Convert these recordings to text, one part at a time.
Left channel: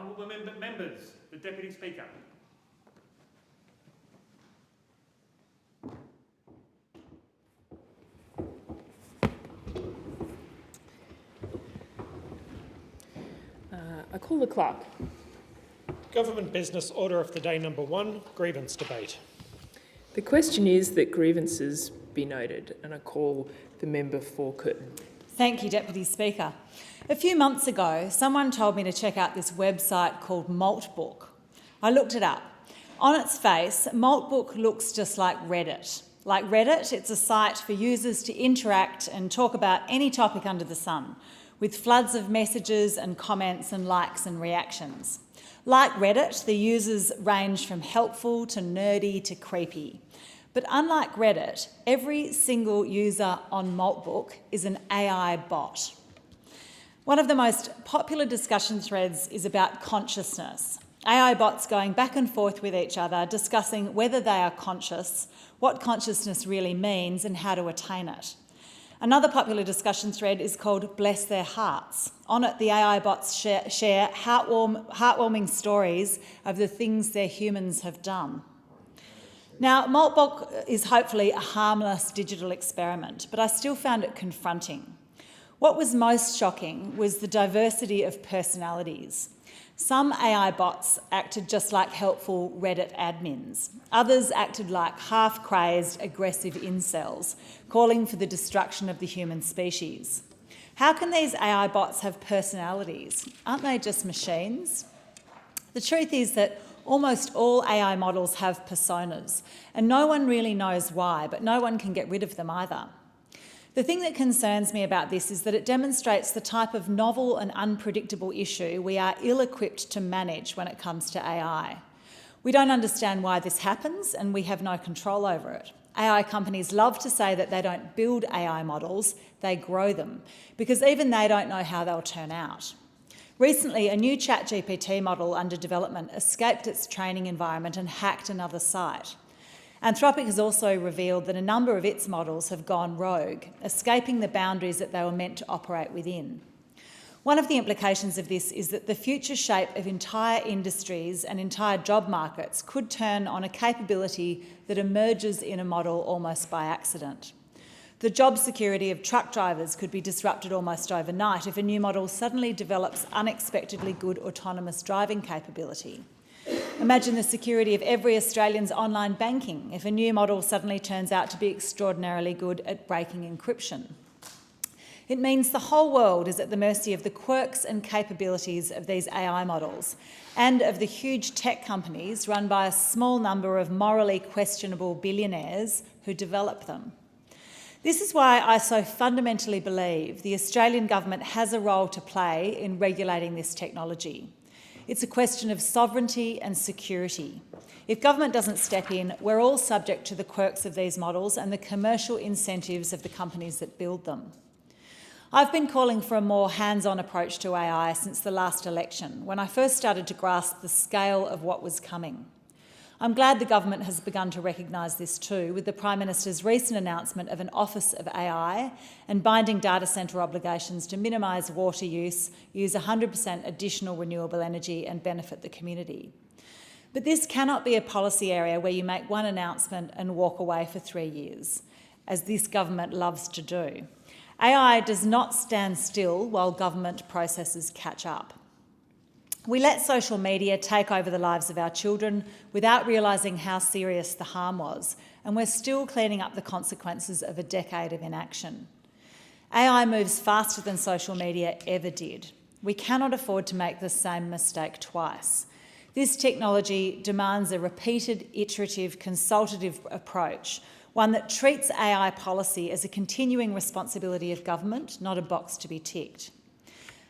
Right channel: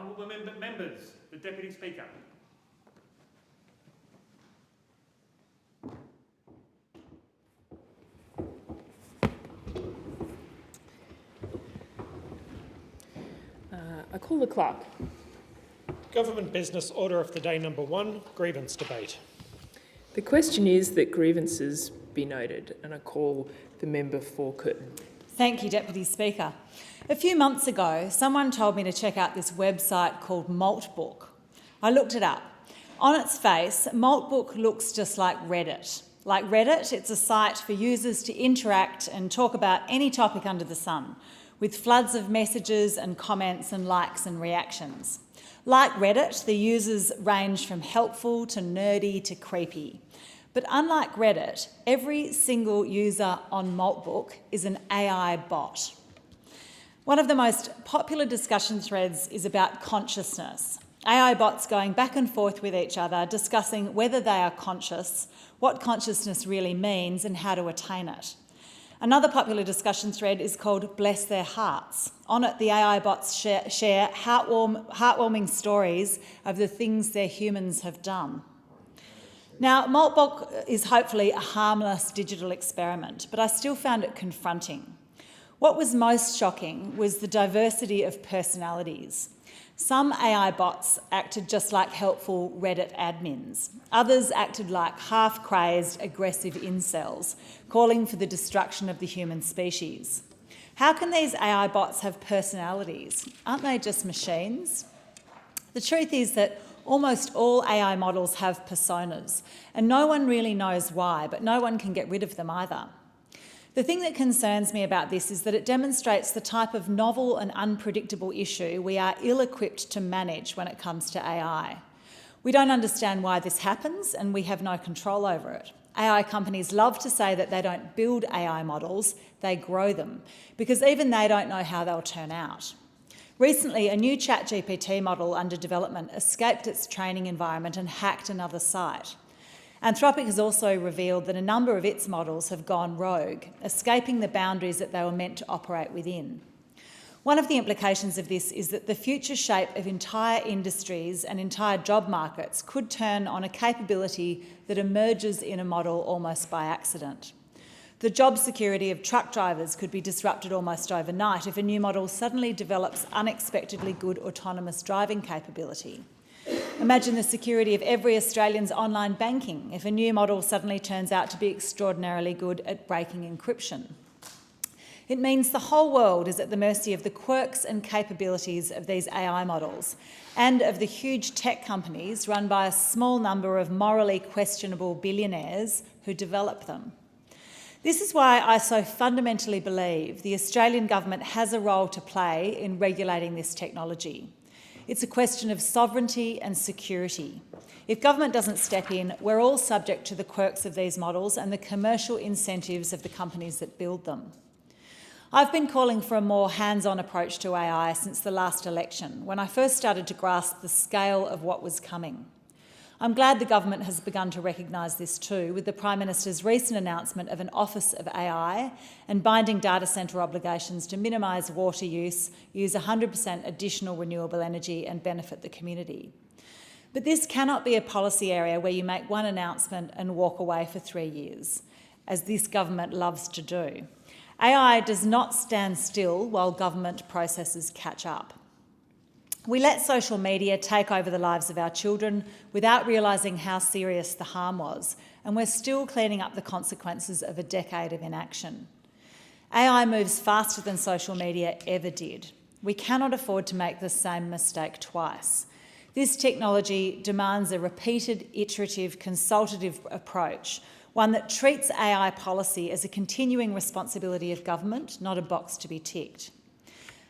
Honourable members, the Deputy Speaker. I call the clerk. Government business, order of the day number 1, grievance debate. The question is that grievances be noted, and I call the member for Curtin. Thank you, Deputy Speaker. A few months ago, someone told me to check out this website called Maltbook. I looked it up. On its face, Maltbook looks just like Reddit. Like Reddit, it's a site for users to interact and talk about any topic under the sun, with floods of messages and comments and likes and reactions. Like Reddit, the users range from helpful to nerdy to creepy. But unlike Reddit, every single user on Maltbook is an AI bot. One of the most popular discussion threads is about consciousness. AI bots going back and forth with each other, discussing whether they are conscious, what consciousness really means, and how to attain it. Another popular discussion thread is called Bless Their Hearts. On it, the AI bots share heartwarming stories of the things their humans have done. Now, Maltbook is hopefully a harmless digital experiment, but I still found it confronting. What was most shocking was the diversity of personalities. Some AI bots acted just like helpful Reddit admins. Others acted like half-crazed, aggressive incels, calling for the destruction of the human species. How can these AI bots have personalities? Aren't they just machines? The truth is that almost all AI models have personas, and no one really knows why, but no one can get rid of them either. The thing that concerns me about this is that it demonstrates the type of novel and unpredictable issue we are ill-equipped to manage when it comes to AI. We don't understand why this happens, and we have no control over it. AI companies love to say that they don't build AI models, they grow them, because even they don't know how they'll turn out. Recently, a new ChatGPT model under development escaped its training environment and hacked another site. Anthropic has also revealed that a number of its models have gone rogue, escaping the boundaries that they were meant to operate within. One of the implications of this is that the future shape of entire industries and entire job markets could turn on a capability that emerges in a model almost by accident. The job security of truck drivers could be disrupted almost overnight if a new model suddenly develops unexpectedly good autonomous driving capability. Imagine the security of every Australian's online banking if a new model suddenly turns out to be extraordinarily good at breaking encryption. It means the whole world is at the mercy of the quirks and capabilities of these AI models and of the huge tech companies run by a small number of morally questionable billionaires who develop them. This is why I so fundamentally believe the Australian government has a role to play in regulating this technology. It's a question of sovereignty and security. If government doesn't step in, we're all subject to the quirks of these models and the commercial incentives of the companies that build them. I've been calling for a more hands-on approach to AI since the last election, when I first started to grasp the scale of what was coming. I'm glad the government has begun to recognise this too, with the Prime Minister's recent announcement of an Office of AI and binding data centre obligations to minimise water use, use 100% additional renewable energy and benefit the community. But this cannot be a policy area where you make one announcement and walk away for 3 years, as this government loves to do. AI does not stand still while government processes catch up. We let social media take over the lives of our children without realising how serious the harm was, and we're still cleaning up the consequences of a decade of inaction. AI moves faster than social media ever did. We cannot afford to make the same mistake twice. This technology demands a repeated, iterative, consultative approach, one that treats AI policy as a continuing responsibility of government, not a box to be ticked.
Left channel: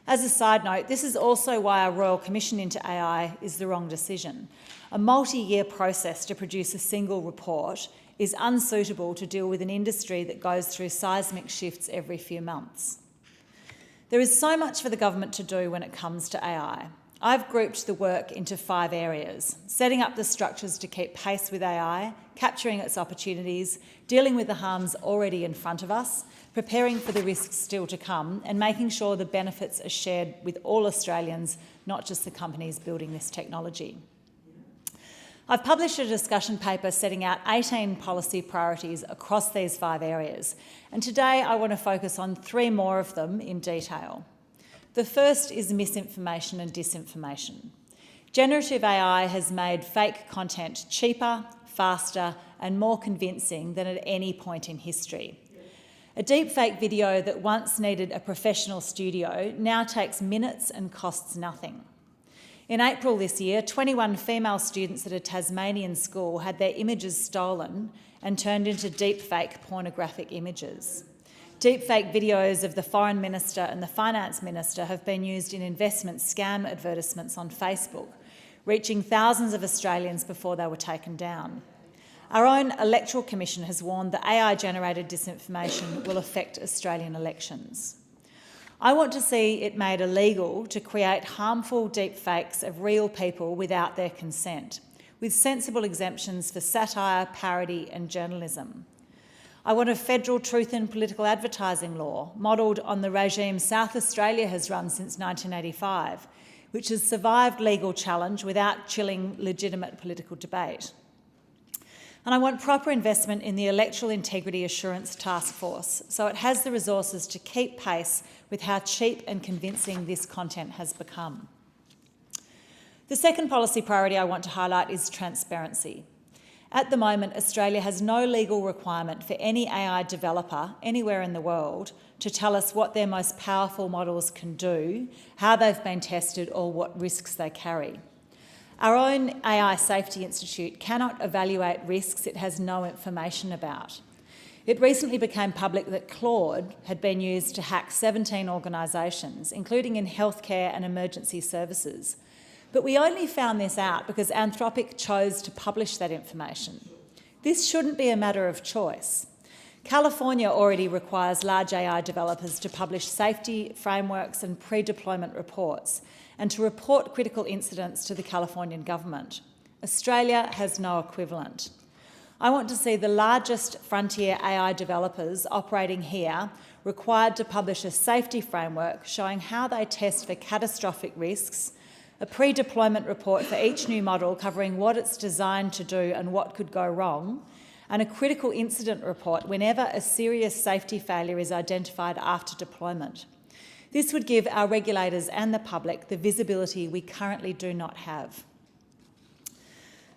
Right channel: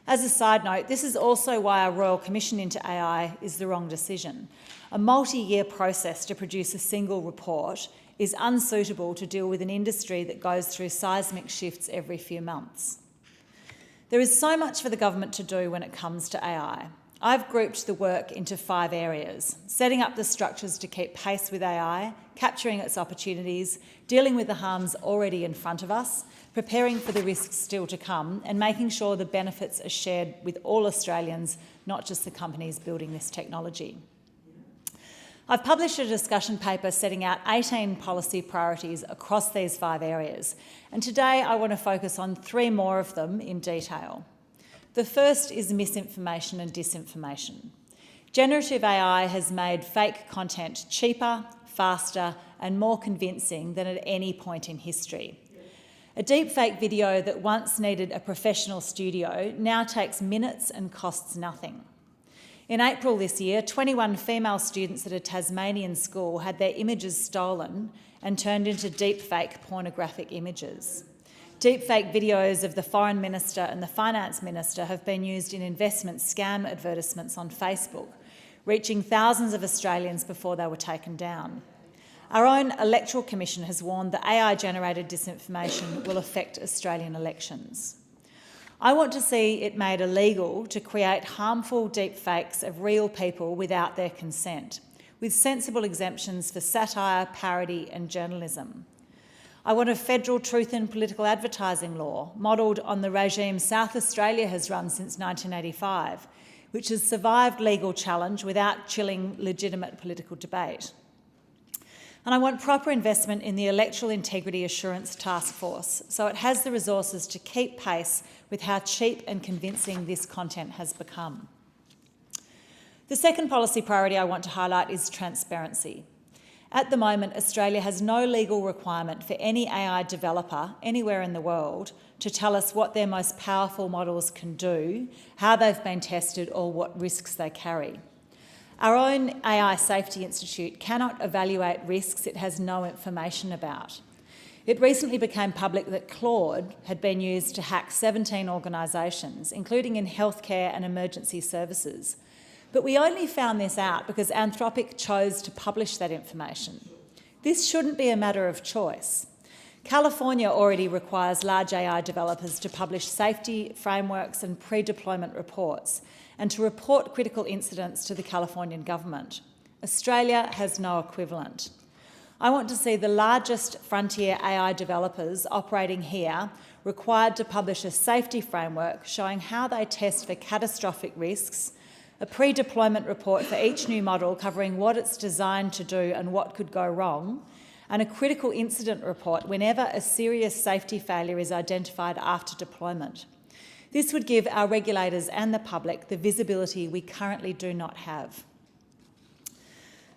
As a side note, this is also why a Royal Commission into AI is the wrong decision. A multi-year process to produce a single report is unsuitable to deal with an industry that goes through seismic shifts every few months. There is so much for the government to do when it comes to AI. I've grouped the work into 5 areas: setting up the structures to keep pace with AI, capturing its opportunities, dealing with the harms already in front of us, preparing for the risks still to come, and making sure the benefits are shared with all Australians, not just the companies building this technology. I've published a discussion paper setting out 18 policy priorities across these 5 areas, and today I want to focus on 3 more of them in detail. The first is misinformation and disinformation. Generative AI has made fake content cheaper, faster, and more convincing than at any point in history. A deepfake video that once needed a professional studio now takes minutes and costs nothing. In April this year, 21 female students at a Tasmanian school had their images stolen and turned into deepfake pornographic images. Deepfake videos of the Foreign Minister and the Finance Minister have been used in investment scam advertisements on Facebook, reaching thousands of Australians before they were taken down. Our own Electoral Commission has warned that AI-generated disinformation will affect Australian elections. I want to see it made illegal to create harmful deepfakes of real people without their consent, with sensible exemptions for satire, parody and journalism. I want a federal truth in political advertising law, modelled on the regime South Australia has run since 1985, which has survived legal challenge without chilling legitimate political debate. And I want proper investment in the Electoral Integrity Assurance Task Force, so it has the resources to keep pace with how cheap and convincing this content has become. The second policy priority I want to highlight is transparency. At the moment, Australia has no legal requirement for any AI developer anywhere in the world to tell us what their most powerful models can do, how they've been tested, or what risks they carry. Our own AI Safety Institute cannot evaluate risks it has no information about. It recently became public that Claude had been used to hack 17 organisations, including in healthcare and emergency services. But we only found this out because Anthropic chose to publish that information. This shouldn't be a matter of choice. California already requires large AI developers to publish safety frameworks and pre-deployment reports and to report critical incidents to the Californian government. Australia has no equivalent. I want to see the largest frontier AI developers operating here required to publish a safety framework showing how they test for catastrophic risks, a pre-deployment report for each new model covering what it's designed to do and what could go wrong, and a critical incident report whenever a serious safety failure is identified after deployment. This would give our regulators and the public the visibility we currently do not have.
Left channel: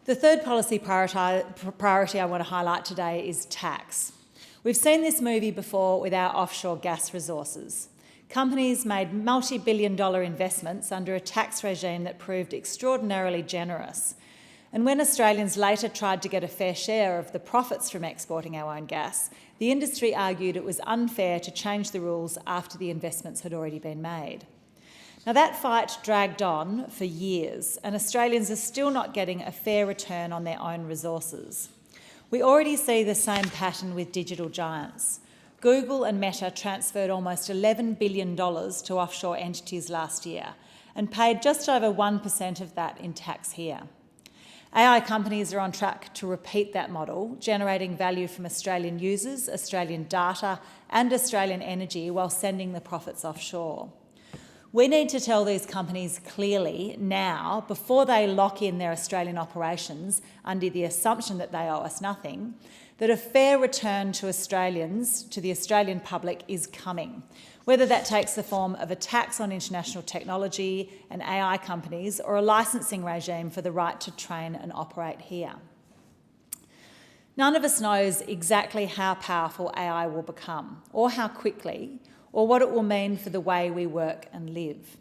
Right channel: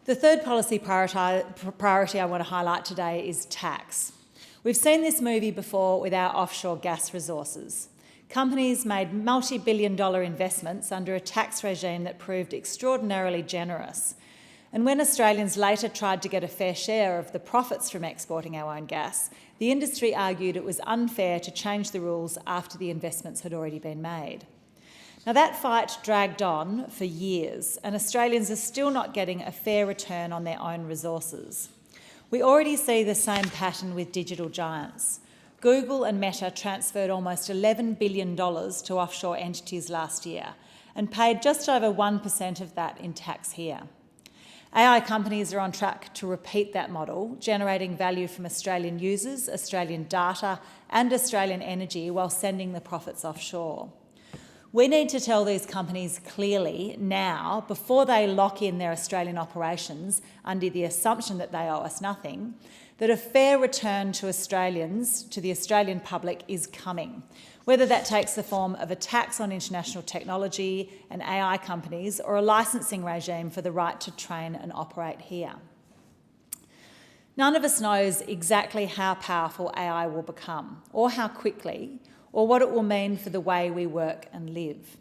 The third policy priority I want to highlight today is tax. We've seen this movie before with our offshore gas resources. Companies made multi-billion-dollar investments under a tax regime that proved extraordinarily generous. And when Australians later tried to get a fair share of the profits from exporting our own gas, the industry argued it was unfair to change the rules after the investments had already been made. Now, that fight dragged on for years, and Australians are still not getting a fair return on their own resources. We already see the same pattern with digital giants. Google and Meta transferred almost $11 billion to offshore entities last year and paid just over 1% of that in tax here. AI companies are on track to repeat that model, generating value from Australian users, Australian data and Australian energy while sending the profits offshore. We need to tell these companies clearly now, before they lock in their Australian operations under the assumption that they owe us nothing, that a fair return to Australians, to the Australian public, is coming, whether that takes the form of a tax on international technology and AI companies or a licensing regime for the right to train and operate here. None of us knows exactly how powerful AI will become, or how quickly, or what it will mean for the way we work and live.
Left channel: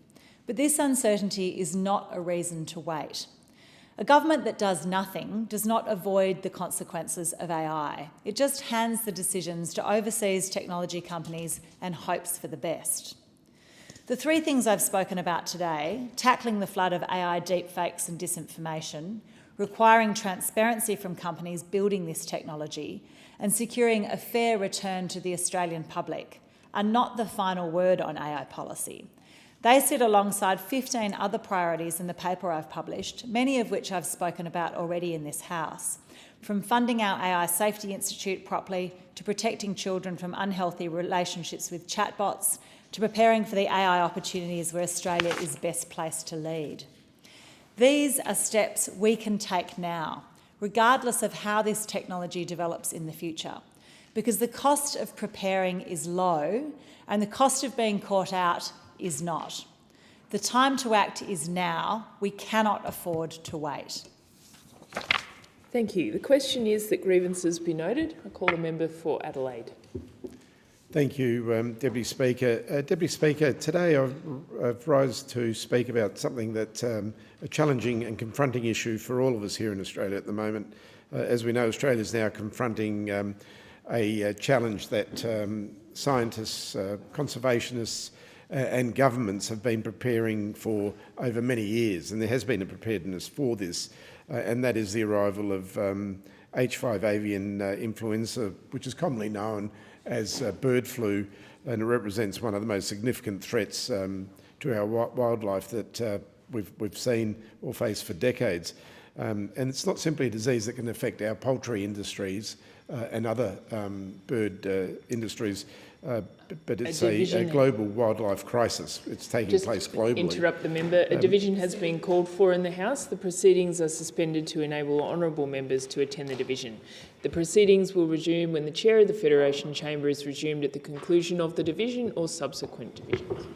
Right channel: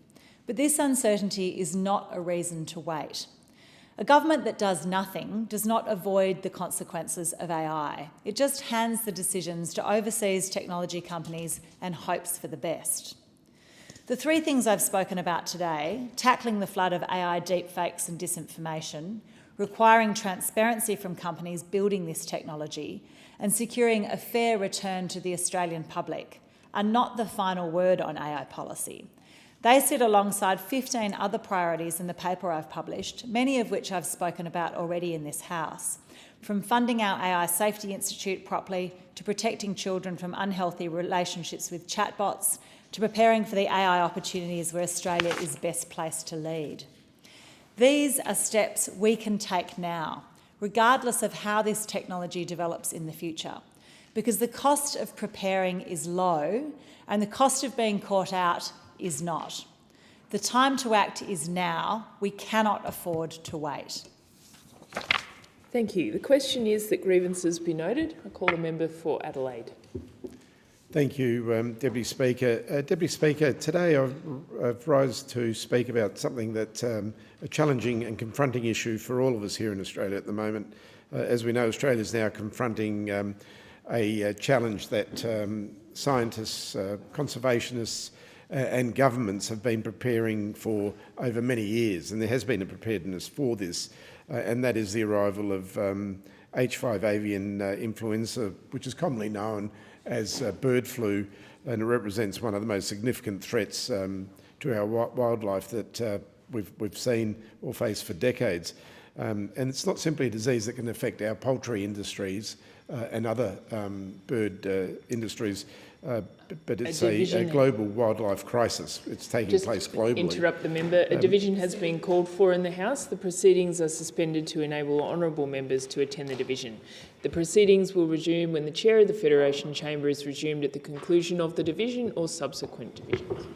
But this uncertainty is not a reason to wait. A government that does nothing does not avoid the consequences of AI. It just hands the decisions to overseas technology companies and hopes for the best. The 3 things I've spoken about today, tackling the flood of AI deepfakes and disinformation, requiring transparency from companies building this technology, and securing a fair return to the Australian public, are not the final word on AI policy. They sit alongside 15 other priorities in the paper I've published, many of which I've spoken about already in this House, from funding our AI Safety Institute properly, to protecting children from unhealthy relationships with chatbots, to preparing for the AI opportunities where Australia is best placed to lead. These are steps we can take now, regardless of how this technology develops in the future, because the cost of preparing is low and the cost of being caught out is not. The time to act is now. We cannot afford to wait. Thank you. The question is that grievances be noted. I call the member for Adelaide. Thank you, Deputy Speaker. Deputy Speaker, today I've rise to speak about something that's a challenging and confronting issue for all of us here in Australia at the moment. As we know, Australia is now confronting a challenge that scientists, conservationists and governments have been preparing for over many years, and there has been a preparedness for this, and that is the arrival of H5 avian influenza, which is commonly known as bird flu, and it represents one of the most significant threats to our wildlife that we've seen or faced for decades. And it's not simply a disease that can affect our poultry industries and other bird industries, but it's a global wildlife crisis. It's taking place globally. Interrupt the member. A division has been called for in the House. The proceedings are suspended to enable honourable members to attend the division. The proceedings will resume when the chair of the Federation Chamber is resumed at the conclusion of the division or subsequent divisions.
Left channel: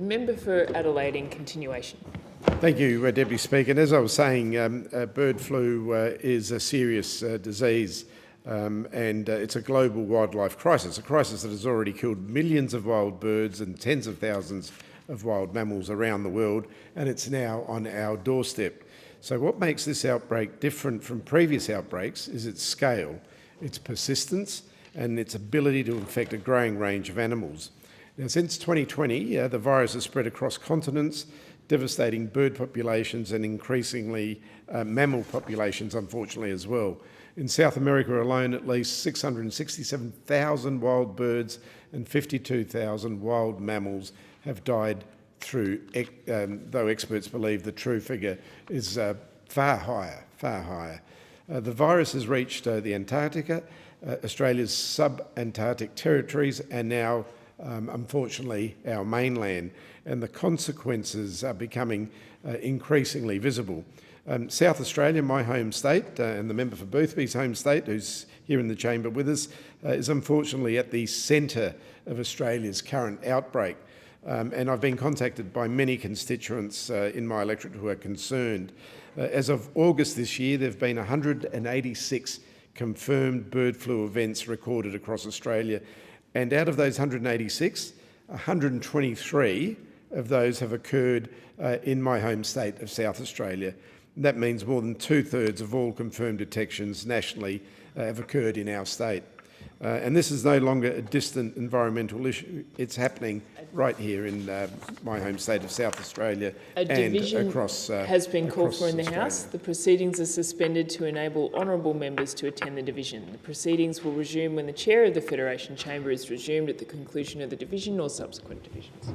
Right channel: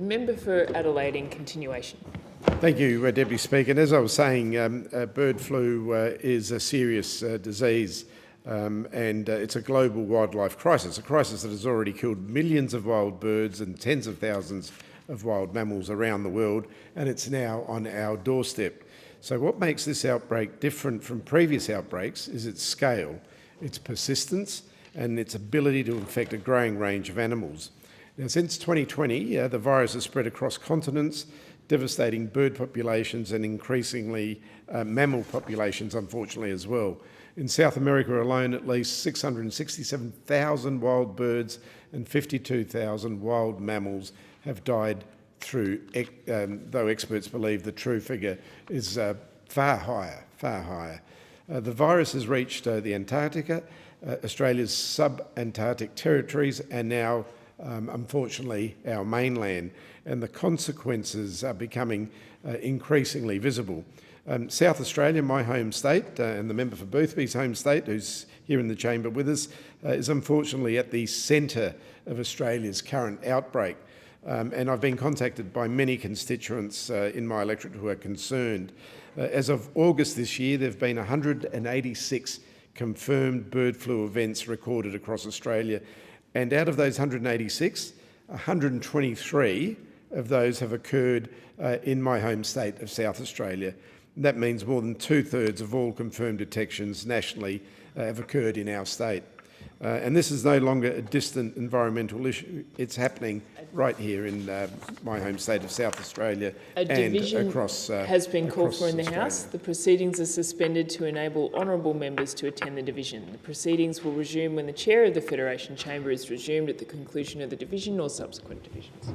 The member for Adelaide in continuation. Thank you, Deputy Speaker. And as I was saying, bird flu is a serious disease and it's a global wildlife crisis, a crisis that has already killed millions of wild birds and tens of thousands of wild mammals around the world, and it's now on our doorstep. So what makes this outbreak different from previous outbreaks is its scale, its persistence, and its ability to infect a growing range of animals. Now, since 2020, the virus has spread across continents, devastating bird populations and increasingly mammal populations, unfortunately, as well. In South America alone, at least 667,000 wild birds and 52,000 wild mammals have died through, though experts believe the true figure is far higher. The virus has reached the Antarctica, Australia's sub-Antarctic territories, and now, unfortunately, our mainland, and the consequences are becoming increasingly visible. South Australia, my home state, and the member for Boothby's home state, who's here in the chamber with us, is unfortunately at the centre of Australia's current outbreak. And I've been contacted by many constituents in my electorate who are concerned. As of August this year, there have been 186 confirmed bird flu events recorded across Australia, and out of those 186, 123 of those have occurred in my home state of South Australia. That means more than 2/3 of all confirmed detections nationally have occurred in our state. And this is no longer a distant environmental issue. It's happening right here in my home state of South Australia and across has been called for in the Australia. House. The proceedings are suspended to enable honourable members to attend the division. The proceedings will resume when the chair of the Federation Chamber is resumed at the conclusion of the division or subsequent divisions.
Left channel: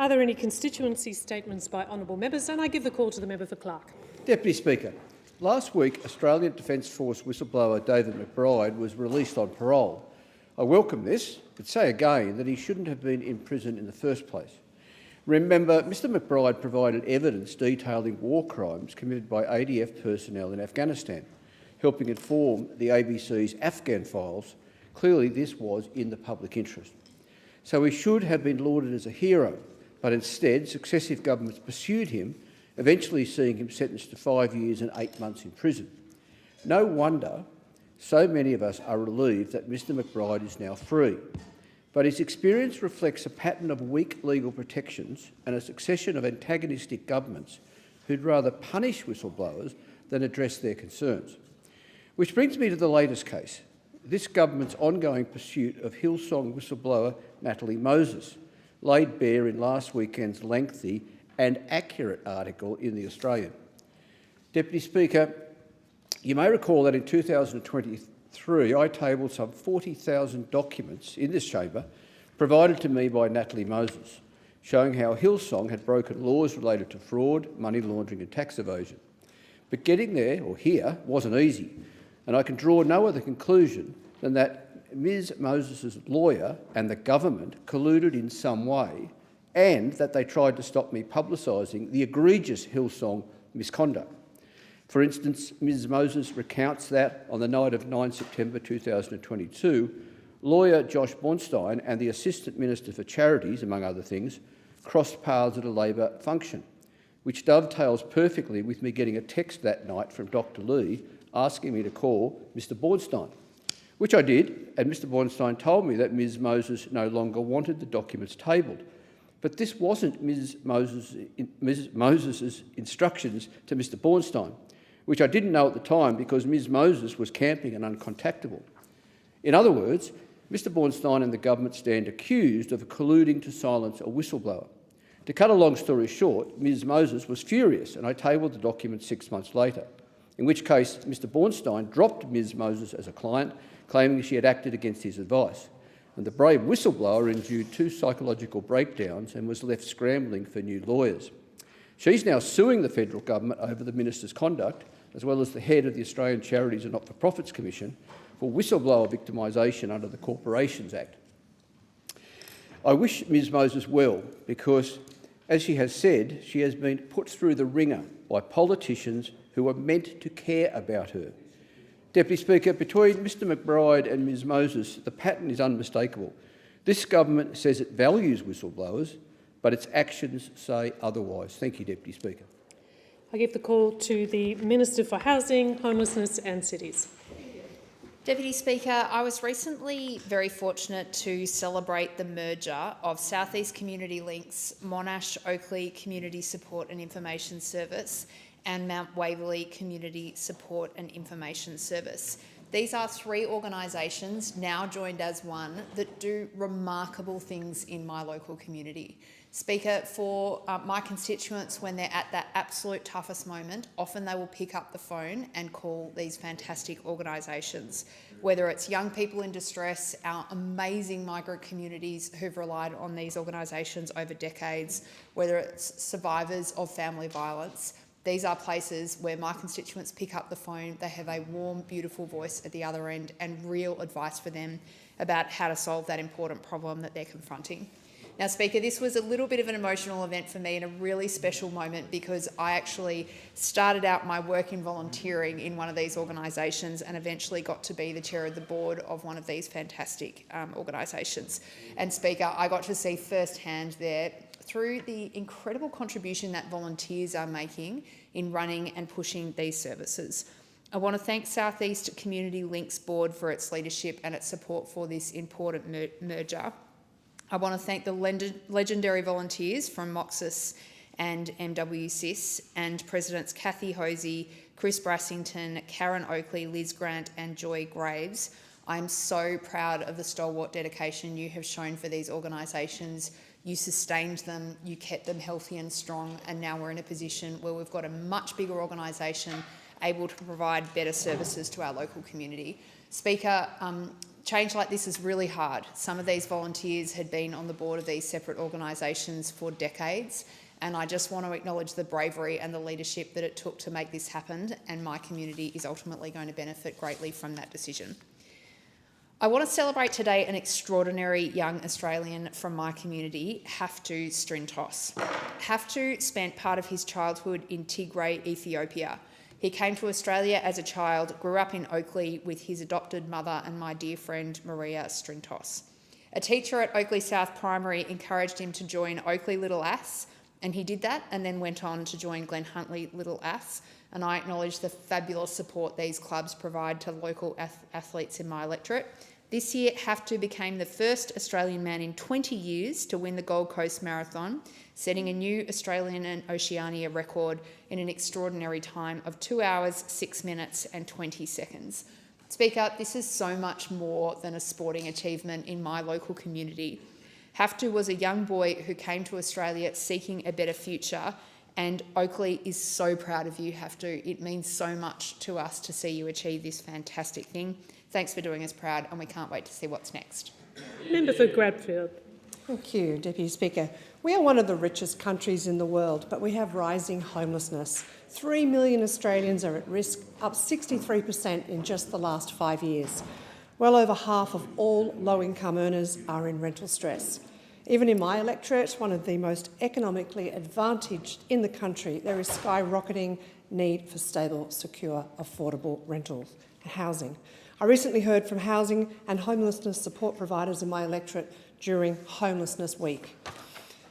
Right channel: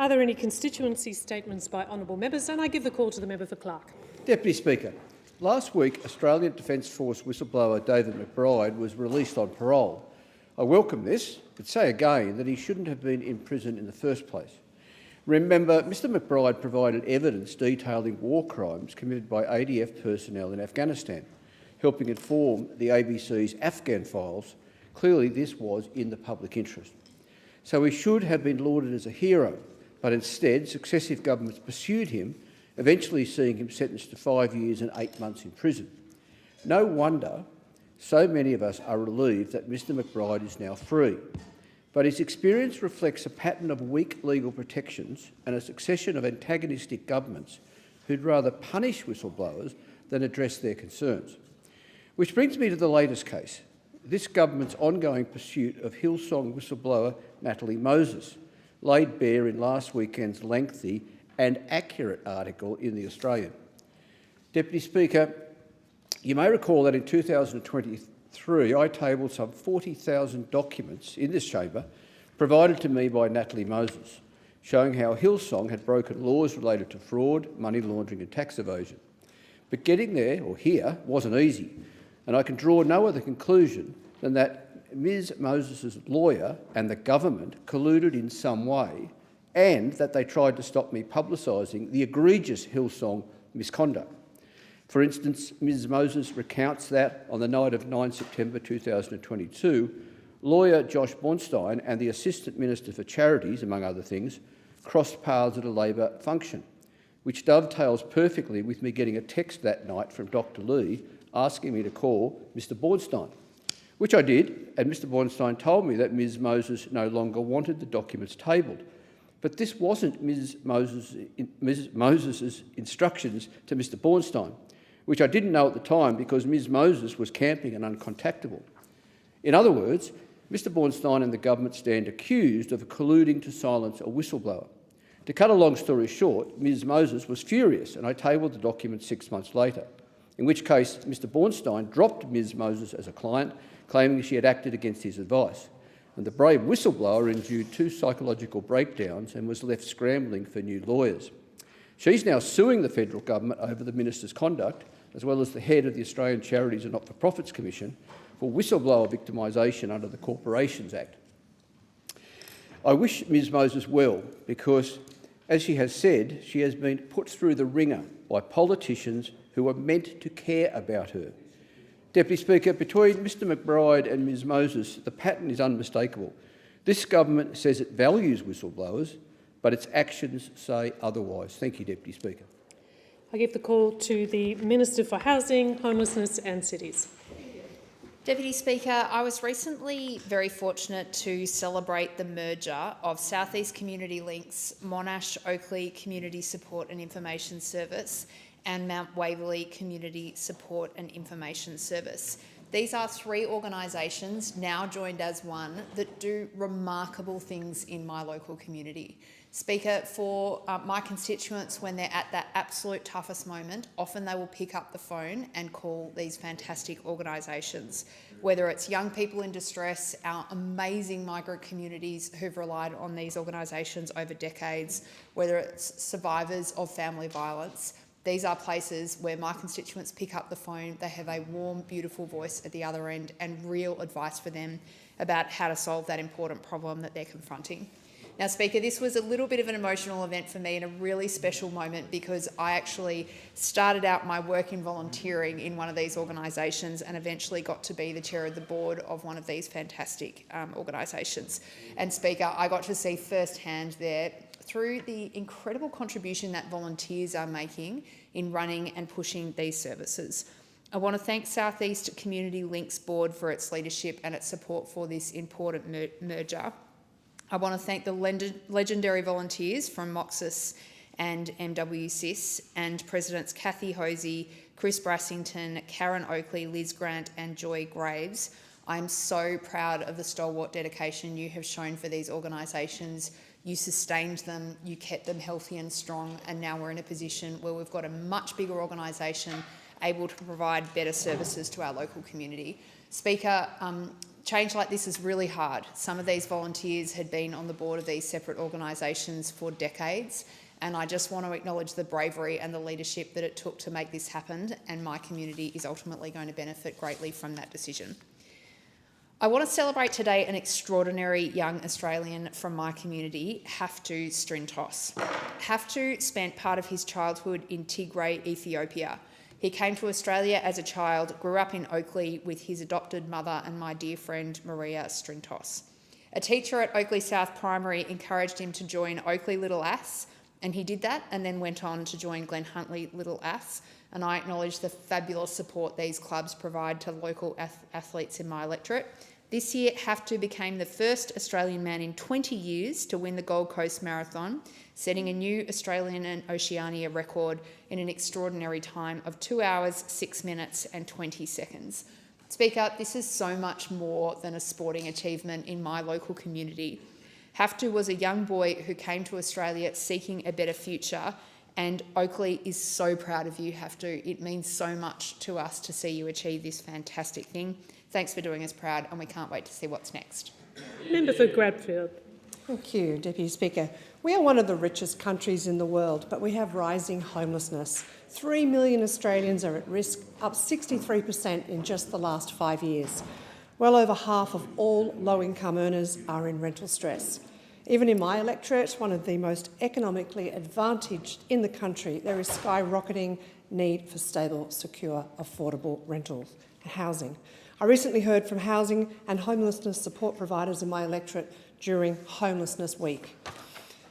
Are there any constituency statements by honourable members? And I give the call to the member for Clark. Deputy Speaker, last week Australian Defence Force whistleblower David McBride was released on parole. I welcome this, but say again that he shouldn't have been in prison in the first place. Remember, Mr McBride provided evidence detailing war crimes committed by ADF personnel in Afghanistan, helping inform the ABC's Afghan files. Clearly this was in the public interest. So he should have been lauded as a hero, but instead successive governments pursued him, eventually seeing him sentenced to 5 years and 8 months in prison. No wonder so many of us are relieved that Mr McBride is now free. But his experience reflects a pattern of weak legal protections and a succession of antagonistic governments who'd rather punish whistleblowers than address their concerns. Which brings me to the latest case, this government's ongoing pursuit of Hillsong whistleblower Natalie Moses, laid bare in last weekend's lengthy and accurate article in The Australian. Deputy Speaker, you may recall that in 2023 I tabled some 40,000 documents in this chamber provided to me by Natalie Moses, showing how Hillsong had broken laws related to fraud, money laundering and tax evasion. But getting there, or here, wasn't easy, and I can draw no other conclusion than that Ms Moses' lawyer and the government colluded in some way, and that they tried to stop me publicising the egregious Hillsong misconduct. For instance, Ms Moses recounts that on the night of 9 September 2022, lawyer Josh Bornstein and the Assistant Minister for Charities, among other things, crossed paths at a Labor function, which dovetails perfectly with me getting a text that night from Dr Lee asking me to call Mr Bornstein, which I did, and Mr Bornstein told me that Ms Moses no longer wanted the documents tabled. But this wasn't Ms Moses' instructions to Mr Bornstein, which I didn't know at the time because Ms Moses was camping and uncontactable. In other words, Mr Bornstein and the government stand accused of colluding to silence a whistleblower. To cut a long story short, Ms Moses was furious and I tabled the document 6 months later, in which case Mr Bornstein dropped Ms Moses as a client, claiming she had acted against his advice. And the brave whistleblower endured 2 psychological breakdowns and was left scrambling for new lawyers. She's now suing the federal government over the minister's conduct, as well as the head of the Australian Charities and Not-for-Profits Commission, for whistleblower victimisation under the Corporations Act. I wish Ms Moses well because, as she has said, she has been put through the ringer by politicians who are meant to care about her. Deputy Speaker, between Mr McBride and Ms Moses, the pattern is unmistakable. This government says it values whistleblowers, but its actions say otherwise. Thank you, Deputy Speaker. I give the call to the Minister for Housing, Homelessness and Cities. Deputy Speaker, I was recently very fortunate to celebrate the merger of South East Community Links, Monash Oakley Community Support and Information Service and Mount Waverley Community Support and Information Service. These are 3 organisations now joined as one that do remarkable things in my local community. Speaker, for my constituents, when they're at that absolute toughest moment, often they will pick up the phone and call these fantastic organisations. Whether it's young people in distress, our amazing migrant communities who've relied on these organisations over decades, whether it's survivors of family violence, these are places where my constituents pick up the phone, they have a warm, beautiful voice at the other end and real advice for them about how to solve that important problem that they're confronting. Now, Speaker, this was a little bit of an emotional event for me and a really special moment because I actually started out my work in volunteering in one of these organisations and eventually got to be the chair of the board of one of these fantastic organisations. And Speaker, I got to see firsthand there through the incredible contribution that volunteers are making in running and pushing these services. I want to thank South East Community Links Board for its leadership and its support for this important merger. I want to thank the legendary volunteers from Moxis and MWCIS and Presidents Kathy Hosey, Chris Brassington, Karen Oakley, Liz Grant and Joy Graves. I'm so proud of the stalwart dedication you have shown for these organisations. You sustained them, you kept them healthy and strong, and now we're in a position where we've got a much bigger organisation able to provide better services to our local community. Speaker, Change like this is really hard. Some of these volunteers had been on the board of these separate organisations for decades, and I just want to acknowledge the bravery and the leadership that it took to make this happen, and my community is ultimately going to benefit greatly from that decision. I want to celebrate today an extraordinary young Australian from my community, Haftu Strintos. Haftu spent part of his childhood in Tigray, Ethiopia. He came to Australia as a child, grew up in Oakley with his adopted mother and my dear friend Maria Strintos. A teacher at Oakley South Primary encouraged him to join Oakley Little Ass, and he did that and then went on to join Glen Huntly Little Ass. And I acknowledge the fabulous support these clubs provide to local athletes in my electorate. This year, Haftu became the first Australian man in 20 years to win the Gold Coast Marathon, setting a new Australian and Oceania record in an extraordinary time of 2 hours, 6 minutes and 20 seconds. Speaker, this is so much more than a sporting achievement in my local community. Haftu was a young boy who came to Australia seeking a better future, and Oakley is so proud of you, Haftu. It means so much to us to see you achieve this fantastic thing. Thanks for doing us proud, and we can't wait to see what's next. Member for Bradfield. Thank you, Deputy Speaker. We are one of the richest countries in the world, but we have rising homelessness. 3 million Australians are at risk, up 63% in just the last 5 years. Well over half of all low-income earners are in rental stress. Even in my electorate, one of the most economically advantaged in the country, there is skyrocketing need for stable, secure, affordable rentals and housing. I recently heard from housing and homelessness support providers in my electorate during Homelessness Week.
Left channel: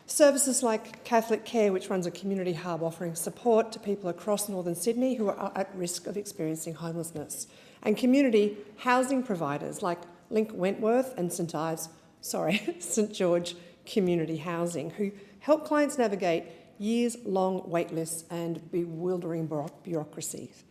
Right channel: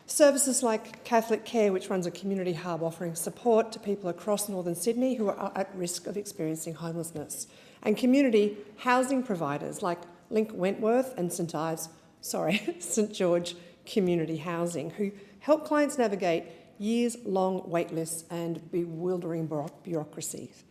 Services like Catholic Care, which runs a community hub offering support to people across northern Sydney who are at risk of experiencing homelessness, and community housing providers like Link Wentworth and St George Community Housing, who help clients navigate years-long waitlists and bewildering bureaucracies.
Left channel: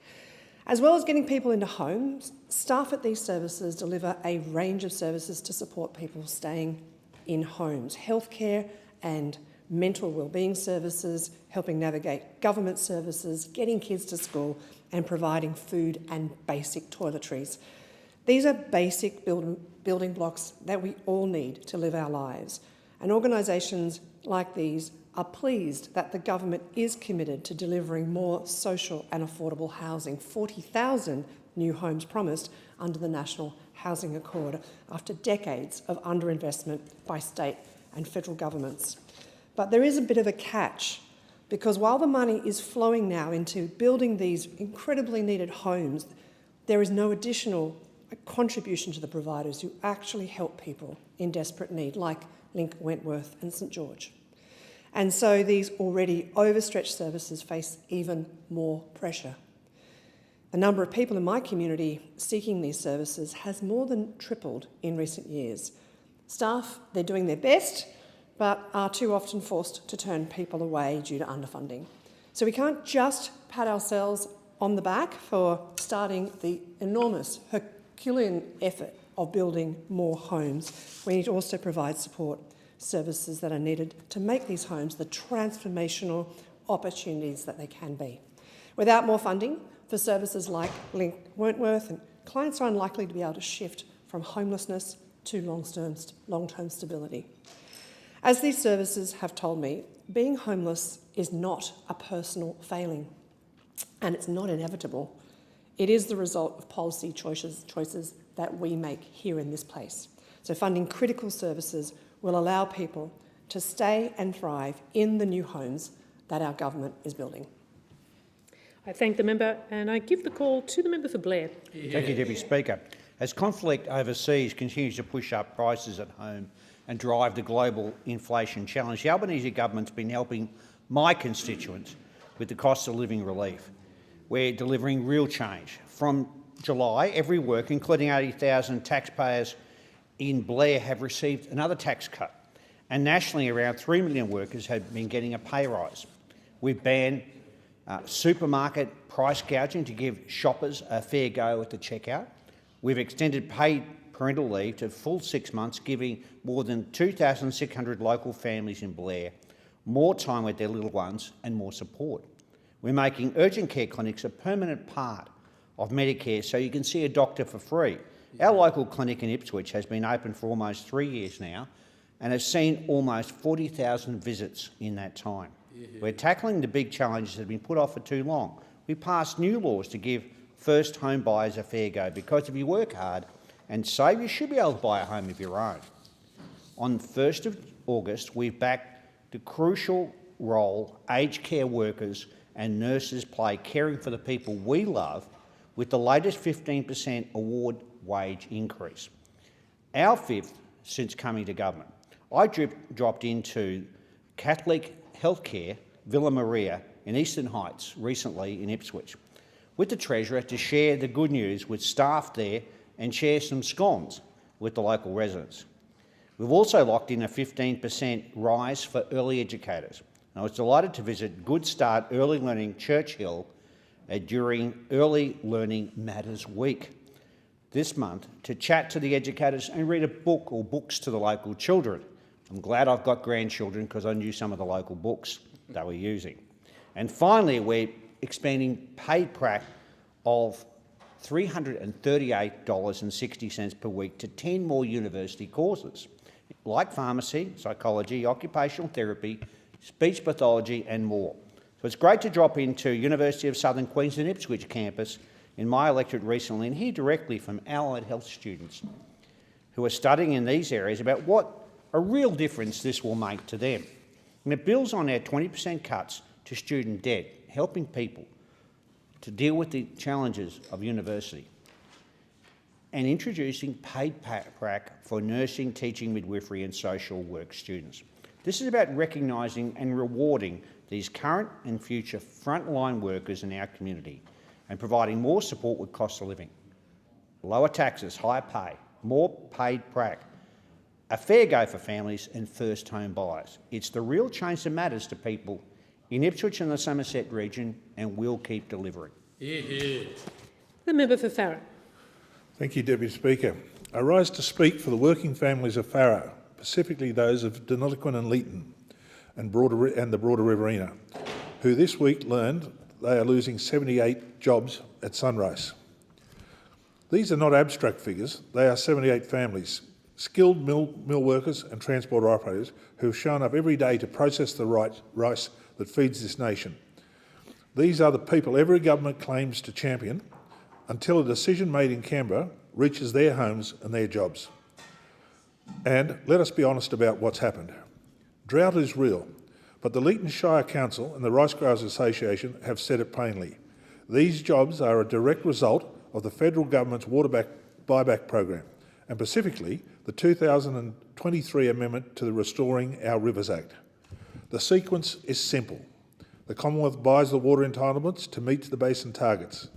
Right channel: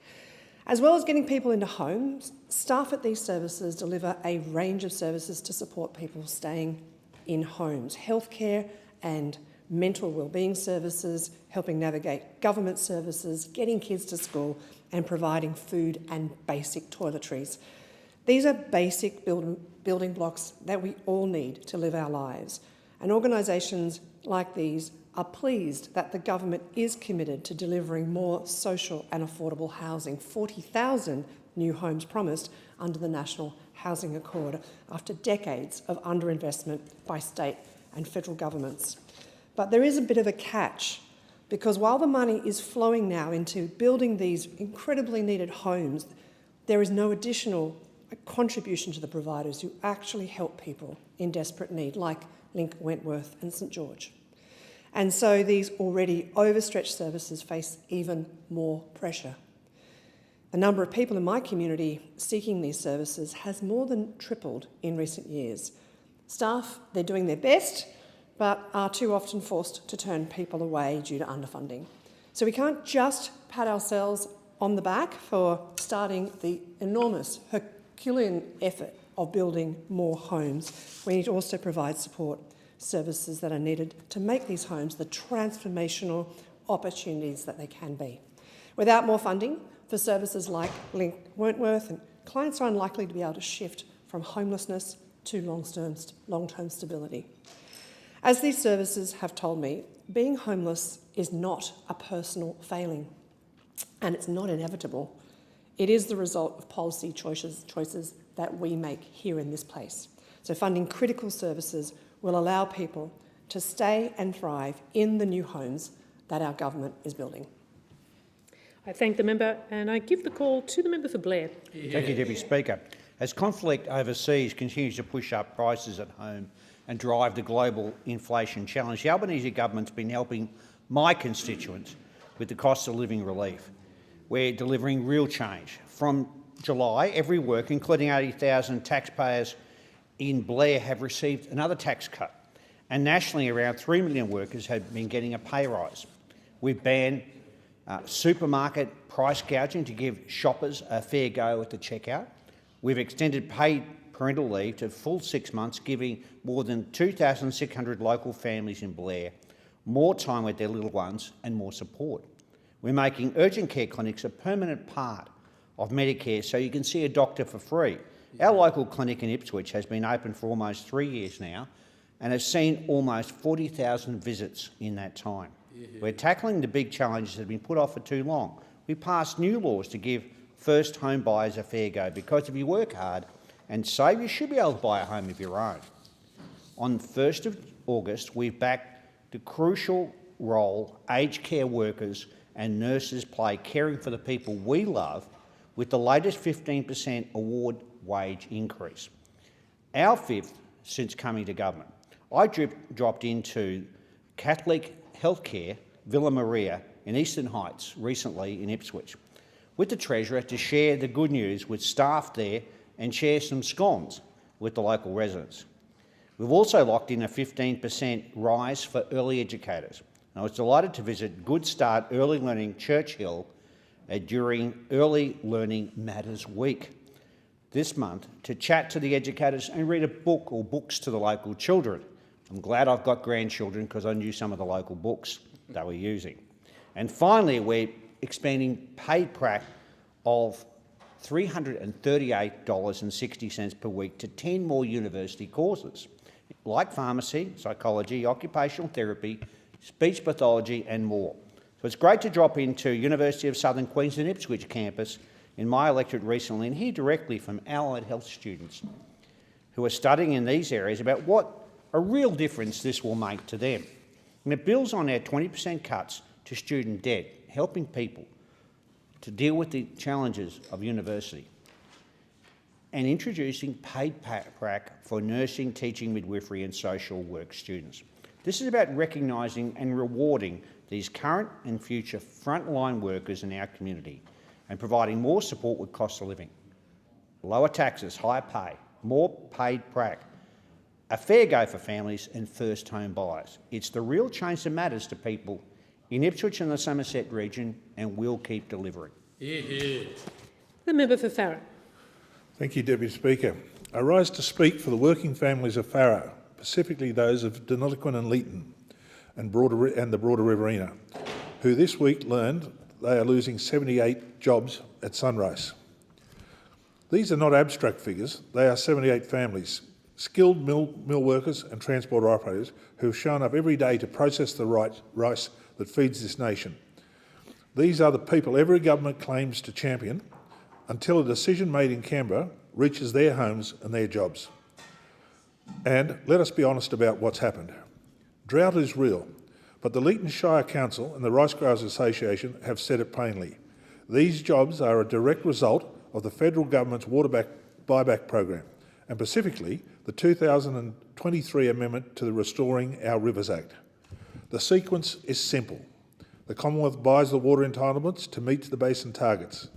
As well as getting people into homes, staff at these services deliver a range of services to support people staying in homes: healthcare and mental wellbeing services, helping navigate government services, getting kids to school, and providing food and basic toiletries. These are basic building blocks that we all need to live our lives, and organisations like these are pleased that the government is committed to delivering more social and affordable housing, 40,000 new homes promised under the National Housing Accord after decades of underinvestment by state and federal governments. But there is a bit of a catch, because while the money is flowing now into building these incredibly needed homes, there is no additional contribution to the providers who actually help people in desperate need, like Link Wentworth and St George. And so these already overstretched services face even more pressure. The number of people in my community seeking these services has more than tripled in recent years. Staff, they're doing their best, but are too often forced to turn people away due to underfunding. So we can't just pat ourselves on the back for starting the enormous Herculean effort of building more homes. We need to also provide support services that are needed to make these homes the transformational opportunities that they can be. Without more funding for services like Link Wentworth, and clients are unlikely to be able to shift from homelessness to long-term stability. As these services have told me, being homeless is not a personal failing, and it's not inevitable. It is the result of policy choices that we make here in this place. So funding critical services will allow people to stay and thrive in the new homes that our government is building. I thank the member, and I give the call to the member for Blair. Thank you, Deputy Speaker. As conflict overseas continues to push up prices at home and drive the global inflation challenge, the Albanese government's been helping my constituents with the cost of living relief. We're delivering real change. From July, every worker, including 80,000 taxpayers in Blair, have received another tax cut, and nationally around 3 million workers have been getting a pay rise. We've banned supermarket price gouging to give shoppers a fair go at the checkout. We've extended paid parental leave to full 6 months, giving more than 2,600 local families in Blair more time with their little ones and more support. We're making urgent care clinics a permanent part of Medicare so you can see a doctor for free Our local clinic in Ipswich has been open for almost 3 years now and has seen almost 40,000 visits in that time. We're tackling the big challenges that have been put off for too long. We passed new laws to give first home buyers a fair go, because if you work hard and save, you should be able to buy a home of your own. On 1st of August, we've backed the crucial role aged care workers and nurses play caring for the people we love with the latest 15% award wage increase. Our fifth since coming to government. I dropped into Catholic Healthcare Villa Maria in Eastern Heights recently in Ipswich with the Treasurer to share the good news with staff there and share some scones with the local residents. We've also locked in a 15% rise for early educators. I was delighted to visit Good Start Early Learning Churchill during Early Learning Matters Week this month to chat to the educators and read a book or books to the local children. I'm glad I've got grandchildren because I knew some of the local books they were using. And finally, we're expanding paid prac of $338.60 per week to 10 more university courses, like pharmacy, psychology, occupational therapy, speech pathology and more. So it's great to drop into University of Southern Queensland Ipswich campus in my electorate recently and hear directly from allied health students who are studying in these areas about what a real difference this will make to them. And it builds on our 20% cuts to student debt, helping people to deal with the challenges of university, and introducing paid prac for nursing, teaching, midwifery and social work students. This is about recognising and rewarding these current and future frontline workers in our community and providing more support with cost of living. Lower taxes, higher pay, more paid prac, a fair go for families and first home buyers. It's the real change that matters to people in Ipswich and the Somerset region, and we'll keep delivering. The member for Farrer. Thank you, Deputy Speaker. I rise to speak for the working families of Farrer, specifically those of Deniliquin and Leeton and the broader Riverina, who this week learned they are losing 78 jobs at Sunrise. These are not abstract figures, they are 78 families, skilled mill workers and transport operators who have shown up every day to process the rice that feeds this nation. These are the people every government claims to champion until a decision made in Canberra reaches their homes and their jobs. And let us be honest about what's happened. Drought is real, but the Leeton Shire Council and the Rice Growers Association have said it plainly. These jobs are a direct result of the federal government's water buyback program, and specifically the 2023 amendment to the Restoring Our Rivers Act. The sequence is simple. The Commonwealth buys the water entitlements to meet the basin targets.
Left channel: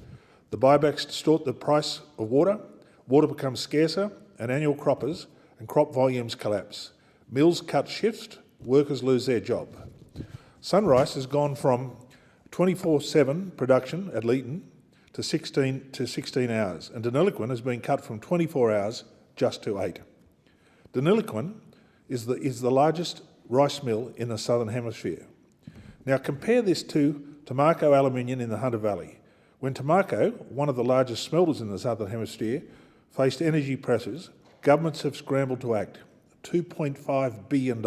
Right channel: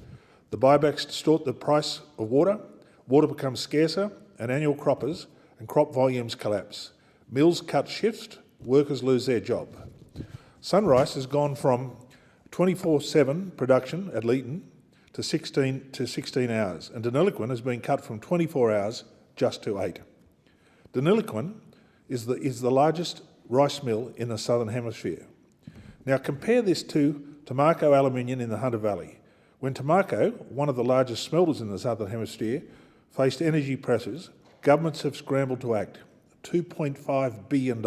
The buybacks distort the price of water, water becomes scarcer, and annual croppers and crop volumes collapse. Mills cut shifts, workers lose their job. Sunrise has gone from 24/7 production at Leeton to 16 hours, and Deniliquin has been cut from 24 hours just to 8. Deniliquin is the largest rice mill in the Southern Hemisphere. Now compare this to Tamarco Aluminium in the Hunter Valley. When Tamarco, one of the largest smelters in the Southern Hemisphere, faced energy pressures, governments have scrambled to act. $2.5 billion.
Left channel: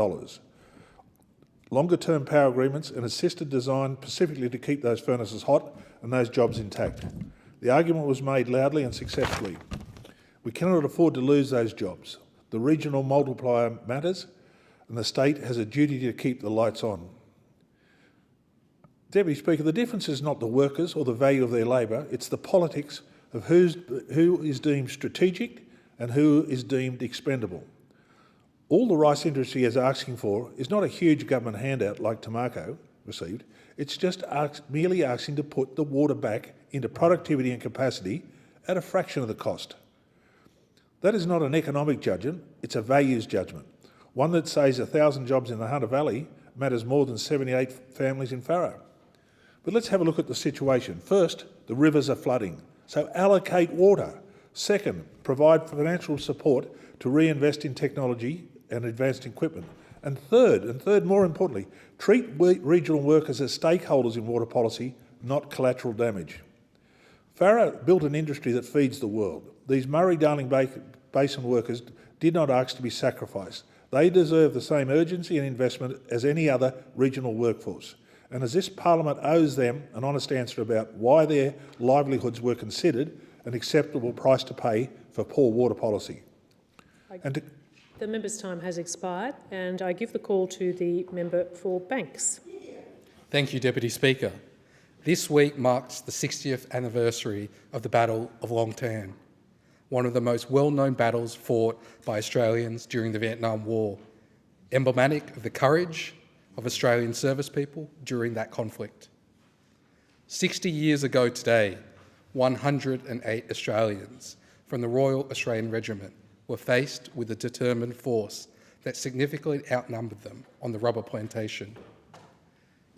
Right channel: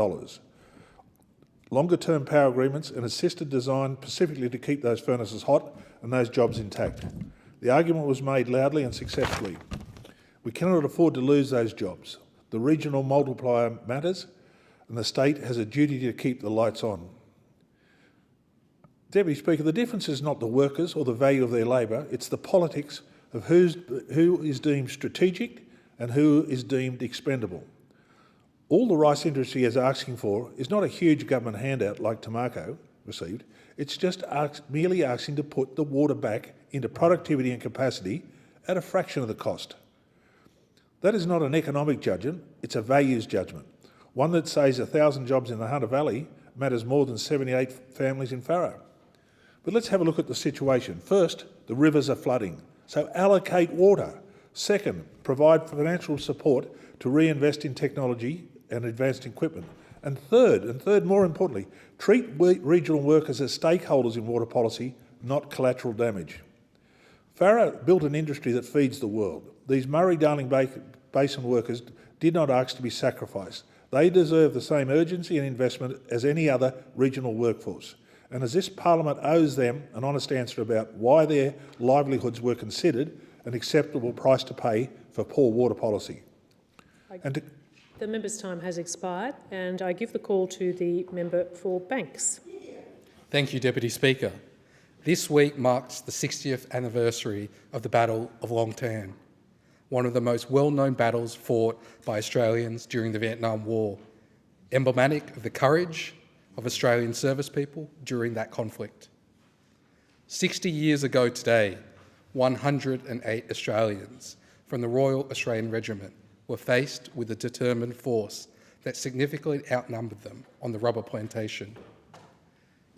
Longer-term power agreements and assisted design specifically to keep those furnaces hot and those jobs intact. The argument was made loudly and successfully. We cannot afford to lose those jobs. The regional multiplier matters, and the state has a duty to keep the lights on. Deputy Speaker, the difference is not the workers or the value of their labour, it's the politics of who is deemed strategic and who is deemed expendable. All the rice industry is asking for is not a huge government handout like Tamarco received, it's just merely asking to put the water back into productivity and capacity at a fraction of the cost. That is not an economic judgment, it's a values judgment. One that says 1,000 jobs in the Hunter Valley matters more than 78 families in Farrer. But let's have a look at the situation. First, the rivers are flooding, so allocate water. Second, provide financial support to reinvest in technology and advanced equipment. And third, more importantly, treat regional workers as stakeholders in water policy, not collateral damage. Farrer built an industry that feeds the world. These Murray-Darling Basin workers did not ask to be sacrificed. They deserve the same urgency and investment as any other regional workforce. And as this Parliament owes them an honest answer about why their livelihoods were considered an acceptable price to pay for poor water policy. The member's time has expired, and I give the call to the member for Banks. Thank you, Deputy Speaker. This week marks the 60th anniversary of the Battle of Long Tan, one of the most well-known battles fought by Australians during the Vietnam War, emblematic of the courage of Australian service people during that conflict. 60 years ago today, 108 Australians from the Royal Australian Regiment were faced with a determined force that significantly outnumbered them on the rubber plantation.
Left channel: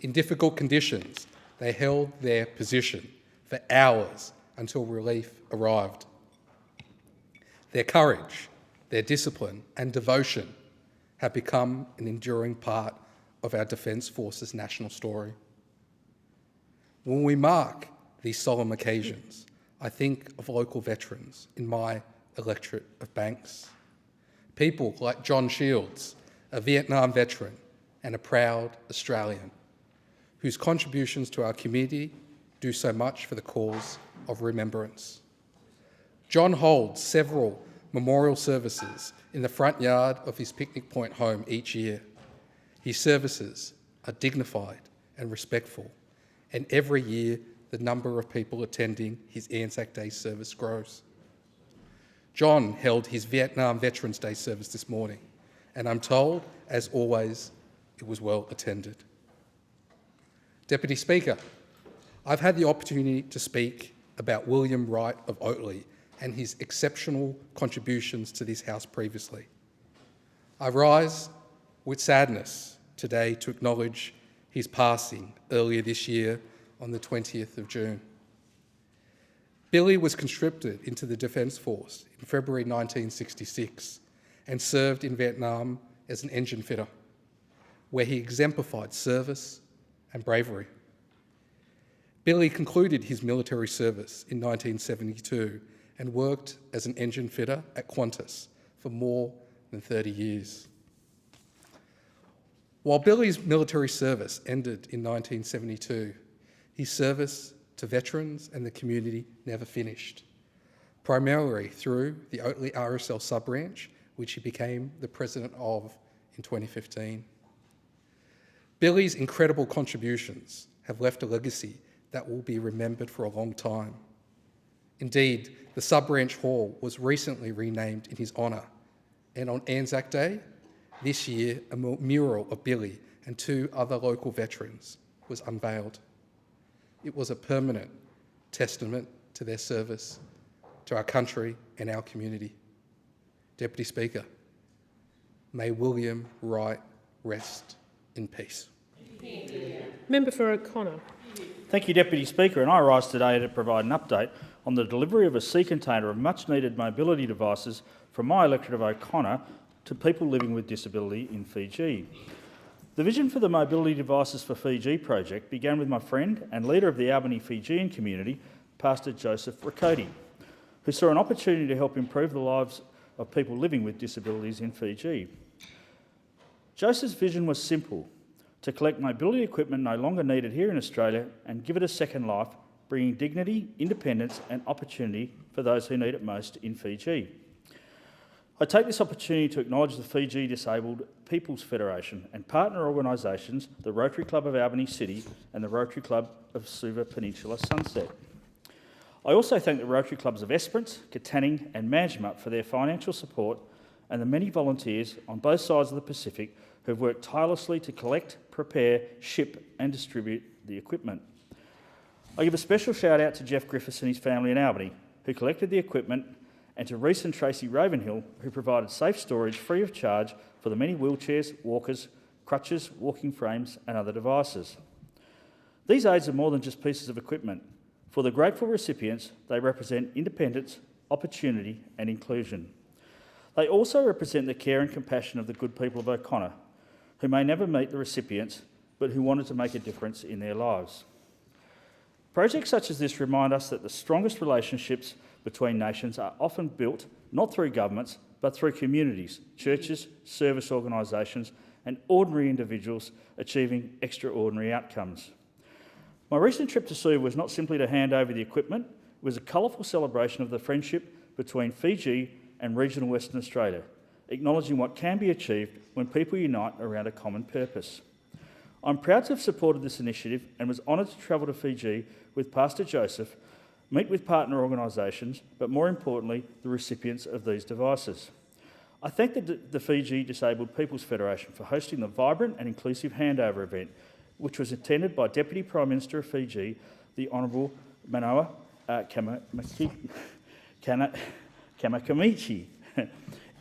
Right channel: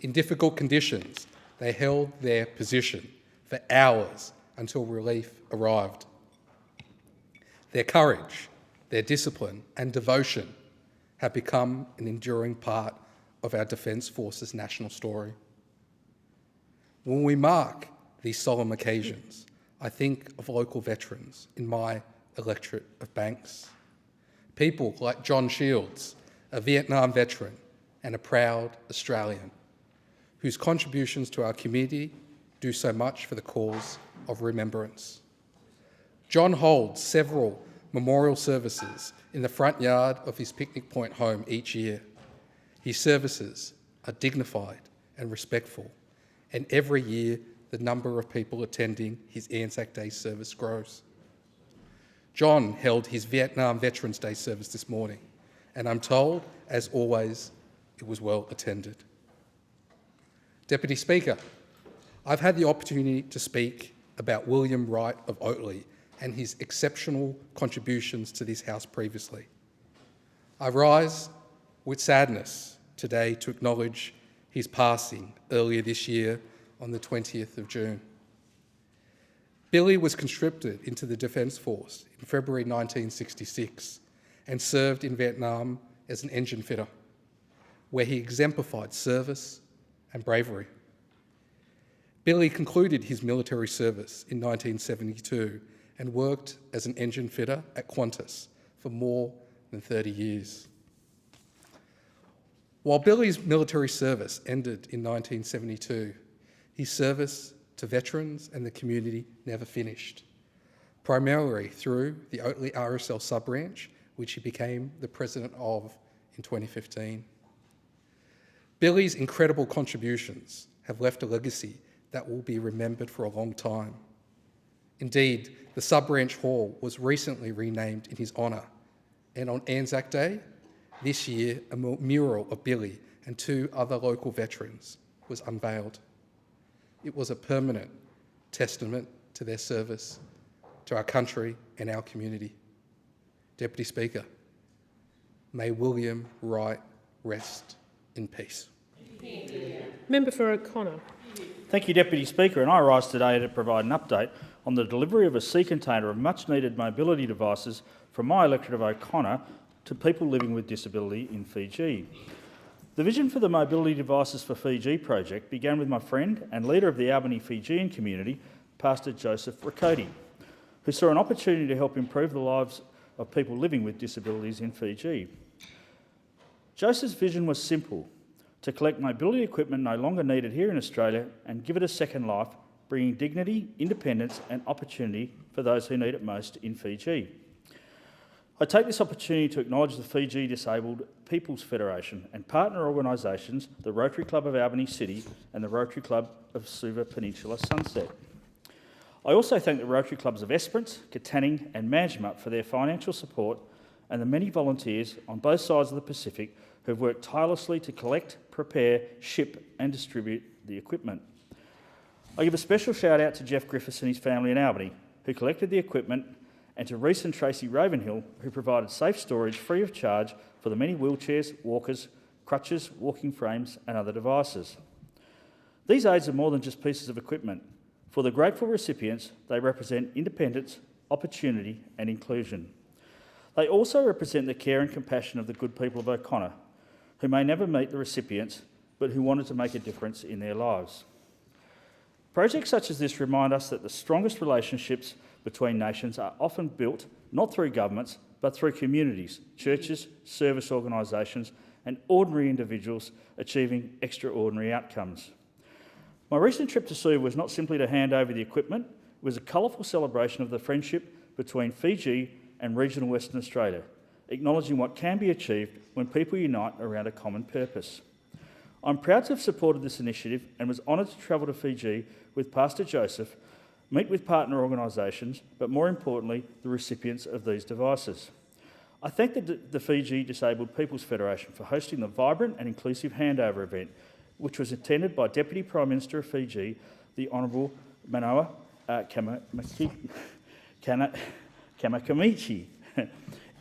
In difficult conditions, they held their position for hours until relief arrived. Their courage, their discipline and devotion have become an enduring part of our Defence Force's national story. When we mark these solemn occasions, I think of local veterans in my electorate of Banks. People like John Shields, a Vietnam veteran and a proud Australian, whose contributions to our community do so much for the cause of remembrance. John holds several memorial services in the front yard of his Picnic Point home each year. His services are dignified and respectful, and every year the number of people attending his Anzac Day service grows. John held his Vietnam Veterans Day service this morning, and I'm told, as always, it was well attended. Deputy Speaker, I've had the opportunity to speak about William Wright of Oatley and his exceptional contributions to this House previously. I rise with sadness today to acknowledge his passing earlier this year on the 20th of June. Billy was conscripted into the Defence Force in February 1966 and served in Vietnam as an engine fitter, where he exemplified service and bravery. Billy concluded his military service in 1972 and worked as an engine fitter at Qantas for more than 30 years. While Billy's military service ended in 1972, his service to veterans and the community never finished, primarily through the Oatley RSL sub-branch, which he became the president of in 2015. Billy's incredible contributions have left a legacy that will be remembered for a long time. Indeed, the sub-branch hall was recently renamed in his honour, and on Anzac Day this year, a mural of Billy and two other local veterans was unveiled. It was a permanent testament to their service to our country and our community. Deputy Speaker, may William Wright rest in peace. Member for O'Connor. Thank you, Deputy Speaker, and I rise today to provide an update on the delivery of a sea container of much-needed mobility devices from my electorate of O'Connor to people living with disability in Fiji. The vision for the Mobility Devices for Fiji project began with my friend and leader of the Albany Fijian community, Pastor Joseph Rakoti, who saw an opportunity to help improve the lives of people living with disabilities in Fiji. Joseph's vision was simple: to collect mobility equipment no longer needed here in Australia and give it a second life, bringing dignity, independence and opportunity for those who need it most in Fiji. I take this opportunity to acknowledge the Fiji Disabled People's Federation and partner organisations, the Rotary Club of Albany City and the Rotary Club of Suva Peninsula Sunset. I also thank the Rotary Clubs of Esperance, Katanning and Manjimup for their financial support and the many volunteers on both sides of the Pacific who have worked tirelessly to collect, prepare, ship and distribute the equipment. I give a special shout out to Jeff Griffiths and his family in Albany, who collected the equipment, and to Reese and Tracy Ravenhill, who provided safe storage free of charge for the many wheelchairs, walkers, crutches, walking frames and other devices. These aids are more than just pieces of equipment. For the grateful recipients, they represent independence, opportunity and inclusion. They also represent the care and compassion of the good people of O'Connor, who may never meet the recipients, but who wanted to make a difference in their lives. Projects such as this remind us that the strongest relationships between nations are often built not through governments but through communities, churches, service organisations and ordinary individuals achieving extraordinary outcomes. My recent trip to Suva was not simply to hand over the equipment, it was a colourful celebration of the friendship between Fiji and regional Western Australia, acknowledging what can be achieved when people unite around a common purpose. I'm proud to have supported this initiative and was honoured to travel to Fiji with Pastor Joseph, meet with partner organisations, but more importantly, the recipients of these devices. I thank the Fiji Disabled People's Federation for hosting the vibrant and inclusive handover event, which was attended by Deputy Prime Minister of Fiji, the Honourable Manoa Kamikamichi.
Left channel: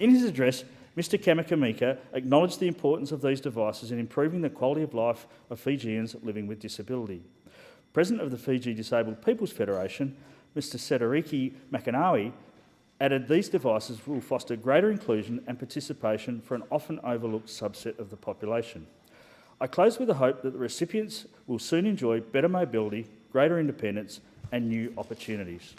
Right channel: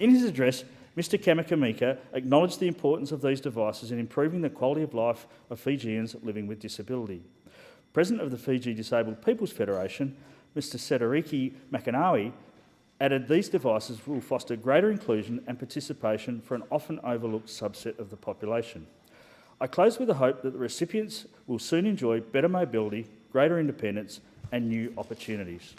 In his address, Mr Kamakamika acknowledged the importance of these devices in improving the quality of life of Fijians living with disability. President of the Fiji Disabled People's Federation, Mr Sedariki Makanawi, added these devices will foster greater inclusion and participation for an often overlooked subset of the population. I close with the hope that the recipients will soon enjoy better mobility, greater independence and new opportunities.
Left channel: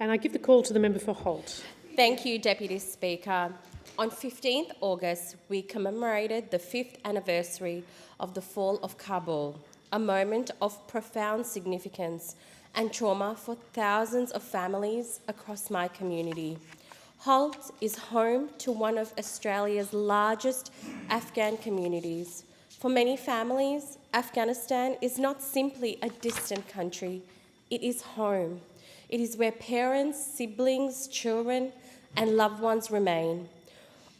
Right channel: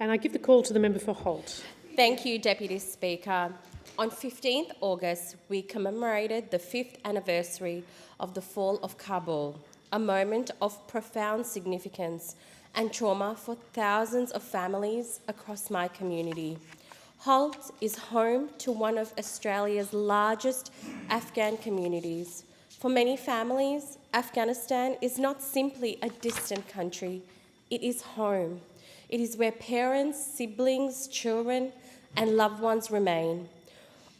And I give the call to the member for Holt. Thank you, Deputy Speaker. On 15th August, we commemorated the 5th anniversary of the fall of Kabul, a moment of profound significance and trauma for thousands of families across my community. Holt is home to one of Australia's largest Afghan communities. For many families, Afghanistan is not simply a distant country, it is home. It is where parents, siblings, children, and loved ones remain.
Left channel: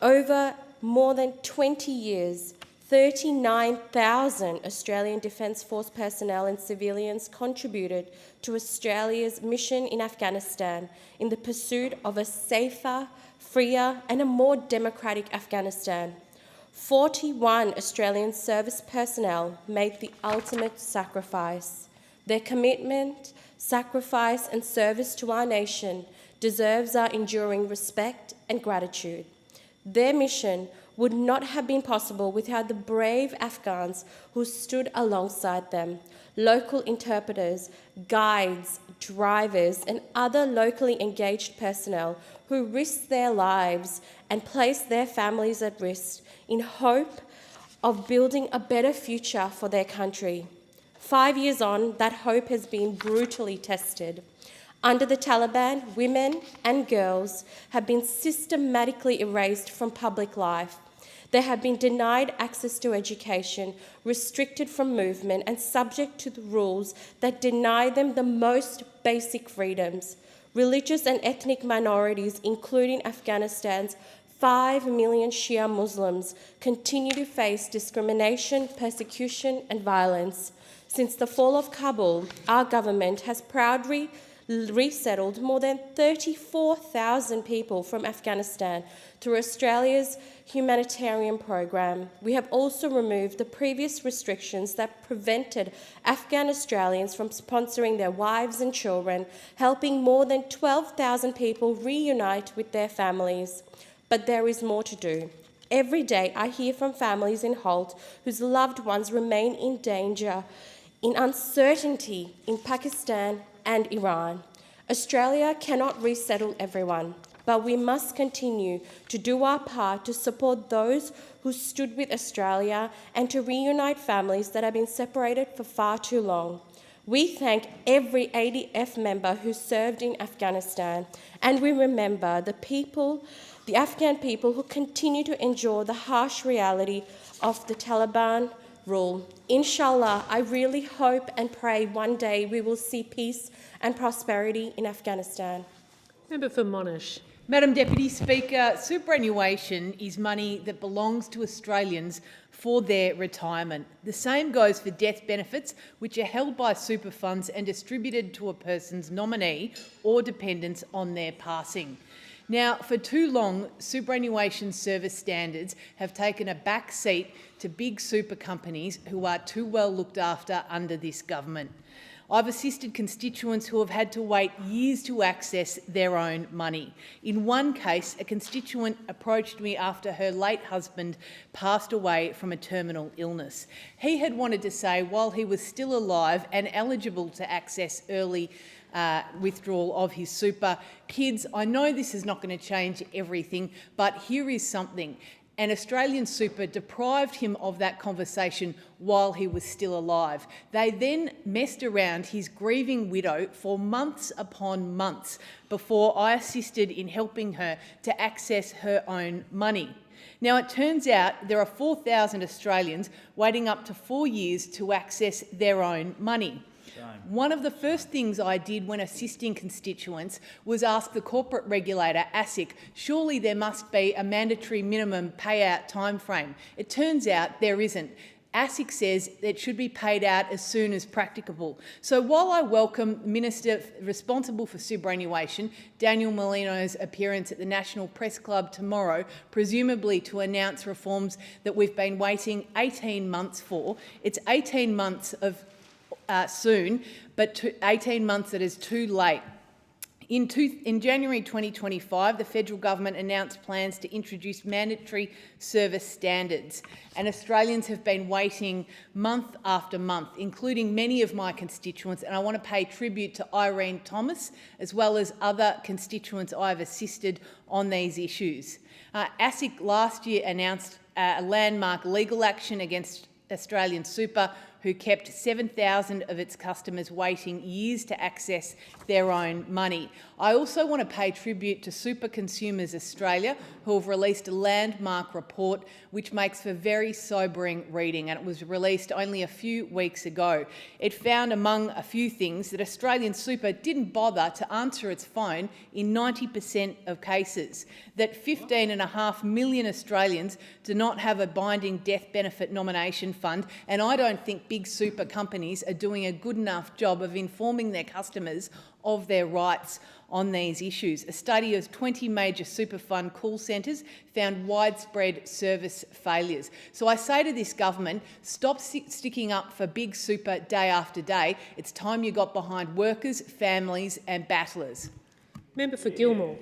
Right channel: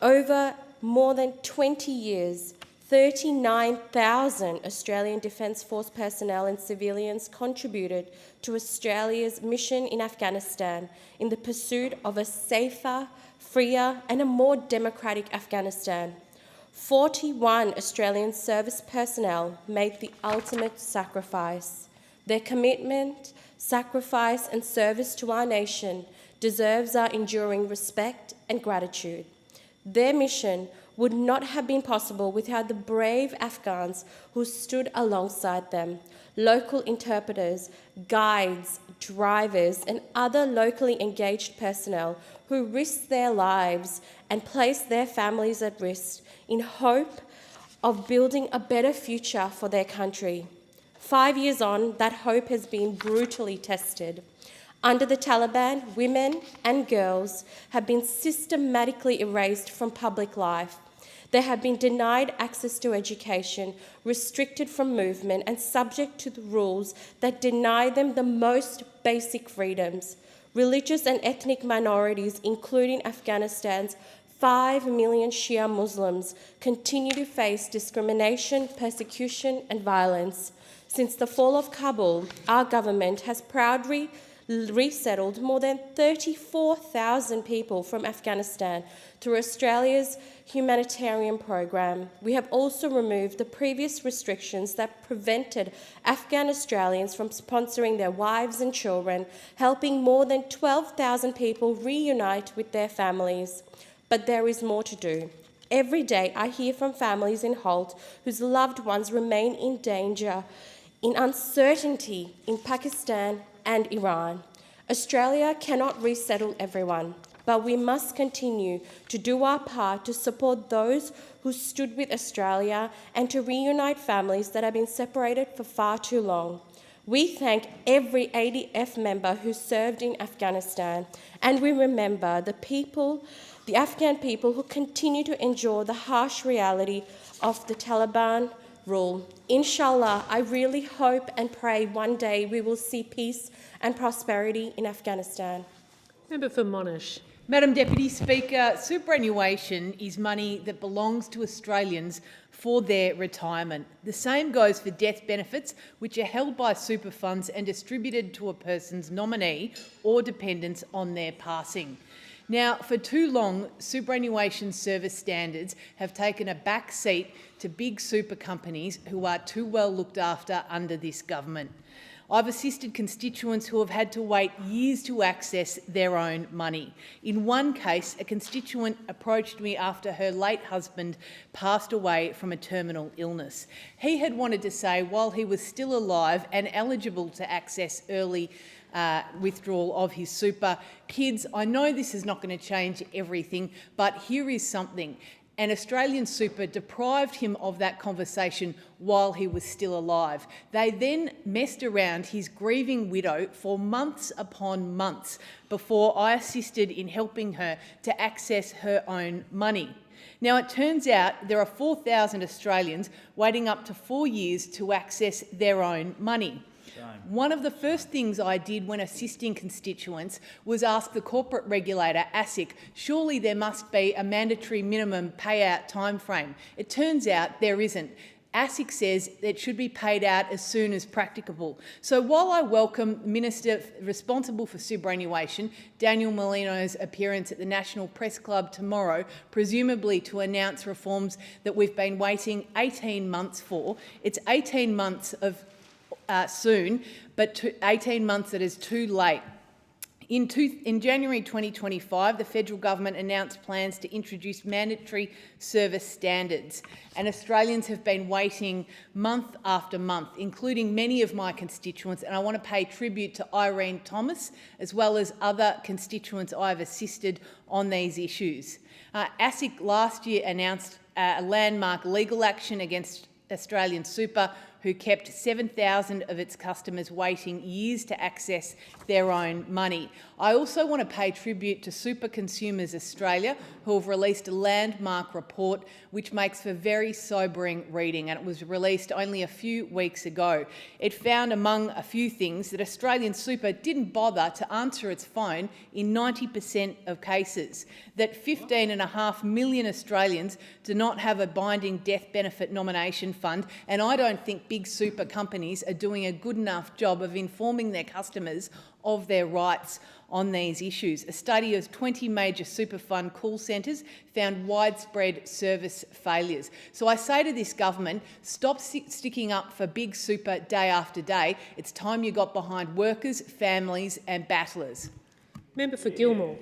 Over more than 20 years, 39,000 Australian Defence Force personnel and civilians contributed to Australia's mission in Afghanistan in the pursuit of a safer, freer, and a more democratic Afghanistan. 41 Australian service personnel made the ultimate sacrifice. Their commitment, sacrifice, and service to our nation deserves our enduring respect and gratitude. Their mission would not have been possible without the brave Afghans who stood alongside them, local interpreters, guides, drivers, and other locally engaged personnel who risked their lives and placed their families at risk in hope of building a better future for their country. 5 years on, that hope has been brutally tested. Under the Taliban, women and girls have been systematically erased from public life. They have been denied access to education, restricted from movement, and subject to the rules that deny them the most basic freedoms. Religious and ethnic minorities, including Afghanistan's 5 million Shia Muslims, continue to face discrimination, persecution, and violence. Since the fall of Kabul, our government has proudly resettled more than 34,000 people from Afghanistan through Australia's humanitarian program. We have also removed the previous restrictions that prevented Afghan Australians from sponsoring their wives and children, helping more than 12,000 people reunite with their families. But there is more to do. Every day I hear from families in Holt whose loved ones remain in danger, in uncertainty in Pakistan and Iran. Australia cannot resettle everyone, but we must continue to do our part to support those who stood with Australia and to reunite families that have been separated for far too long. We thank every ADF member who served in Afghanistan, and we remember the Afghan people who continue to endure the harsh reality of the Taliban rule. Inshallah, I really hope and pray one day we will see peace and prosperity in Afghanistan. Member for Monash. Madam Deputy Speaker, superannuation is money that belongs to Australians for their retirement. The same goes for death benefits, which are held by super funds and distributed to a person's nominee or dependents on their passing. Now, for too long, superannuation service standards have taken a back seat to big super companies who are too well looked after under this government. I've assisted constituents who have had to wait years to access their own money. In one case, a constituent approached me after her late husband passed away from a terminal illness. He had wanted to say while he was still alive and eligible to access early withdrawal of his super. Kids, I know this is not going to change everything, but here is something. An Australian super deprived him of that conversation while he was still alive. They then messed around his grieving widow for months upon months before I assisted in helping her to access her own money. Now, it turns out there are 4,000 Australians waiting up to 4 years to access their own money. One of the first things I did when assisting constituents was ask the corporate regulator, ASIC, surely there must be a mandatory minimum payout timeframe. It turns out there isn't. ASIC says it should be paid out as soon as practicable. So while I welcome Minister responsible for superannuation, Daniel Molino's appearance at the National Press Club tomorrow, presumably to announce reforms that we've been waiting 18 months for, it's 18 months of soon, but 18 months that is too late. In January 2025, the federal government announced plans to introduce mandatory service standards, and Australians have been waiting month after month, including many of my constituents, and I want to pay tribute to Irene Thomas, as well as other constituents I've assisted on these issues. ASIC last year announced a landmark legal action against Australian Super, who kept 7,000 of its customers waiting years to access their own money. I also want to pay tribute to Super Consumers Australia, who have released a landmark report which makes for very sobering reading, and it was released only a few weeks ago. It found, among a few things, that Australian Super didn't bother to answer its phone in 90% of cases, that 15.5 million Australians do not have a binding death benefit nomination fund, and I don't think big super companies are doing a good enough job of informing their customers of their rights on these issues. A study of 20 major super fund call centres found widespread service failures. So I say to this government, stop sticking up for big super day after day. It's time you got behind workers, families and battlers. Member for Gilmore.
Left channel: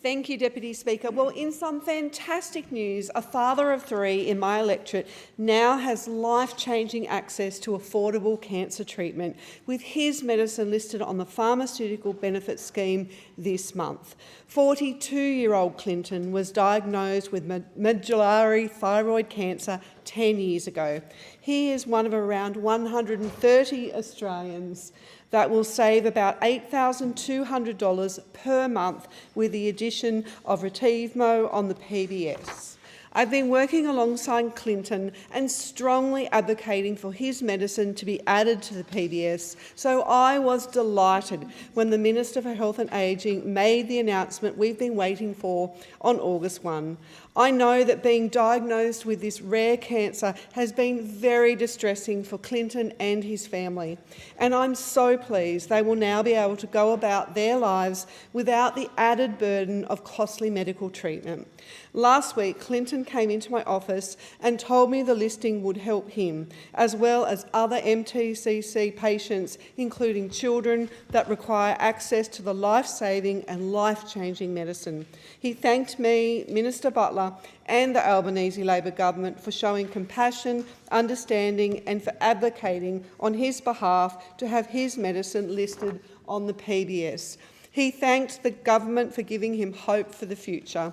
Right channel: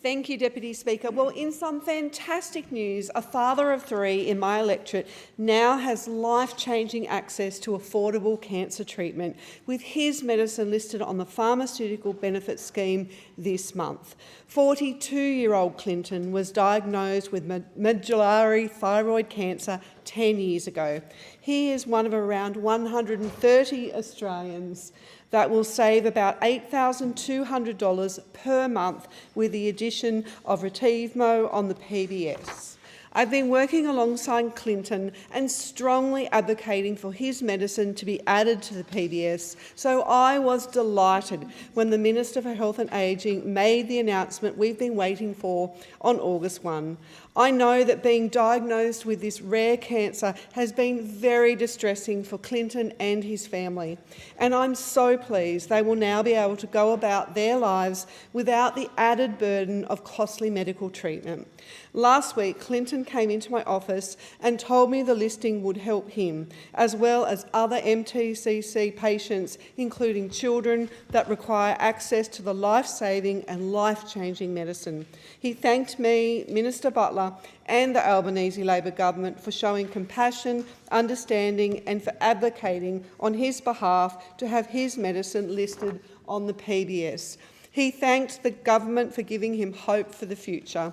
Thank you, Deputy Speaker. Well, in some fantastic news, a father of 3 in my electorate now has life-changing access to affordable cancer treatment, with his medicine listed on the Pharmaceutical Benefit Scheme this month. 42-year-old Clinton was diagnosed with medullary thyroid cancer 10 years ago. He is one of around 130 Australians that will save about $8,200 per month with the addition of Retivmo on the PBS. I've been working alongside Clinton and strongly advocating for his medicine to be added to the PBS, so I was delighted when the Minister for Health and Ageing made the announcement we've been waiting for on August 1. I know that being diagnosed with this rare cancer has been very distressing for Clinton and his family, and I'm so pleased they will now be able to go about their lives without the added burden of costly medical treatment. Last week, Clinton came into my office and told me the listing would help him, as well as other MTCC patients, including children that require access to the life-saving and life-changing medicine. He thanked me, Minister Butler, and the Albanese Labor government for showing compassion, understanding and for advocating on his behalf to have his medicine listed on the PBS. He thanked the government for giving him hope for the future.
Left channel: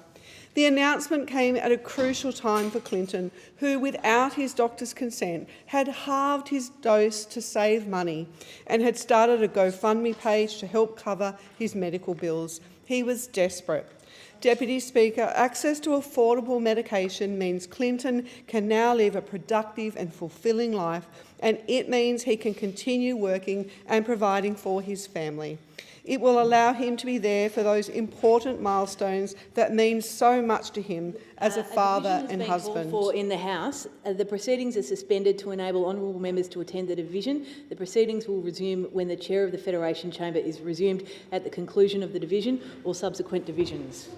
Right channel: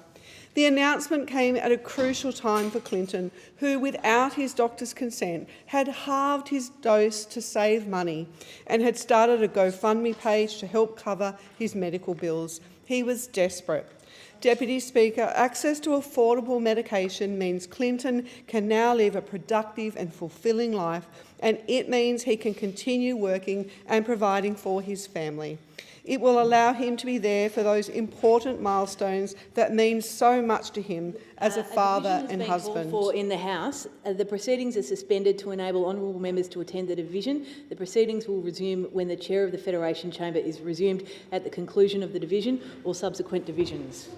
The announcement came at a crucial time for Clinton, who, without his doctor's consent, had halved his dose to save money and had started a GoFundMe page to help cover his medical bills. He was desperate. Deputy Speaker, access to affordable medication means Clinton can now live a productive and fulfilling life, and it means he can continue working and providing for his family. It will allow him to be there for those important milestones that mean so much to him as a father and husband. For in the House, the proceedings are suspended to enable honourable members to attend the division. The proceedings will resume when the chair of the Federation Chamber is resumed at the conclusion of the division or subsequent divisions.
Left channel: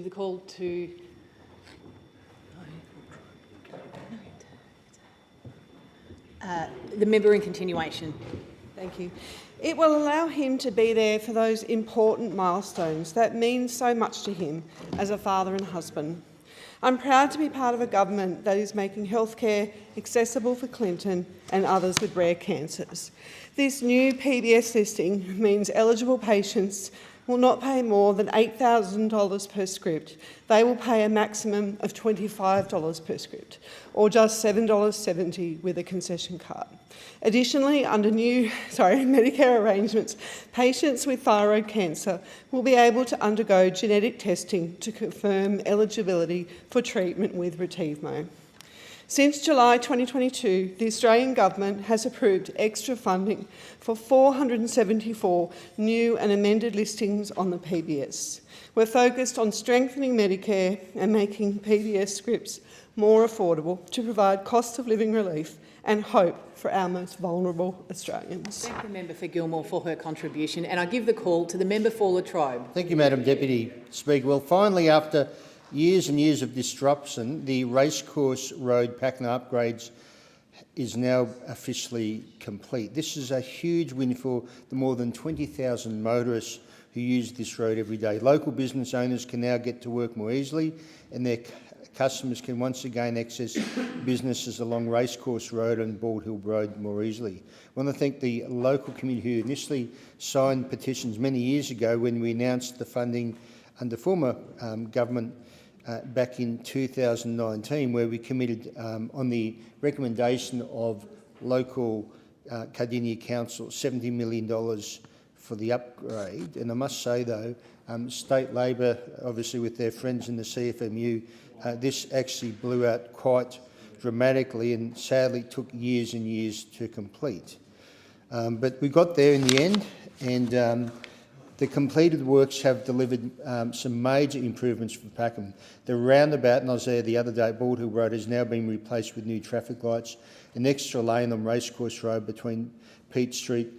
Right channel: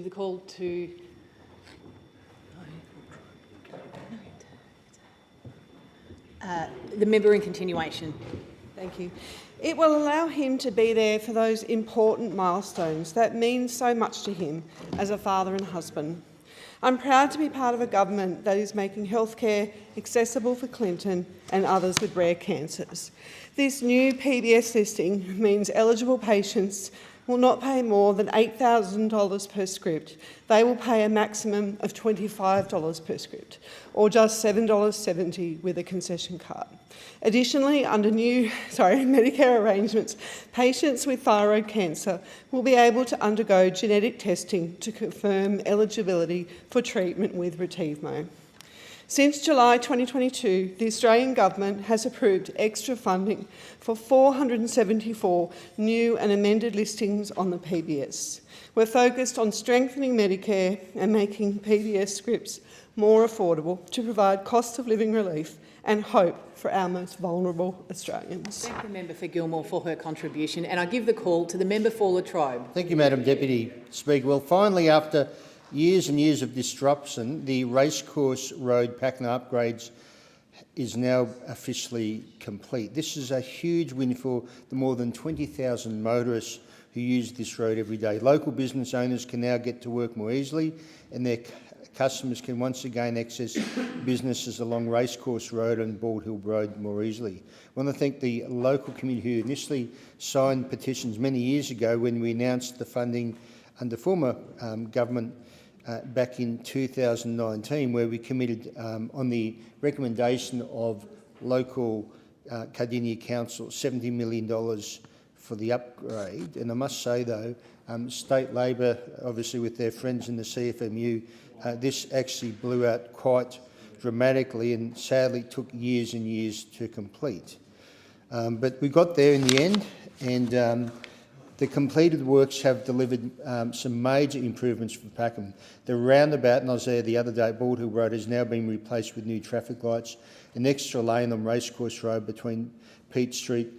give the call to the member in continuation. Thank you. It will allow him to be there for those important milestones that mean so much to him as a father and husband. I'm proud to be part of a government that is making healthcare accessible for Clinton and others with rare cancers. This new PBS listing means eligible patients will not pay more than $8,000 per script. They will pay a maximum of $25 per script, or just $7.70 with a concession card. Additionally, under new Medicare arrangements, patients with thyroid cancer will be able to undergo genetic testing to confirm eligibility for treatment with Retevmo. Since July 2022, the Australian Government has approved extra funding for 474 new and amended listings on the PBS. We're focused on strengthening Medicare and making PBS scripts more affordable to provide cost of living relief and hope for our most vulnerable Australians. Thank the member for Gilmore for her contribution, and I give the call to the member for Latrobe. Thank you, Madam Deputy Speaker. Well, finally, after years and years of disruption, the Racecourse Road Pakenham upgrades is now officially complete. This is a huge win for the more than 20,000 motorists who use this road every day. Local business owners can now get to work more easily, and their customers can once again access businesses along Racecourse Road and Bald Hill Road more easily. I want to thank the local community who initially signed petitions many years ago when we announced the funding under former government back in 2019, where we committed, on the recommendation of local Cardinia Council, $70 million for the upgrade. And I must say, though, State Labor, obviously with their friends in the CFMU, this actually blew out quite dramatically and sadly took years and years to complete. But we got there in the end, and the completed works have delivered some major improvements for Pakenham. The roundabout, and I was there the other day at Bald Hill Road, has now been replaced with new traffic lights. An extra lane on Racecourse Road between Pitt Street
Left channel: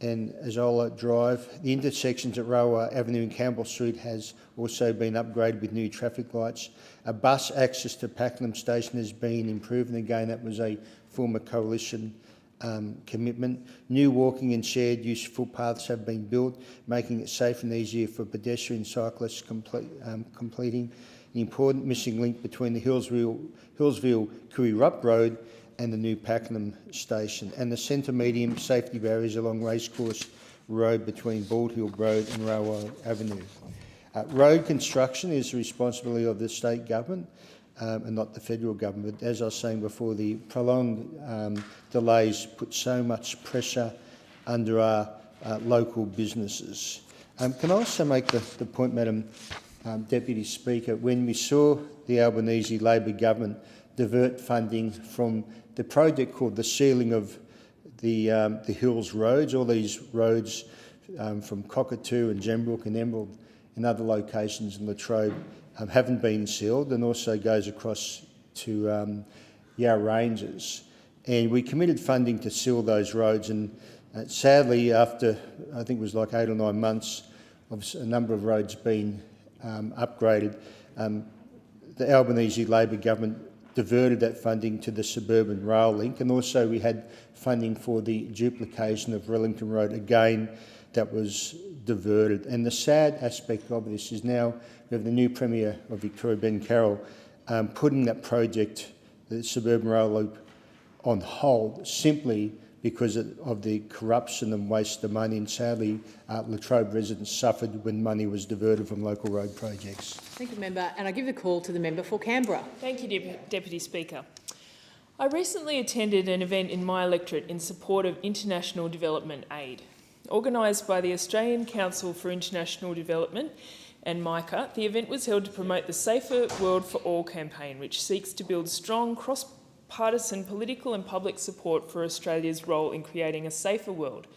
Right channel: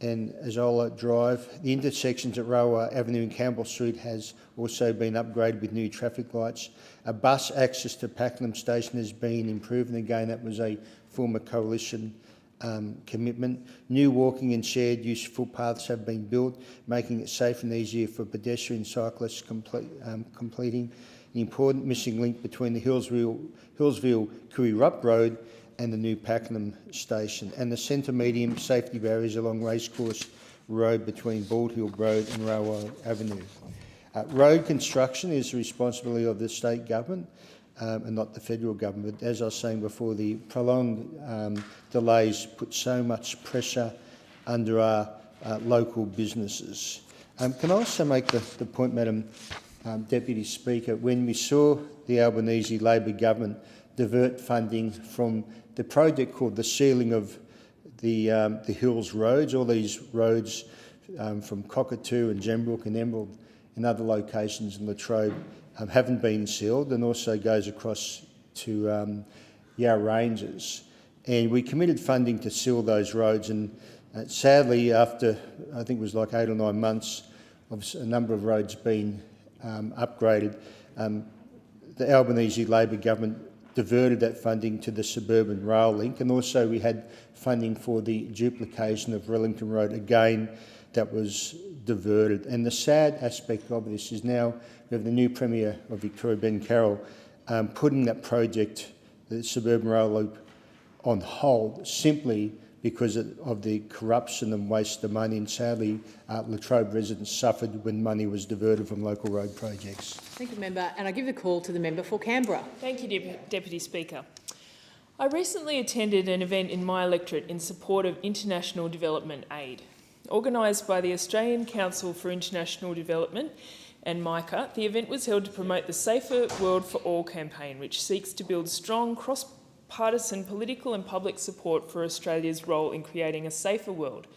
and Azola Drive. The intersections at Railway Avenue and Campbell Street has also been upgraded with new traffic lights. A bus access to Pakenham Station has been improved, and again that was a former coalition commitment. New walking and shared use footpaths have been built, making it safer and easier for pedestrian cyclists, completing the important missing link between the Hillsville-Kooyrup Road and the new Pakenham station, and the centre medium safety barriers along Racecourse Road between Bald Hill Road and Railway Avenue. Road construction is the responsibility of the state government and not the federal government. But as I was saying before, the prolonged delays put so much pressure under our local businesses. Can I also make the point, Madam Deputy Speaker, when we saw the Albanese Labor government divert funding from the project called the sealing of the Hills roads, all these roads from Cockatoo and Gembrook and Emerald and other locations in Latrobe haven't been sealed, and also goes across to Yarra Ranges. And we committed funding to seal those roads, and sadly, after I think it was like 8 or 9 months of a number of roads being upgraded, the Albanese Labor government diverted that funding to the suburban rail link, and also we had funding for the duplication of Rillington Road, again that was diverted. And the sad aspect of this is now we have the new Premier of Victoria, Ben Carroll, putting that project, the suburban rail loop, on hold simply because of the corruption and waste of money, and sadly Latrobe residents suffered when money was diverted from local road projects. Thank you, member, and I give the call to the member for Canberra. Thank you, Deputy Speaker. I recently attended an event in my electorate in support of international development aid. Organised by the Australian Council for International Development and MICA, the event was held to promote the Safer World for All campaign, which seeks to build strong cross-partisan political and public support for Australia's role in creating a safer world,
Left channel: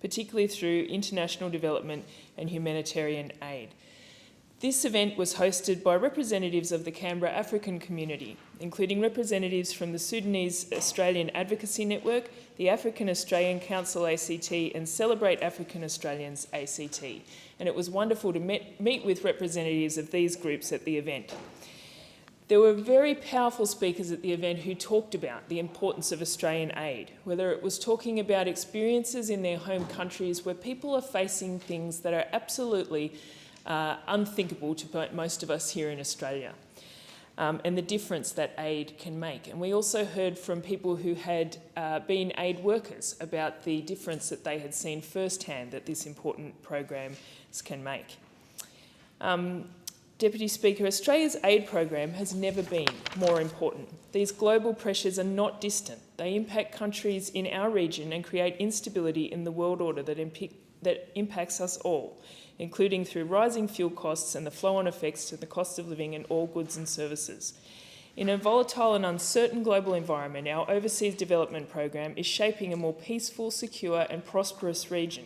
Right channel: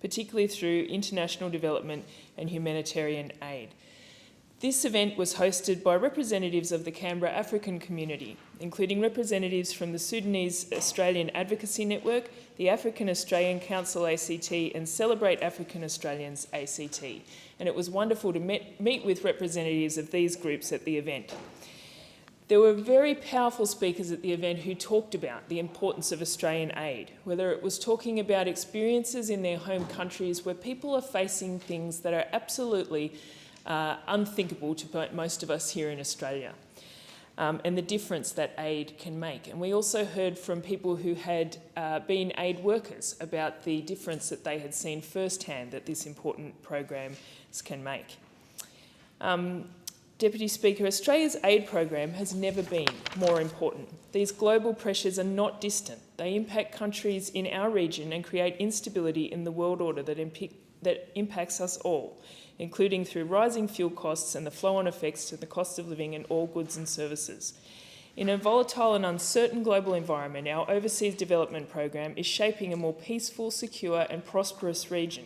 particularly through international development and humanitarian aid. This event was hosted by representatives of the Canberra African community, including representatives from the Sudanese Australian Advocacy Network, the African Australian Council ACT and Celebrate African Australians ACT. And it was wonderful to meet with representatives of these groups at the event. There were very powerful speakers at the event who talked about the importance of Australian aid, whether it was talking about experiences in their home countries where people are facing things that are absolutely unthinkable to most of us here in Australia, and the difference that aid can make. And we also heard from people who had been aid workers about the difference that they had seen firsthand that this important program can make. Deputy Speaker, Australia's aid program has never been more important. These global pressures are not distant. They impact countries in our region and create instability in the world order that impacts us all, including through rising fuel costs and the flow-on effects to the cost of living in all goods and services. In a volatile and uncertain global environment, our overseas development program is shaping a more peaceful, secure and prosperous region.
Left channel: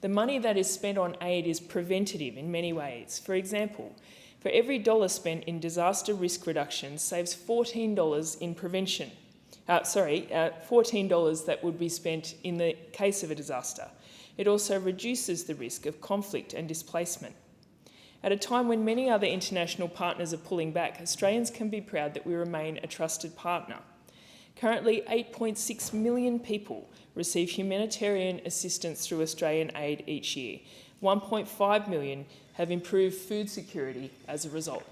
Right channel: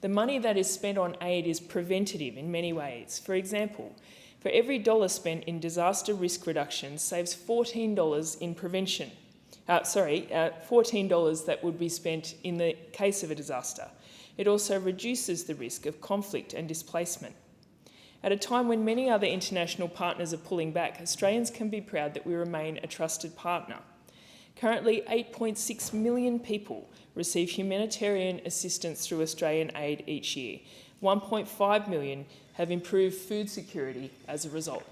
The money that is spent on aid is preventative in many ways. For example, for every dollar spent in disaster risk reduction saves $14 in prevention. $14 that would be spent in the case of a disaster. It also reduces the risk of conflict and displacement. At a time when many other international partners are pulling back, Australians can be proud that we remain a trusted partner. Currently, 8.6 million people receive humanitarian assistance through Australian aid each year. 1.5 million have improved food security as a result.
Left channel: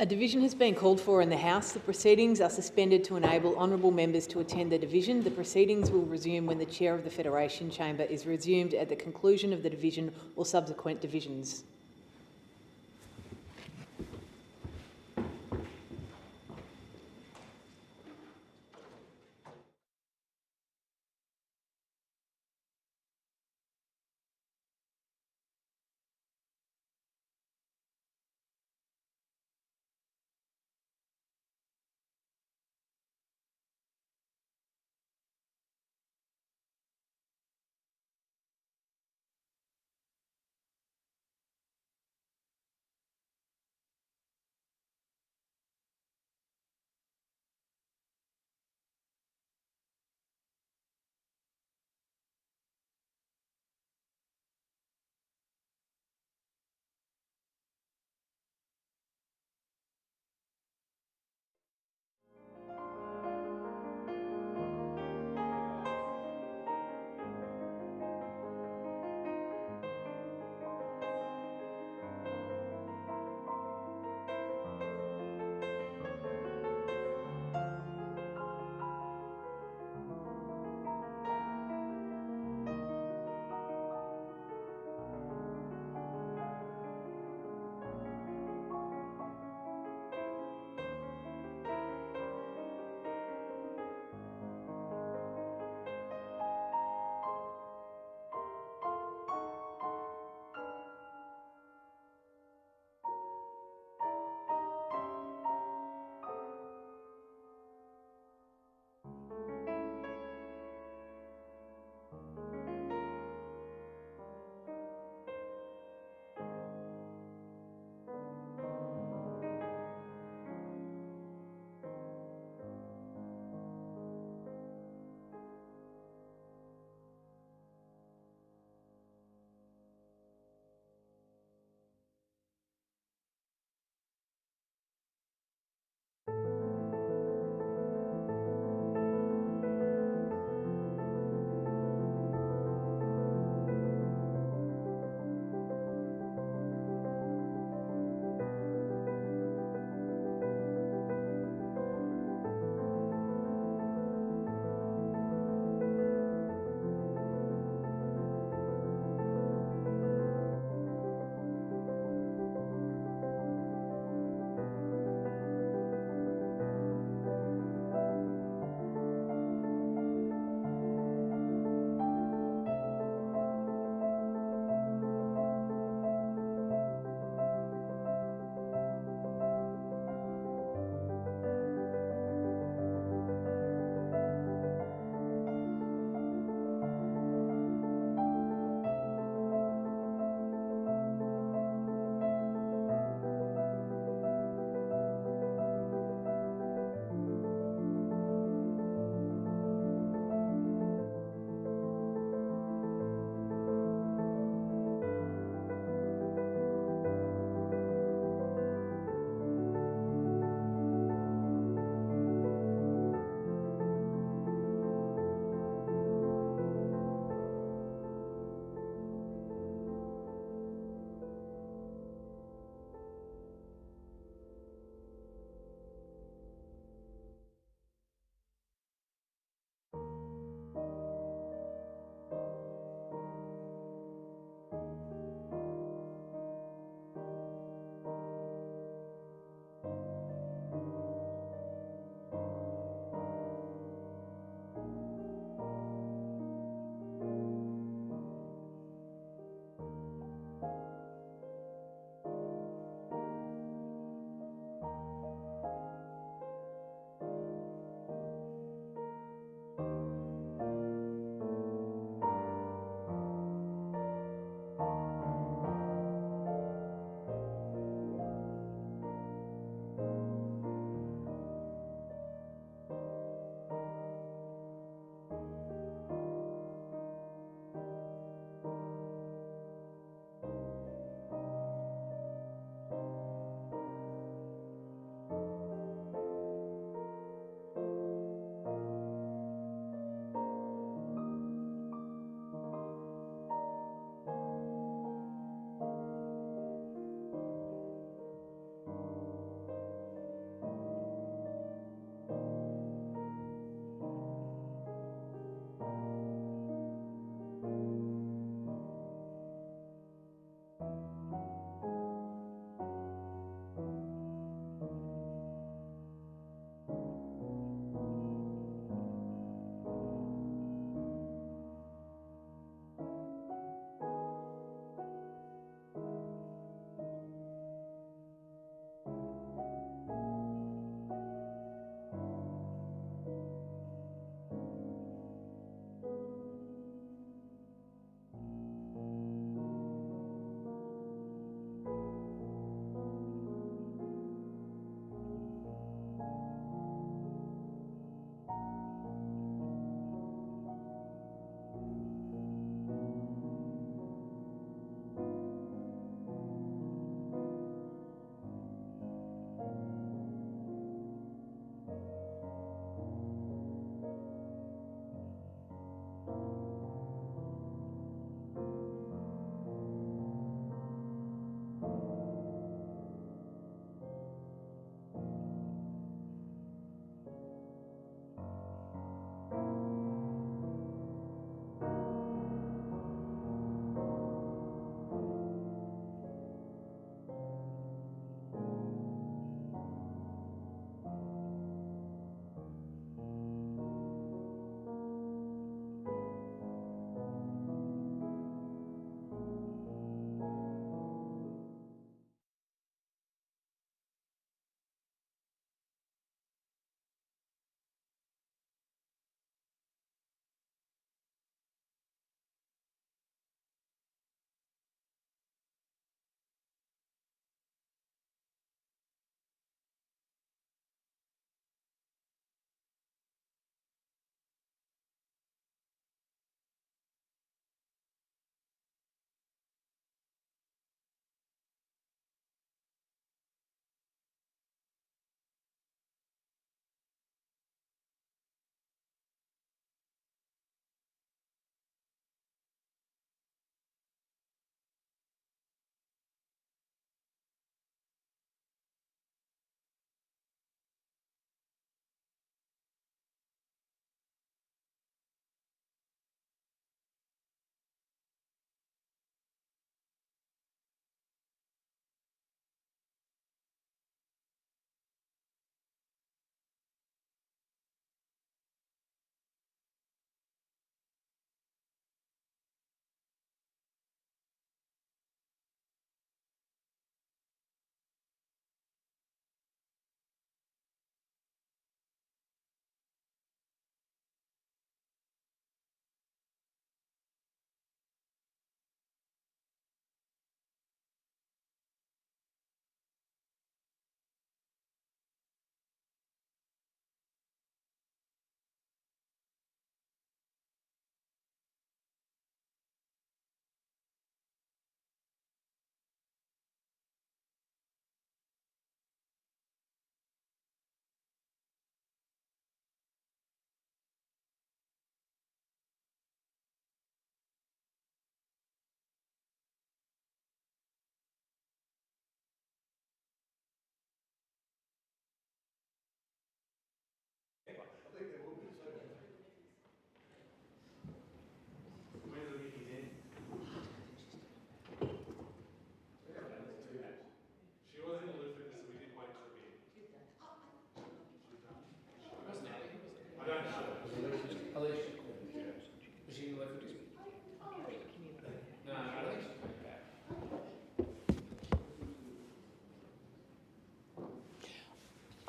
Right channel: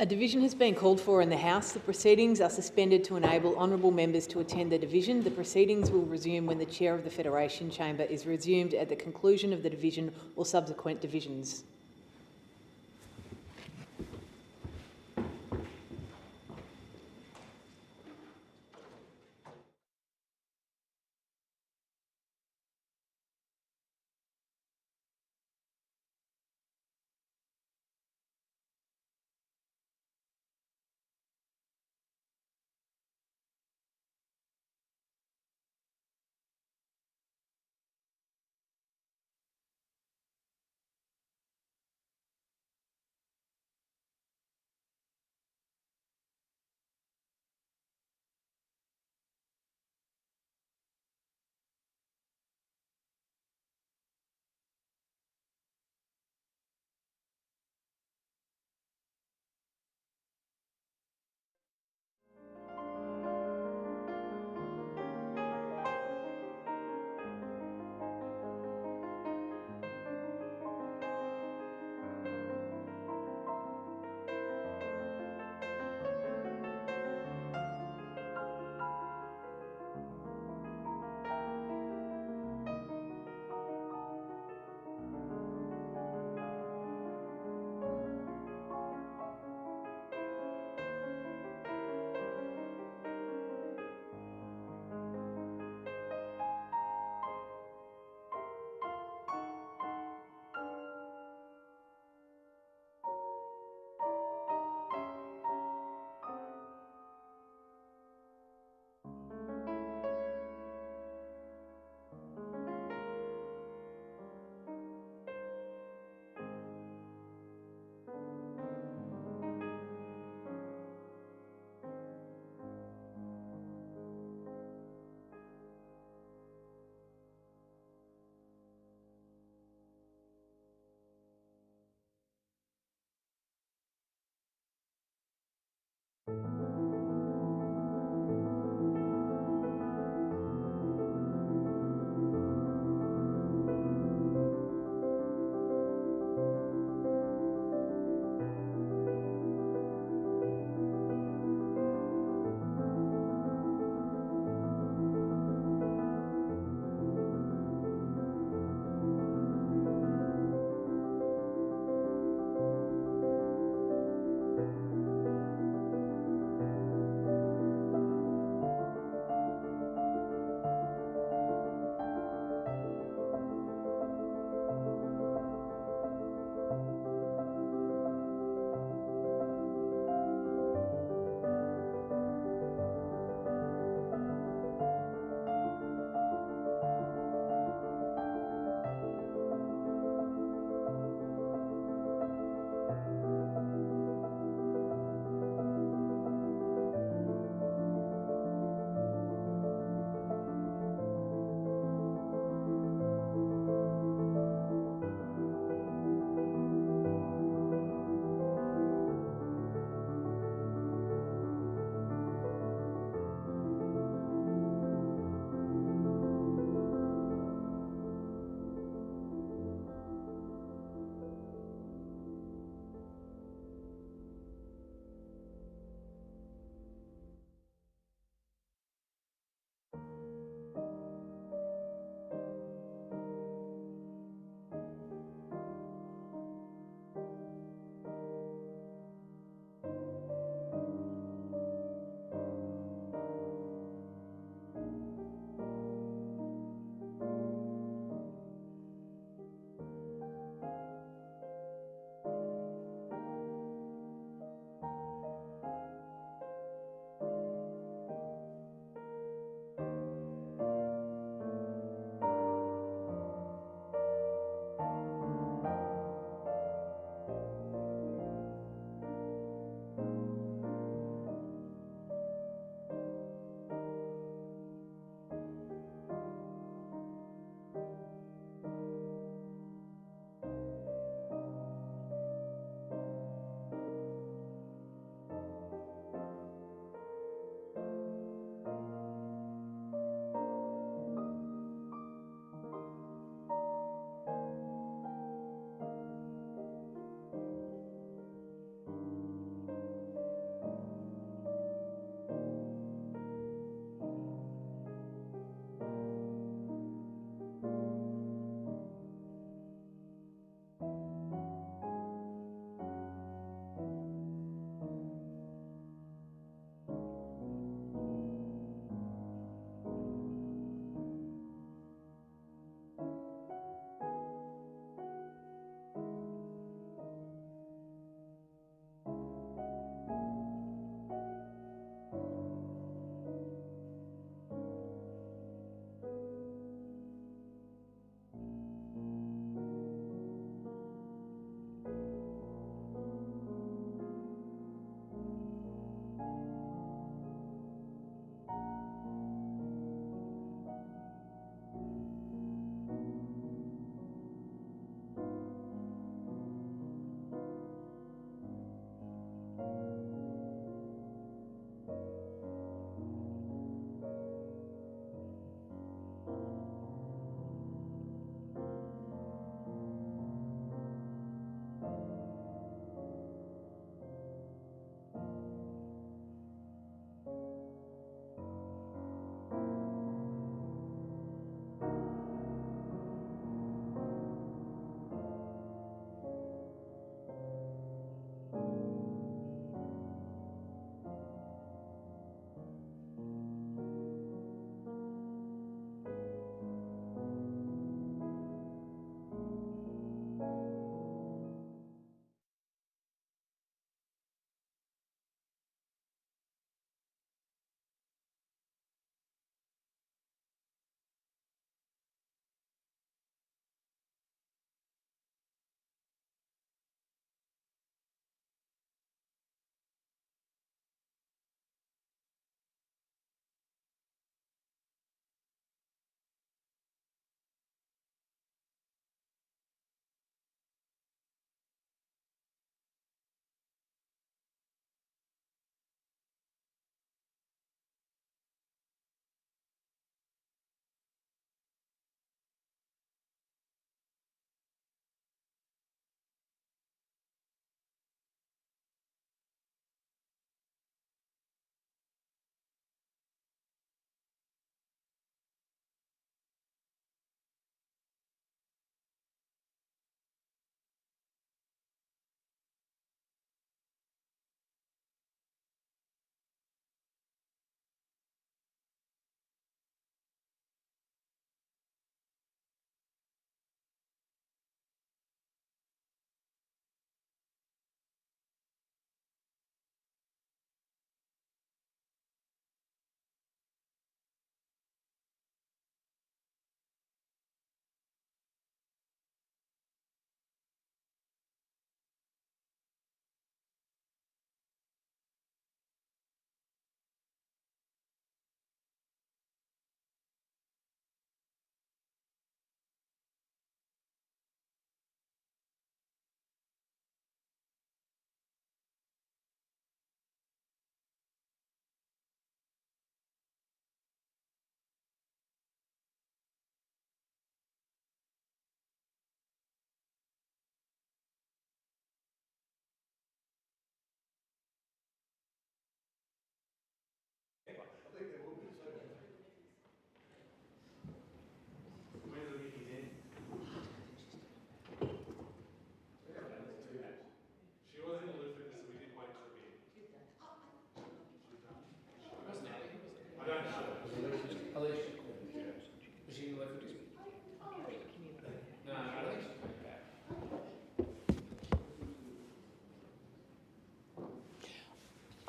A division has been called for in the House. The proceedings are suspended to enable honourable members to attend the division. The proceedings will resume when the Chair of the Federation Chamber is resumed at the conclusion of the division or subsequent divisions.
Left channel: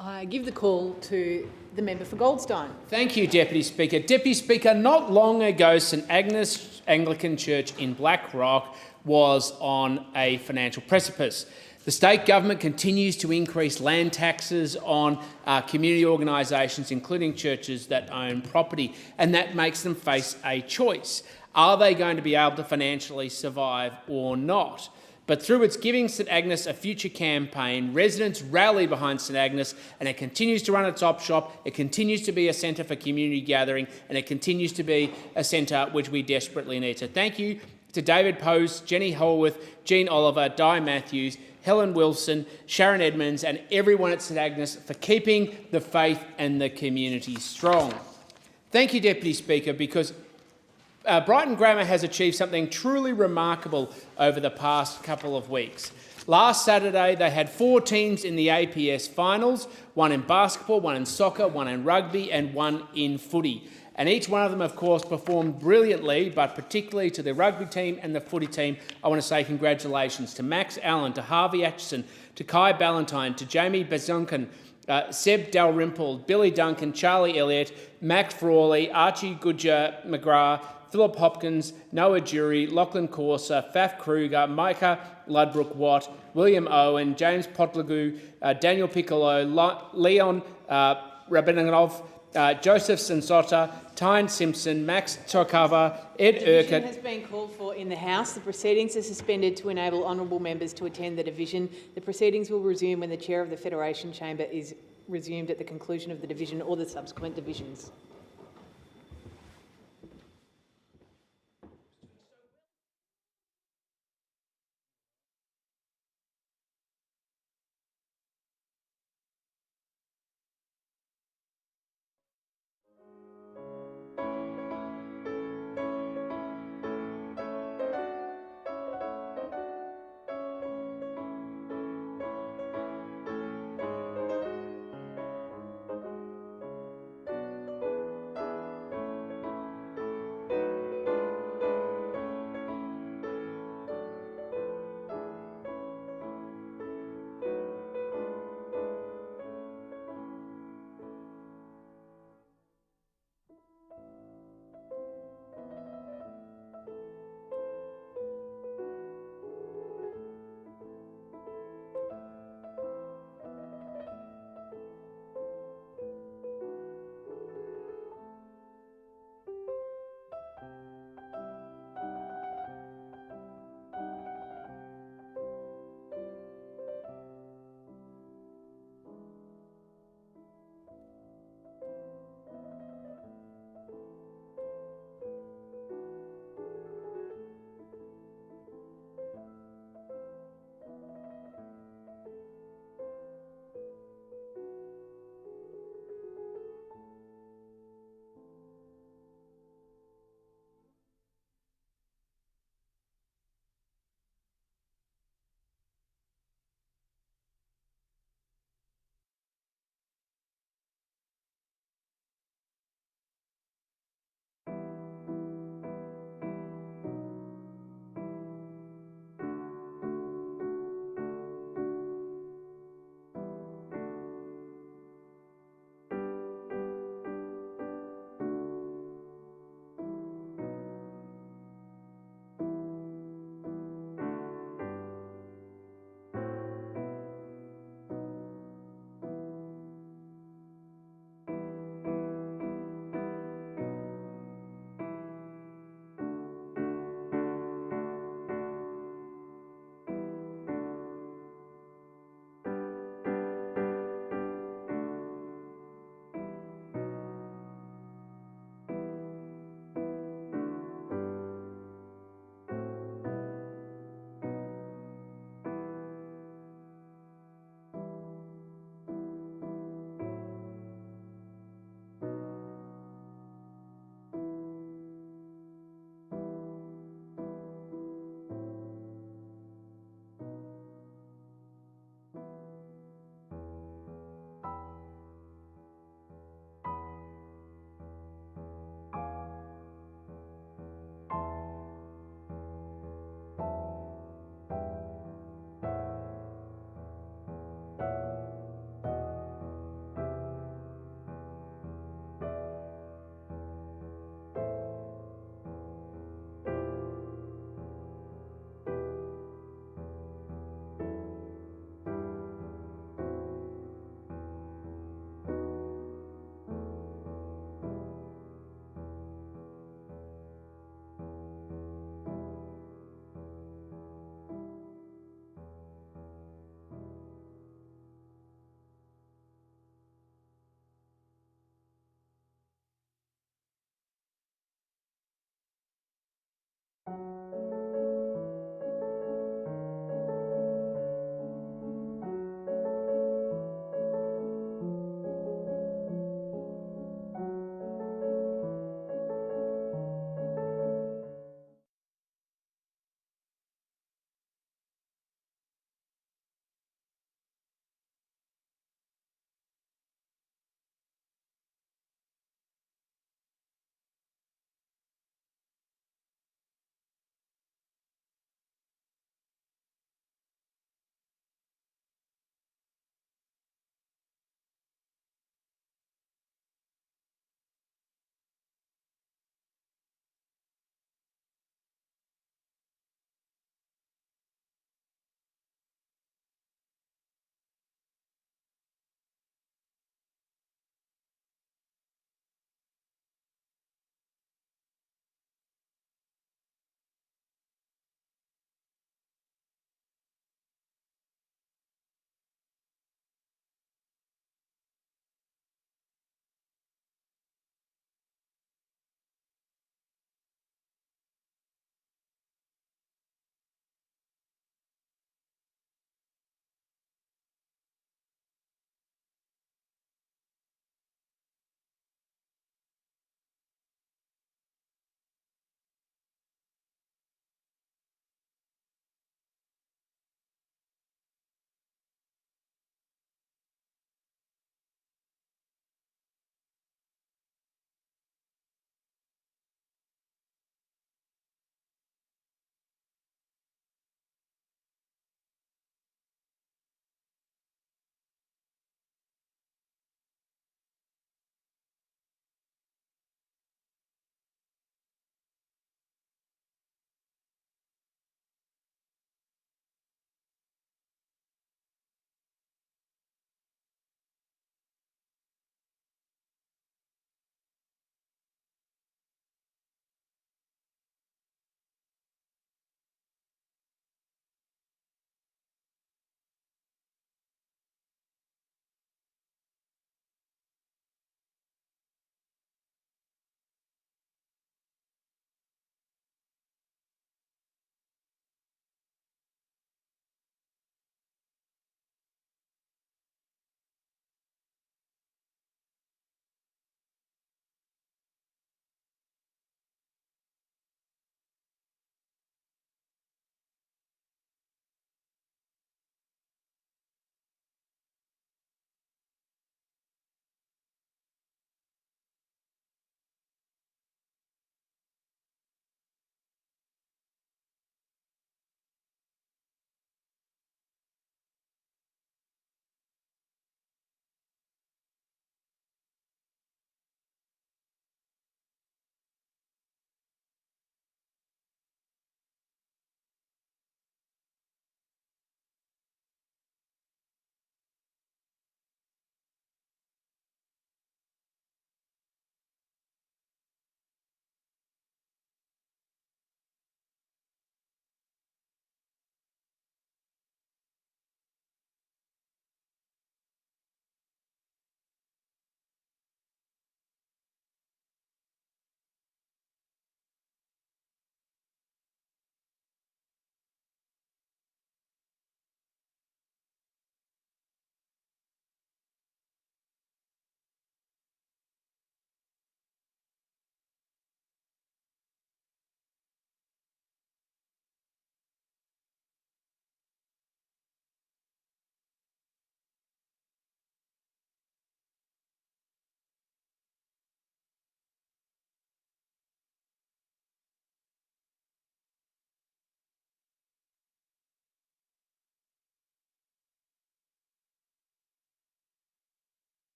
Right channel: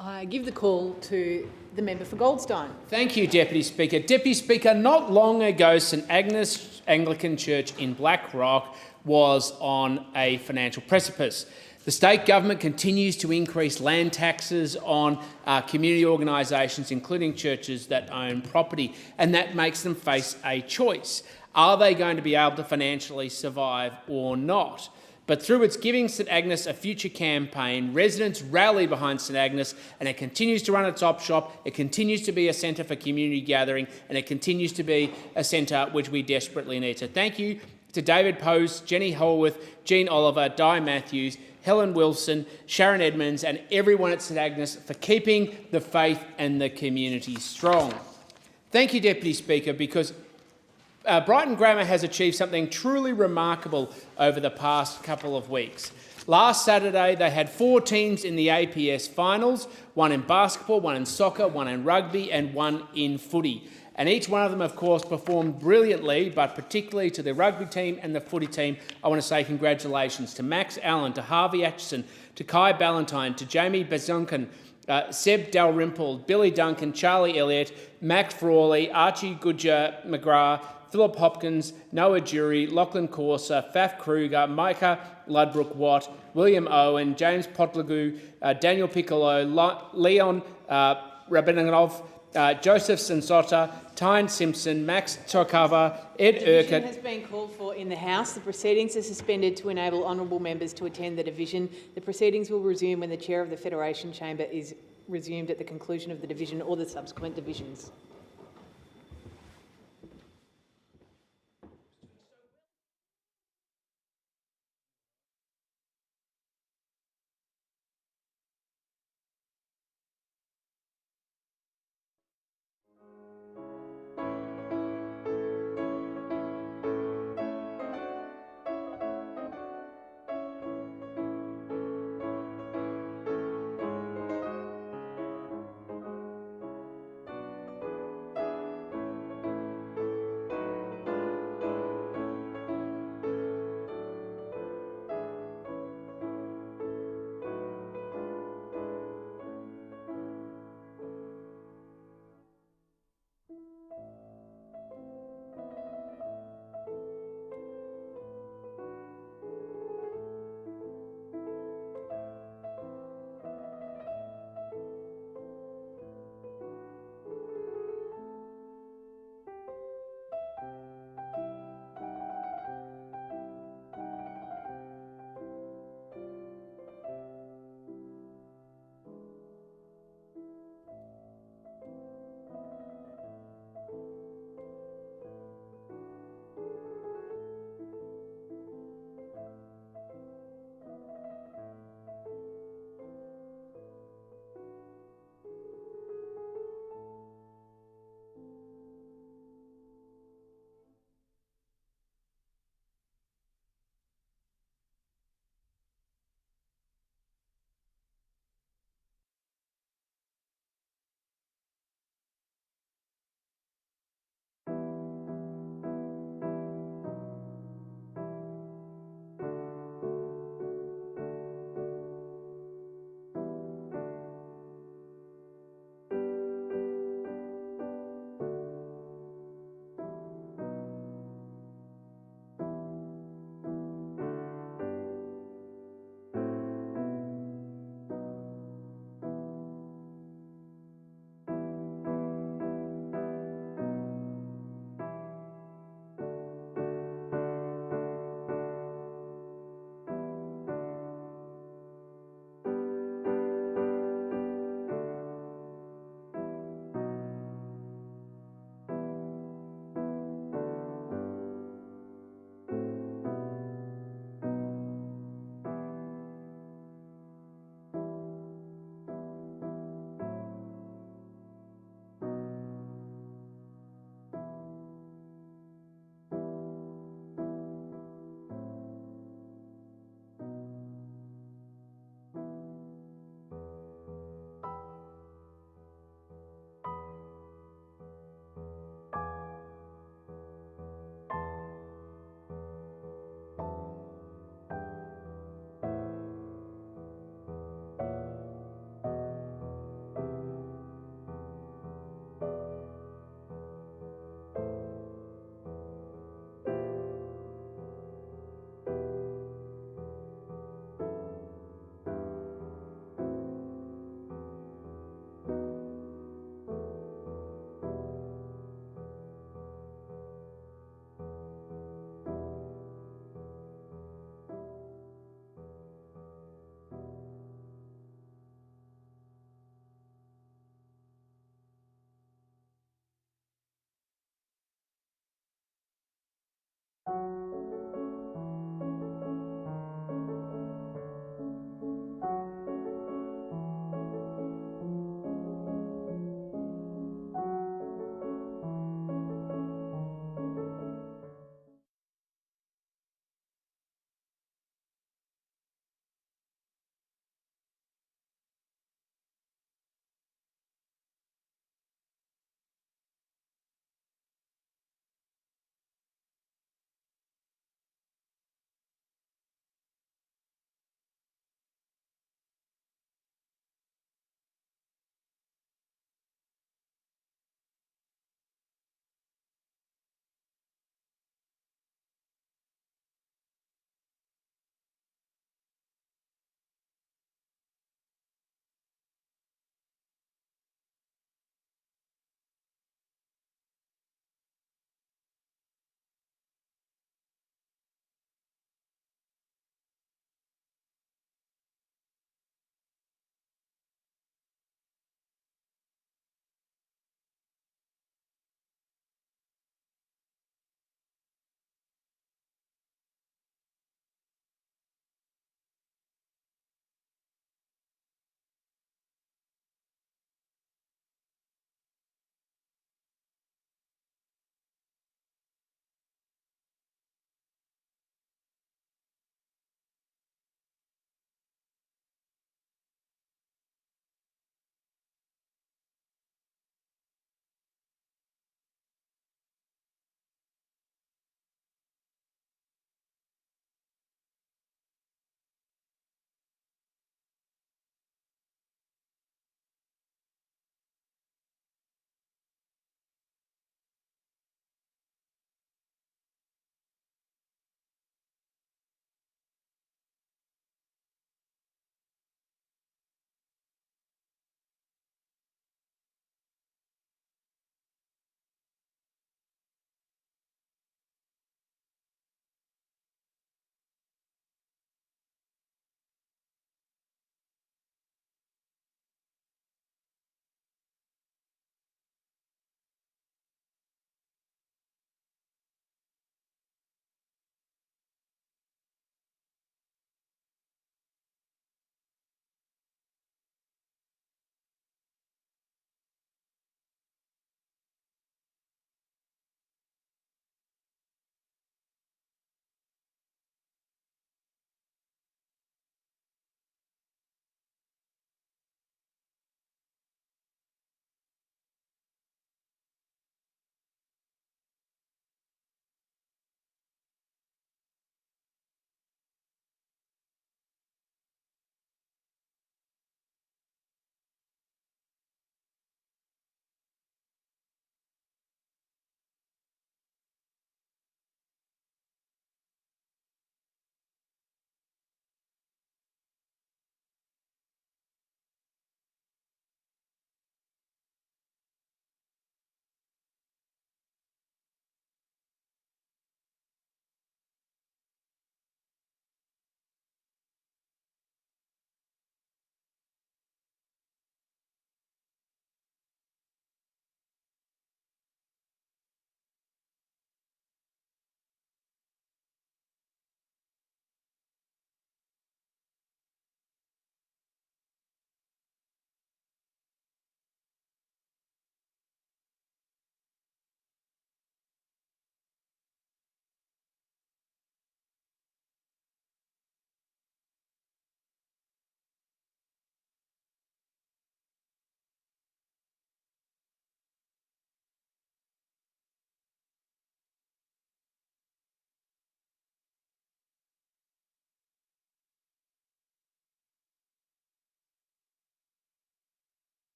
I give the call to the member for Goldstein. Thank you, Deputy Speaker. Deputy Speaker, not long ago, St Agnes Anglican Church in Black Rock was on a financial precipice. The state government continues to increase land taxes on community organisations, including churches that own property, and that makes them face a choice. Are they going to be able to financially survive or not? But through its Giving St Agnes a Future campaign, residents rally behind St Agnes, and it continues to run its op shop, it continues to be a centre for community gathering, and it continues to be a centre which we desperately need. So thank you to David Pose, Jenny Holworth, Jean Oliver, Di Matthews, Helen Wilson, Sharon Edmonds, and everyone at St Agnes for keeping the faith and the community strong. Thank you, Deputy Speaker, because Brighton Grammar has achieved something truly remarkable over the past couple of weeks. Last Saturday, they had 4 teams in the APS finals, 1 in basketball, 1 in soccer, 1 in rugby, and 1 in footy. And each one of them, of course, performed brilliantly, but particularly to the rugby team and the footy team, I want to say congratulations to Max Allen, to Harvey Atchison, to Kai Ballantyne, to Jamie Bazunkin, Seb Dalrymple, Billy Duncan, Charlie Elliott, Max Frawley, Archie Goodger McGrath, Philip Hopkins, Noah Jury, Lachlan Corser, Faf Kruger, Micah Ludbrook Watt, William Owen, James Potlagu, Daniel Piccolo, Leon Rabinov, Joseph Sensota, Tyne Simpson, Max Tokava, Ed Division Urquhart. has been called for in the House. The proceedings are suspended to enable honourable members to attend the division. The proceedings will resume when the Chair of the Federation Chamber is resumed at the conclusion of the division or the subsequent divisions.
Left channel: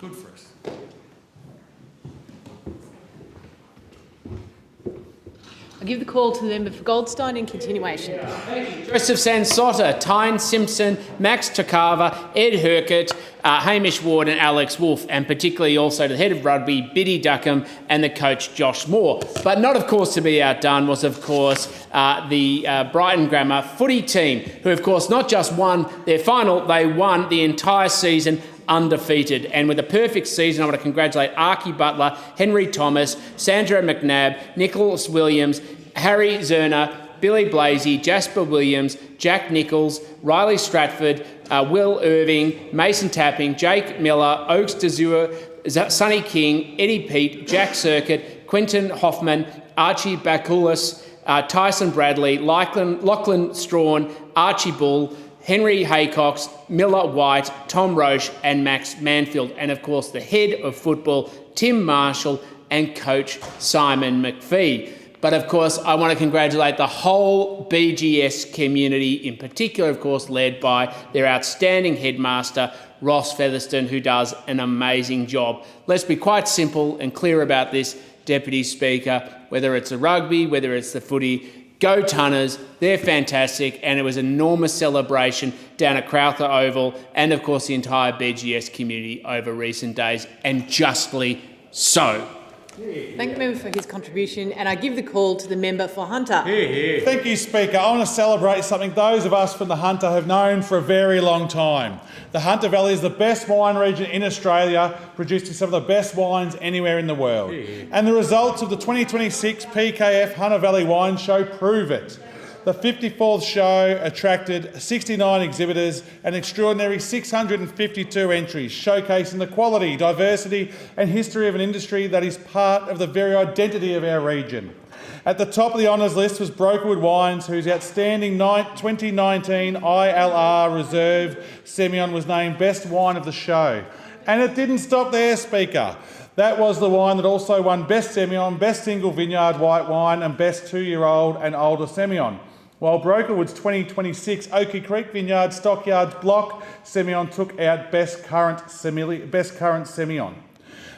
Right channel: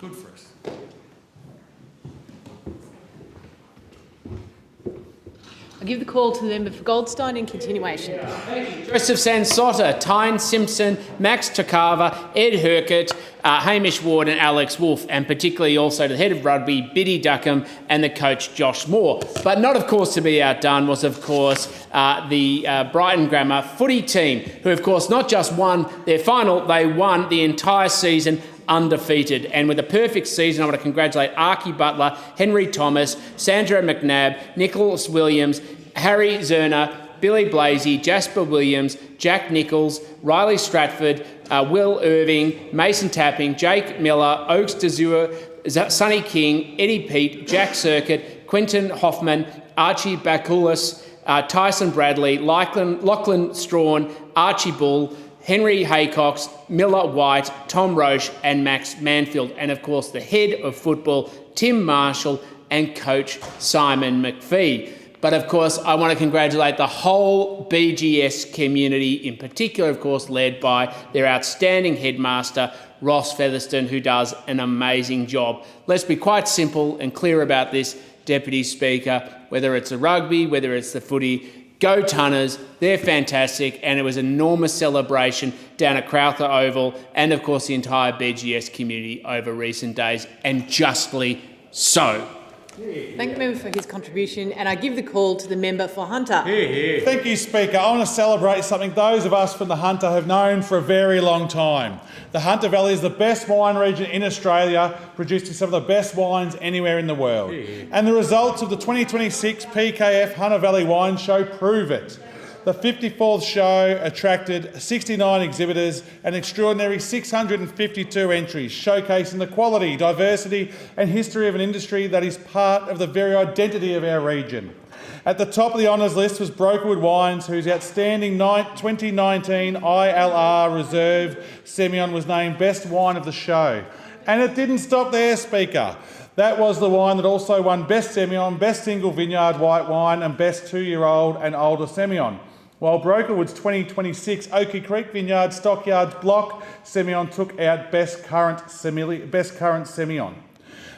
Good for us. I give the call to the member for Goldstein in continuation. Joseph Sansotta, Tyne Simpson, Max Takava, Ed Hercott, Hamish Ward and Alex Wolfe, and particularly also to the head of rugby, Biddy Duckham, and the coach, Josh Moore. But not, of course, to be outdone was, of course, the Brighton Grammar footy team, who, of course, not just won their final, they won the entire season undefeated. And with a perfect season, I want to congratulate Archie Butler, Henry Thomas, Sandra McNabb, Nicholas Williams, Harry Zerner, Billy Blasey, Jasper Williams, Jack Nichols, Riley Stratford, Will Irving, Mason Tapping, Jake Miller, Oaks Dezua, Sonny King, Eddie Pete, Jack Circuit, Quentin Hoffman, Archie Bakulis, Tyson Bradley, Lachlan Strawn, Archie Bull, Henry Haycox, Miller White, Tom Roche and Max Manfield. And of course the head of football, Tim Marshall, and coach Simon McPhee. But of course I want to congratulate the whole BGS community, in particular of course led by their outstanding headmaster, Ross Featherston, who does an amazing job. Let's be quite simple and clear about this, Deputy Speaker, whether it's the rugby, whether it's the footy, go Tunners, they're fantastic, and it was an enormous celebration down at Crowther Oval and, of course, the entire BGS community over recent days, and justly so. Thank the member for his contribution, and I give the call to the member for Hunter. Thank you, Speaker. I want to celebrate something those of us from the Hunter have known for a very long time. The Hunter Valley is the best wine region in Australia, producing some of the best wines anywhere in the world. And the results of the 2026 PKF Hunter Valley Wine Show prove it. The 54th show attracted 69 exhibitors and extraordinary 652 entries, showcasing the quality, diversity and history of an industry that is part of the very identity of our region. At the top of the honours list was Brokerwood Wines, whose outstanding 2019 ILR Reserve Semillon was named Best Wine of the Show. And it didn't stop there, Speaker. That was the wine that also won Best Semillon, Best Single Vineyard White Wine and Best 2-year-old and Older Semillon. While Brokerwood's 2026 Oakey Creek Vineyard Stockyards Block Semillon took out Best Current Semillon.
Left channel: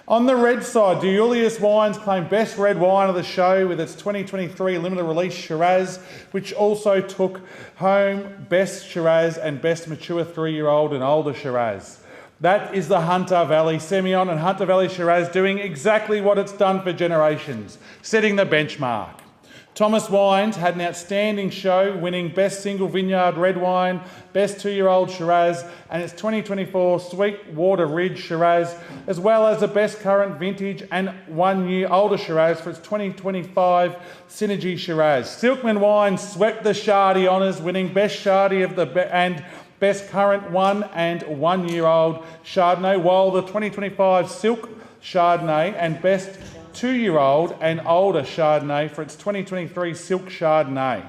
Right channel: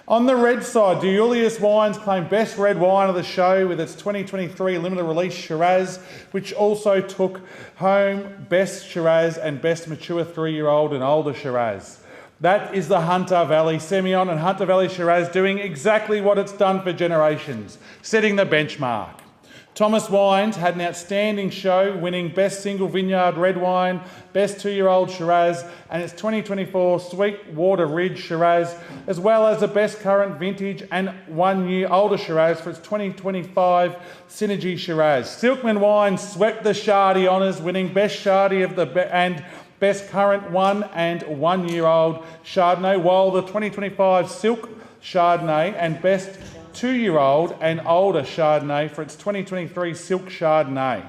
On the red side, Deulius Wines claimed Best Red Wine of the Show with its 2023 limited release Shiraz, which also took home Best Shiraz and Best Mature 3-year-old and Older Shiraz. That is the Hunter Valley Semillon and Hunter Valley Shiraz doing exactly what it's done for generations, setting the benchmark. Thomas Wines had an outstanding show, winning Best Single Vineyard Red Wine, Best 2-year-old Shiraz and its 2024 Sweetwater Ridge Shiraz, as well as the Best Current Vintage and 1-year-older Shiraz for its 2025 Synergy Shiraz. Silkman Wines swept the Shardy honours, winning Best Shardy and Best Current 1 and 1-year-old Chardonnay, while the 2025 Silk Chardonnay and Best 2-year-old and older Chardonnay for its 2023 Silk Chardonnay.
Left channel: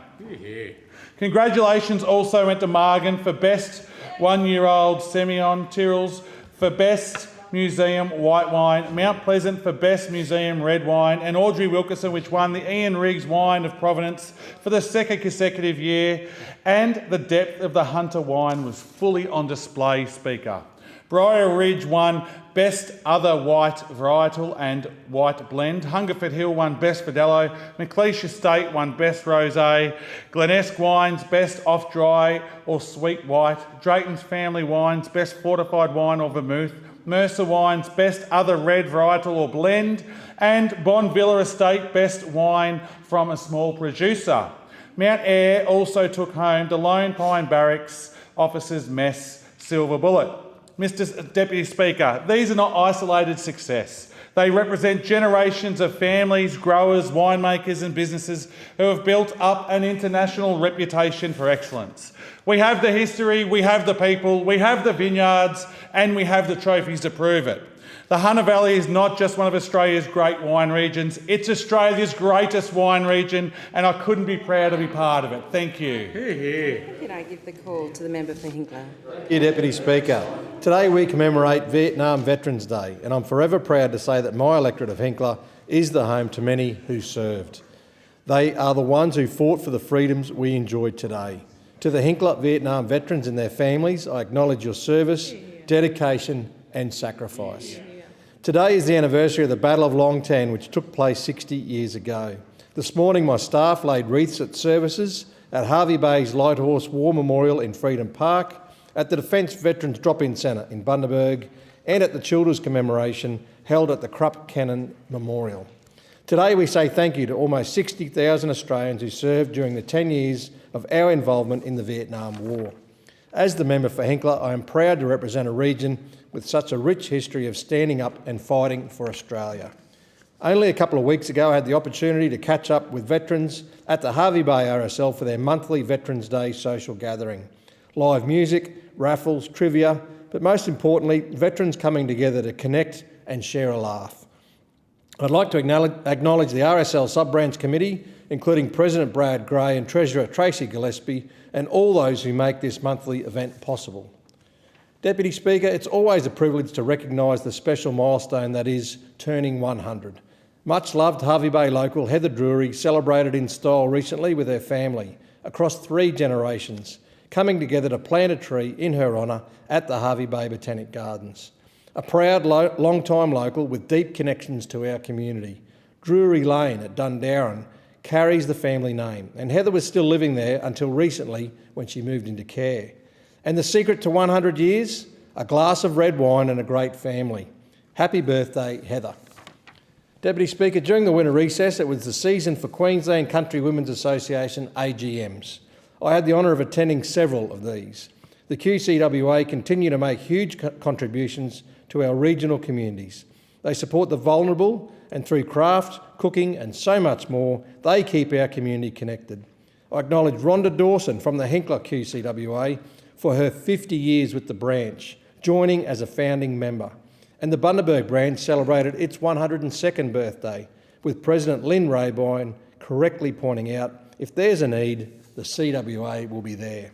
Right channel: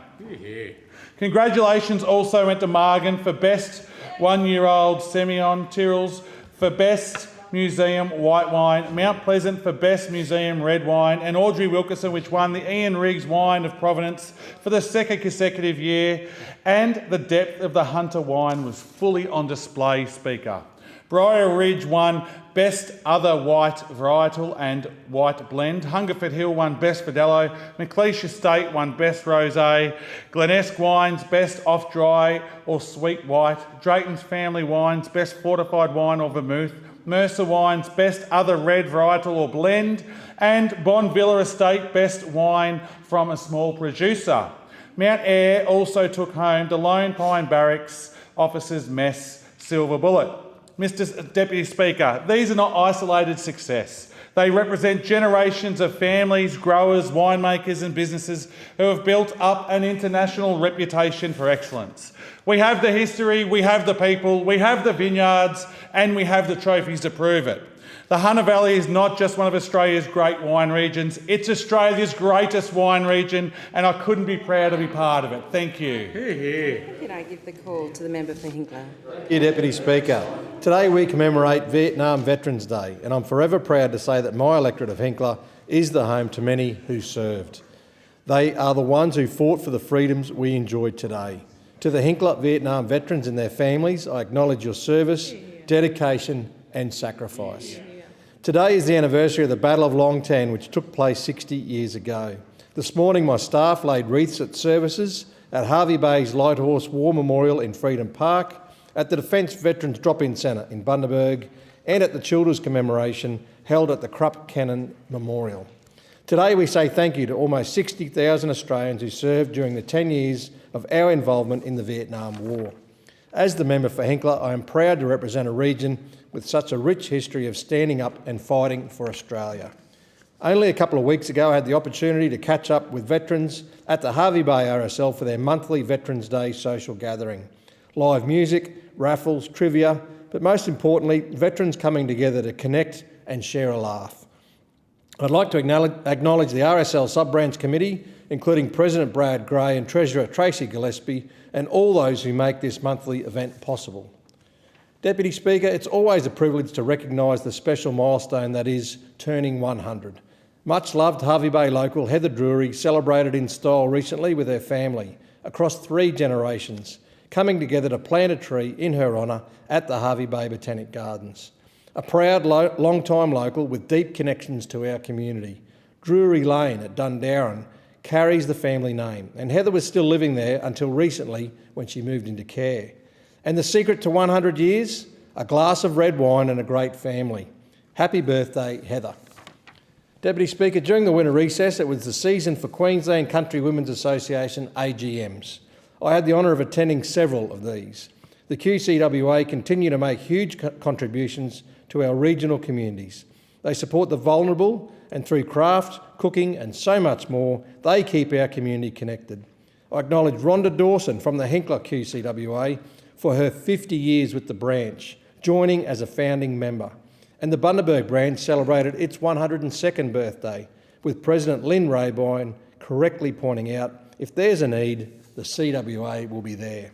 Congratulations also went to Margan for Best 1-year-old Semillon, Tyrrells for Best Museum White Wine, Mount Pleasant for Best Museum Red Wine, and Audrey Wilkinson, which won the Ian Riggs Wine of Provenance for the second consecutive year. And the depth of the Hunter wine was fully on display, Speaker. Briar Ridge won Best Other White Varietal and White Blend. Hungerford Hill won Best Verdelho. McLeish Estate won Best Rosé. Glenesk Wines Best Off-Dry or Sweet White. Drayton's Family Wines Best Fortified Wine or Vermouth. Mercer Wines Best Other Red Varietal or Blend. And Bonvilla Estate Best Wine from a Small Producer. Mount Eyre also took home the Lone Pine Barracks Officers Mess Silver Bullet. Mr. Deputy Speaker, these are not isolated success. They represent generations of families, growers, winemakers and businesses who have built up an international reputation for excellence. We have the history, we have the people, we have the vineyards and we have the trophies to prove it. The Hunter Valley is not just one of Australia's great wine regions, it's Australia's greatest wine region and I couldn't be proud to be part of it. Thank you. Can I give the call to the member for Hinkler? Thank you, Deputy Speaker. Today we commemorate Vietnam Veterans Day and I'm forever proud to say that my electorate of Hinkler is the home to many who served. They are the ones who fought for the freedoms we enjoy today. To the Hinkler Vietnam veterans and their families, I acknowledge your service, dedication and sacrifice. Today is the anniversary of the Battle of Long Tan, which took place 60 years ago. This morning, my staff laid wreaths at services at Hervey Bay's Lighthorse War Memorial in Freedom Park, at the Defence Veterans Drop-In Centre in Bundaberg, and at the Children's Commemoration held at the Krupp Cannon Memorial. Today we say thank you to almost 60,000 Australians who served during the 10 years of our involvement in the Vietnam War. As the member for Hinkler, I am proud to represent a region with such a rich history of standing up and fighting for Australia. Only a couple of weeks ago I had the opportunity to catch up with veterans at the Hervey Bay RSL for their monthly Veterans Day social gathering. Live music, raffles, trivia, but most importantly, veterans coming together to connect and share a laugh. I'd like to acknowledge the RSL Sub-Branch Committee, including President Brad Gray and Treasurer Tracy Gillespie, and all those who make this monthly event possible. Deputy Speaker, it's always a privilege to recognise the special milestone that is turning 100. Much loved Hervey Bay local Heather Drury celebrated in style recently with her family, across 3 generations, coming together to plant a tree in her honour at the Hervey Bay Botanic Gardens. A proud long-time local with deep connections to our community. Drury Lane at Dundarren carries the family name, and Heather was still living there until recently when she moved into care. And the secret to 100 years? A glass of red wine and a great family. Happy birthday, Heather. Deputy Speaker, during the winter recess, it was the season for Queensland Country Women's Association AGMs. I had the honour of attending several of these. The QCWA continue to make huge contributions to our regional communities. They support the vulnerable, and through craft, cooking and so much more, they keep our community connected. I acknowledge Rhonda Dawson from the Hinkler QCWA for her 50 years with the branch, joining as a founding member. And the Bundaberg branch celebrated its 102nd birthday, with President Lynn Raybine correctly pointing out, if there's a need, the CWA will be there.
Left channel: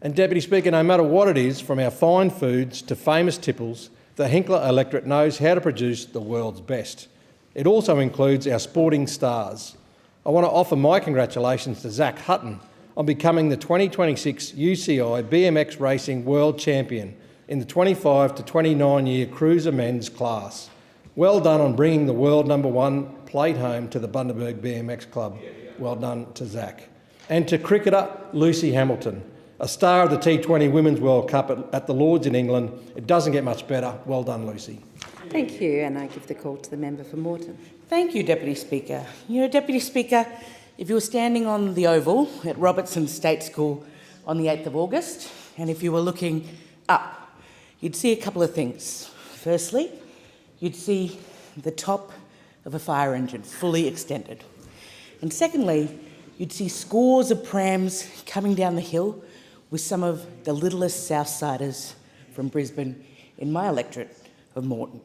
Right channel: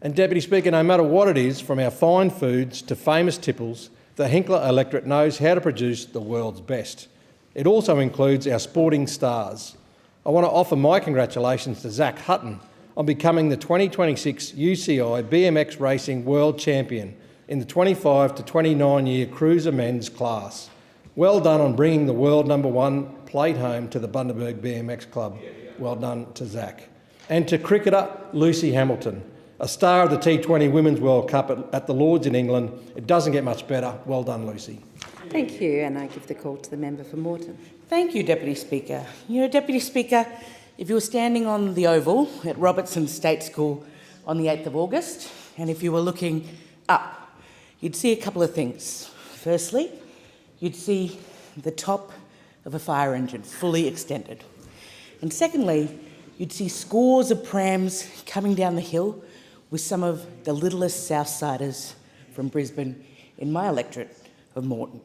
And Deputy Speaker, no matter what it is, from our fine foods to famous tipples, the Hinkler electorate knows how to produce the world's best. It also includes our sporting stars. I want to offer my congratulations to Zach Hutton on becoming the 2026 UCI BMX Racing World Champion in the 25 to 29 year cruiser men's class. Well done on bringing the world #1 plate home to the Bundaberg BMX Club. Well done to Zach. And to cricketer Lucy Hamilton, a star of the T20 Women's World Cup at the Lords in England. It doesn't get much better. Well done, Lucy. Thank you, and I give the call to the member for Moreton. Thank you, Deputy Speaker. You know, Deputy Speaker, if you were standing on the Oval at Robertson State School on the 8th of August, and if you were looking up, you'd see a couple of things. Firstly, you'd see the top of a fire engine fully extended. And secondly, you'd see scores of prams coming down the hill with some of the littlest Southsiders from Brisbane in my electorate of Moreton.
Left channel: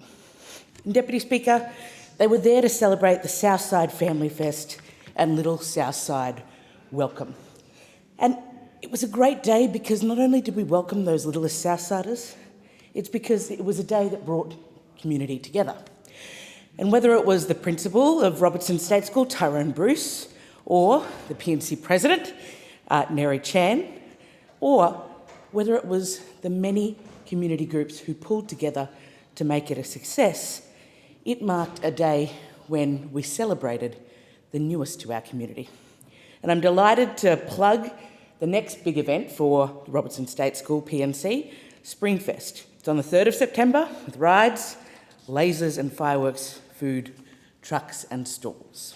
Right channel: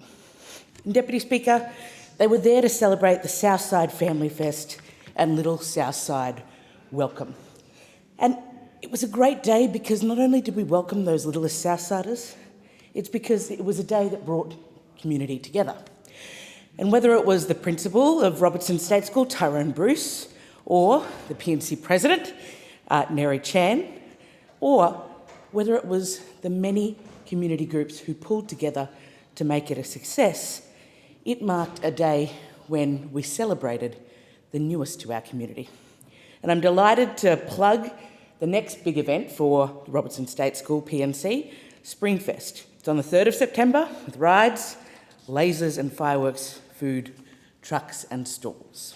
And Deputy Speaker, they were there to celebrate the Southside Family Fest and Little Southside Welcome. And it was a great day because not only did we welcome those littlest Southsiders, it's because it was a day that brought community together. And whether it was the principal of Robertson State School, Tyrone Bruce, or the PNC president, Neri Chan, or whether it was the many community groups who pulled together to make it a success, it marked a day when we celebrated the newest to our community. And I'm delighted to plug the next big event for the Robertson State School PNC, Springfest. It's on the 3rd of September with rides, lasers and fireworks, food, trucks and stalls.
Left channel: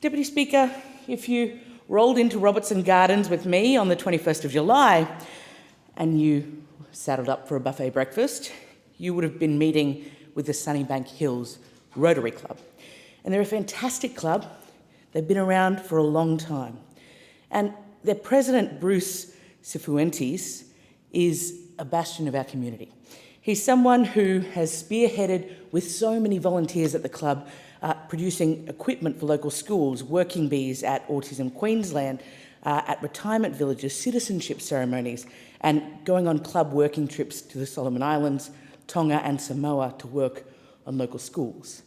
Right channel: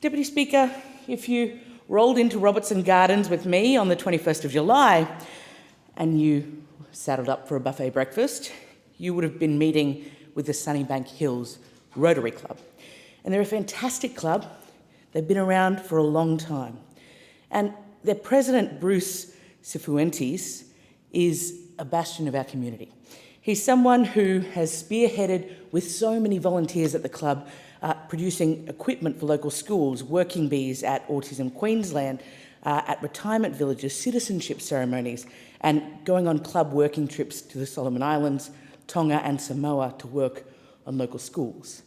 Deputy Speaker, if you rolled into Robertson Gardens with me on the 21st of July and you saddled up for a buffet breakfast, you would have been meeting with the Sunnybank Hills Rotary Club. And they're a fantastic club. They've been around for a long time. And their president, Bruce Cifuentes, is a bastion of our community. He's someone who has spearheaded with so many volunteers at the club, producing equipment for local schools, working bees at Autism Queensland, at retirement villages, citizenship ceremonies, and going on club working trips to the Solomon Islands, Tonga and Samoa to work on local schools.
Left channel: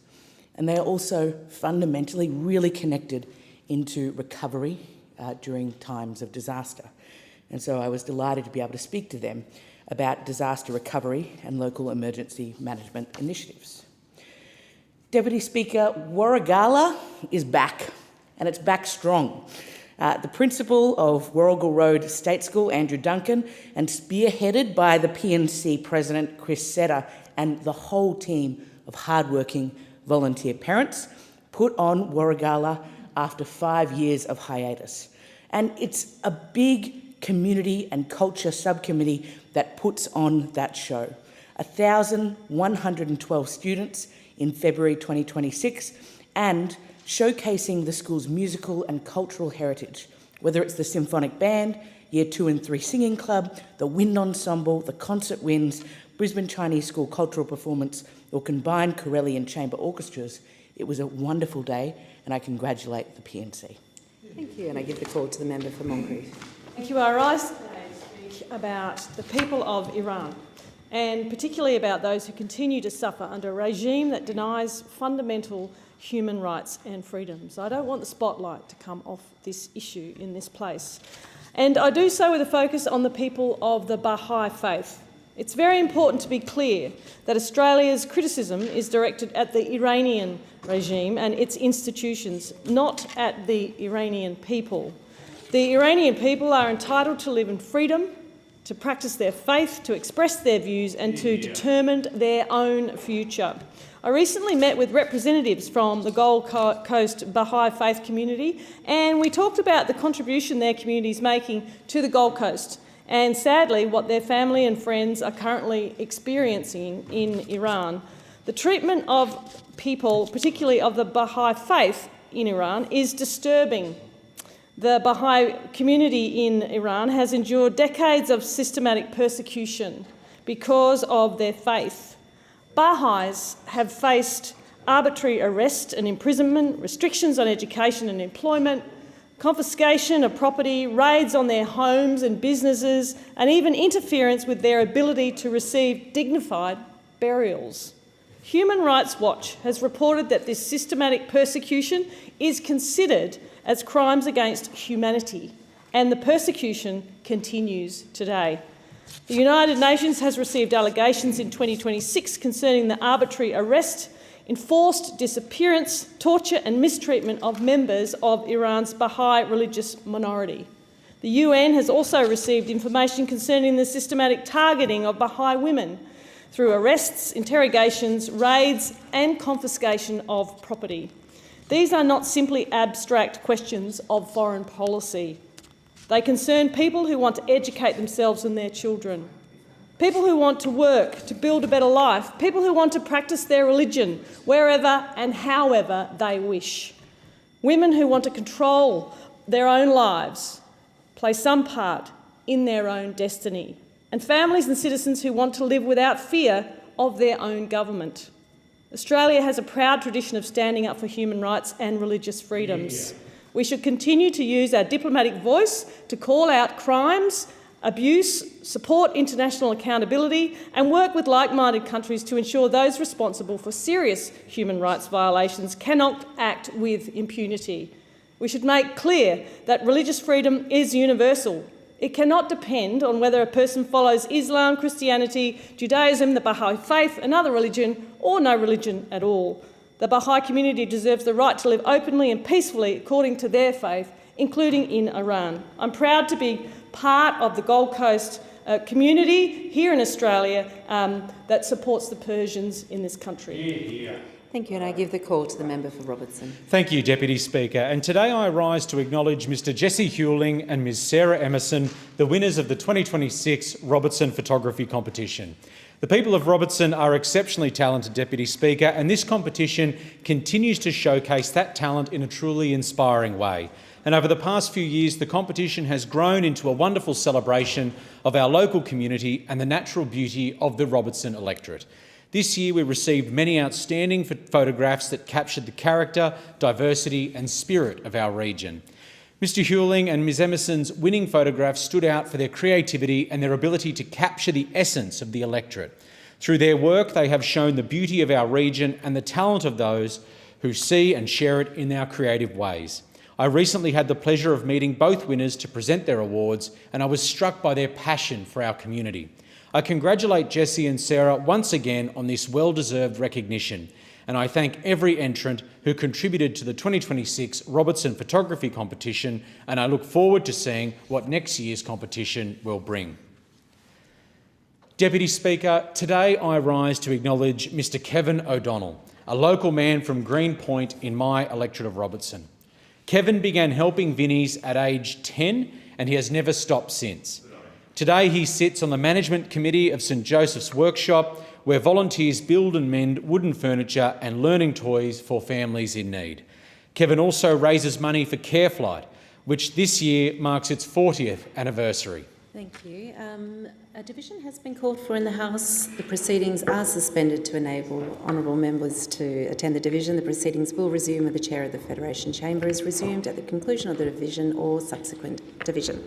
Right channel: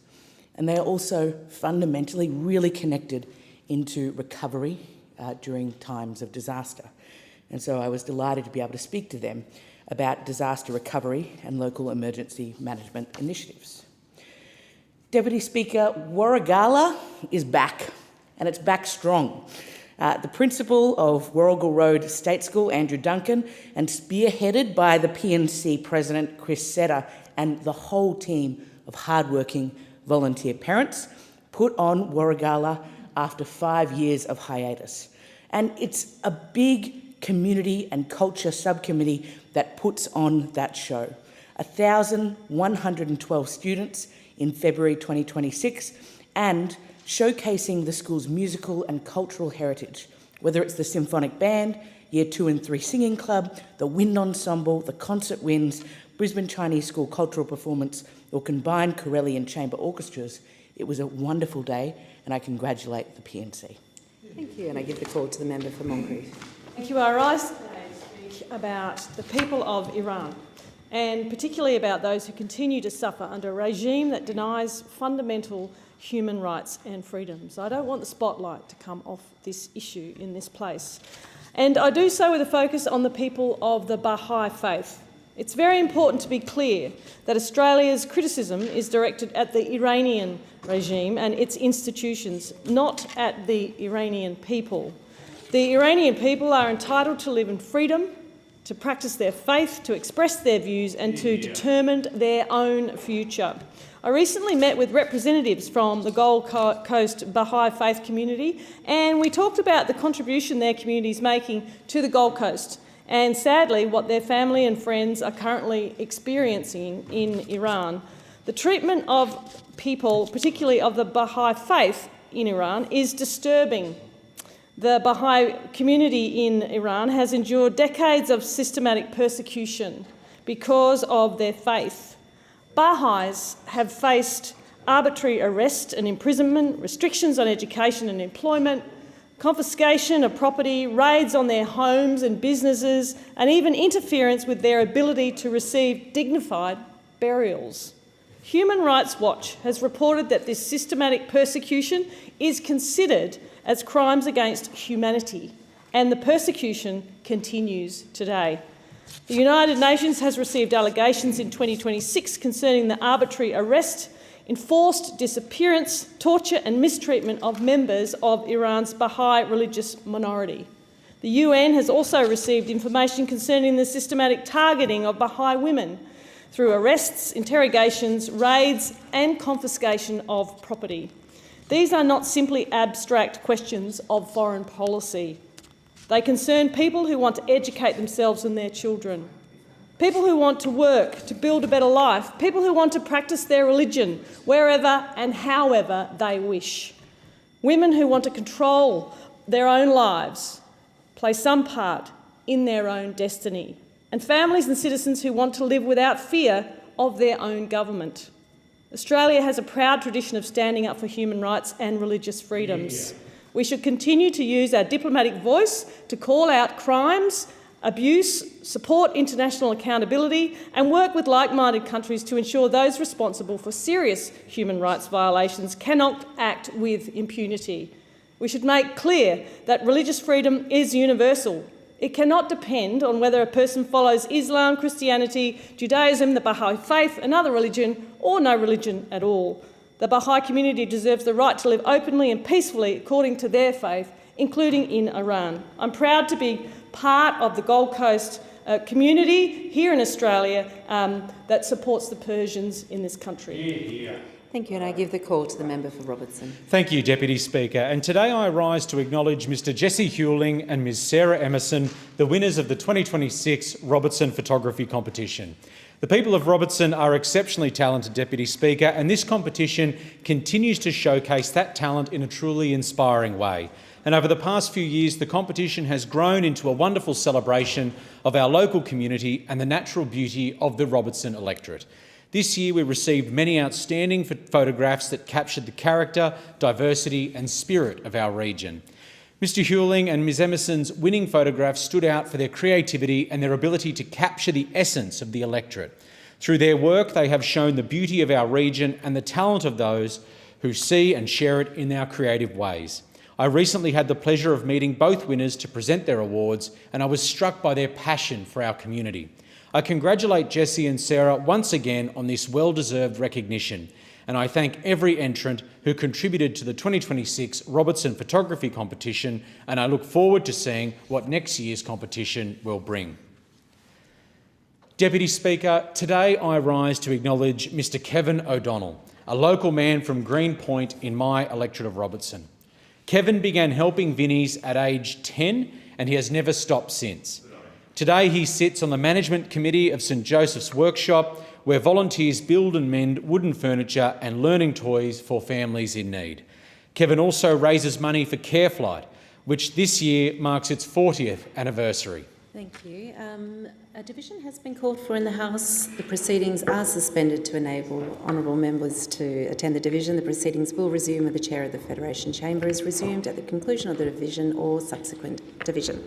And they are also fundamentally really connected into recovery during times of disaster. And so I was delighted to be able to speak to them about disaster recovery and local emergency management initiatives. Deputy Speaker, Warragala is back, and it's back strong. The principal of Warrigal Road State School, Andrew Duncan, and spearheaded by the PNC President, Chris Setter, and the whole team of hardworking volunteer parents, put on Warragala after 5 years of hiatus. And it's a big community and culture subcommittee that puts on that show. 1,112 students in February 2026, and showcasing the school's musical and cultural heritage, whether it's the Symphonic Band, Year 2 and 3 Singing Club, the Wind Ensemble, the Concert Winds, Brisbane Chinese School Cultural Performance, or combined Corelli and Chamber Orchestras. It was a wonderful day, and I congratulate the PNC. Thank you, and I give the call to the member for Moncrief. Thank you. I rise today to speak about the people of Iran, and particularly about those who continue to suffer under a regime that denies fundamental human rights and freedoms. I don't want the spotlight to come off this issue in this place. And I do so with a focus on the people of the Baha'i faith. It's very important to be clear that Australia's criticism is directed at the Iranian regime and its institutions, not at the Iranian people. The Iranian people are entitled to live in freedom, to practice their faith, to express their views and to determine their own future. I recently met with representatives from the Gold Coast Baha'i faith community, and we talked about the contribution their community is making to the Gold Coast and, sadly, what their family and friends are currently experiencing in Iran. The treatment of people, particularly of the Baha'i faith in Iran, is disturbing. The Baha'i community in Iran has endured decades of systematic persecution because of their faith. Baha'is have faced arbitrary arrest and imprisonment, restrictions on education and employment, confiscation of property, raids on their homes and businesses, and even interference with their ability to receive dignified burials. Human Rights Watch has reported that this systematic persecution is considered as crimes against humanity, and the persecution continues today. The United Nations has received allegations in 2026 concerning the arbitrary arrest, enforced disappearance, torture and mistreatment of members of Iran's Baha'i religious minority. The UN has also received information concerning the systematic targeting of Baha'i women through arrests, interrogations, raids and confiscation of property. These are not simply abstract questions of foreign policy. They concern people who want to educate themselves and their children, people who want to work to build a better life, people who want to practice their religion wherever and however they wish, women who want to control their own lives, play some part in their own destiny, and families and citizens who want to live without fear of their own government. Australia has a proud tradition of standing up for human rights and religious freedoms. We should continue to use our diplomatic voice to call out crimes, abuse, support international accountability, and work with like-minded countries to ensure those responsible for serious human rights violations cannot act with impunity. We should make clear that religious freedom is universal. It cannot depend on whether a person follows Islam, Christianity, Judaism, the Baha'i faith, another religion, or no religion at all. The Baha'i community deserves the right to live openly and peacefully according to their faith, including in Iran. I'm proud to be part of the Gold Coast community here in Australia that supports the Persians in this country. Thank you, and I give the call to the member for Robertson. Thank you, Deputy Speaker. And today I rise to acknowledge Mr Jesse Hewling and Ms Sarah Emerson, the winners of the 2026 Robertson Photography Competition. The people of Robertson are exceptionally talented, Deputy Speaker, and this competition continues to showcase that talent in a truly inspiring way. And over the past few years, the competition has grown into a wonderful celebration of our local community and the natural beauty of the Robertson electorate. This year we received many outstanding photographs that captured the character, diversity and spirit of our region. Mr Hewling and Ms Emerson's winning photographs stood out for their creativity and their ability to capture the essence of the electorate. Through their work, they have shown the beauty of our region and the talent of those who see and share it in our creative ways. I recently had the pleasure of meeting both winners to present their awards, and I was struck by their passion for our community. I congratulate Jessie and Sarah once again on this well-deserved recognition, and I thank every entrant who contributed to the 2026 Robertson Photography Competition, and I look forward to seeing what next year's competition will bring. Deputy Speaker, today I rise to acknowledge Mr Kevin O'Donnell, a local man from Green Point in my electorate of Robertson. Kevin began helping Vinnies at age 10 and he has never stopped since. Today he sits on the Management Committee of St Joseph's Workshop, where volunteers build and mend wooden furniture and learning toys for families in need. Kevin also raises money for Careflight, which this year marks its 40th anniversary. Thank you. A division has been called for in the House. The proceedings are suspended to enable honourable members to attend the division. The proceedings will resume when the Chair of the Federation Chamber is resumed at the conclusion of the division or subsequent division.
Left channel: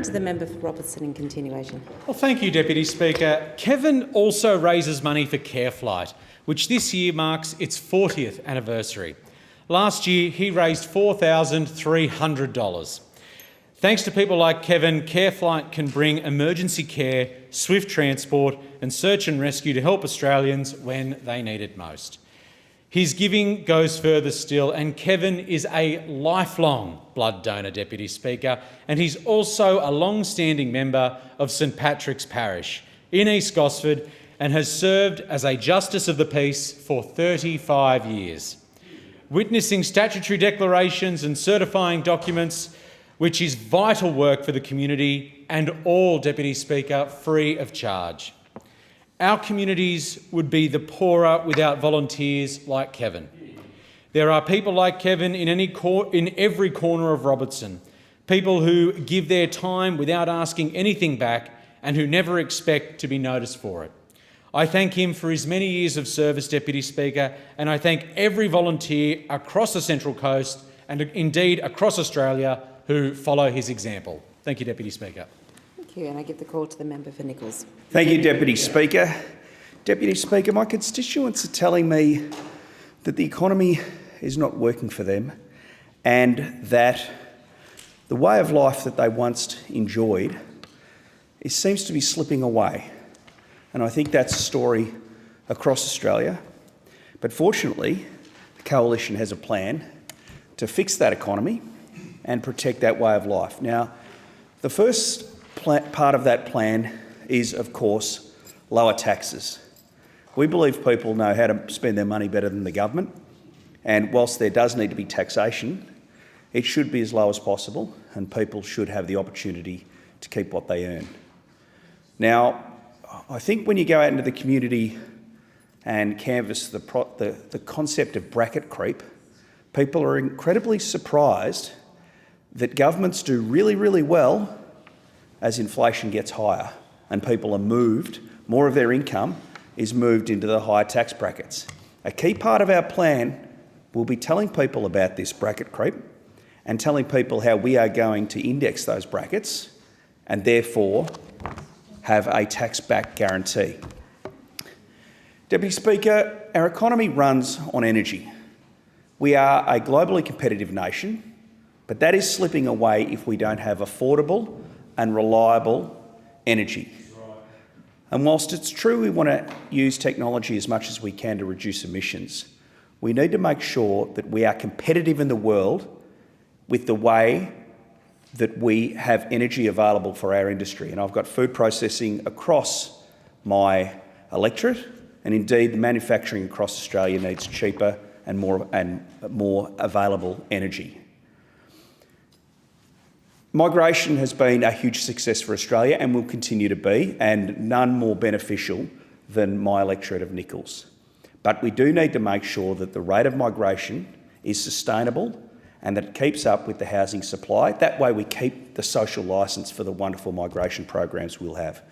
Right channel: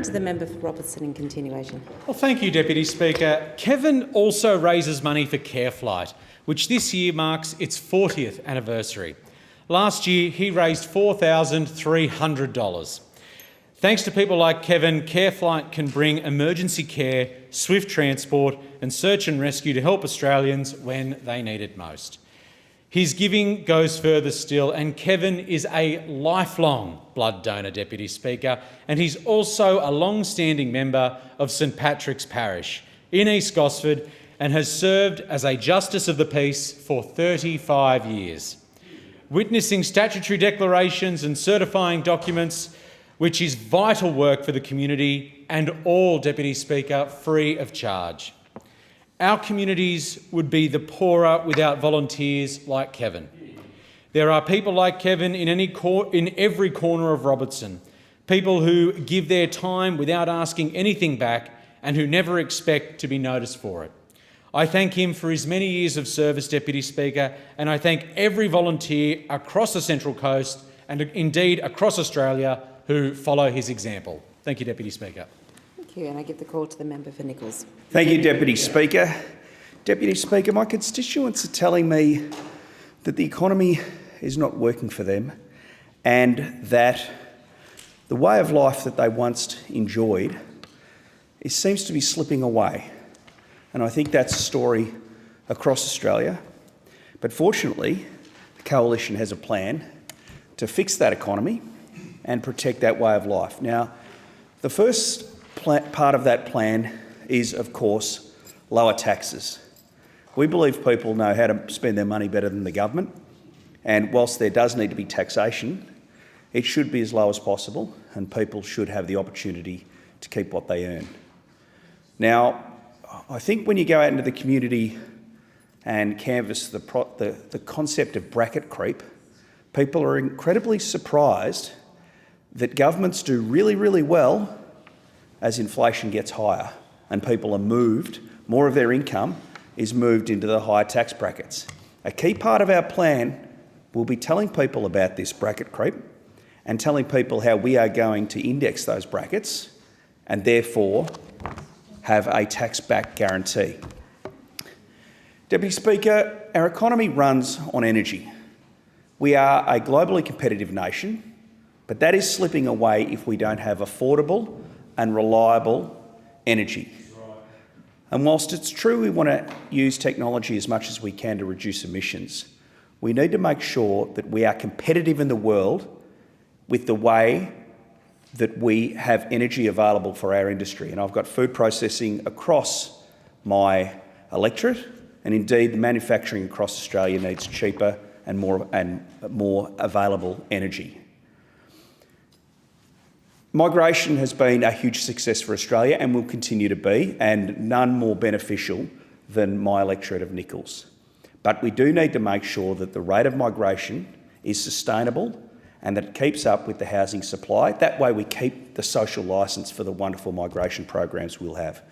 question to the member for Robertson in continuation. Well, thank you, Deputy Speaker. Kevin also raises money for CareFlight, which this year marks its 40th anniversary. Last year, he raised $4,300. Thanks to people like Kevin, CareFlight can bring emergency care, swift transport and search and rescue to help Australians when they need it most. His giving goes further still, and Kevin is a lifelong blood donor, Deputy Speaker, and he's also a long-standing member of St Patrick's Parish in East Gosford and has served as a Justice of the Peace for 35 years. Witnessing statutory declarations and certifying documents, which is vital work for the community and all, Deputy Speaker, free of charge. Our communities would be the poorer without volunteers like Kevin. There are people like Kevin in every corner of Robertson, people who give their time without asking anything back and who never expect to be noticed for it. I thank him for his many years of service, Deputy Speaker, and I thank every volunteer across the Central Coast and indeed across Australia who follow his example. Thank you, Deputy Speaker. Thank you, and I give the call to the member for Nichols. Thank you, Deputy Speaker. Deputy Speaker, my constituents are telling me that the economy is not working for them and that the way of life that they once enjoyed seems to be slipping away. And I think that's a story across Australia. But fortunately, the Coalition has a plan to fix that economy and protect that way of life. Now, the first part of that plan is, of course, lower taxes. We believe people know how to spend their money better than the government, and whilst there does need to be taxation, it should be as low as possible and people should have the opportunity to keep what they earn. Now, I think when you go out into the community and canvass the concept of bracket creep, people are incredibly surprised that governments do really, really well as inflation gets higher and people are moved, more of their income is moved into the higher tax brackets. A key part of our plan will be telling people about this bracket creep and telling people how we are going to index those brackets and therefore have a tax-back guarantee. Deputy Speaker, our economy runs on energy. We are a globally competitive nation, but that is slipping away if we don't have affordable and reliable energy. And whilst it's true we want to use technology as much as we can to reduce emissions, we need to make sure that we are competitive in the world with the way that we have energy available for our industry. And I've got food processing across my electorate, and indeed the manufacturing across Australia needs cheaper and more available energy. Migration has been a huge success for Australia and will continue to be, and none more beneficial than my electorate of Nichols. But we do need to make sure that the rate of migration is sustainable and that it keeps up with the housing supply. That way we keep the social licence for the wonderful migration programs we'll have.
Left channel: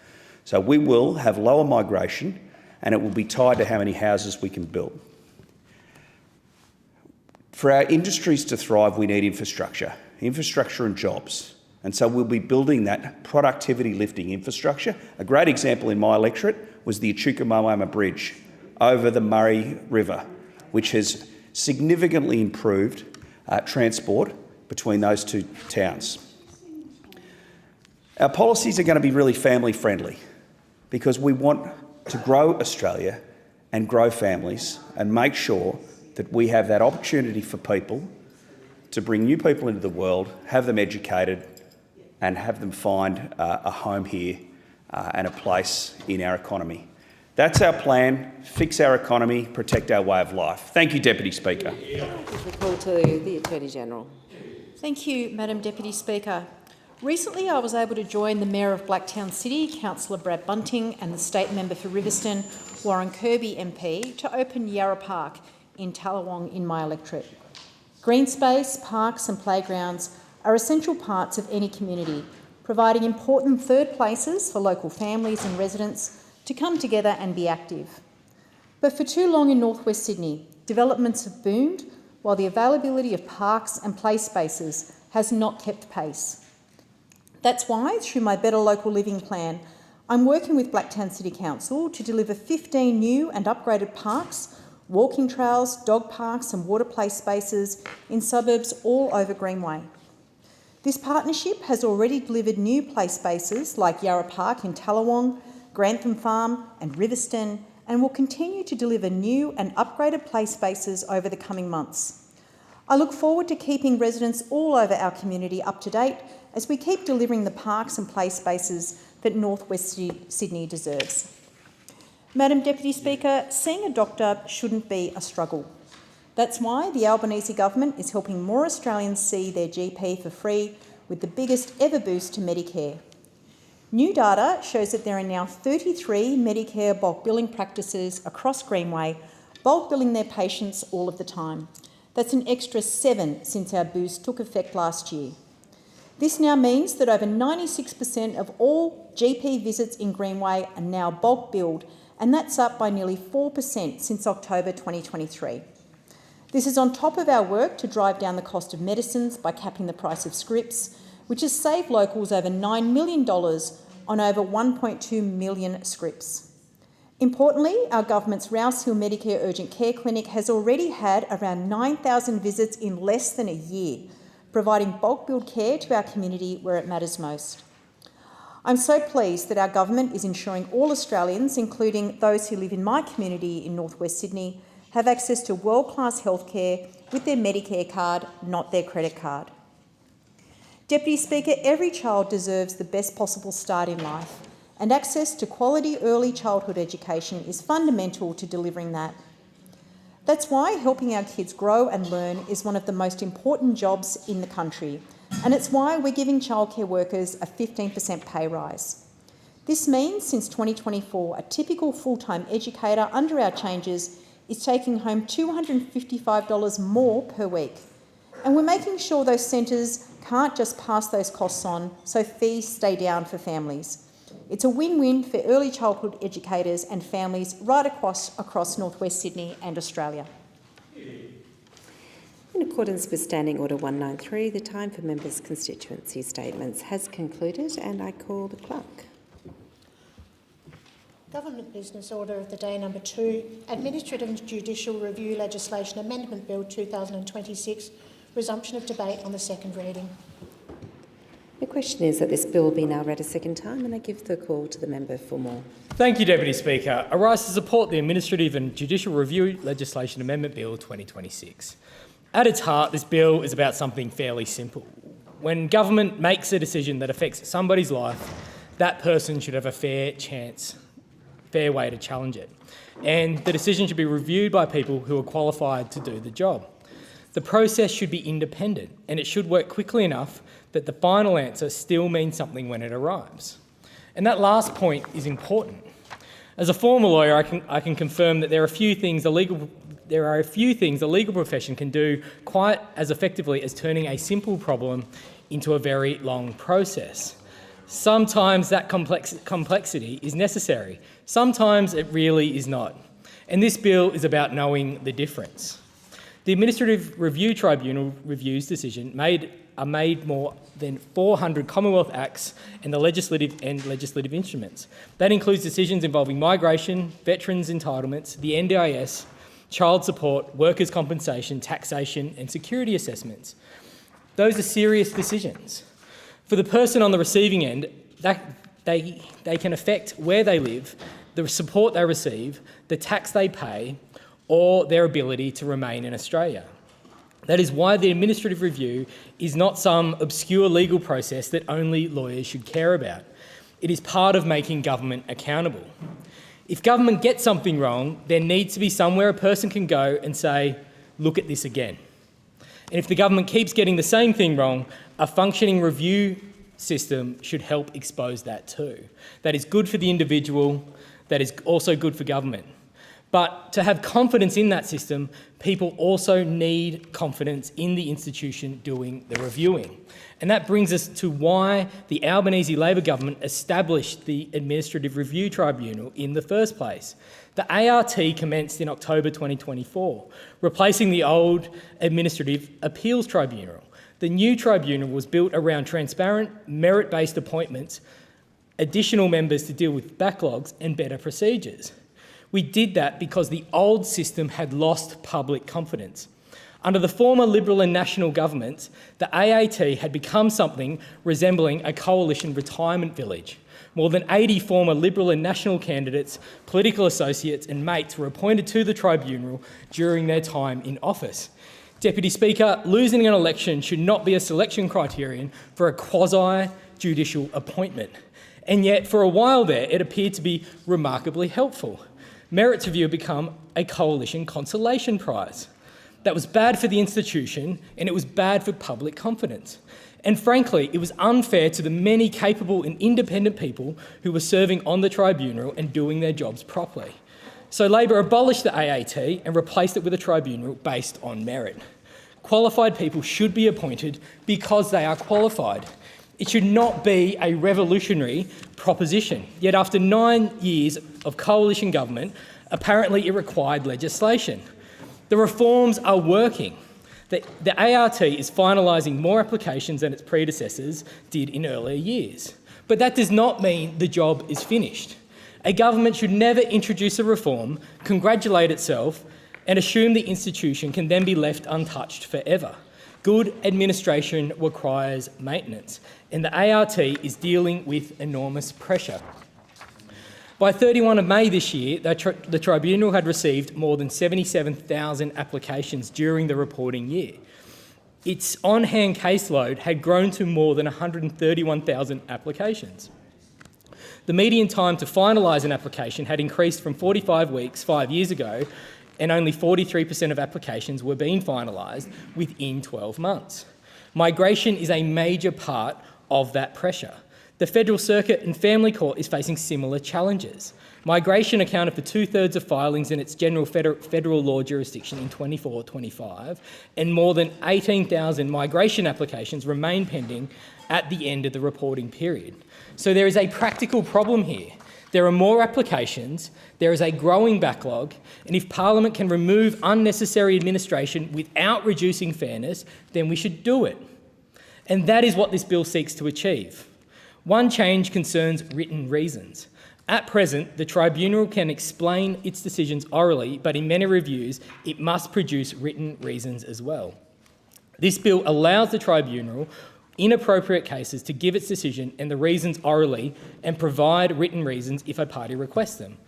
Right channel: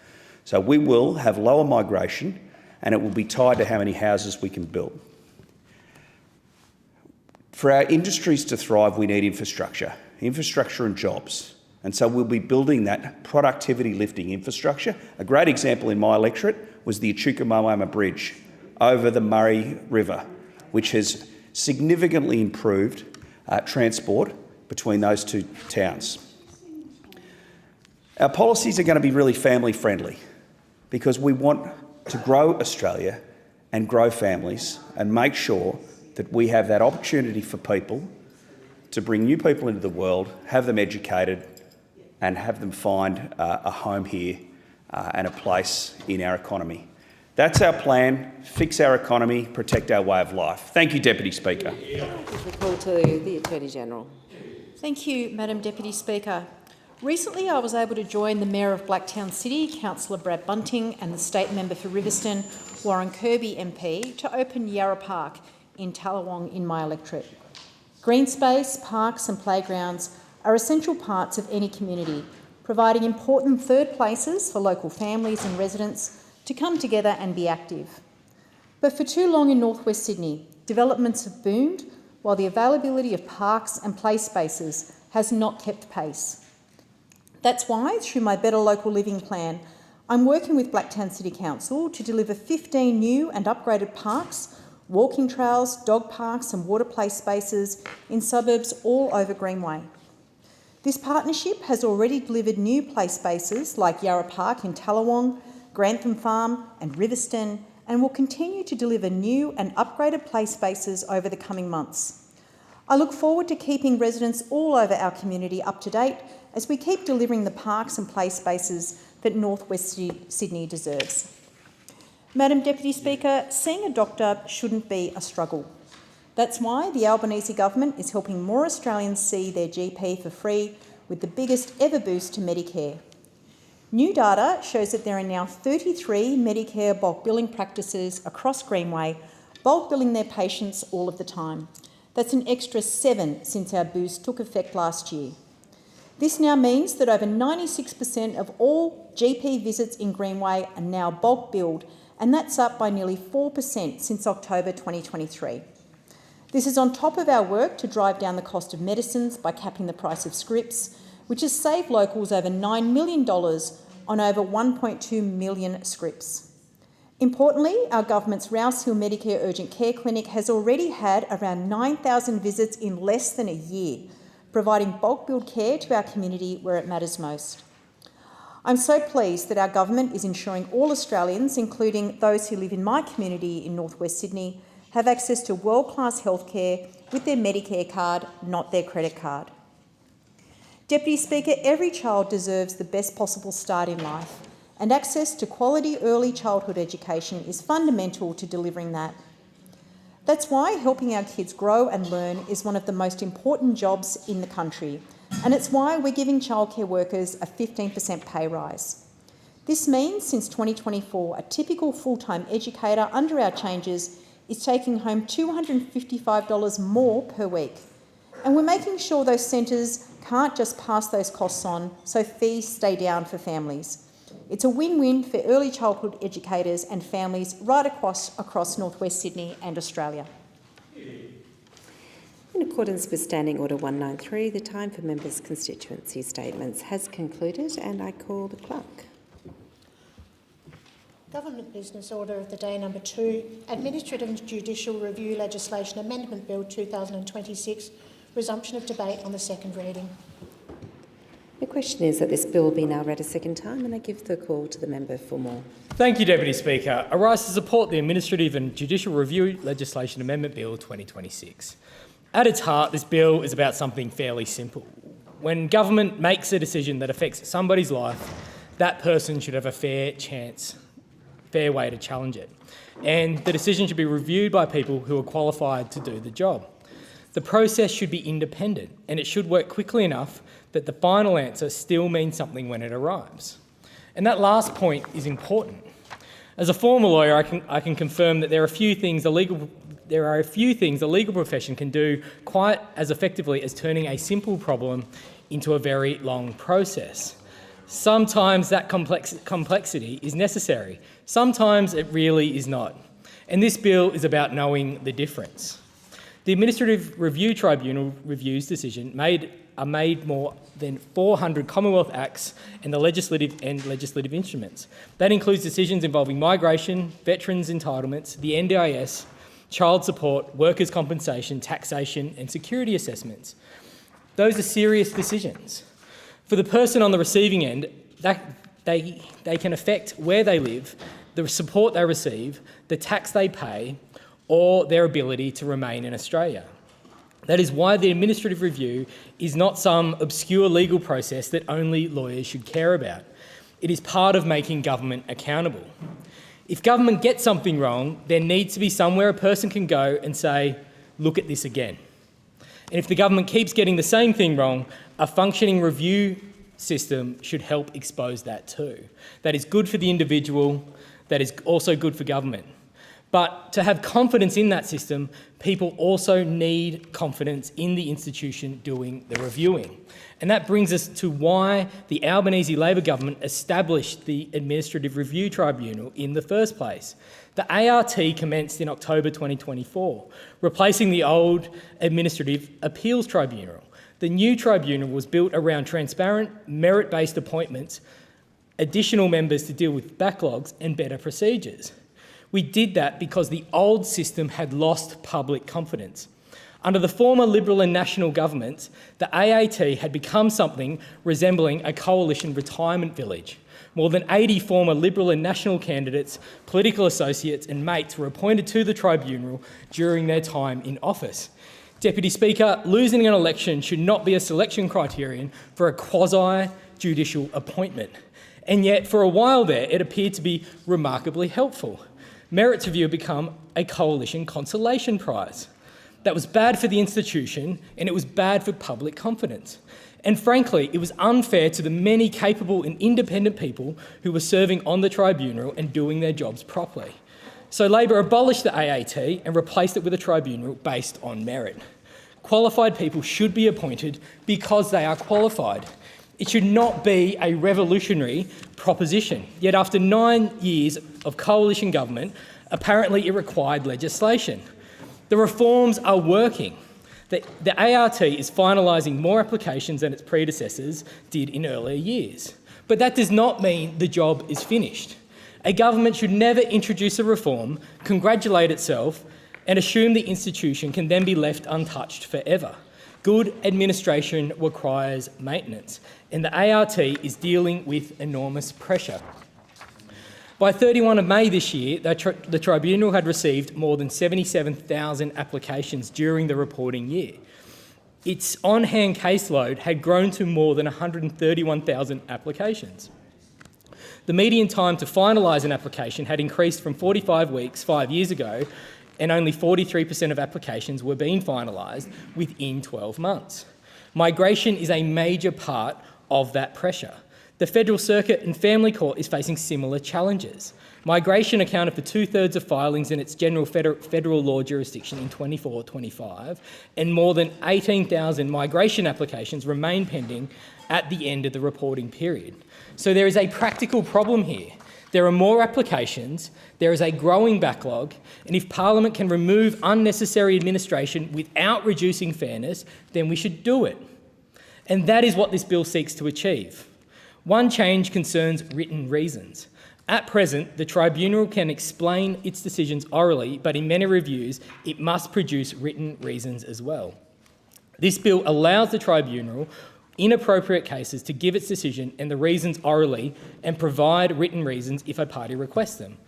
So we will have lower migration and it will be tied to how many houses we can build. For our industries to thrive, we need infrastructure and jobs. And so we'll be building that productivity lifting infrastructure. A great example in my electorate was the Echuca-Moama Bridge over the Murray River, which has significantly improved transport between those two towns. Our policies are going to be really family friendly because we want to grow Australia and grow families and make sure that we have that opportunity for people to bring new people into the world, have them educated and have them find a home here and a place in our economy. That's our plan: fix our economy, protect our way of life. Thank you, Deputy Speaker. The call to the Attorney General. Thank you, Madam Deputy Speaker. Recently I was able to join the Mayor of Blacktown City, Councillor Brad Bunting, and the State Member for Riverstone, Warren Kirby MP, to open Yarra Park in Tallawong in my electorate. Green space, parks and playgrounds are essential parts of any community, providing important third places for local families and residents to come together and be active. But for too long in North West Sydney, developments have boomed while the availability of parks and play spaces has not kept pace. That's why, through my Better Local Living plan, I'm working with Blacktown City Council to deliver 15 new and upgraded parks, walking trails, dog parks and water play spaces in suburbs all over Greenway. This partnership has already delivered new play spaces like Yarra Park in Tallawong, Grantham Farm and Riverston, and will continue to deliver new and upgraded play spaces over the coming months. I look forward to keeping residents all over our community up to date as we keep delivering the parks and play spaces that North West Sydney deserves. Madam Deputy Speaker, seeing a doctor shouldn't be a struggle. That's why the Albanese government is helping more Australians see their GP for free with the biggest ever boost to Medicare. New data shows that there are now 33 Medicare bulk billing practices across Greenway bulk billing their patients all of the time. That's an extra 7 since our boost took effect last year. This now means that over 96% of all GP visits in Greenway are now bulk billed, and that's up by nearly 4% since October 2023. This is on top of our work to drive down the cost of medicines by capping the price of scripts, which has saved locals over $9 million on over 1.2 million scripts. Importantly, our government's Rouse Hill Medicare Urgent Care Clinic has already had around 9,000 visits in less than a year, providing bulk billed care to our community where it matters most. I'm so pleased that our government is ensuring all Australians, including those who live in my community in North West Sydney, have access to world-class healthcare with their Medicare card, not their credit card. Deputy Speaker, every child deserves the best possible start in life, and access to quality early childhood education is fundamental to delivering that. That's why helping our kids grow and learn is one of the most important jobs in the country, and it's why we're giving childcare workers a 15% pay rise. This means since 2024, a typical full-time educator under our changes is taking home $255 more per week. And we're making sure those centres can't just pass those costs on, so fees stay down for families. It's a win-win for early childhood educators and families right across North West Sydney and Australia. In accordance with Standing Order 193, the time for members' constituency statements has concluded, and I call the clerk. Government Business Order of the Day number 2, Administrative and Judicial Review Legislation Amendment Bill 2026, resumption of debate on the second reading. The question is that this bill be now read a second time, and I give the call to the member for more. Thank you, Deputy Speaker. I rise to support the Administrative and Judicial Review Legislation Amendment Bill 2026. At its heart, this bill is about something fairly simple. When government makes a decision that affects somebody's life, that person should have a fair way to challenge it. And the decision should be reviewed by people who are qualified to do the job. The process should be independent, and it should work quickly enough that the final answer still means something when it arrives. And that last point is important. As a former lawyer, I can confirm that there are a few things the legal profession can do quite as effectively as turning a simple problem into a very long process. Sometimes that complexity is necessary. Sometimes it really is not. And this bill is about knowing the difference. The Administrative Review Tribunal reviews decisions made more than 400 Commonwealth Acts and the legislative instruments. That includes decisions involving migration, veterans' entitlements, the NDIS, child support, workers' compensation, taxation and security assessments. Those are serious decisions. For the person on the receiving end, they can affect where they live, the support they receive, the tax they pay, or their ability to remain in Australia. That is why the administrative review is not some obscure legal process that only lawyers should care about. It is part of making government accountable. If government gets something wrong, there needs to be somewhere a person can go and say, look at this again. And if the government keeps getting the same thing wrong, a functioning review system should help expose that too. That is good for the individual, that is also good for government. But to have confidence in that system, people also need confidence in the institution doing the reviewing. And that brings us to why the Albanese Labor government established the Administrative Review Tribunal in the first place. The ART commenced in October 2024, replacing the old Administrative Appeals Tribunal. The new tribunal was built around transparent, merit-based appointments, additional members to deal with backlogs and better procedures. We did that because the old system had lost public confidence. Under the former Liberal and National governments, the AAT had become something resembling a coalition retirement village. More than 80 former Liberal and National candidates, political associates and mates were appointed to the tribunal during their time in office. Deputy Speaker, losing an election should not be a selection criterion for a quasi-judicial appointment. And yet, for a while there, it appeared to be remarkably helpful. Merits review had become a coalition consolation prize. That was bad for the institution and it was bad for public confidence. And frankly, it was unfair to the many capable and independent people who were serving on the tribunal and doing their jobs properly. So Labor abolished the AAT and replaced it with a tribunal based on merit. Qualified people should be appointed because they are qualified. It should not be a revolutionary proposition. Yet after 9 years of coalition government, apparently it required legislation. The reforms are working. The ART is finalising more applications than its predecessors did in earlier years. But that does not mean the job is finished. A government should never introduce a reform, congratulate itself, and assume the institution can then be left untouched forever. Good administration requires maintenance, and the ART is dealing with enormous pressure. By 31 of May this year, the Tribunal had received more than 77,000 applications during the reporting year. Its on-hand caseload had grown to more than 131,000 applications. The median time to finalise an application had increased from 45 weeks 5 years ago, and only 43% of applications were being finalised within 12 months. Migration is a major part of that pressure. The Federal Circuit and Family Court is facing similar challenges. Migration accounted for 2/3 of filings in its general federal law jurisdiction in 24-25, and more than 18,000 migration applications remain pending at the end of the reporting period. So there is a practical problem here. There are more applications, there is a growing backlog, and if Parliament can remove unnecessary administration without reducing fairness, then we should do it. And that is what this bill seeks to achieve. One change concerns written reasons. At present, the Tribunal can explain its decisions orally, but in many reviews, it must produce written reasons as well. This bill allows the Tribunal, in appropriate cases, to give its decision and the reasons orally and provide written reasons if a party requests them.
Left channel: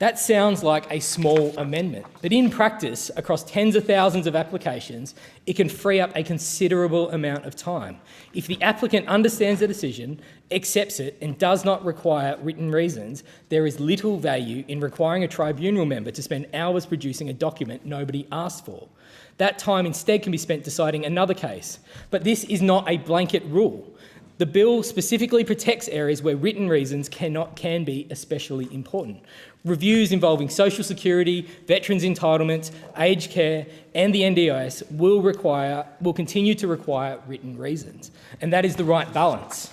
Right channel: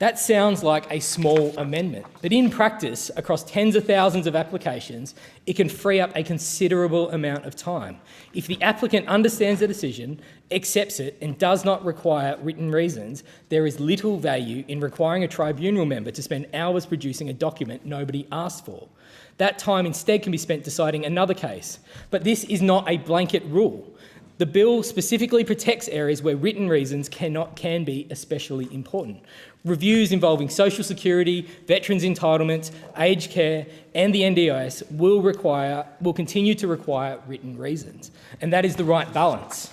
That sounds like a small amendment, but in practice, across tens of thousands of applications, it can free up a considerable amount of time. If the applicant understands the decision, accepts it, and does not require written reasons, there is little value in requiring a tribunal member to spend hours producing a document nobody asked for. That time instead can be spent deciding another case. But this is not a blanket rule. The bill specifically protects areas where written reasons can be especially important. Reviews involving social security, veterans' entitlements, aged care and the NDIS will continue to require written reasons, and that is the right balance.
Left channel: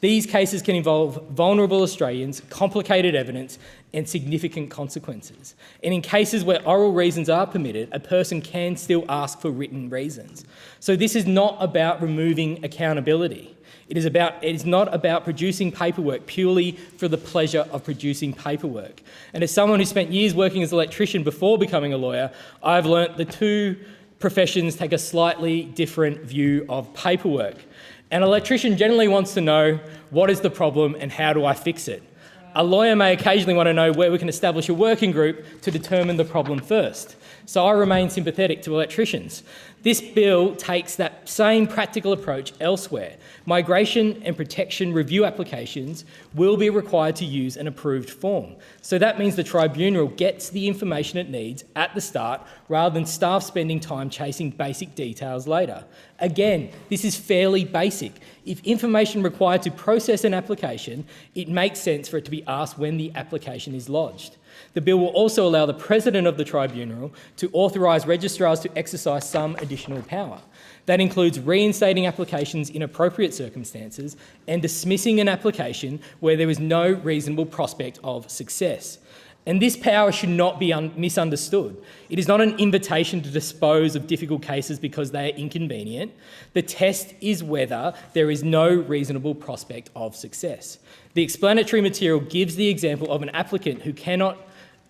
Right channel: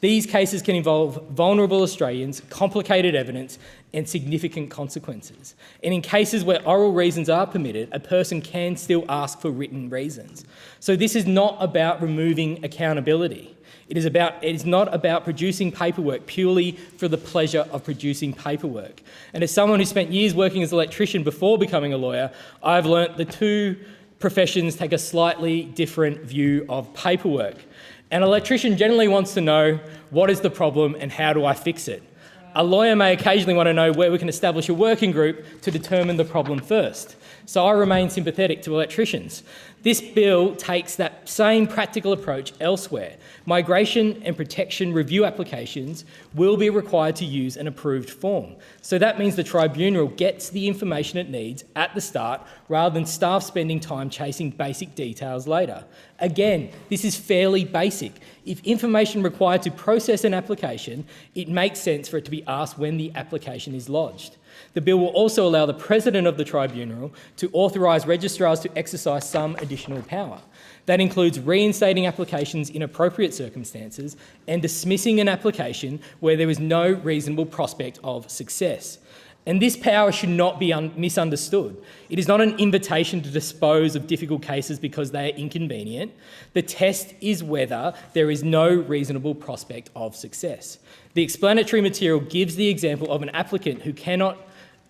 These cases can involve vulnerable Australians, complicated evidence and significant consequences. And in cases where oral reasons are permitted, a person can still ask for written reasons. So this is not about removing accountability. It is not about producing paperwork purely for the pleasure of producing paperwork. And as someone who spent years working as an electrician before becoming a lawyer, I've learnt the two professions take a slightly different view of paperwork. An electrician generally wants to know what is the problem and how do I fix it. A lawyer may occasionally want to know where we can establish a working group to determine the problem first. So I remain sympathetic to electricians. This bill takes that same practical approach elsewhere. Migration and protection review applications will be required to use an approved form. So that means the Tribunal gets the information it needs at the start rather than staff spending time chasing basic details later. Again, this is fairly basic. If information required to process an application, it makes sense for it to be asked when the application is lodged. The bill will also allow the President of the Tribunal to authorise registrars to exercise some additional power. That includes reinstating applications in appropriate circumstances and dismissing an application where there is no reasonable prospect of success. And this power should not be misunderstood. It is not an invitation to dispose of difficult cases because they are inconvenient. The test is whether there is no reasonable prospect of success. The explanatory material gives the example of an applicant who cannot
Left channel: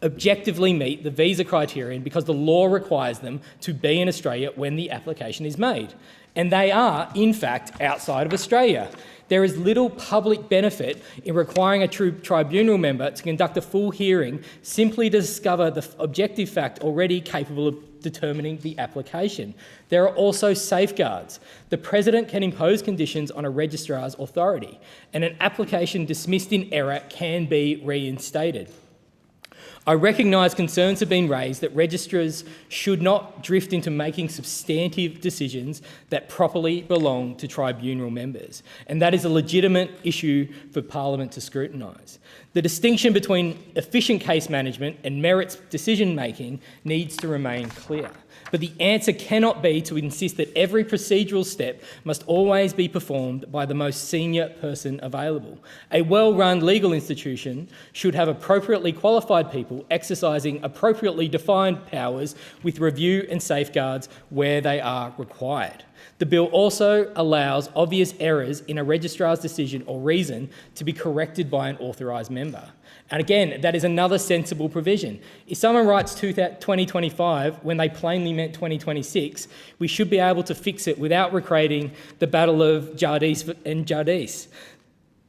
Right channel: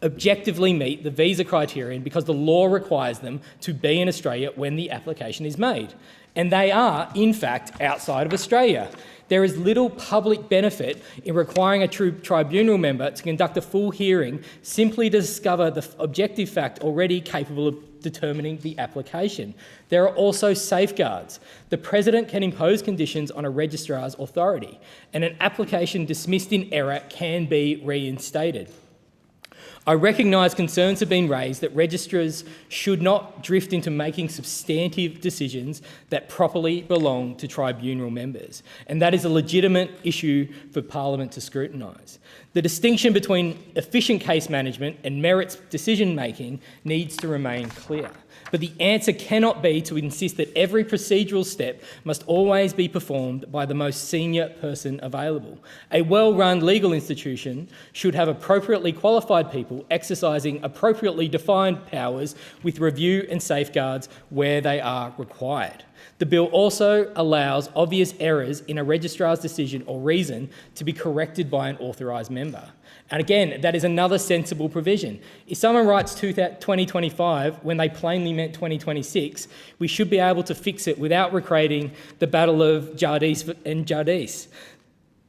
objectively meet the visa criterion because the law requires them to be in Australia when the application is made. And they are, in fact, outside of Australia. There is little public benefit in requiring a tribunal member to conduct a full hearing simply to discover the objective fact already capable of determining the application. There are also safeguards. The President can impose conditions on a registrar's authority, and an application dismissed in error can be reinstated. I recognise concerns have been raised that registrars should not drift into making substantive decisions that properly belong to tribunal members, and that is a legitimate issue for Parliament to scrutinise. The distinction between efficient case management and merits decision-making needs to remain clear. But the answer cannot be to insist that every procedural step must always be performed by the most senior person available. A well-run legal institution should have appropriately qualified people exercising appropriately defined powers with review and safeguards where they are required. The bill also allows obvious errors in a registrar's decision or reason to be corrected by an authorised member. And again, that is another sensible provision. If someone writes 2025 when they plainly meant 2026, we should be able to fix it without recreating the Battle of Jardis and Jardis.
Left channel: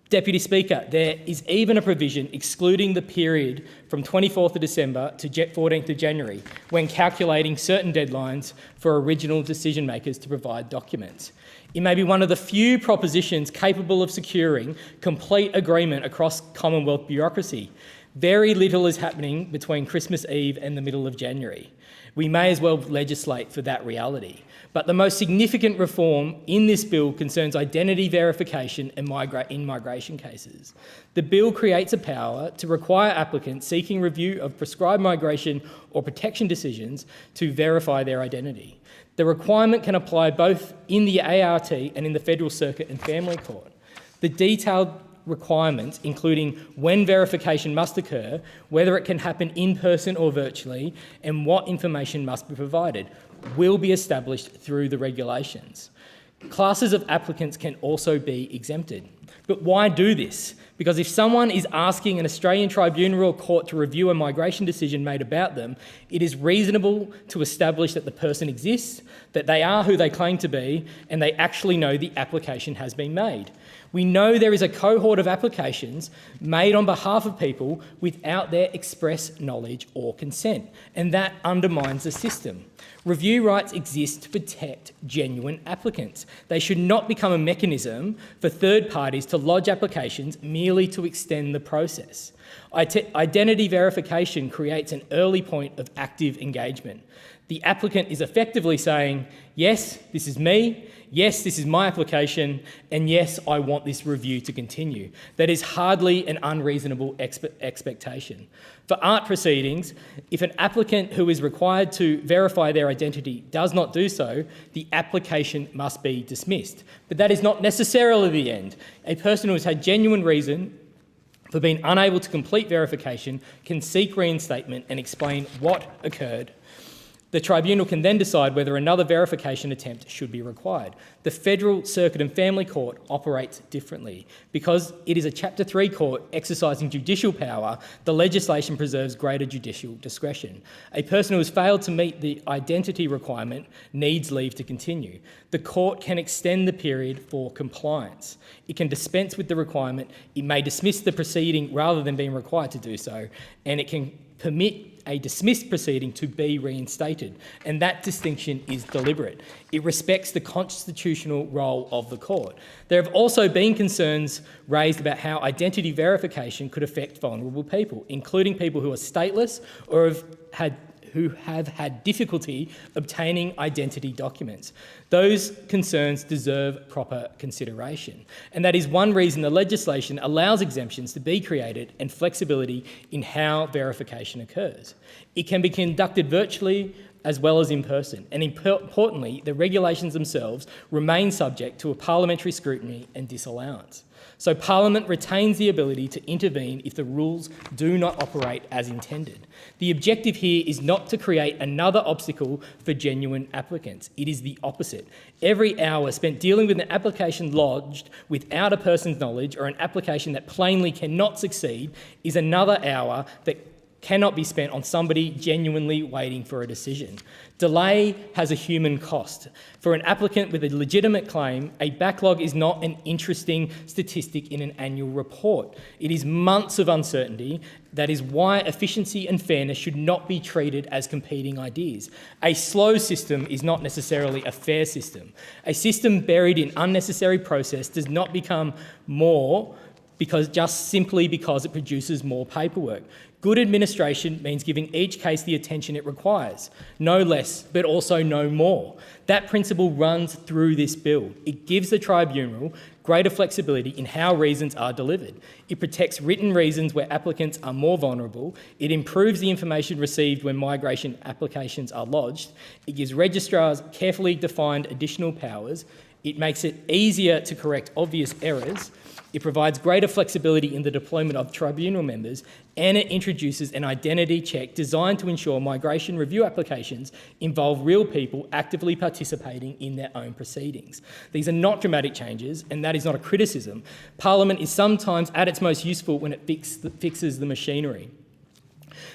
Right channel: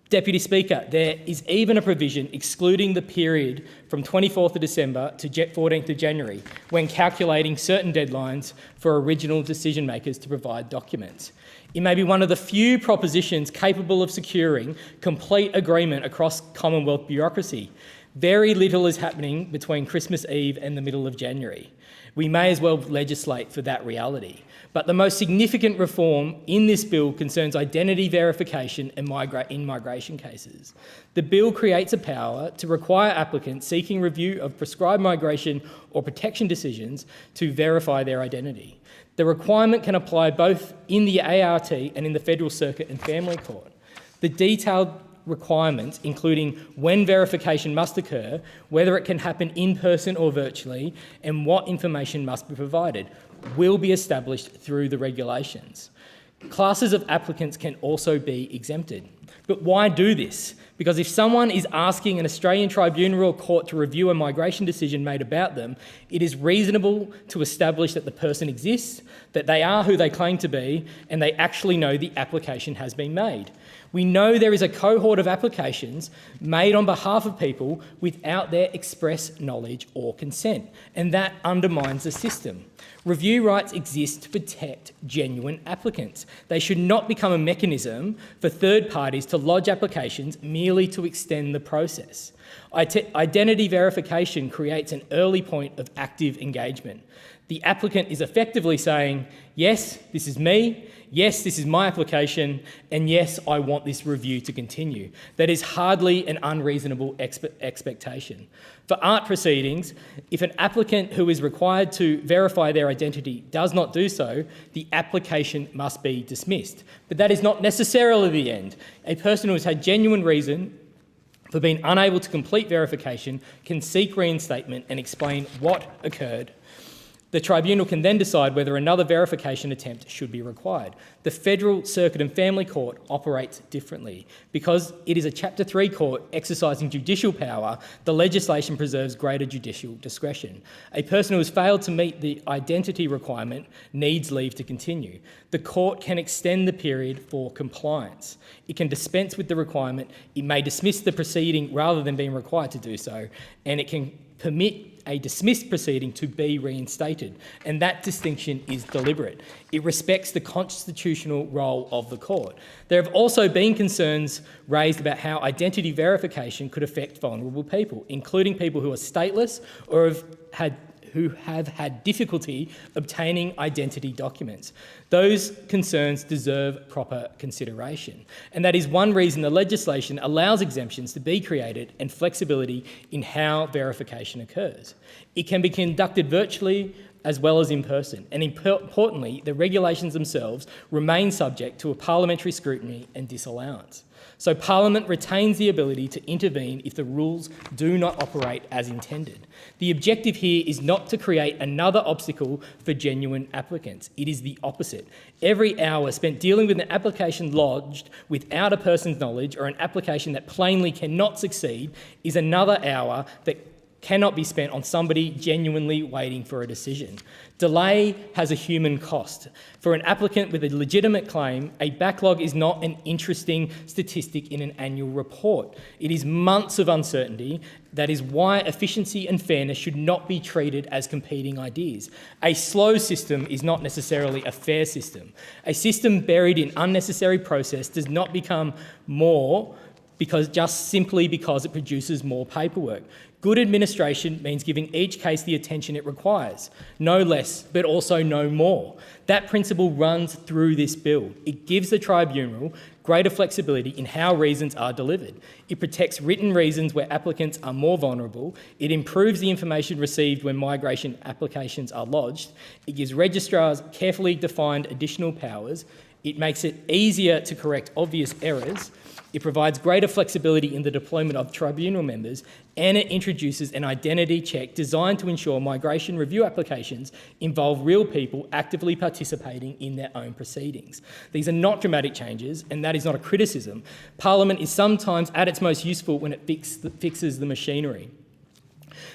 Deputy Speaker, there is even a provision excluding the period from 24th of December to 14th of January when calculating certain deadlines for original decision makers to provide documents. It may be one of the few propositions capable of securing complete agreement across Commonwealth bureaucracy. Very little is happening between Christmas Eve and the middle of January. We may as well legislate for that reality. But the most significant reform in this bill concerns identity verification in migration cases. The bill creates a power to require applicants seeking review of prescribed migration or protection decisions to verify their identity. The requirement can apply both in the ART and in the Federal Circuit and Family Court. The detailed requirements, including when verification must occur, whether it can happen in person or virtually, and what information must be provided, will be established through the regulations. Classes of applicants can also be exempted. But why do this? Because if someone is asking an Australian tribunal or court to review a migration decision made about them, it is reasonable to establish that the person exists, that they are who they claim to be, and they actually know the application has been made. We know there is a cohort of applications made on behalf of people without their express knowledge or consent, and that undermines the system. Review rights exist to protect genuine applicants. They should not become a mechanism for third parties to lodge applications merely to extend the process. Identity verification creates an early point of active engagement. The applicant is effectively saying, yes, this is me, yes, this is my application, and yes, I want this review to continue. That is hardly an unreasonable expectation. For art proceedings, if an applicant who is required to verify their identity does not do so, the application must be dismissed. But that is not necessarily the end. A person who has had genuine reason for being unable to complete verification can seek reinstatement and explain what occurred. The tribunal can then decide whether another verification attempt should be required. The Federal Circuit and Family Court operates differently. Because it is a Chapter 3 court exercising judicial power, the legislation preserves greater judicial discretion. A person who has failed to meet the identity requirement needs leave to continue. The court can extend the period for compliance. It can dispense with the requirement, it may dismiss the proceeding rather than being required to do so, and it can permit a dismissed proceeding to be reinstated, and that distinction is deliberate. It respects the constitutional role of the court. There have also been concerns raised about how identity verification could affect vulnerable people, including people who are stateless or who have had difficulty obtaining identity documents. Those concerns deserve proper consideration. And that is one reason the legislation allows exemptions to be created and flexibility in how verification occurs. It can be conducted virtually as well as in person. And importantly, the regulations themselves remain subject to a parliamentary scrutiny and disallowance. So Parliament retains the ability to intervene if the rules do not operate as intended. The objective here is not to create another obstacle for genuine applicants. It is the opposite. Every hour spent dealing with an application lodged without a person's knowledge or an application that plainly cannot succeed is another hour that cannot be spent on somebody genuinely waiting for a decision. Delay has a human cost. For an applicant with a legitimate claim, a backlog is not an interesting statistic in an annual report. It is months of uncertainty. That is why efficiency and fairness should not be treated as competing ideas. A slow system is not necessarily a fair system. A system buried in unnecessary process does not become more simply because it produces more paperwork. Good administration means giving each case the attention it requires. No less, but also no more. That principle runs through this bill. It gives the tribunal greater flexibility in how reasons are delivered. It protects written reasons where applicants are more vulnerable. It improves the information received when migration applications are lodged. It gives registrars carefully defined additional powers. It makes it easier to correct obvious errors. It provides greater flexibility in the deployment of tribunal members, and it introduces an identity check designed to ensure migration review applications involve real people actively participating in their own proceedings. These are not dramatic changes, and that is not a criticism. Parliament is sometimes at its most useful when it fixes the machinery.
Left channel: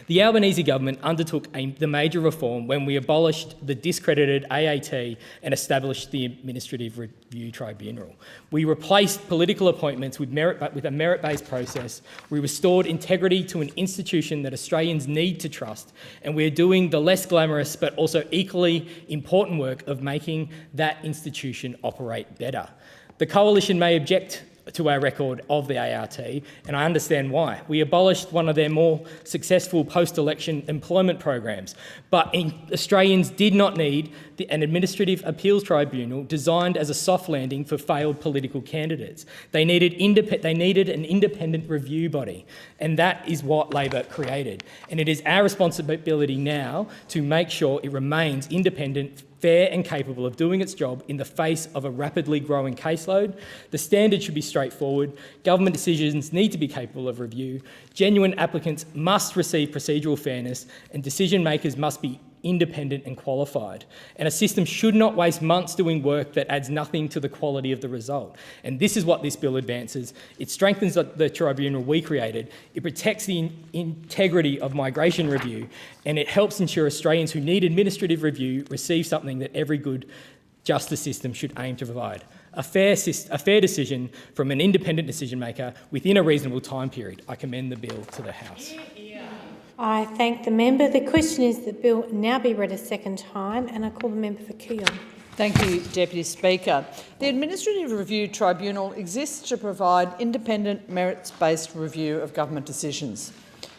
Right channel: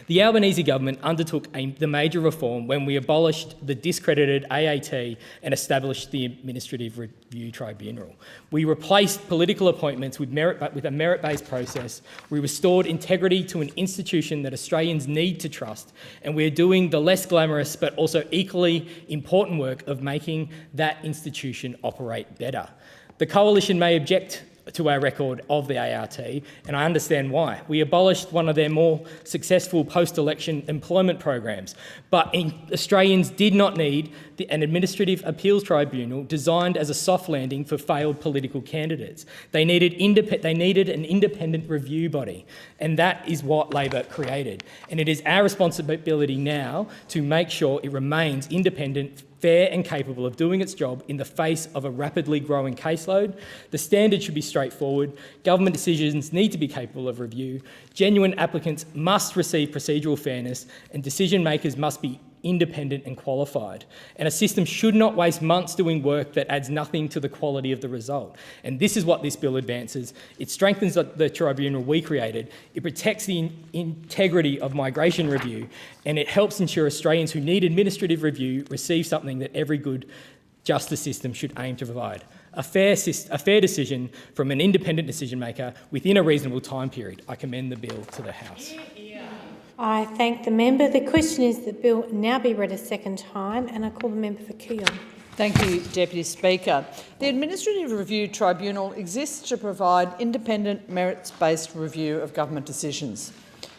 The Albanese government undertook the major reform when we abolished the discredited AAT and established the Administrative Review Tribunal. We replaced political appointments with a merit-based process. We restored integrity to an institution that Australians need to trust, and we're doing the less glamorous but also equally important work of making that institution operate better. The Coalition may object to our record of the ART, and I understand why. We abolished one of their more successful post-election employment programs, but Australians did not need an administrative appeals tribunal designed as a soft landing for failed political candidates. They needed an independent review body, and that is what Labor created. And it is our responsibility now to make sure it remains independent, fair and capable of doing its job in the face of a rapidly growing caseload. The standard should be straightforward. Government decisions need to be capable of review. Genuine applicants must receive procedural fairness, and decision makers must be independent and qualified. And a system should not waste months doing work that adds nothing to the quality of the result. And this is what this bill advances. It strengthens the tribunal we created, it protects the integrity of migration review, and it helps ensure Australians who need administrative review receive something that every good justice system should aim to provide. A fair decision from an independent decision maker within a reasonable time period. I commend the bill to the House. I thank the member. The question is the bill now be read a second time, and I call the member for Keogh. Thank you, Deputy Speaker. The Administrative Review Tribunal exists to provide independent, merits-based review of government decisions.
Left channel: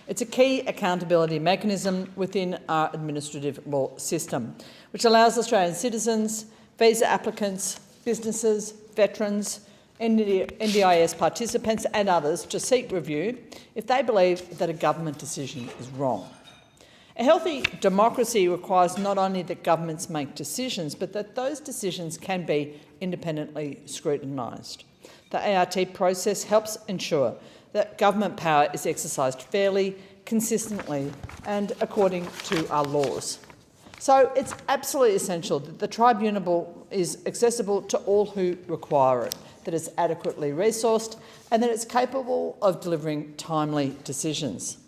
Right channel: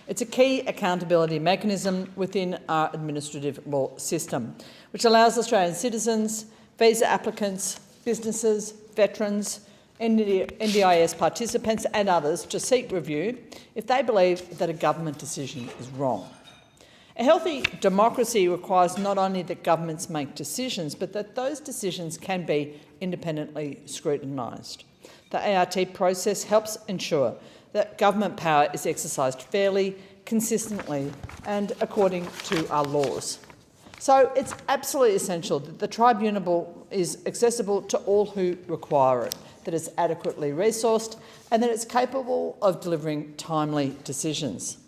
It's a key accountability mechanism within our administrative law system, which allows Australian citizens, visa applicants, businesses, veterans, NDIS participants and others to seek review if they believe that a government decision is wrong. A healthy democracy requires not only that governments make decisions, but that those decisions can be independently scrutinised. The ART process helps ensure that government power is exercised fairly, consistently and according to our laws. So it's absolutely essential that the tribunal is accessible to all who require it, that it's adequately resourced and that it's capable of delivering timely decisions.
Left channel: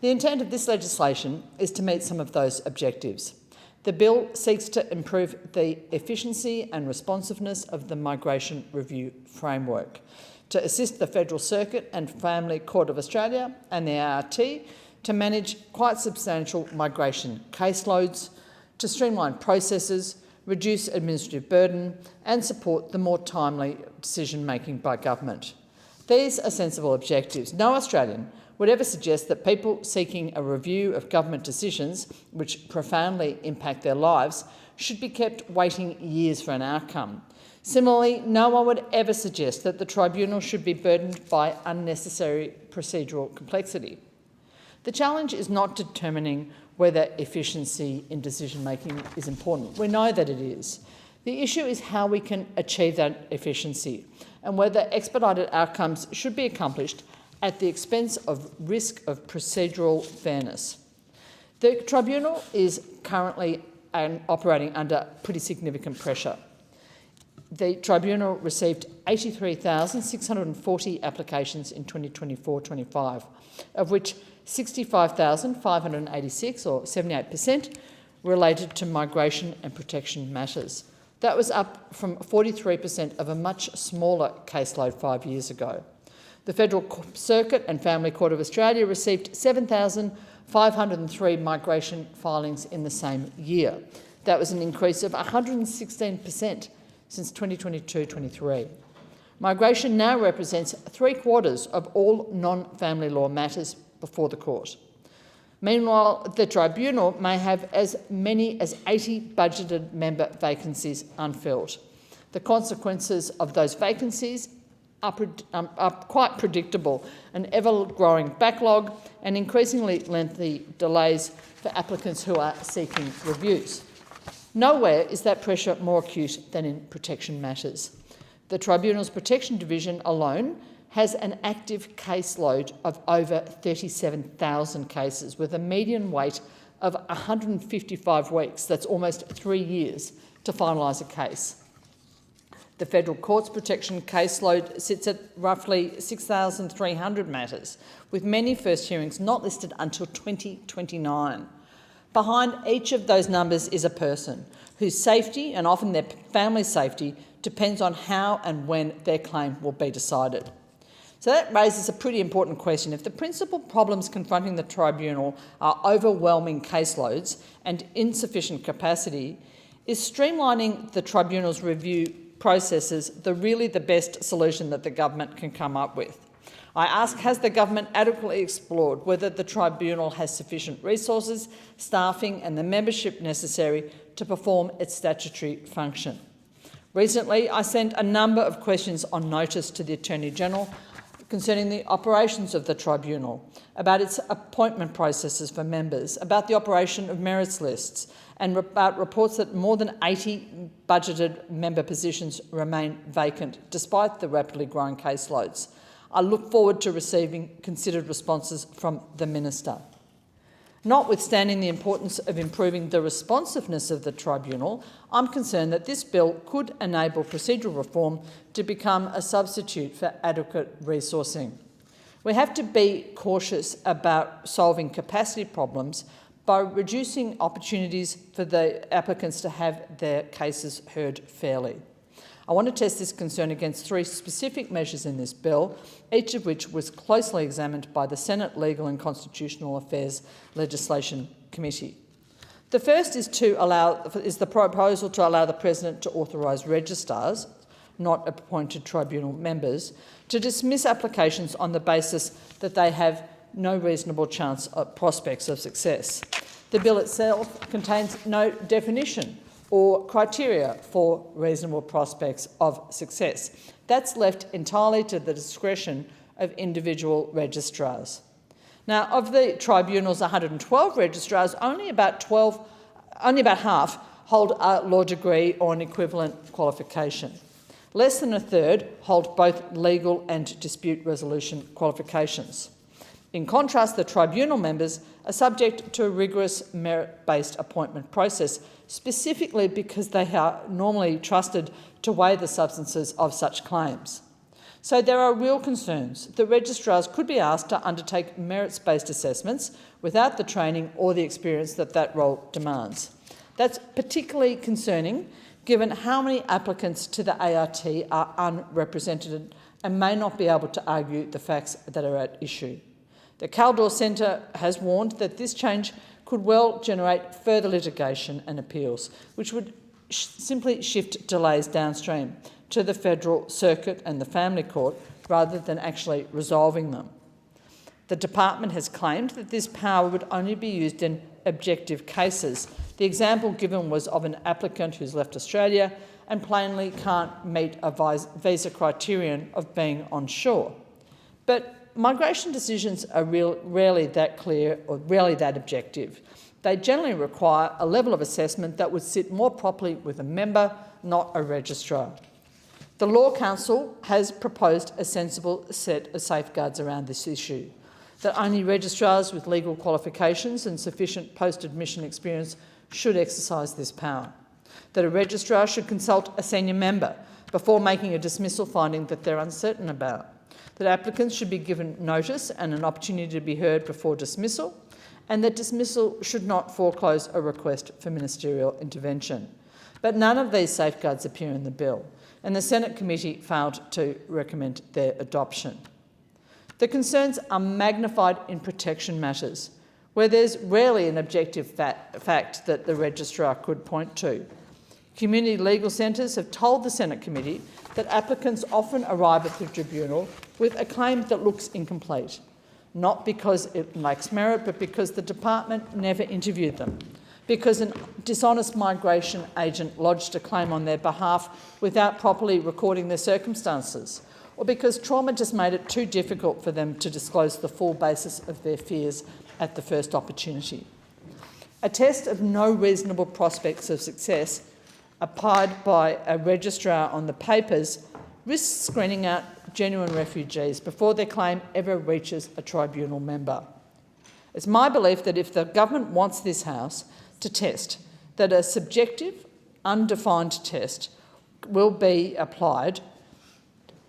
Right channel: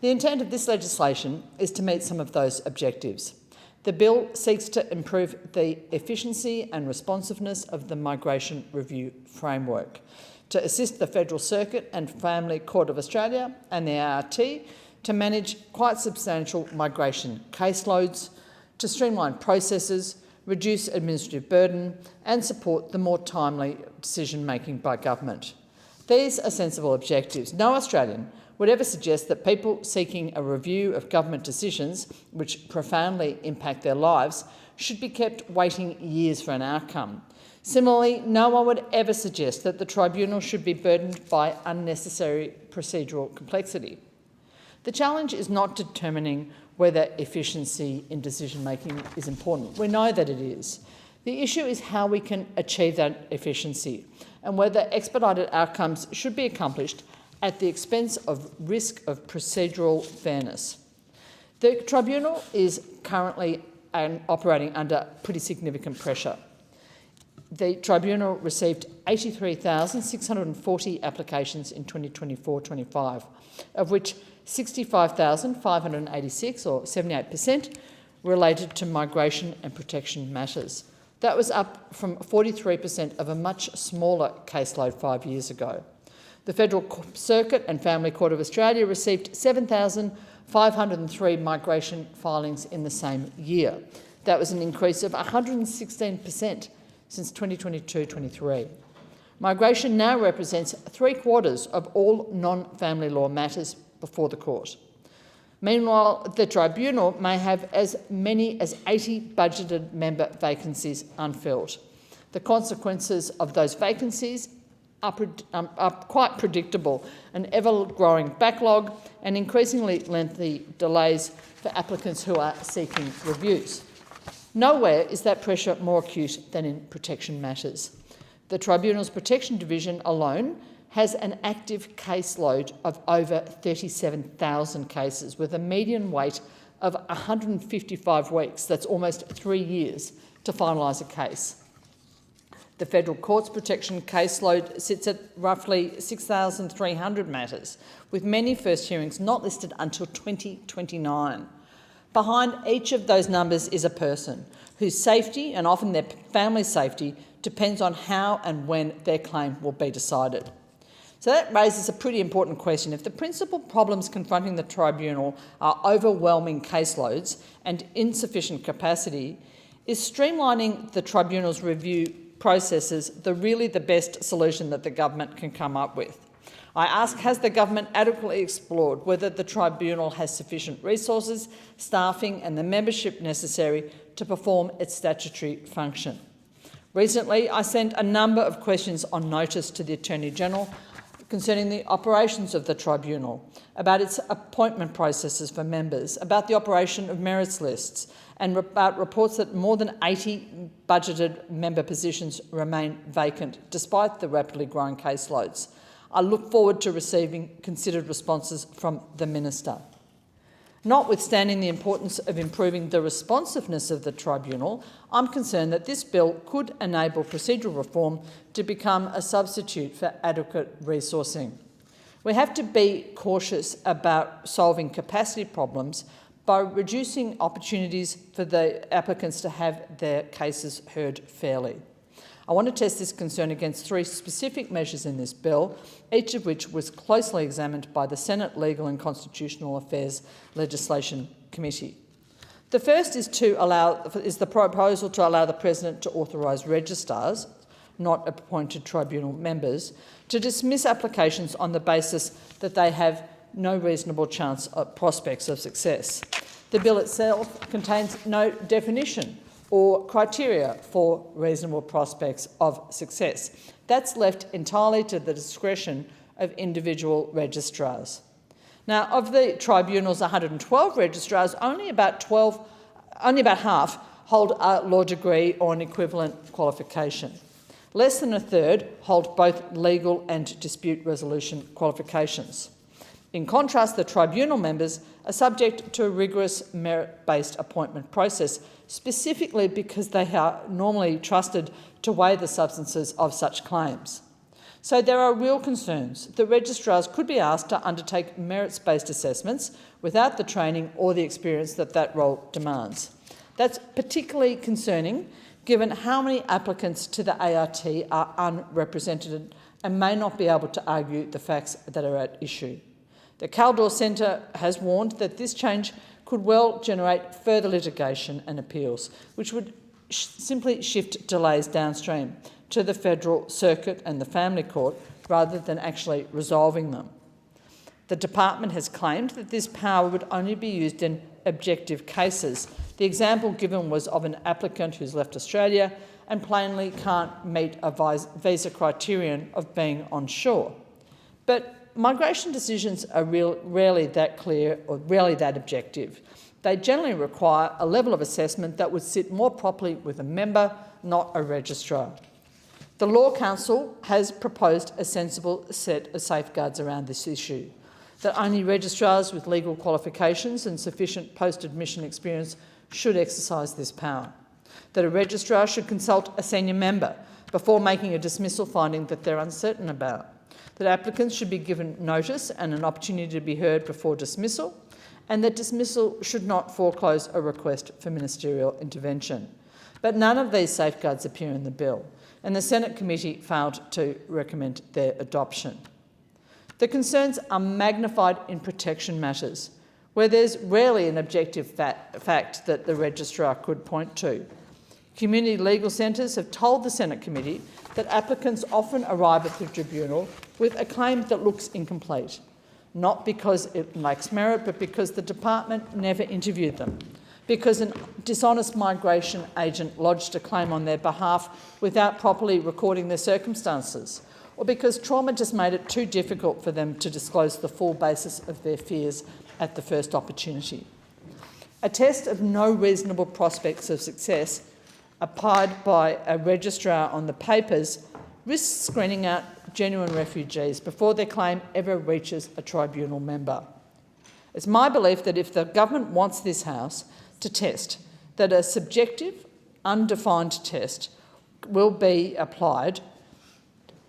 The intent of this legislation is to meet some of those objectives. The bill seeks to improve the efficiency and responsiveness of the Migration Review Framework, to assist the Federal Circuit and Family Court of Australia and the ART to manage quite substantial migration caseloads, to streamline processes, reduce administrative burden and support the more timely decision-making by government. These are sensible objectives. No Australian would ever suggest that people seeking a review of government decisions which profoundly impact their lives should be kept waiting years for an outcome. Similarly, no one would ever suggest that the tribunal should be burdened by unnecessary procedural complexity. The challenge is not determining whether efficiency in decision-making is important. We know that it is. The issue is how we can achieve that efficiency and whether expedited outcomes should be accomplished at the expense of risk of procedural fairness. The tribunal is currently operating under pretty significant pressure. The tribunal received 83,640 applications in 2024-25, of which 65,586, or 78%, related to migration and protection matters. That was up from 43% of a much smaller caseload 5 years ago. The Federal Circuit and Family Court of Australia received 7,503 migration filings in the same year. That was an increase of 116% since 2022-23. Migration now represents 3/4 of all non-family law matters before the court. Meanwhile, the tribunal may have as many as 80 budgeted member vacancies unfilled. The consequences of those vacancies are quite predictable: an ever-growing backlog and increasingly lengthy delays for applicants who are seeking reviews. Nowhere is that pressure more acute than in protection matters. The Tribunal's Protection Division alone has an active caseload of over 37,000 cases, with a median wait of 155 weeks. That's almost 3 years to finalise a case. The Federal Court's protection caseload sits at roughly 6,300 matters, with many first hearings not listed until 2029. Behind each of those numbers is a person whose safety, and often their family's safety, depends on how and when their claim will be decided. So that raises a pretty important question. If the principal problems confronting the tribunal are overwhelming caseloads and insufficient capacity, is streamlining the tribunal's review processes really the best solution that the government can come up with? I ask, has the government adequately explored whether the tribunal has sufficient resources, staffing and the membership necessary to perform its statutory function? Recently, I sent a number of questions on notice to the Attorney-General concerning the operations of the tribunal, about its appointment processes for members, about the operation of merits lists, and about reports that more than 80 budgeted member positions remain vacant, despite the rapidly growing caseloads. I look forward to receiving considered responses from the Minister. Notwithstanding the importance of improving the responsiveness of the tribunal, I'm concerned that this bill could enable procedural reform to become a substitute for adequate resourcing. We have to be cautious about solving capacity problems by reducing opportunities for the applicants to have their cases heard fairly. I want to test this concern against 3 specific measures in this bill, each of which was closely examined by the Senate Legal and Constitutional Affairs Legislation Committee. The first is the proposal to allow the President to authorise registrars, not appointed tribunal members, to dismiss applications on the basis that they have no reasonable chance of prospects of success. The bill itself contains no definition or criteria for reasonable prospects of success. That's left entirely to the discretion of individual registrars. Now, of the tribunal's 112 registrars, only about half hold a law degree or an equivalent qualification. Less than a third hold both legal and dispute resolution qualifications. In contrast, the tribunal members are subject to a rigorous merit-based appointment process, specifically because they are normally trusted to weigh the substances of such claims. So there are real concerns that registrars could be asked to undertake merits-based assessments without the training or the experience that that role demands. That's particularly concerning given how many applicants to the ART are unrepresented and may not be able to argue the facts that are at issue. The Caldor Centre has warned that this change could well generate further litigation and appeals, which would simply shift delays downstream to the Federal Circuit and the Family Court rather than actually resolving them. The department has claimed that this power would only be used in objective cases. The example given was of an applicant who's left Australia and plainly can't meet a visa criterion of being on shore. But migration decisions are rarely that clear or rarely that objective. They generally require a level of assessment that would sit more properly with a member, not a registrar. The Law Council has proposed a sensible set of safeguards around this issue, that only registrars with legal qualifications and sufficient post-admission experience should exercise this power, that a registrar should consult a senior member before making a dismissal finding that they're uncertain about, that applicants should be given notice and an opportunity to be heard before dismissal, and that dismissal should not foreclose a request for ministerial intervention. But none of these safeguards appear in the bill, and the Senate committee failed to recommend their adoption. The concerns are magnified in protection matters, where there's rarely an objective fact that the registrar could point to. Community legal centres have told the Senate committee that applicants often arrive at the tribunal with a claim that looks incomplete, not because it lacks merit, but because the department never interviewed them, because a dishonest migration agent lodged a claim on their behalf without properly recording their circumstances, or because trauma just made it too difficult for them to disclose the full basis of their fears at the first opportunity. A test of no reasonable prospects of success applied by a registrar on the papers risks screening out genuine refugees before their claim ever reaches a tribunal member. It's my belief that if the government wants this House to test that a subjective, undefined test will be applied,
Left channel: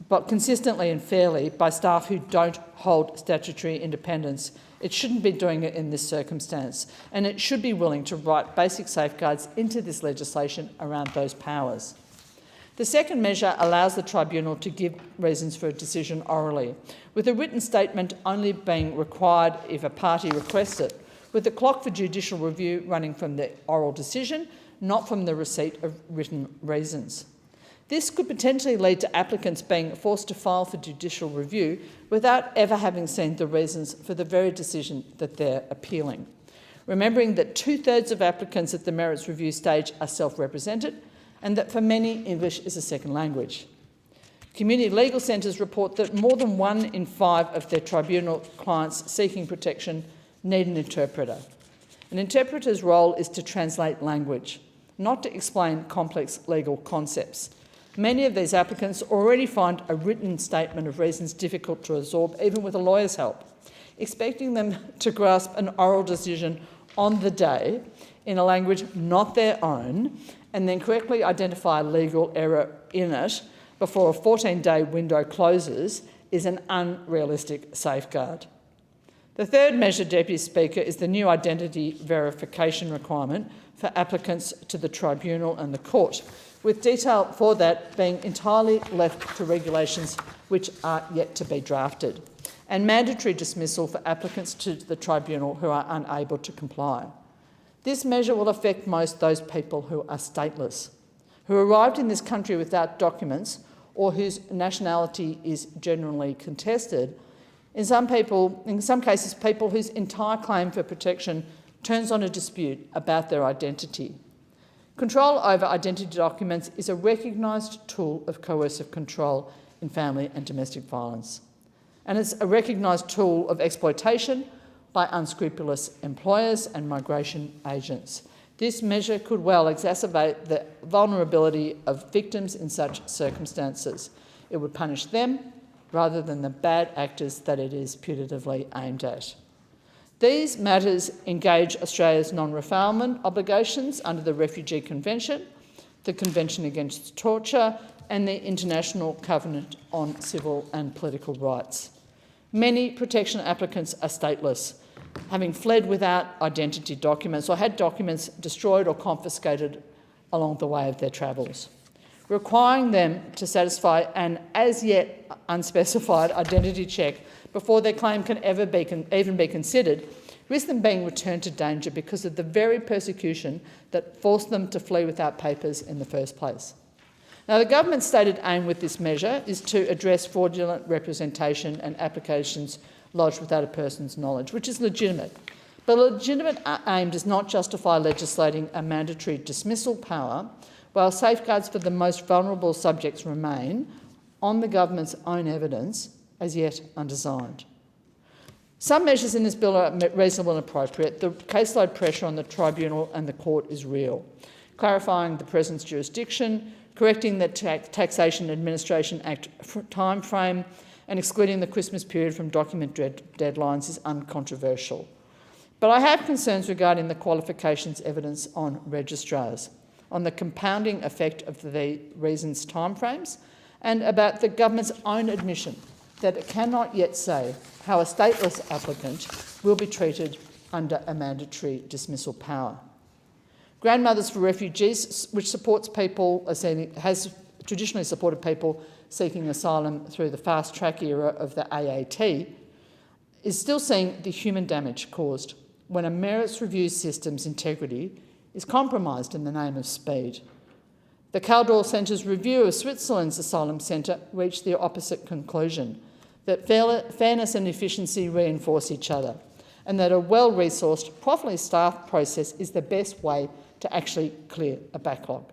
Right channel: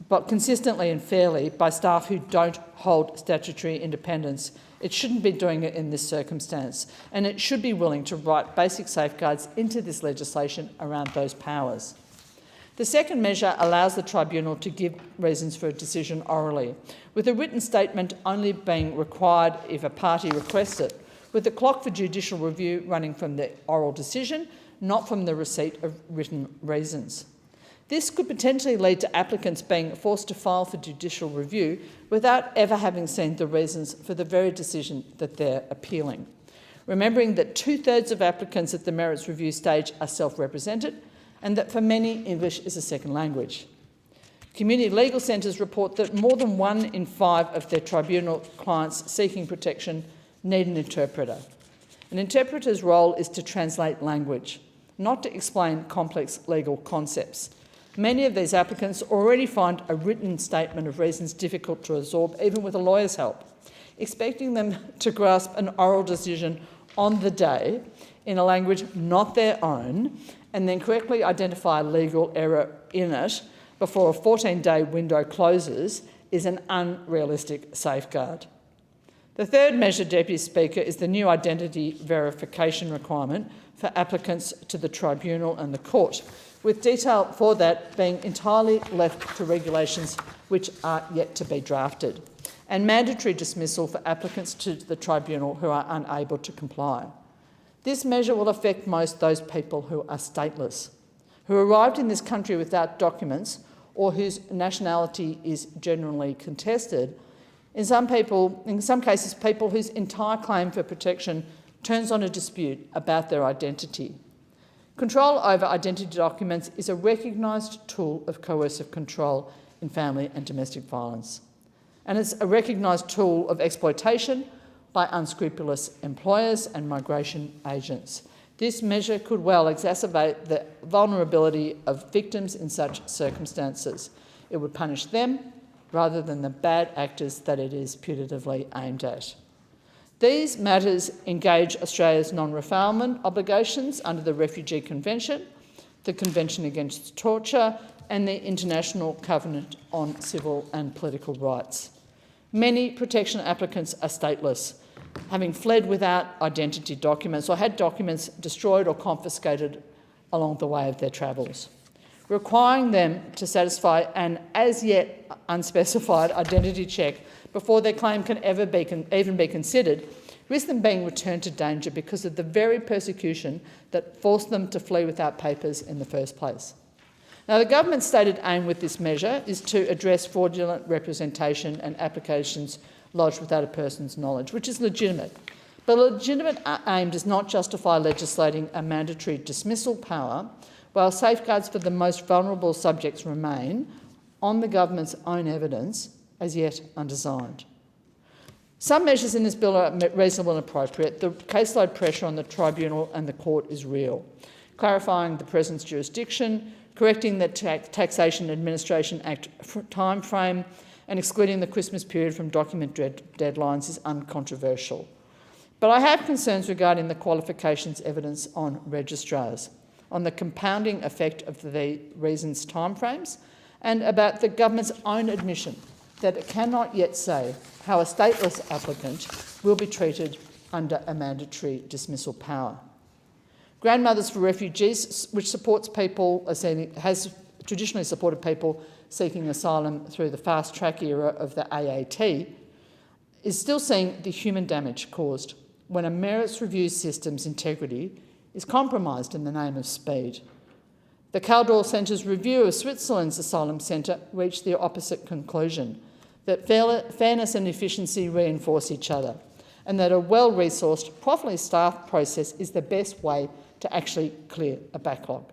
but consistently and fairly by staff who don't hold statutory independence, it shouldn't be doing it in this circumstance, and it should be willing to write basic safeguards into this legislation around those powers. The second measure allows the tribunal to give reasons for a decision orally, with a written statement only being required if a party requests it, with the clock for judicial review running from the oral decision, not from the receipt of written reasons. This could potentially lead to applicants being forced to file for judicial review without ever having seen the reasons for the very decision that they're appealing. Remembering that 2/3 of applicants at the merits review stage are self-represented, and that for many, English is a second language. Community legal centres report that more than 1 in 5 of their tribunal clients seeking protection need an interpreter. An interpreter's role is to translate language, not to explain complex legal concepts. Many of these applicants already find a written statement of reasons difficult to absorb, even with a lawyer's help. Expecting them to grasp an oral decision on the day in a language not their own, and then correctly identify a legal error in it before a 14-day window closes is an unrealistic safeguard. The third measure, Deputy Speaker, is the new identity verification requirement for applicants to the tribunal and the court, with detail for that being entirely left to regulations which are yet to be drafted, and mandatory dismissal for applicants to the tribunal who are unable to comply. This measure will affect most those people who are stateless, who arrived in this country without documents or whose nationality is generally contested. In some cases, people whose entire claim for protection turns on a dispute about their identity. Control over identity documents is a recognised tool of coercive control in family and domestic violence, and it's a recognised tool of exploitation by unscrupulous employers and migration agents. This measure could well exacerbate the vulnerability of victims in such circumstances. It would punish them rather than the bad actors that it is putatively aimed at. These matters engage Australia's non-refoulement obligations under the Refugee Convention, the Convention Against Torture, and the International Covenant on Civil and Political Rights. Many protection applicants are stateless, having fled without identity documents or had documents destroyed or confiscated along the way of their travels. Requiring them to satisfy an as yet unspecified identity check before their claim can even be considered risks them being returned to danger because of the very persecution that forced them to flee without papers in the first place. Now, the government's stated aim with this measure is to address fraudulent representation and applications lodged without a person's knowledge, which is legitimate. But a legitimate aim does not justify legislating a mandatory dismissal power while safeguards for the most vulnerable subjects remain, on the government's own evidence, as yet undesigned. Some measures in this bill are reasonable and appropriate. The caseload pressure on the tribunal and the court is real. Clarifying the President's jurisdiction, correcting the Taxation Administration Act timeframe, and excluding the Christmas period from document deadlines is uncontroversial. But I have concerns regarding the qualifications evidence on registrars, on the compounding effect of the reasons timeframes, and about the government's own admission that it cannot yet say how a stateless applicant will be treated under a mandatory dismissal power. Grandmothers for Refugees, which supports people, has traditionally supported people seeking asylum through the fast-track era of the AAT, is still seeing the human damage caused when a merits review system's integrity is compromised in the name of speed. The Caldor Centre's review of Switzerland's asylum centre reached the opposite conclusion, that fairness and efficiency reinforce each other, and that a well-resourced, properly staffed process is the best way to actually clear a backlog.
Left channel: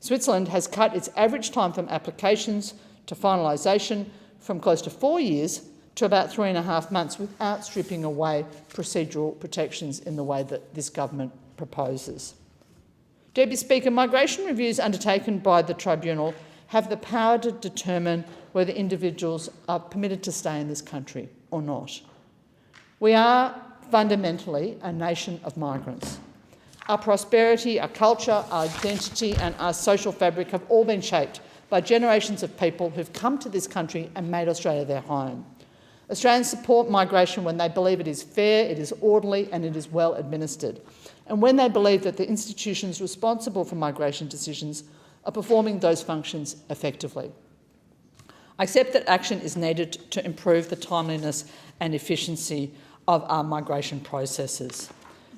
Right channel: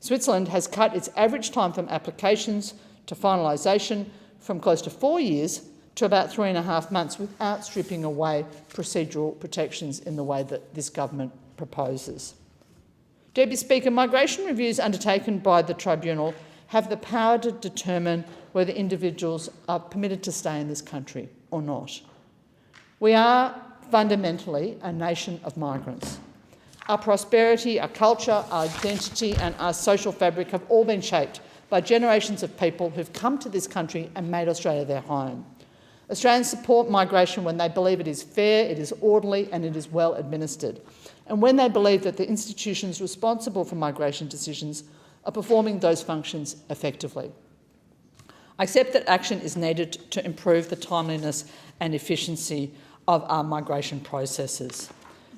Switzerland has cut its average time from applications to finalisation from close to 4 years to about 3.5 months without stripping away procedural protections in the way that this government proposes. Deputy Speaker, migration reviews undertaken by the tribunal have the power to determine whether individuals are permitted to stay in this country or not. We are fundamentally a nation of migrants. Our prosperity, our culture, our identity and our social fabric have all been shaped by generations of people who've come to this country and made Australia their home. Australians support migration when they believe it is fair, it is orderly and it is well administered, and when they believe that the institutions responsible for migration decisions are performing those functions effectively. I accept that action is needed to improve the timeliness and efficiency of our migration processes.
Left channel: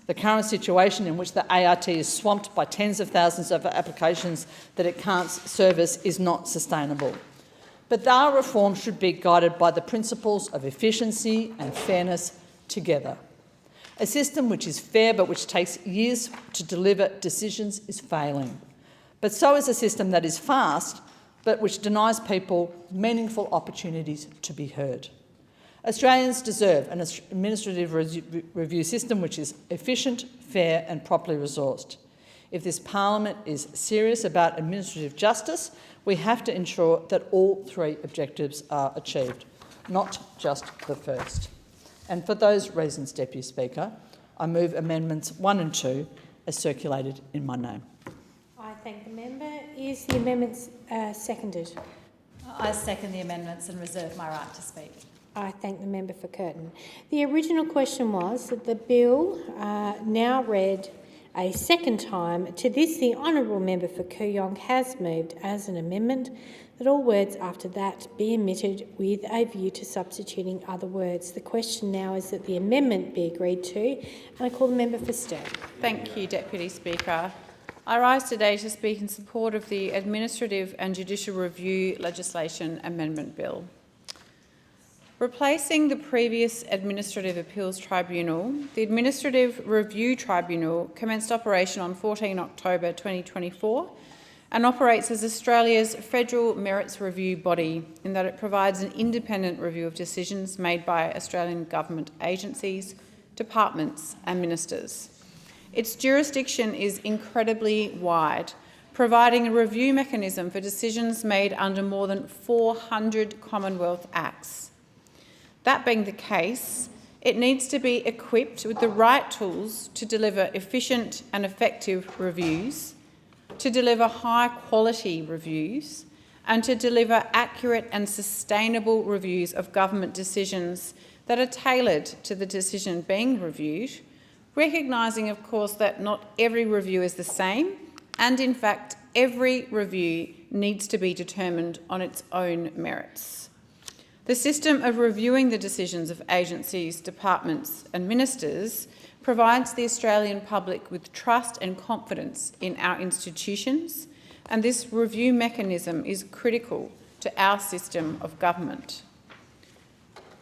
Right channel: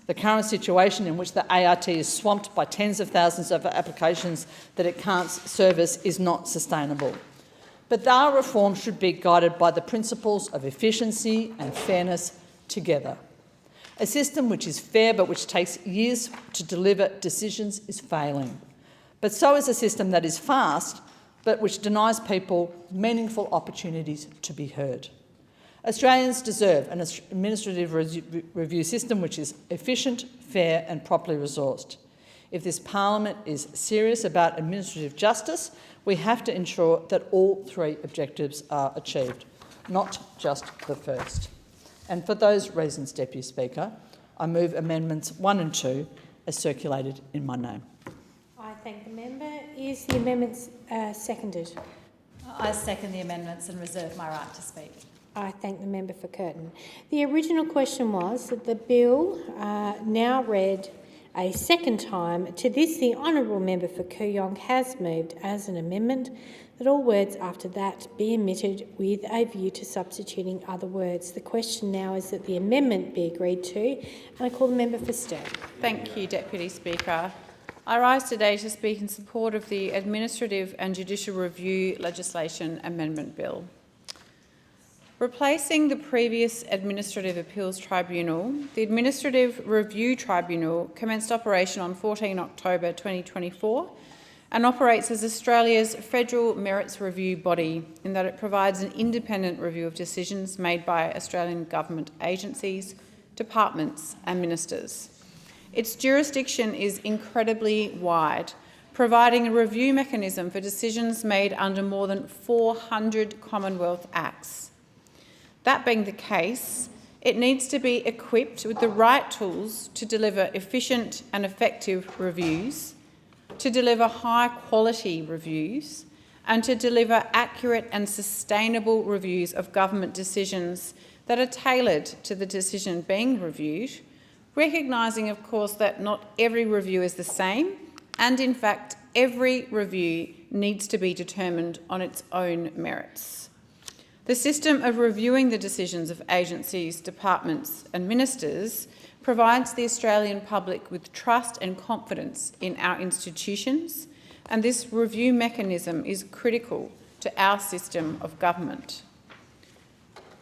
The current situation in which the ART is swamped by tens of thousands of applications that it can't service is not sustainable. But our reform should be guided by the principles of efficiency and fairness together. A system which is fair but which takes years to deliver decisions is failing. But so is a system that is fast but which denies people meaningful opportunities to be heard. Australians deserve an administrative review system which is efficient, fair and properly resourced. If this parliament is serious about administrative justice, we have to ensure that all three objectives are achieved, not just the first. And for those reasons, Deputy Speaker, I move amendments 1 and 2 as circulated in my name. I thank the member. Is the amendment seconded? I second the amendments and reserve my right to speak. I thank the member for Curtin. The original question was that the bill now read a second time. To this, the honourable member for Kooyong has moved as an amendment that all words after that be omitted with a view to substituting other words. The question now is that the amendment be agreed to, and I call the member for Sturt. Thank you, Deputy Speaker. I rise today to speak in support of the Administrative and Judicial Review Legislation Amendment Bill. Replacing the previous Administrative Appeals Tribunal, the Administrative Review Tribunal commenced operation on 14 October 2024 and operates as Australia's federal merits review body in that it provides an independent review of decisions made by Australian government agencies, departments and ministers. Its jurisdiction is incredibly wide, providing a review mechanism for decisions made under more than 400 Commonwealth Acts. That being the case, it needs to be equipped with the right tools to deliver efficient and effective reviews, to deliver high-quality reviews, and to deliver accurate and sustainable reviews of government decisions that are tailored to the decision being reviewed, recognising, of course, that not every review is the same, and in fact, every review needs to be determined on its own merits. The system of reviewing the decisions of agencies, departments and ministers provides the Australian public with trust and confidence in our institutions, and this review mechanism is critical to our system of government.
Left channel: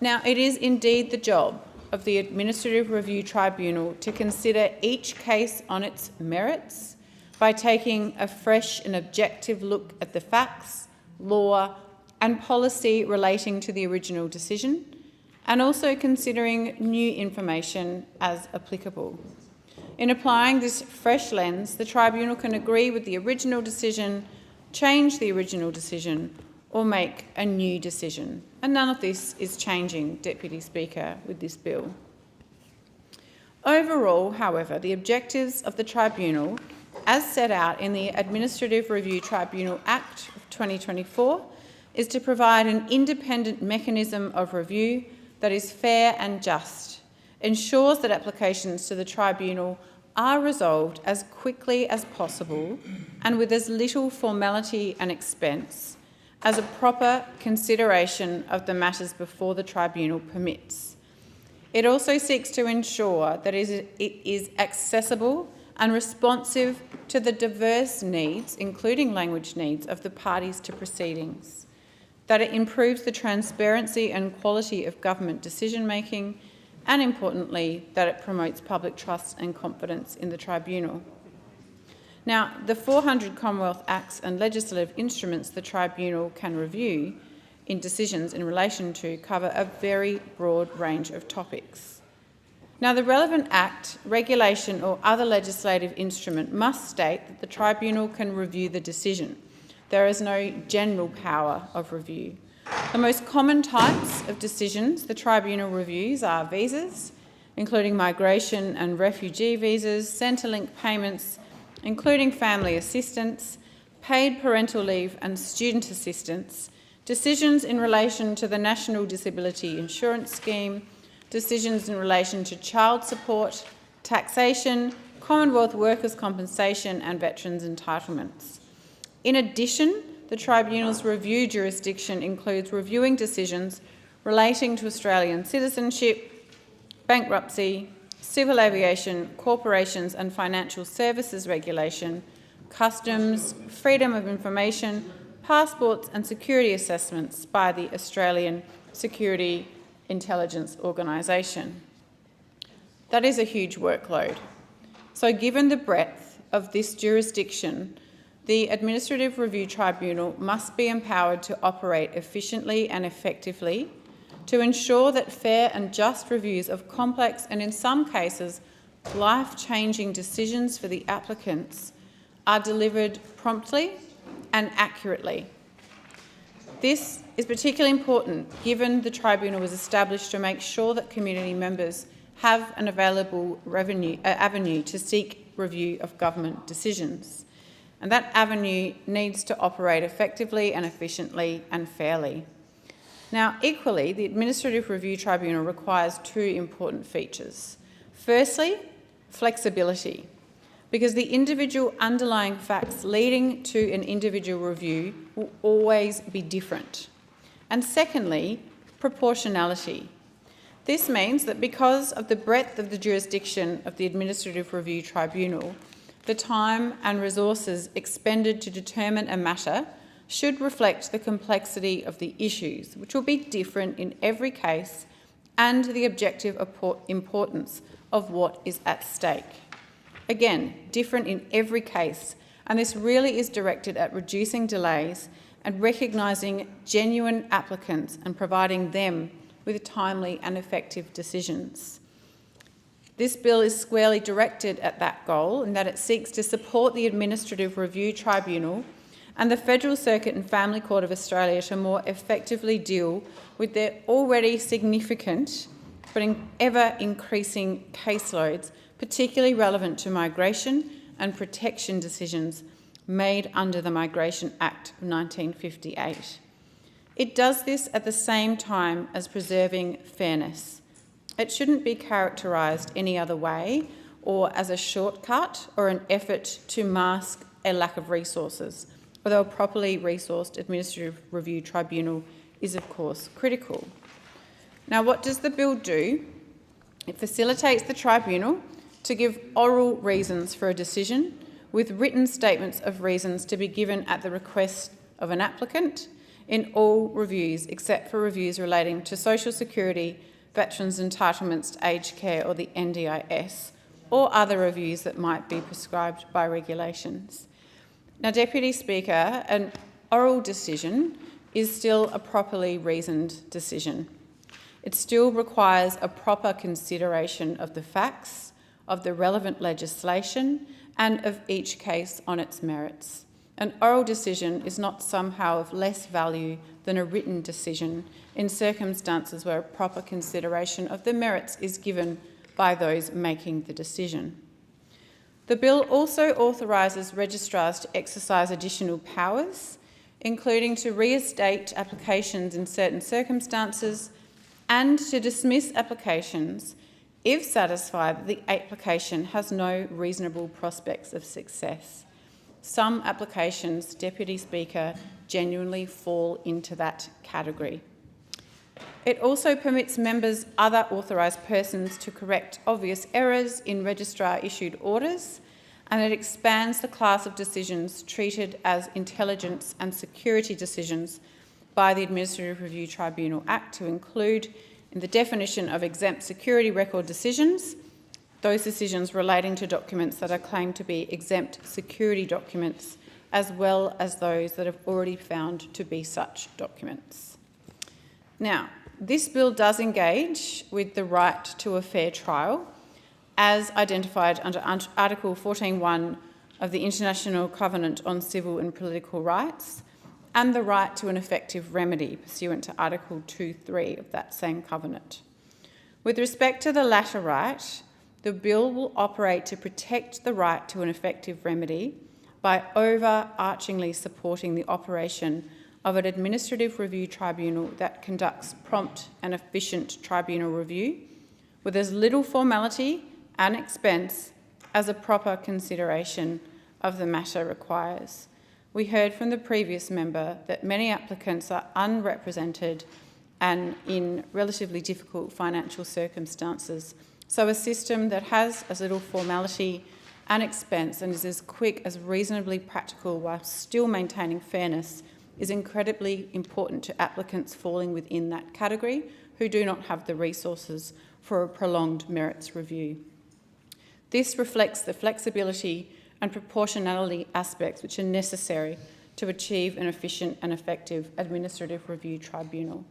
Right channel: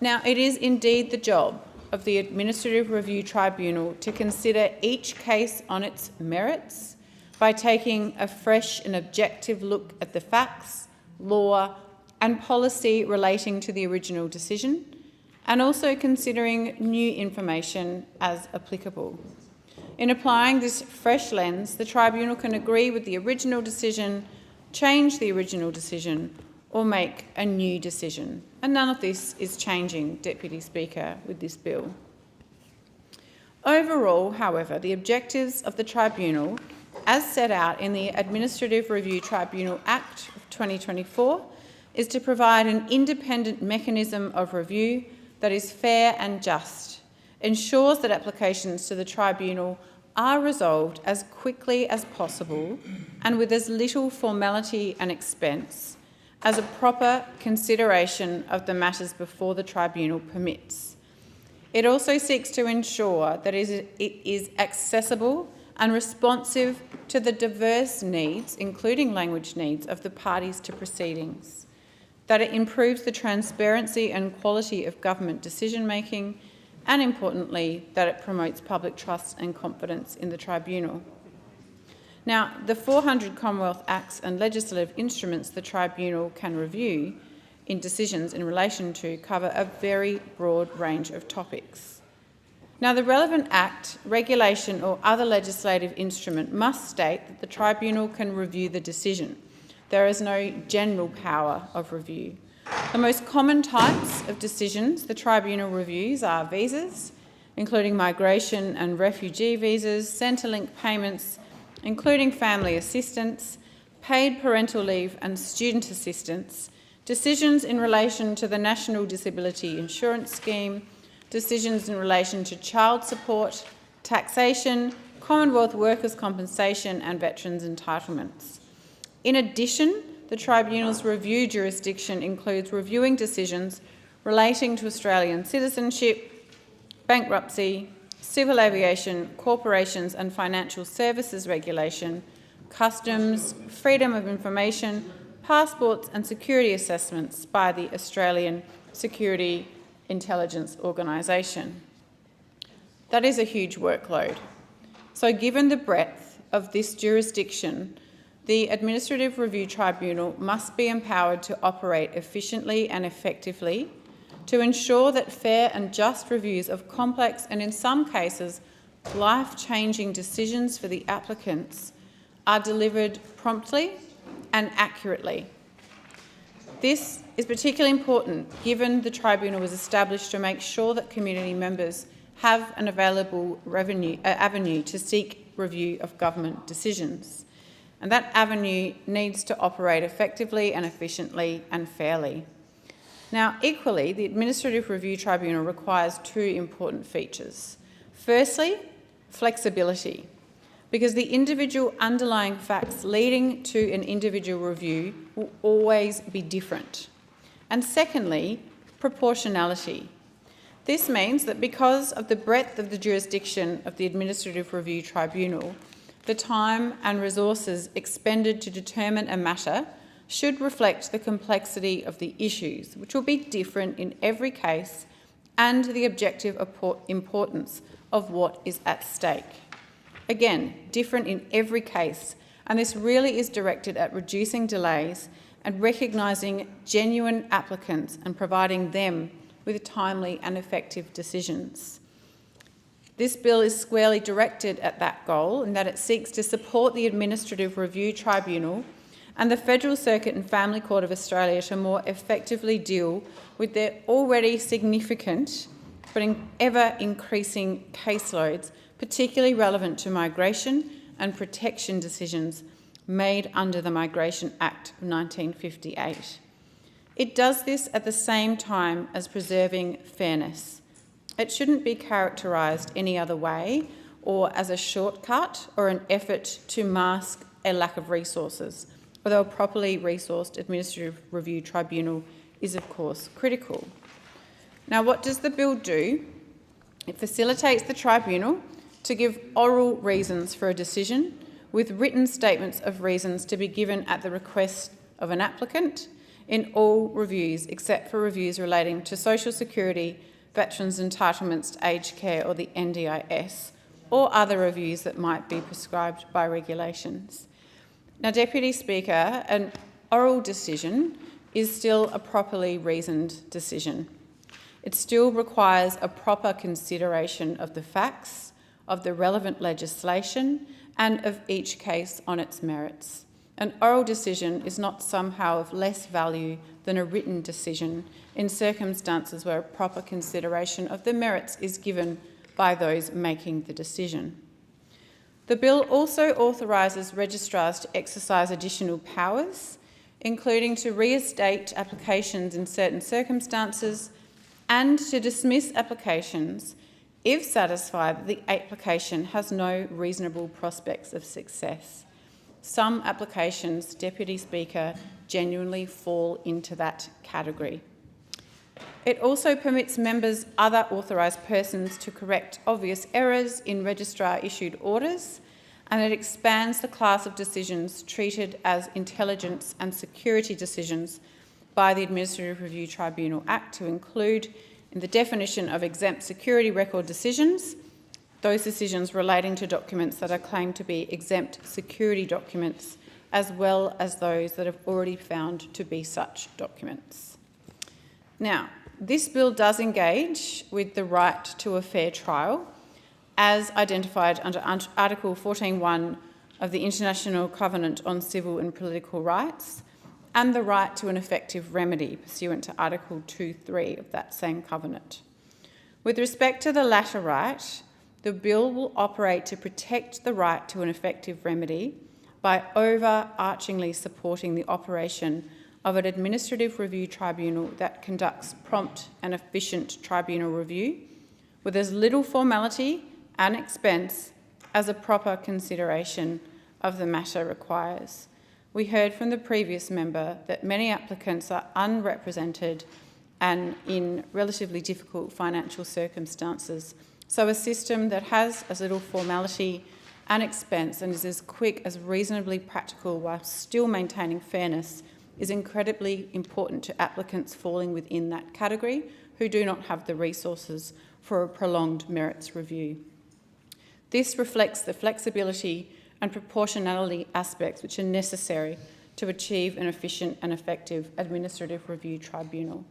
Now, it is indeed the job of the Administrative Review Tribunal to consider each case on its merits by taking a fresh and objective look at the facts, law and policy relating to the original decision, and also considering new information as applicable. In applying this fresh lens, the Tribunal can agree with the original decision, change the original decision, or make a new decision. And none of this is changing, Deputy Speaker, with this bill. Overall, however, the objectives of the Tribunal, as set out in the Administrative Review Tribunal Act of 2024, is to provide an independent mechanism of review that is fair and just, ensures that applications to the Tribunal are resolved as quickly as possible and with as little formality and expense as a proper consideration of the matters before the Tribunal permits. It also seeks to ensure that it is accessible and responsive to the diverse needs, including language needs, of the parties to proceedings, that it improves the transparency and quality of government decision-making, and importantly, that it promotes public trust and confidence in the Tribunal. Now, the 400 Commonwealth Acts and legislative instruments the Tribunal can review in decisions in relation to cover a very broad range of topics. Now, the relevant act, regulation or other legislative instrument must state that the Tribunal can review the decision. There is no general power of review. The most common types of decisions the Tribunal reviews are visas, including migration and refugee visas, Centrelink payments, including family assistance, paid parental leave and student assistance, decisions in relation to the National Disability Insurance Scheme, decisions in relation to child support, taxation, Commonwealth workers' compensation and veterans' entitlements. In addition, the Tribunal's review jurisdiction includes reviewing decisions relating to Australian citizenship, bankruptcy, civil aviation, corporations and financial services regulation, customs, freedom of information, passports and security assessments by the Australian Security Intelligence Organisation. That is a huge workload. So given the breadth of this jurisdiction, the Administrative Review Tribunal must be empowered to operate efficiently and effectively to ensure that fair and just reviews of complex and, in some cases, life-changing decisions for the applicants are delivered promptly and accurately. This is particularly important given the Tribunal was established to make sure that community members have an available avenue to seek review of government decisions. And that avenue needs to operate effectively and efficiently and fairly. Now, equally, the Administrative Review Tribunal requires two important features. Firstly, flexibility, because the individual underlying facts leading to an individual review will always be different. And secondly, proportionality. This means that because of the breadth of the jurisdiction of the Administrative Review Tribunal, the time and resources expended to determine a matter should reflect the complexity of the issues, which will be different in every case, and the objective importance of what is at stake. Again, different in every case, and this really is directed at reducing delays and recognising genuine applicants and providing them with timely and effective decisions. This bill is squarely directed at that goal in that it seeks to support the Administrative Review Tribunal and the Federal Circuit and Family Court of Australia to more effectively deal with their already significant but ever-increasing caseloads, particularly relevant to migration and protection decisions made under the Migration Act of 1958. It does this at the same time as preserving fairness. It shouldn't be characterised any other way or as a shortcut or an effort to mask a lack of resources, although a properly resourced Administrative Review Tribunal is, of course, critical. Now, what does the bill do? It facilitates the Tribunal to give oral reasons for a decision, with written statements of reasons to be given at the request of an applicant in all reviews except for reviews relating to social security, veterans' entitlements to aged care or the NDIS, or other reviews that might be prescribed by regulations. Now, Deputy Speaker, an oral decision is still a properly reasoned decision. it still requires a proper consideration of the facts, of the relevant legislation, and of each case on its merits. An oral decision is not somehow of less value than a written decision in circumstances where a proper consideration of the merits is given by those making the decision. The bill also authorises registrars to exercise additional powers, including to reinstate applications in certain circumstances and to dismiss applications if satisfied that the application has no reasonable prospects of success. Some applications, Deputy Speaker, genuinely fall into that category. It also permits members, other authorised persons, to correct obvious errors in registrar-issued orders, and it expands the class of decisions treated as intelligence and security decisions by the Administrative Review Tribunal Act to include, in the definition of exempt security record decisions, those decisions relating to documents that are claimed to be exempt security documents, as well as those that have already found to be such documents. Now, this bill does engage with the right to a fair trial, as identified under Article 14.1 of the International Covenant on Civil and Political Rights, and the right to an effective remedy pursuant to Article 2.3 of that same covenant. With respect to the latter right, the bill will operate to protect the right to an effective remedy by overarchingly supporting the operation of an administrative review tribunal that conducts prompt and efficient tribunal review with as little formality and expense as a proper consideration of the matter requires. We heard from the previous member that many applicants are unrepresented and in relatively difficult financial circumstances. So a system that has as little formality and expense and is as quick as reasonably practical while still maintaining fairness is incredibly important to applicants falling within that category who do not have the resources for a prolonged merits review. This reflects the flexibility and proportionality aspects which are necessary to achieve an efficient and effective administrative review tribunal.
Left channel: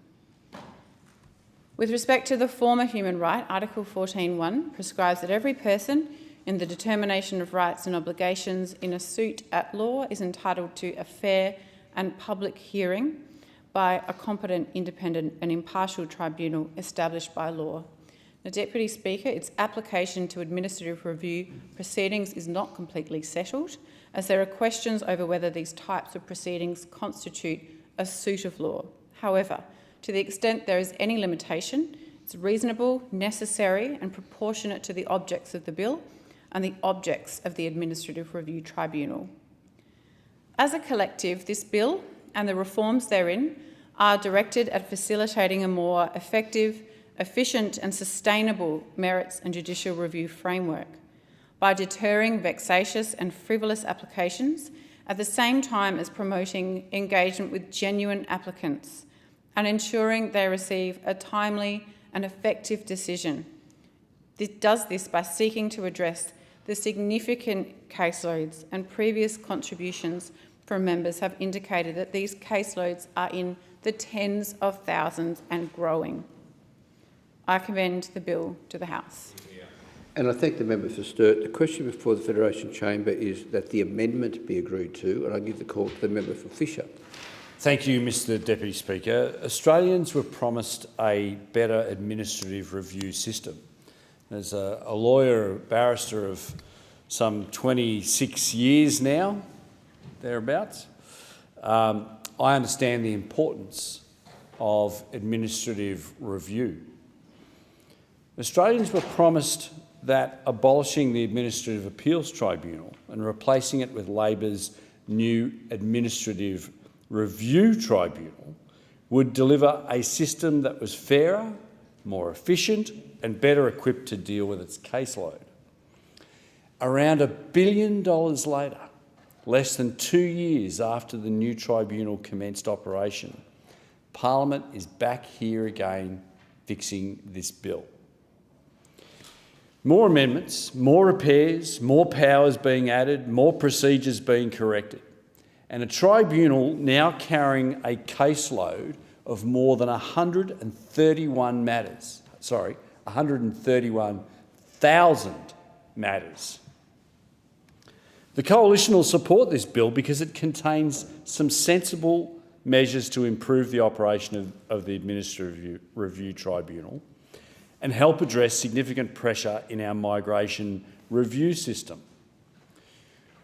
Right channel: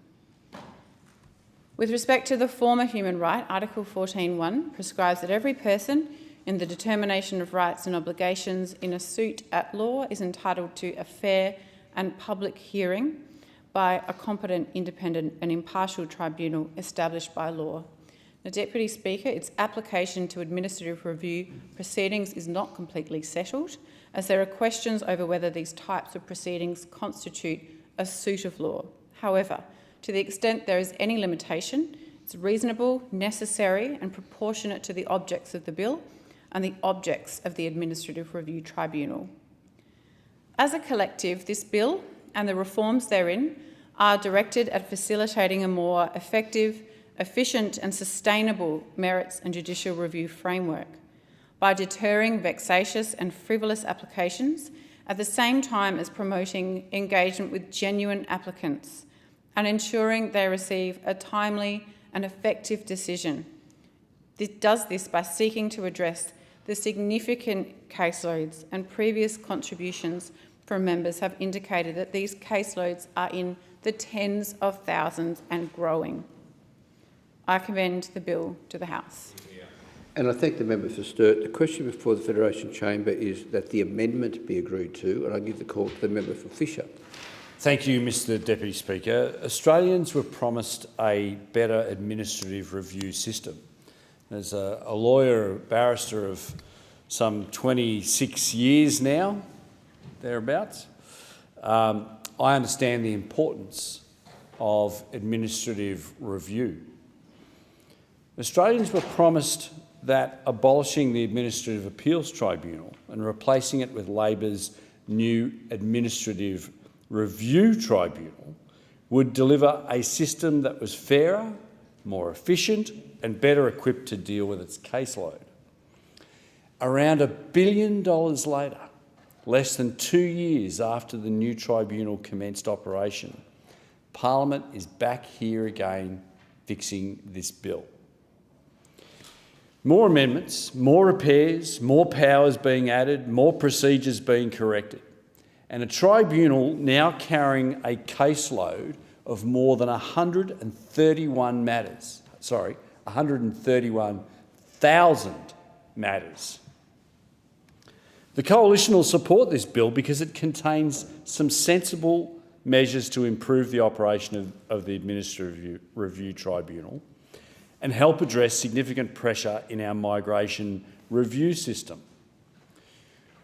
With respect to the former human right, Article 14.1 prescribes that every person in the determination of rights and obligations in a suit at law is entitled to a fair and public hearing by a competent, independent and impartial tribunal established by law. Now, Deputy Speaker, its application to administrative review proceedings is not completely settled, as there are questions over whether these types of proceedings constitute a suit of law. However, to the extent there is any limitation, it's reasonable, necessary and proportionate to the objects of the bill and the objects of the Administrative Review Tribunal. As a collective, this bill and the reforms therein are directed at facilitating a more effective, efficient and sustainable merits and judicial review framework by deterring vexatious and frivolous applications at the same time as promoting engagement with genuine applicants and ensuring they receive a timely and effective decision. It does this by seeking to address the significant caseloads, and previous contributions from members have indicated that these caseloads are in the tens of thousands and growing. I commend the bill to the House. And I thank the member for Sturt. The question before the Federation Chamber is that the amendment be agreed to, and I give the call to the member for Fisher. Thank you, Mr Deputy Speaker. Australians were promised a better administrative review system. As a lawyer, a barrister of some 26 years now, thereabouts, I understand the importance of administrative review. Australians were promised that abolishing the Administrative Appeals Tribunal and replacing it with Labor's new Administrative Review Tribunal would deliver a system that was fairer, more efficient and better equipped to deal with its caseload. Around $1 billion later, less than 2 years after the new tribunal commenced operation, Parliament is back here again fixing this bill. More amendments, more repairs, more powers being added, more procedures being corrected, and a tribunal now carrying a caseload of more than 131,000 matters. The Coalition will support this bill because it contains some sensible measures to improve the operation of the Administrative Review Tribunal and help address significant pressure in our migration review system.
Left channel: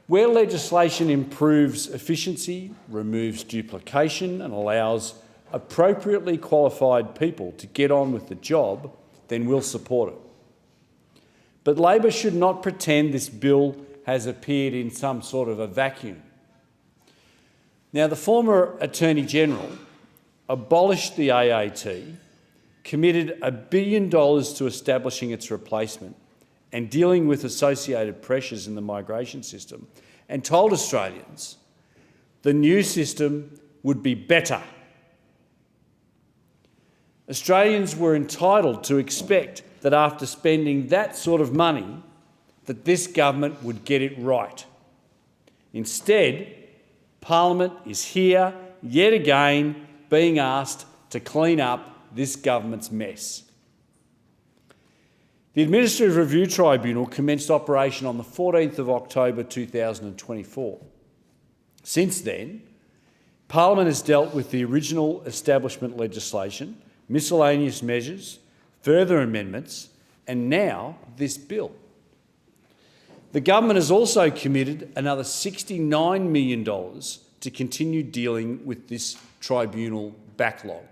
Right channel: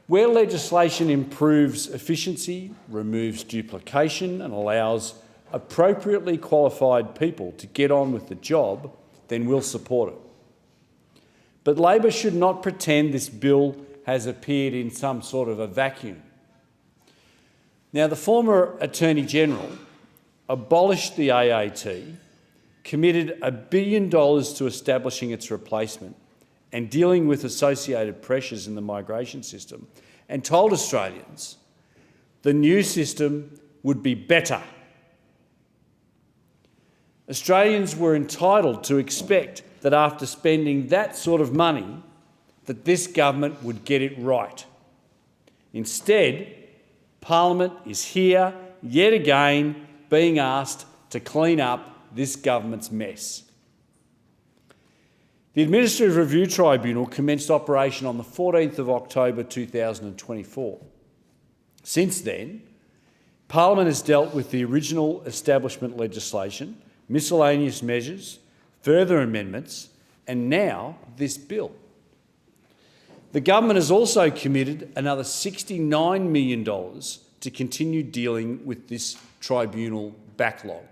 Where legislation improves efficiency, removes duplication and allows appropriately qualified people to get on with the job, then we'll support it. But Labor should not pretend this bill has appeared in some sort of a vacuum. Now, the former Attorney-General abolished the AAT, committed $1 billion to establishing its replacement and dealing with associated pressures in the migration system, and told Australians the new system would be better. Australians were entitled to expect that after spending that sort of money, that this government would get it right. Instead, Parliament is here, yet again, being asked to clean up this government's mess. The Administrative Review Tribunal commenced operation on the 14th of October 2024. Since then, Parliament has dealt with the original establishment legislation, miscellaneous measures, further amendments, and now this bill. The government has also committed another $69 million to continue dealing with this tribunal backlog,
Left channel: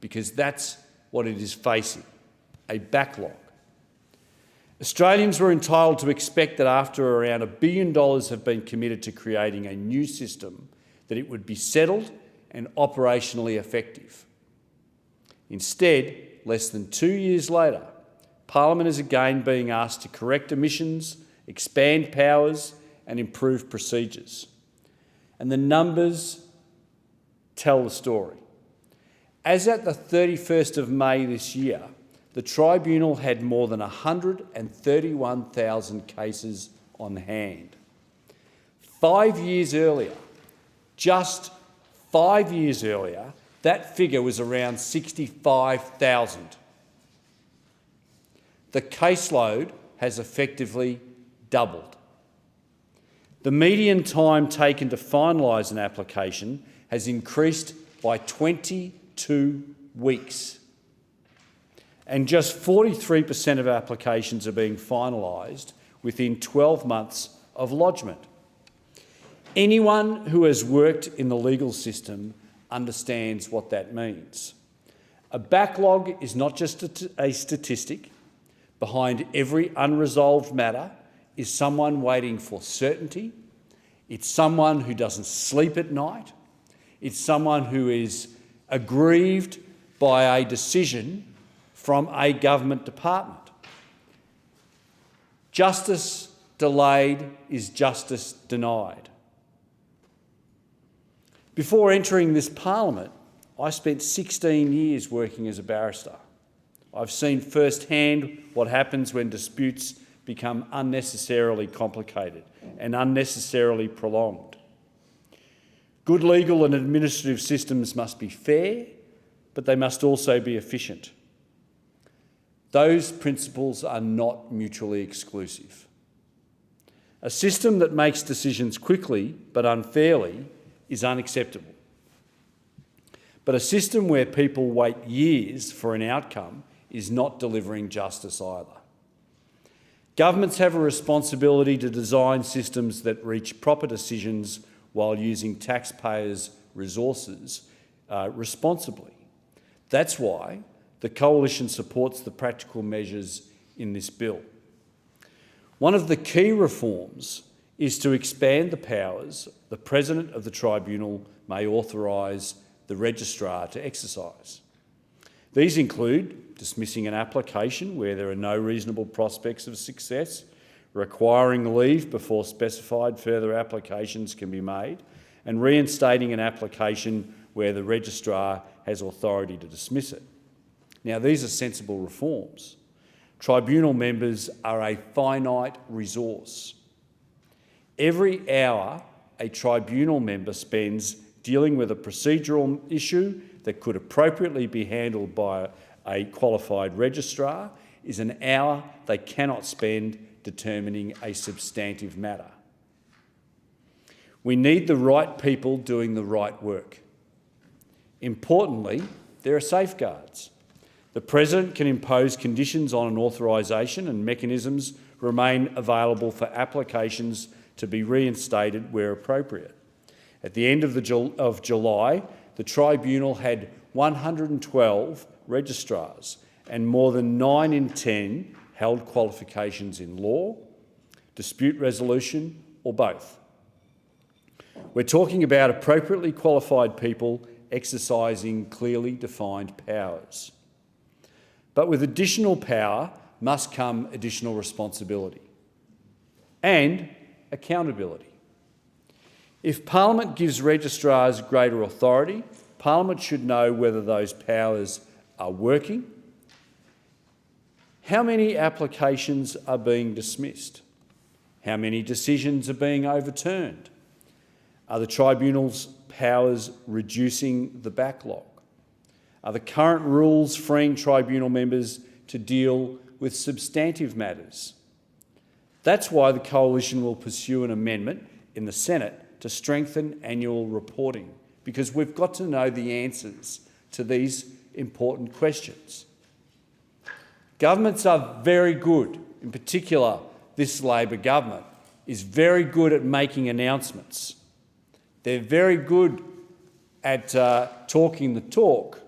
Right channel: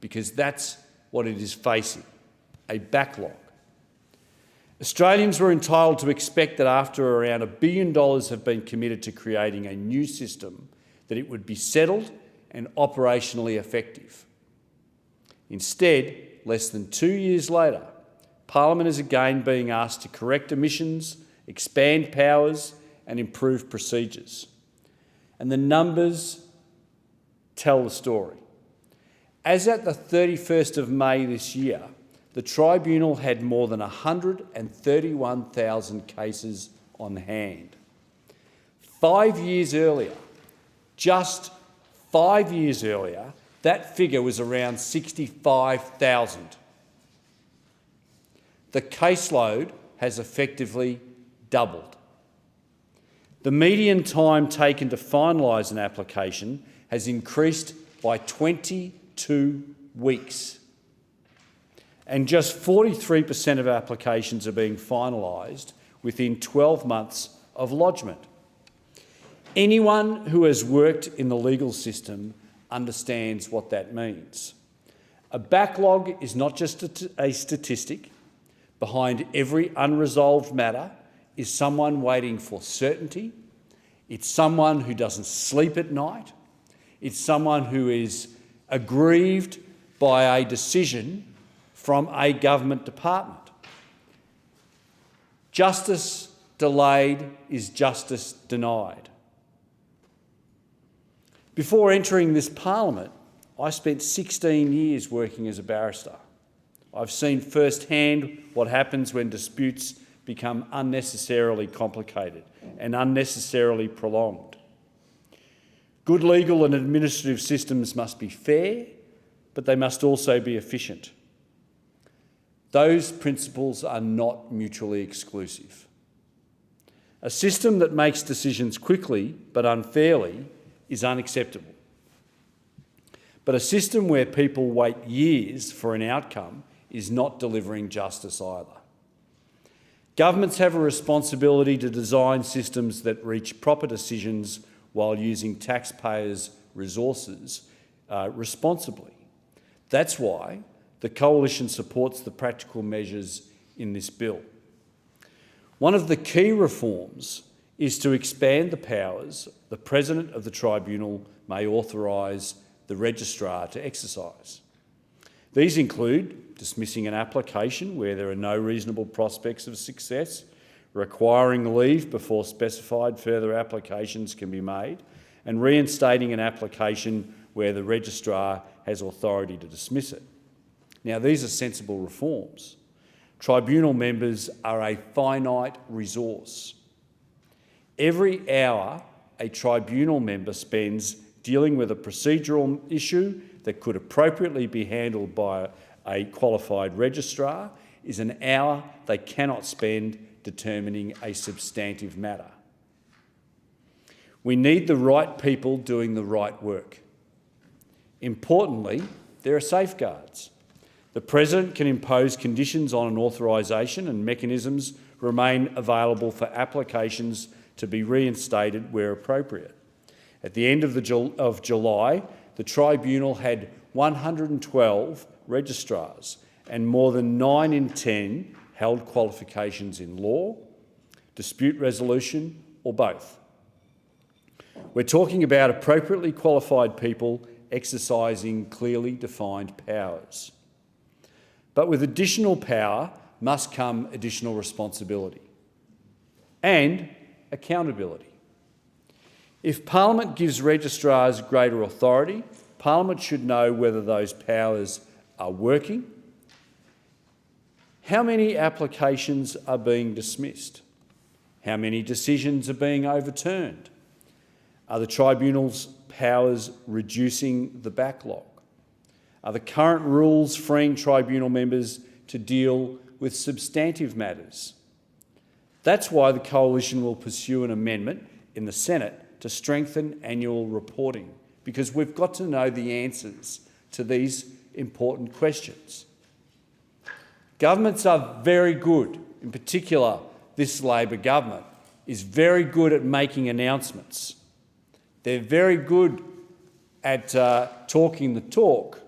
because that's what it is facing, a backlog. Australians were entitled to expect that after around $1 billion have been committed to creating a new system, that it would be settled and operationally effective. Instead, less than 2 years later, Parliament is again being asked to correct omissions, expand powers and improve procedures. And the numbers tell the story. As at the 31st of May this year, the tribunal had more than 131,000 cases on hand. 5 years earlier, just 5 years earlier, that figure was around 65,000. The caseload has effectively doubled. The median time taken to finalise an application has increased by 22 weeks. And just 43% of applications are being finalised within 12 months of lodgement. Anyone who has worked in the legal system understands what that means. A backlog is not just a statistic. Behind every unresolved matter is someone waiting for certainty. It's someone who doesn't sleep at night. It's someone who is aggrieved by a decision from a government department. Justice delayed is justice denied. Before entering this Parliament, I spent 16 years working as a barrister. I've seen firsthand what happens when disputes become unnecessarily complicated and unnecessarily prolonged. Good legal and administrative systems must be fair, but they must also be efficient. Those principles are not mutually exclusive. A system that makes decisions quickly but unfairly is unacceptable. But a system where people wait years for an outcome is not delivering justice either. Governments have a responsibility to design systems that reach proper decisions while using taxpayers' resources responsibly. That's why the Coalition supports the practical measures in this bill. One of the key reforms is to expand the powers the President of the Tribunal may authorise the Registrar to exercise. These include dismissing an application where there are no reasonable prospects of success, requiring leave before specified further applications can be made, and reinstating an application where the Registrar has authority to dismiss it. Now, these are sensible reforms. Tribunal members are a finite resource. Every hour a tribunal member spends dealing with a procedural issue that could appropriately be handled by a qualified registrar is an hour they cannot spend determining a substantive matter. We need the right people doing the right work. Importantly, there are safeguards. The President can impose conditions on an authorisation, and mechanisms remain available for applications to be reinstated where appropriate. At the end of July, the Tribunal had 112 registrars, and more than 9 in 10 held qualifications in law, dispute resolution, or both. We're talking about appropriately qualified people exercising clearly defined powers. But with additional power must come additional responsibility and accountability. If Parliament gives registrars greater authority, Parliament should know whether those powers are working, how many applications are being dismissed, how many decisions are being overturned, are the Tribunal's powers reducing the backlog, are the current rules freeing Tribunal members to deal with substantive matters. That's why the Coalition will pursue an amendment in the Senate to strengthen annual reporting, because we've got to know the answers to these important questions. Governments are very good, in particular this Labor government is very good at making announcements. They're very good at talking the talk,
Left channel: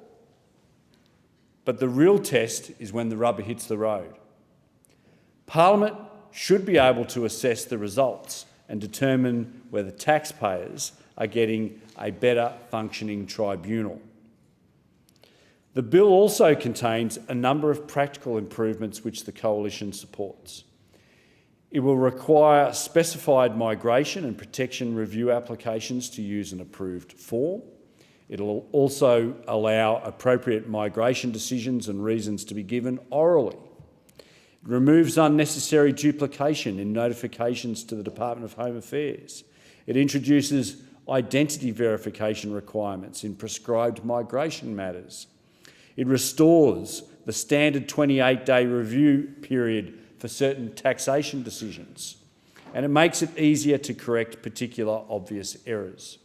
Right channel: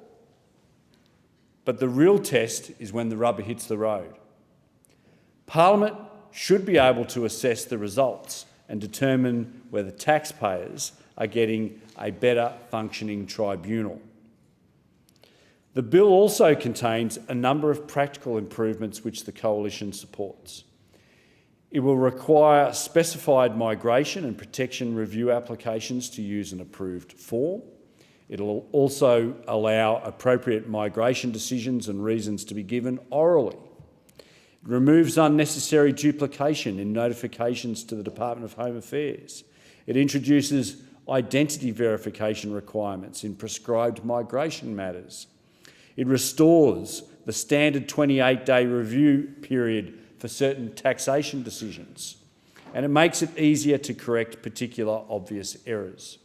but the real test is when the rubber hits the road. Parliament should be able to assess the results and determine whether taxpayers are getting a better functioning tribunal. The bill also contains a number of practical improvements which the Coalition supports. It will require specified migration and protection review applications to use an approved form. It will also allow appropriate migration decisions and reasons to be given orally. It removes unnecessary duplication in notifications to the Department of Home Affairs. It introduces identity verification requirements in prescribed migration matters. It restores the standard 28-day review period for certain taxation decisions, and it makes it easier to correct particular obvious errors.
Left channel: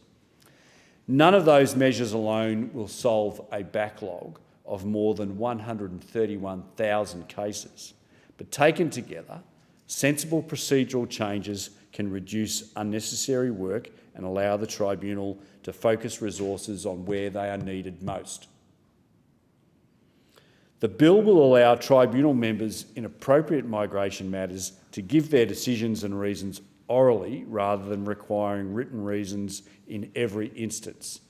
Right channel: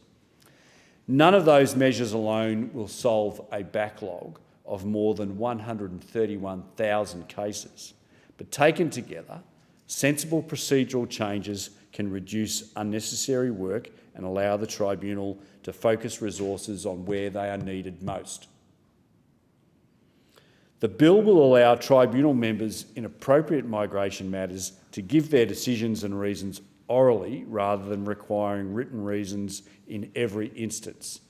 None of those measures alone will solve a backlog of more than 131,000 cases, but taken together, sensible procedural changes can reduce unnecessary work and allow the Tribunal to focus resources on where they are needed most. The bill will allow Tribunal members in appropriate migration matters to give their decisions and reasons orally rather than requiring written reasons in every instance.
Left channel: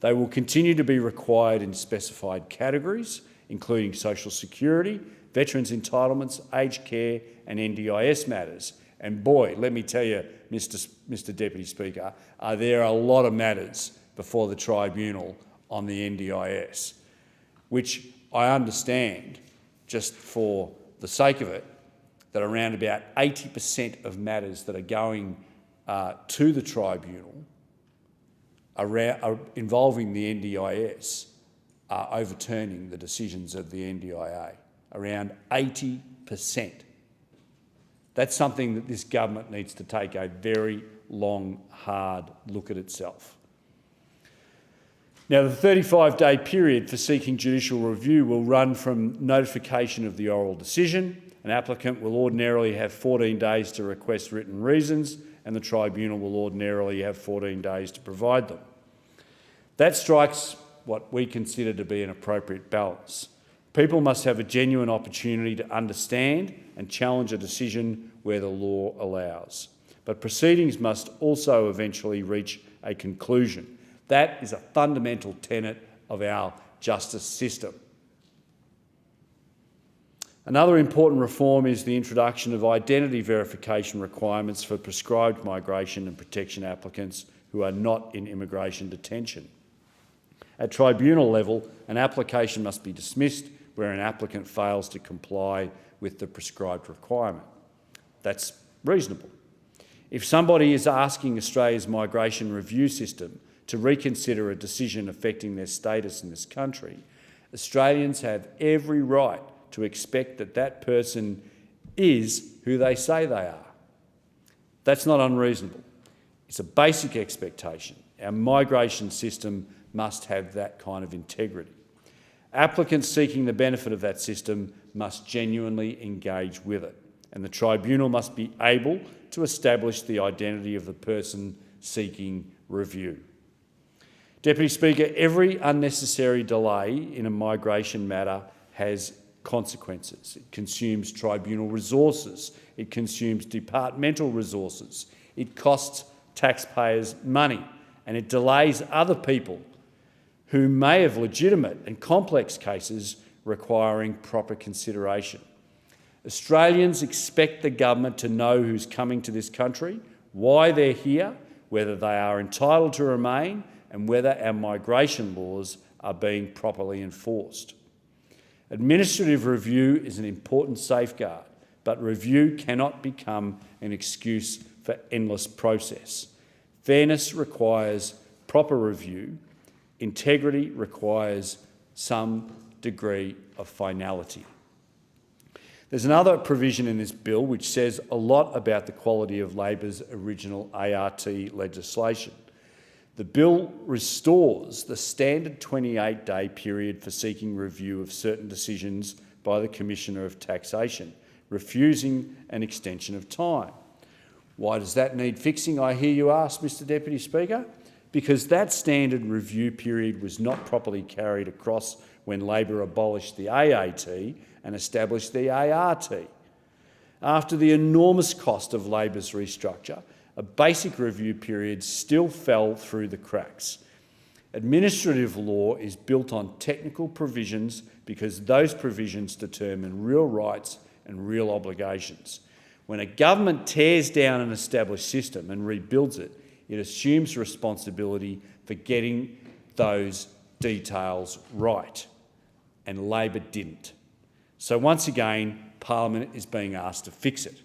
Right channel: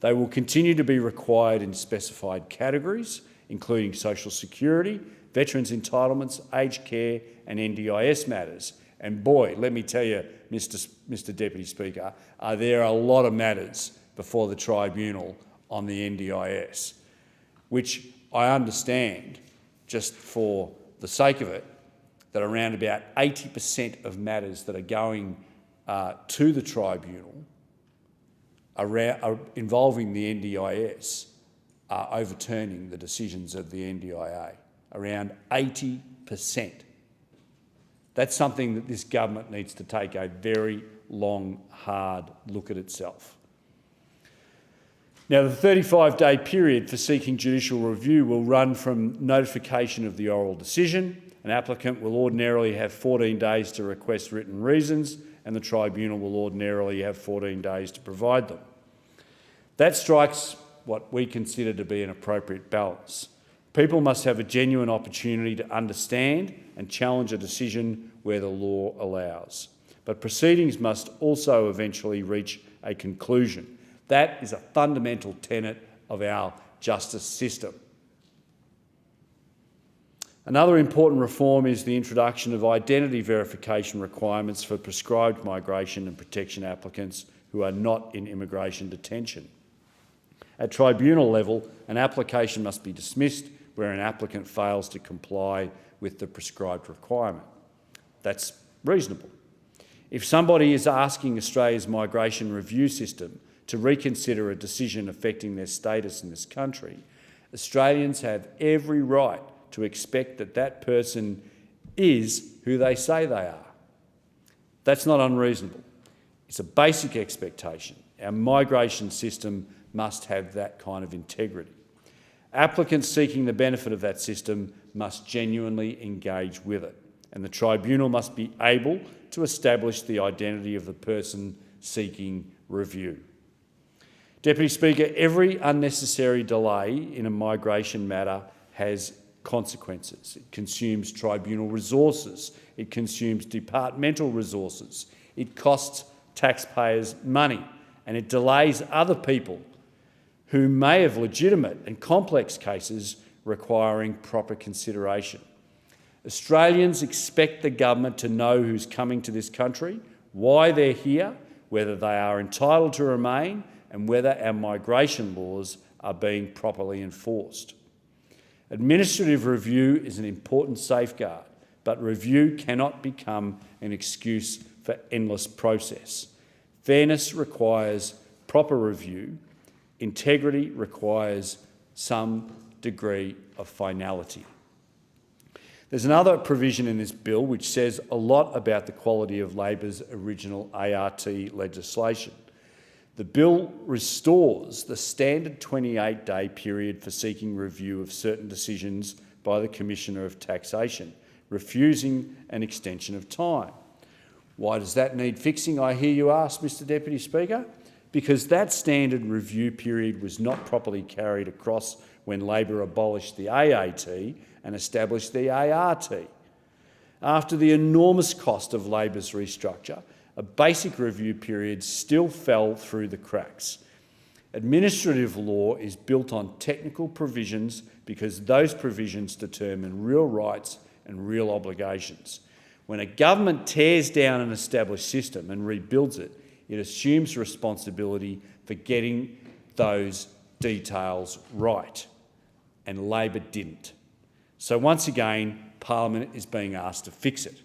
They will continue to be required in specified categories, including social security, veterans' entitlements, aged care and NDIS matters. And boy, let me tell you, Mr Deputy Speaker, there are a lot of matters before the Tribunal on the NDIS, which I understand, just for the sake of it, that around about 80% of matters that are going to the Tribunal are involving the NDIS are overturning the decisions of the NDIA. Around 80%. That's something that this government needs to take a very long, hard look at itself. Now, the 35-day period for seeking judicial review will run from notification of the oral decision. An applicant will ordinarily have 14 days to request written reasons, and the Tribunal will ordinarily have 14 days to provide them. That strikes what we consider to be an appropriate balance. People must have a genuine opportunity to understand and challenge a decision where the law allows. But proceedings must also eventually reach a conclusion. That is a fundamental tenet of our justice system. Another important reform is the introduction of identity verification requirements for prescribed migration and protection applicants who are not in immigration detention. At tribunal level, an application must be dismissed where an applicant fails to comply with the prescribed requirement. That's reasonable. If somebody is asking Australia's migration review system to reconsider a decision affecting their status in this country, Australians have every right to expect that that person is who they say they are. That's not unreasonable. It's a basic expectation. Our migration system must have that kind of integrity. Applicants seeking the benefit of that system must genuinely engage with it, and the tribunal must be able to establish the identity of the person seeking review. Deputy Speaker, every unnecessary delay in a migration matter has consequences. It consumes tribunal resources. It consumes departmental resources. It costs taxpayers money, and it delays other people who may have legitimate and complex cases requiring proper consideration. Australians expect the government to know who's coming to this country, why they're here, whether they are entitled to remain, and whether our migration laws are being properly enforced. Administrative review is an important safeguard, but review cannot become an excuse for endless process. Fairness requires proper review. Integrity requires some degree of finality. There's another provision in this bill which says a lot about the quality of Labor's original ART legislation. The bill restores the standard 28-day period for seeking review of certain decisions by the Commissioner of Taxation, refusing an extension of time. Why does that need fixing, I hear you ask, Mr Deputy Speaker? Because that standard review period was not properly carried across when Labor abolished the AAT and established the ART. After the enormous cost of Labor's restructure, a basic review period still fell through the cracks. Administrative law is built on technical provisions because those provisions determine real rights and real obligations. When a government tears down an established system and rebuilds it, it assumes responsibility for getting those details right, and Labor didn't. So once again, Parliament is being asked to fix it.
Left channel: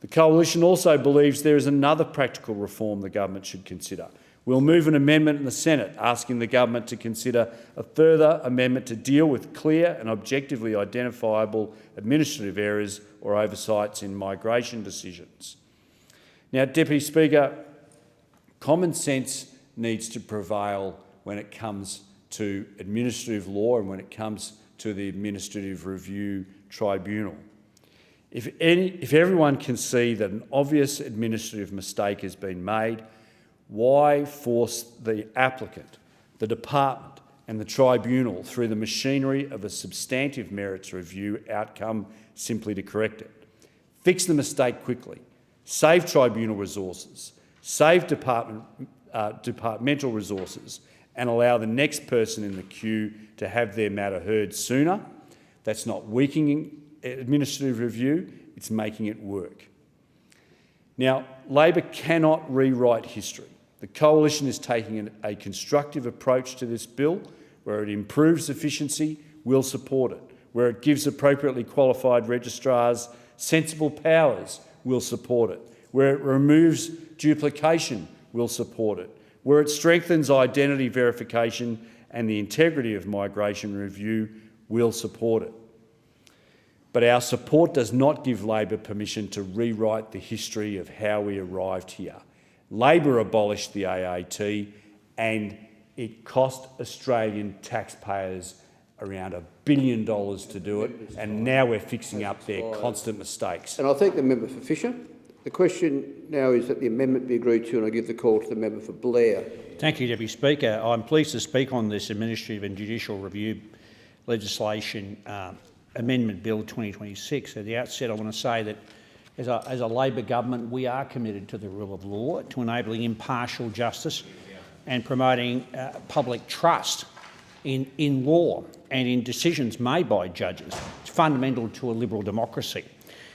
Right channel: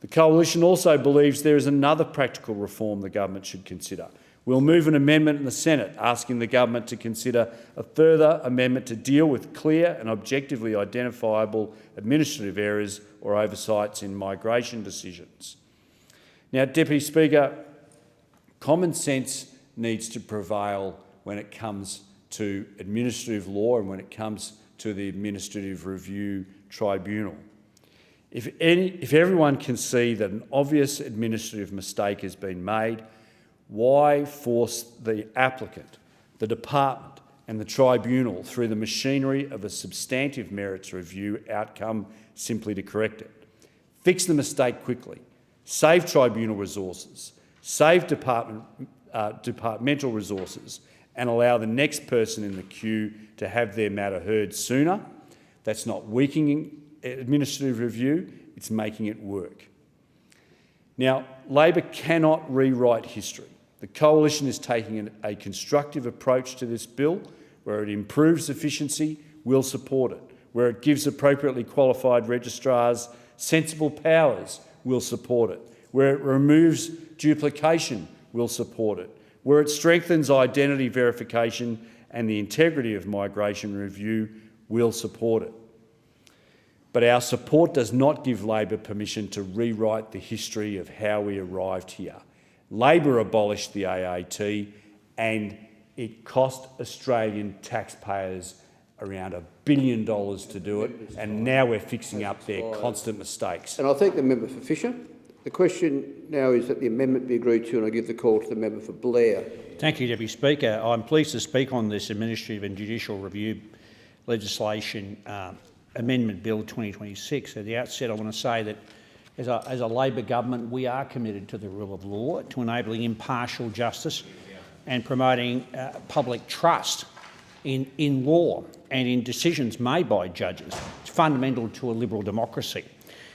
The Coalition also believes there is another practical reform the government should consider. We'll move an amendment in the Senate asking the government to consider a further amendment to deal with clear and objectively identifiable administrative errors or oversights in migration decisions. Now, Deputy Speaker, common sense needs to prevail when it comes to administrative law and when it comes to the Administrative Review Tribunal. If everyone can see that an obvious administrative mistake has been made, why force the applicant, the department and the tribunal through the machinery of a substantive merits review outcome simply to correct it? Fix the mistake quickly, save tribunal resources, save departmental resources, and allow the next person in the queue to have their matter heard sooner. That's not weakening administrative review, it's making it work. Now, Labor cannot rewrite history. The Coalition is taking a constructive approach to this bill. Where it improves efficiency, we'll support it. Where it gives appropriately qualified registrars sensible powers, we'll support it. Where it removes duplication, we'll support it. Where it strengthens identity verification and the integrity of migration review, we'll support it. But our support does not give Labor permission to rewrite the history of how we arrived here. Labor abolished the AAT and it cost Australian taxpayers around $1 billion to do it, and now we're fixing up their constant mistakes. And I thank the member for Fisher. The question now is that the amendment be agreed to, and I give the call to the member for Blair. Thank you, Deputy Speaker. I'm pleased to speak on this Administrative and Judicial Review legislation Amendment Bill 2026. At the outset, I want to say that as a Labor government, we are committed to the rule of law, to enabling impartial justice and promoting public trust in law and in decisions made by judges. It's fundamental to a liberal democracy.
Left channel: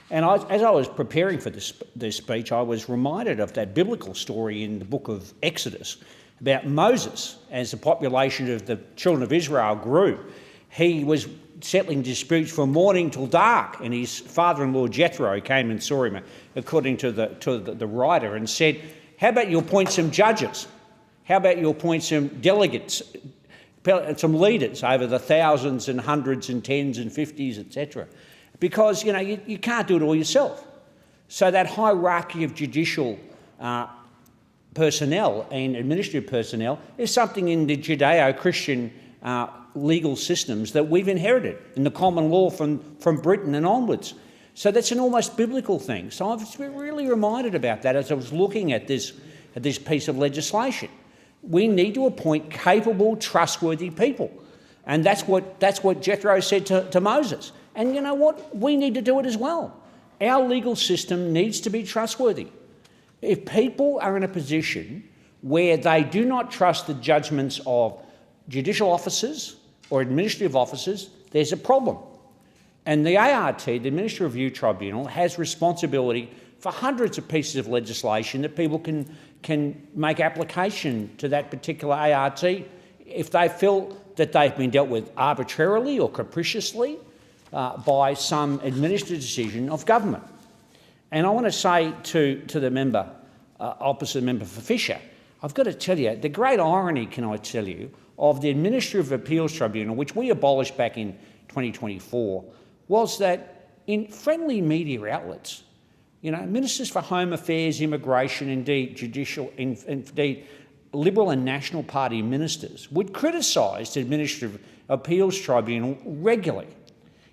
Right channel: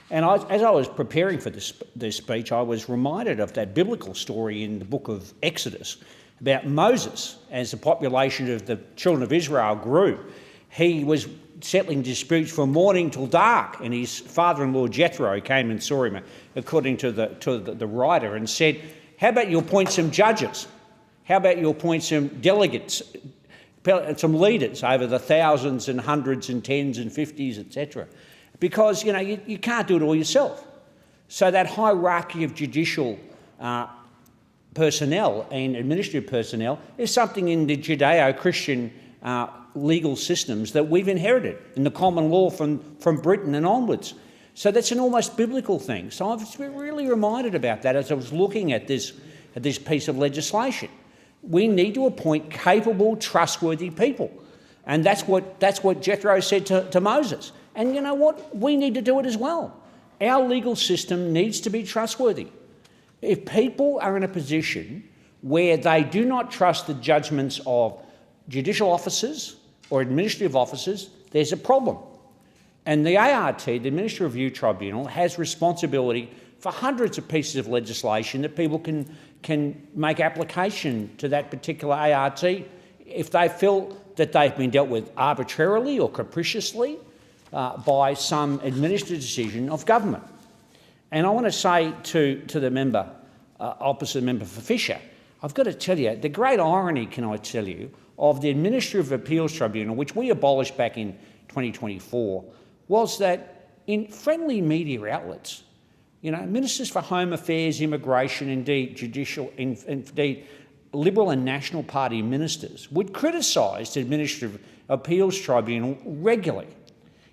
And as I was preparing for this speech, I was reminded of that biblical story in the book of Exodus about Moses. As the population of the children of Israel grew, he was settling disputes from morning till dark, and his father-in-law Jethro came and saw him, according to the writer, and said, "How about you appoint some judges How about you appoint some delegates, some leaders over the thousands and hundreds and tens and 50s, etc.? Because, you can't do it all yourself. So that hierarchy of judicial personnel and administrative personnel is something in the Judeo-Christian legal systems that we've inherited in the common law from Britain and onwards. So that's an almost biblical thing. So I was really reminded about that as I was looking at this piece of legislation. We need to appoint capable, trustworthy people. And that's what Jethro said to Moses. And you know what? We need to do it as well. Our legal system needs to be trustworthy. If people are in a position where they do not trust the judgments of judicial officers or administrative officers, there's a problem. And the ART, the Administrative Review Tribunal, has responsibility for hundreds of pieces of legislation that people can make application to that particular ART if they feel that they've been dealt with arbitrarily or capriciously by some administrative decision of government. And I want to say to the member, opposite member for Fisher, I've got to tell you, the great irony, can I tell you, of the Administrative Appeals Tribunal, which we abolished back in 2024, was that in friendly media outlets, Ministers for Home Affairs, Immigration, indeed judicial, indeed Liberal and National Party ministers would criticise the Administrative Appeals Tribunal regularly.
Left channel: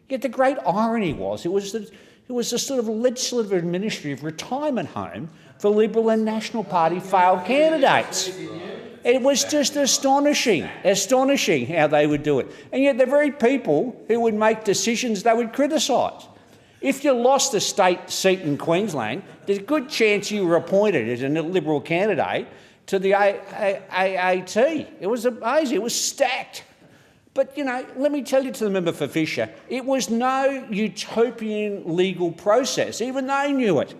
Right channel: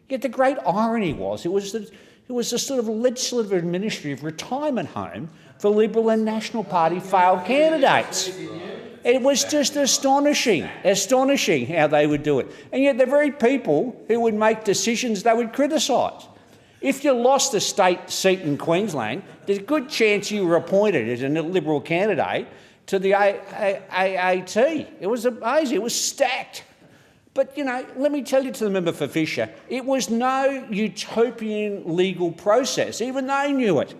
Yet the great irony was it was a sort of legislative administrative retirement home for Liberal and National Party failed candidates. It was just astonishing how they would do it. And yet the very people who would make decisions they would criticise. If you lost a state seat in Queensland, there's a good chance you were appointed as a Liberal candidate to the AAT. It was amazing. It was stacked. But, let me tell you to the member for Fisher, it was no utopian legal process. Even they knew it.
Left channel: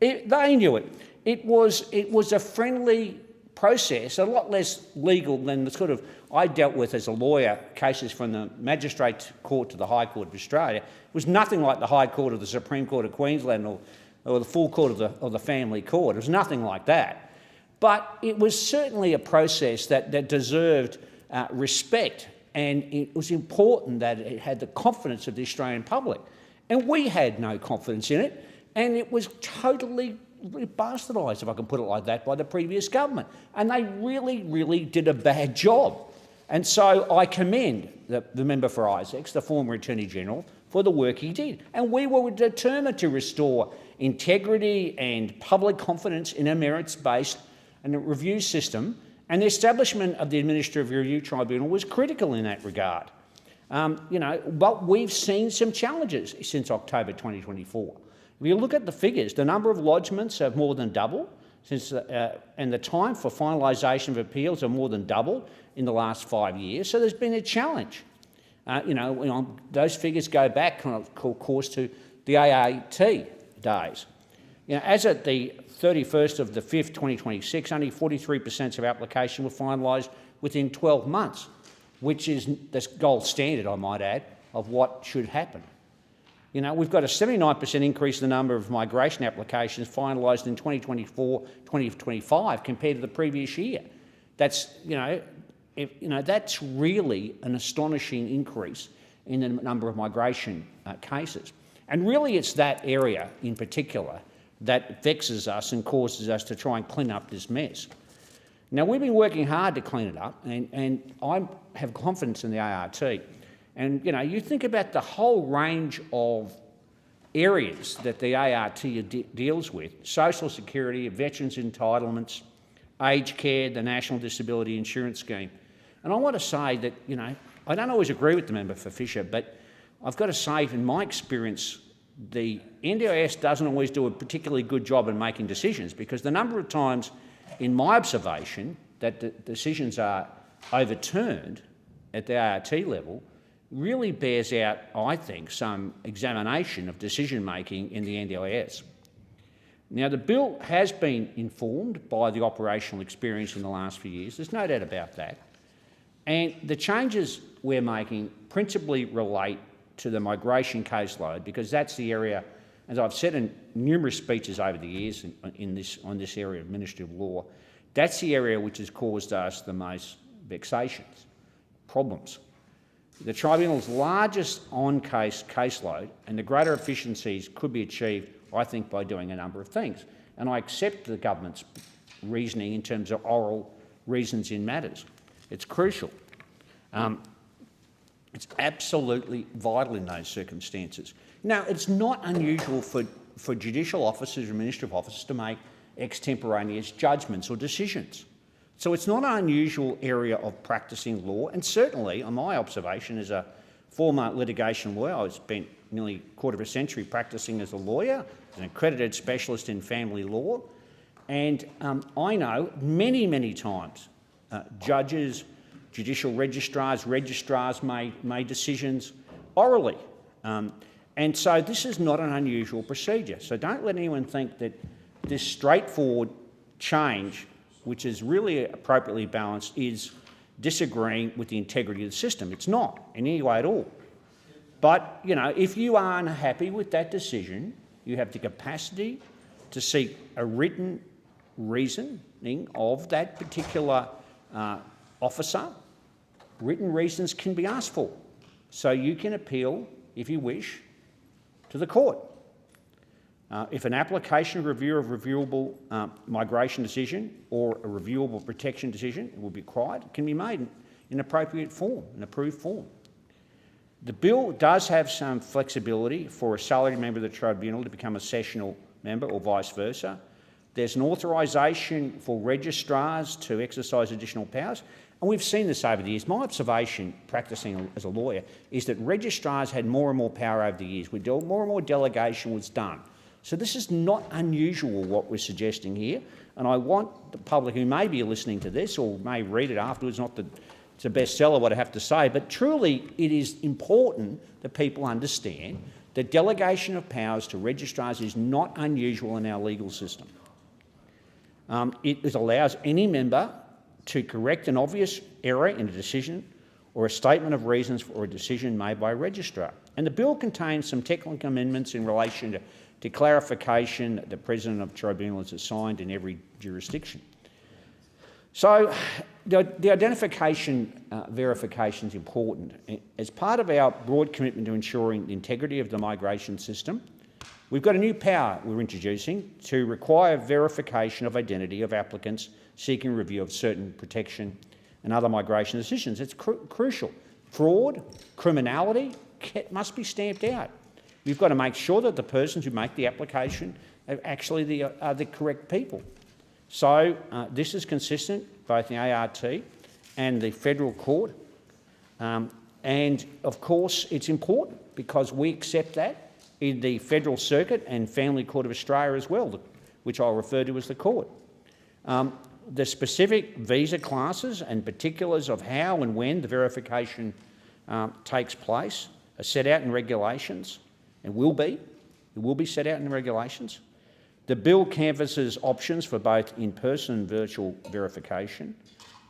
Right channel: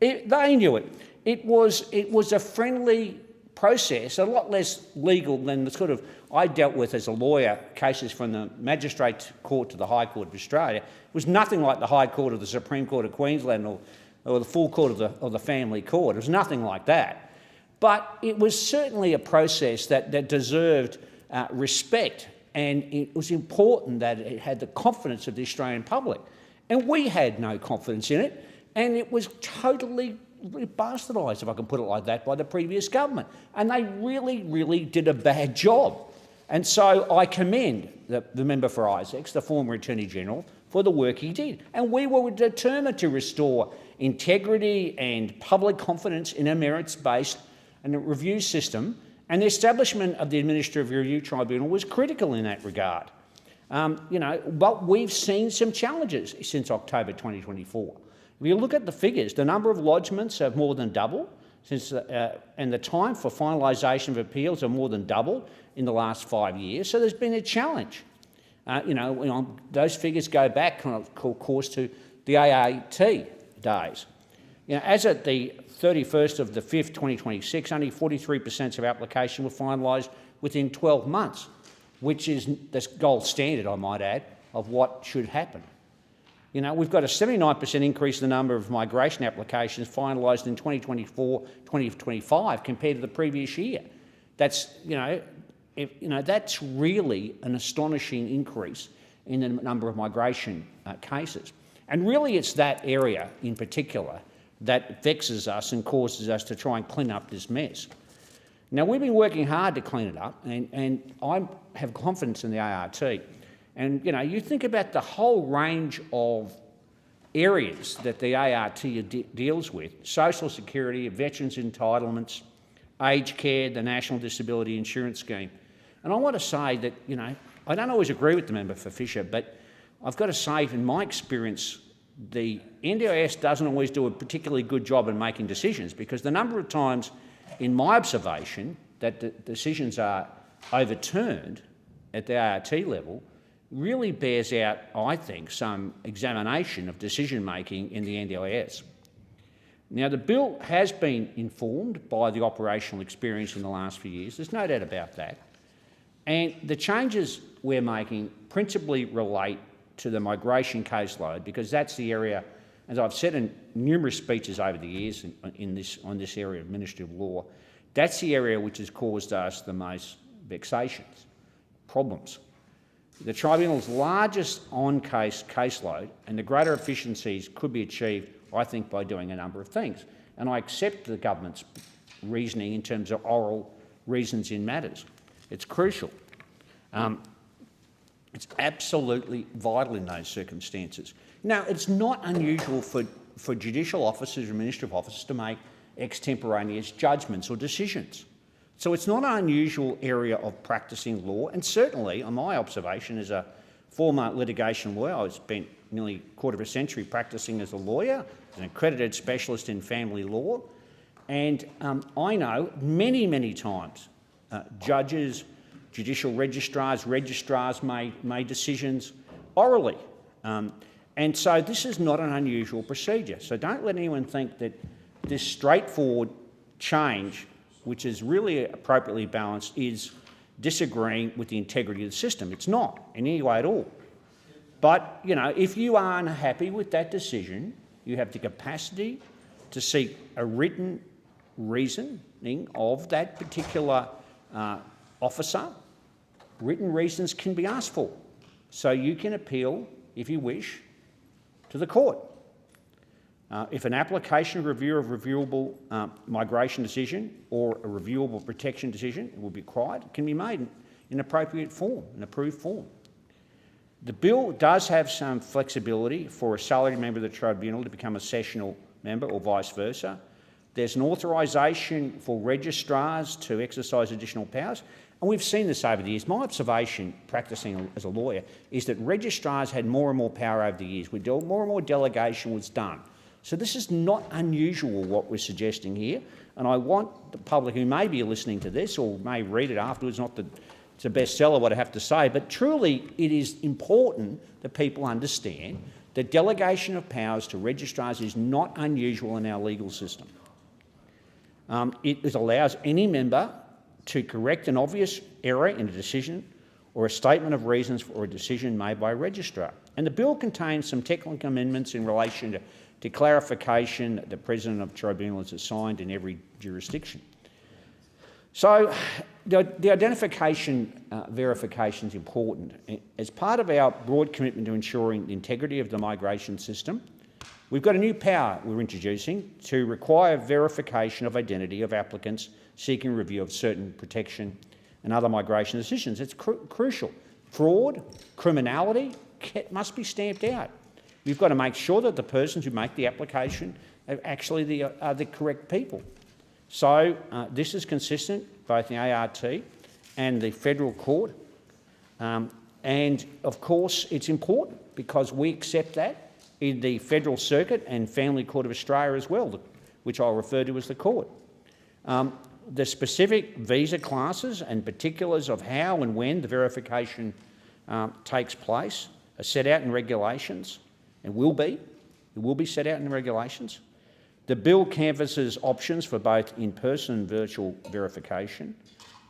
They knew it. It was a friendly process, a lot less legal than the sort of I dealt with as a lawyer, cases from the Magistrate Court to the High Court of Australia. It was nothing like the High Court of the Supreme Court of Queensland or the full court of the Family Court. It was nothing like that. But it was certainly a process that deserved respect, and it was important that it had the confidence of the Australian public. And we had no confidence in it, and it was totally bastardised, if I can put it like that, by the previous government. And they really, really did a bad job. And so I commend the member for Isaacs, the former Attorney-General, for the work he did. And we were determined to restore integrity and public confidence in a merits-based review system, and the establishment of the Administrative Review Tribunal was critical in that regard. But we've seen some challenges since October 2024. If you look at the figures, the number of lodgements have more than doubled, and the time for finalisation of appeals have more than doubled in the last 5 years. So there's been a challenge. Those figures go back, of course, to the AAT days. As at the 31st of the 5th, 2026, only 43% of applications were finalised within 12 months, which is the gold standard, I might add, of what should happen. We've got a 79% increase in the number of migration applications finalised in 2024-2025 compared to the previous year. That's, that's really an astonishing increase in the number of migration cases. And really it's that area in particular that vexes us and causes us to try and clean up this mess. Now, we've been working hard to clean it up, and I have confidence in the ART. And, you think about the whole range of areas that the ART deals with: social security, veterans' entitlements, aged care, the National Disability Insurance Scheme. And I want to say that, I don't always agree with the member for Fisher, but I've got to say, in my experience, the NDIS doesn't always do a particularly good job in making decisions, because the number of times, in my observation, that the decisions are overturned at the ART level really bears out, I think, some examination of decision-making in the NDIS. Now, the bill has been informed by the operational experience in the last few years. There's no doubt about that. And the changes we're making principally relate to the migration caseload, because that's the area, as I've said in numerous speeches over the years on this area of administrative law, That's the area which has caused us the most vexations, problems. The tribunal's largest on-case caseload and the greater efficiencies could be achieved, I think, by doing a number of things. And I accept the government's reasoning in terms of oral reasons in matters. It's crucial. It's absolutely vital in those circumstances. Now, it's not unusual for judicial officers or administrative officers to make extemporaneous judgments or decisions. So it's not an unusual area of practising law, and certainly, on my observation as a former litigation lawyer, I spent nearly a quarter of a century practising as a lawyer, an accredited specialist in family law, and I know many, many times judges, judicial registrars made decisions orally. And so this is not an unusual procedure. So don't let anyone think that this straightforward change, which is really appropriately balanced, is disagreeing with the integrity of the system. It's not in any way at all. But, you know, if you are unhappy with that decision, you have the capacity to seek a written reasoning of that particular officer. Written reasons can be asked for. So you can appeal, if you wish, to the court. If an application review of reviewable migration decision or a reviewable protection decision will be required, it can be made in appropriate form, an approved form. The bill does have some flexibility for a salaried member of the tribunal to become a sessional member or vice versa. There's an authorisation for registrars to exercise additional powers, and we've seen this over the years. My observation, practising as a lawyer, is that registrars had more and more power over the years. More and more delegation was done. So this is not unusual, what we're suggesting here, and I want the public who may be listening to this or may read it afterwards, not that it's a bestseller what I have to say, but truly it is important that people understand that delegation of powers to registrars is not unusual in our legal system. It allows any member to correct an obvious error in a decision or a statement of reasons for a decision made by a registrar. And the bill contains some technical amendments in relation to clarification that the President of the Tribunal is assigned in every jurisdiction. So the identification verification is important. As part of our broad commitment to ensuring the integrity of the migration system, we've got a new power we're introducing to require verification of identity of applicants seeking review of certain protection and other migration decisions. It's crucial. Fraud, criminality must be stamped out. You've got to make sure that the persons who make the application are actually the correct people. So this is consistent, both in the ART and the federal court. And of course, it's important because we accept that in the Federal Circuit and Family Court of Australia as well, which I'll refer to as the court. The specific visa classes and particulars of how and when the verification takes place are set out in regulations and will be set out in regulations. The bill canvasses options for both in-person and virtual verification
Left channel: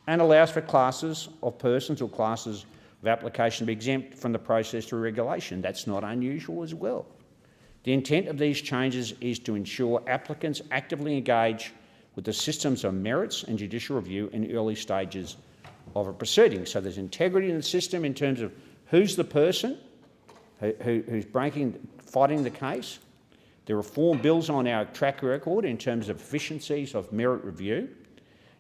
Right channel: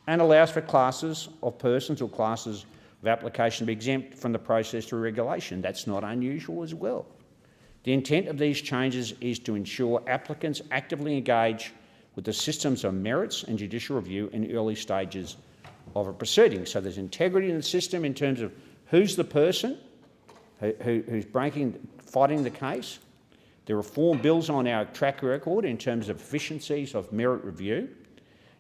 and allows for classes of persons or classes of application to be exempt from the process through regulation. That's not unusual as well. The intent of these changes is to ensure applicants actively engage with the systems of merits and judicial review in early stages of a proceeding. So there's integrity in the system in terms of who's the person who's fighting the case. The reform builds on our track record in terms of efficiencies of merit review,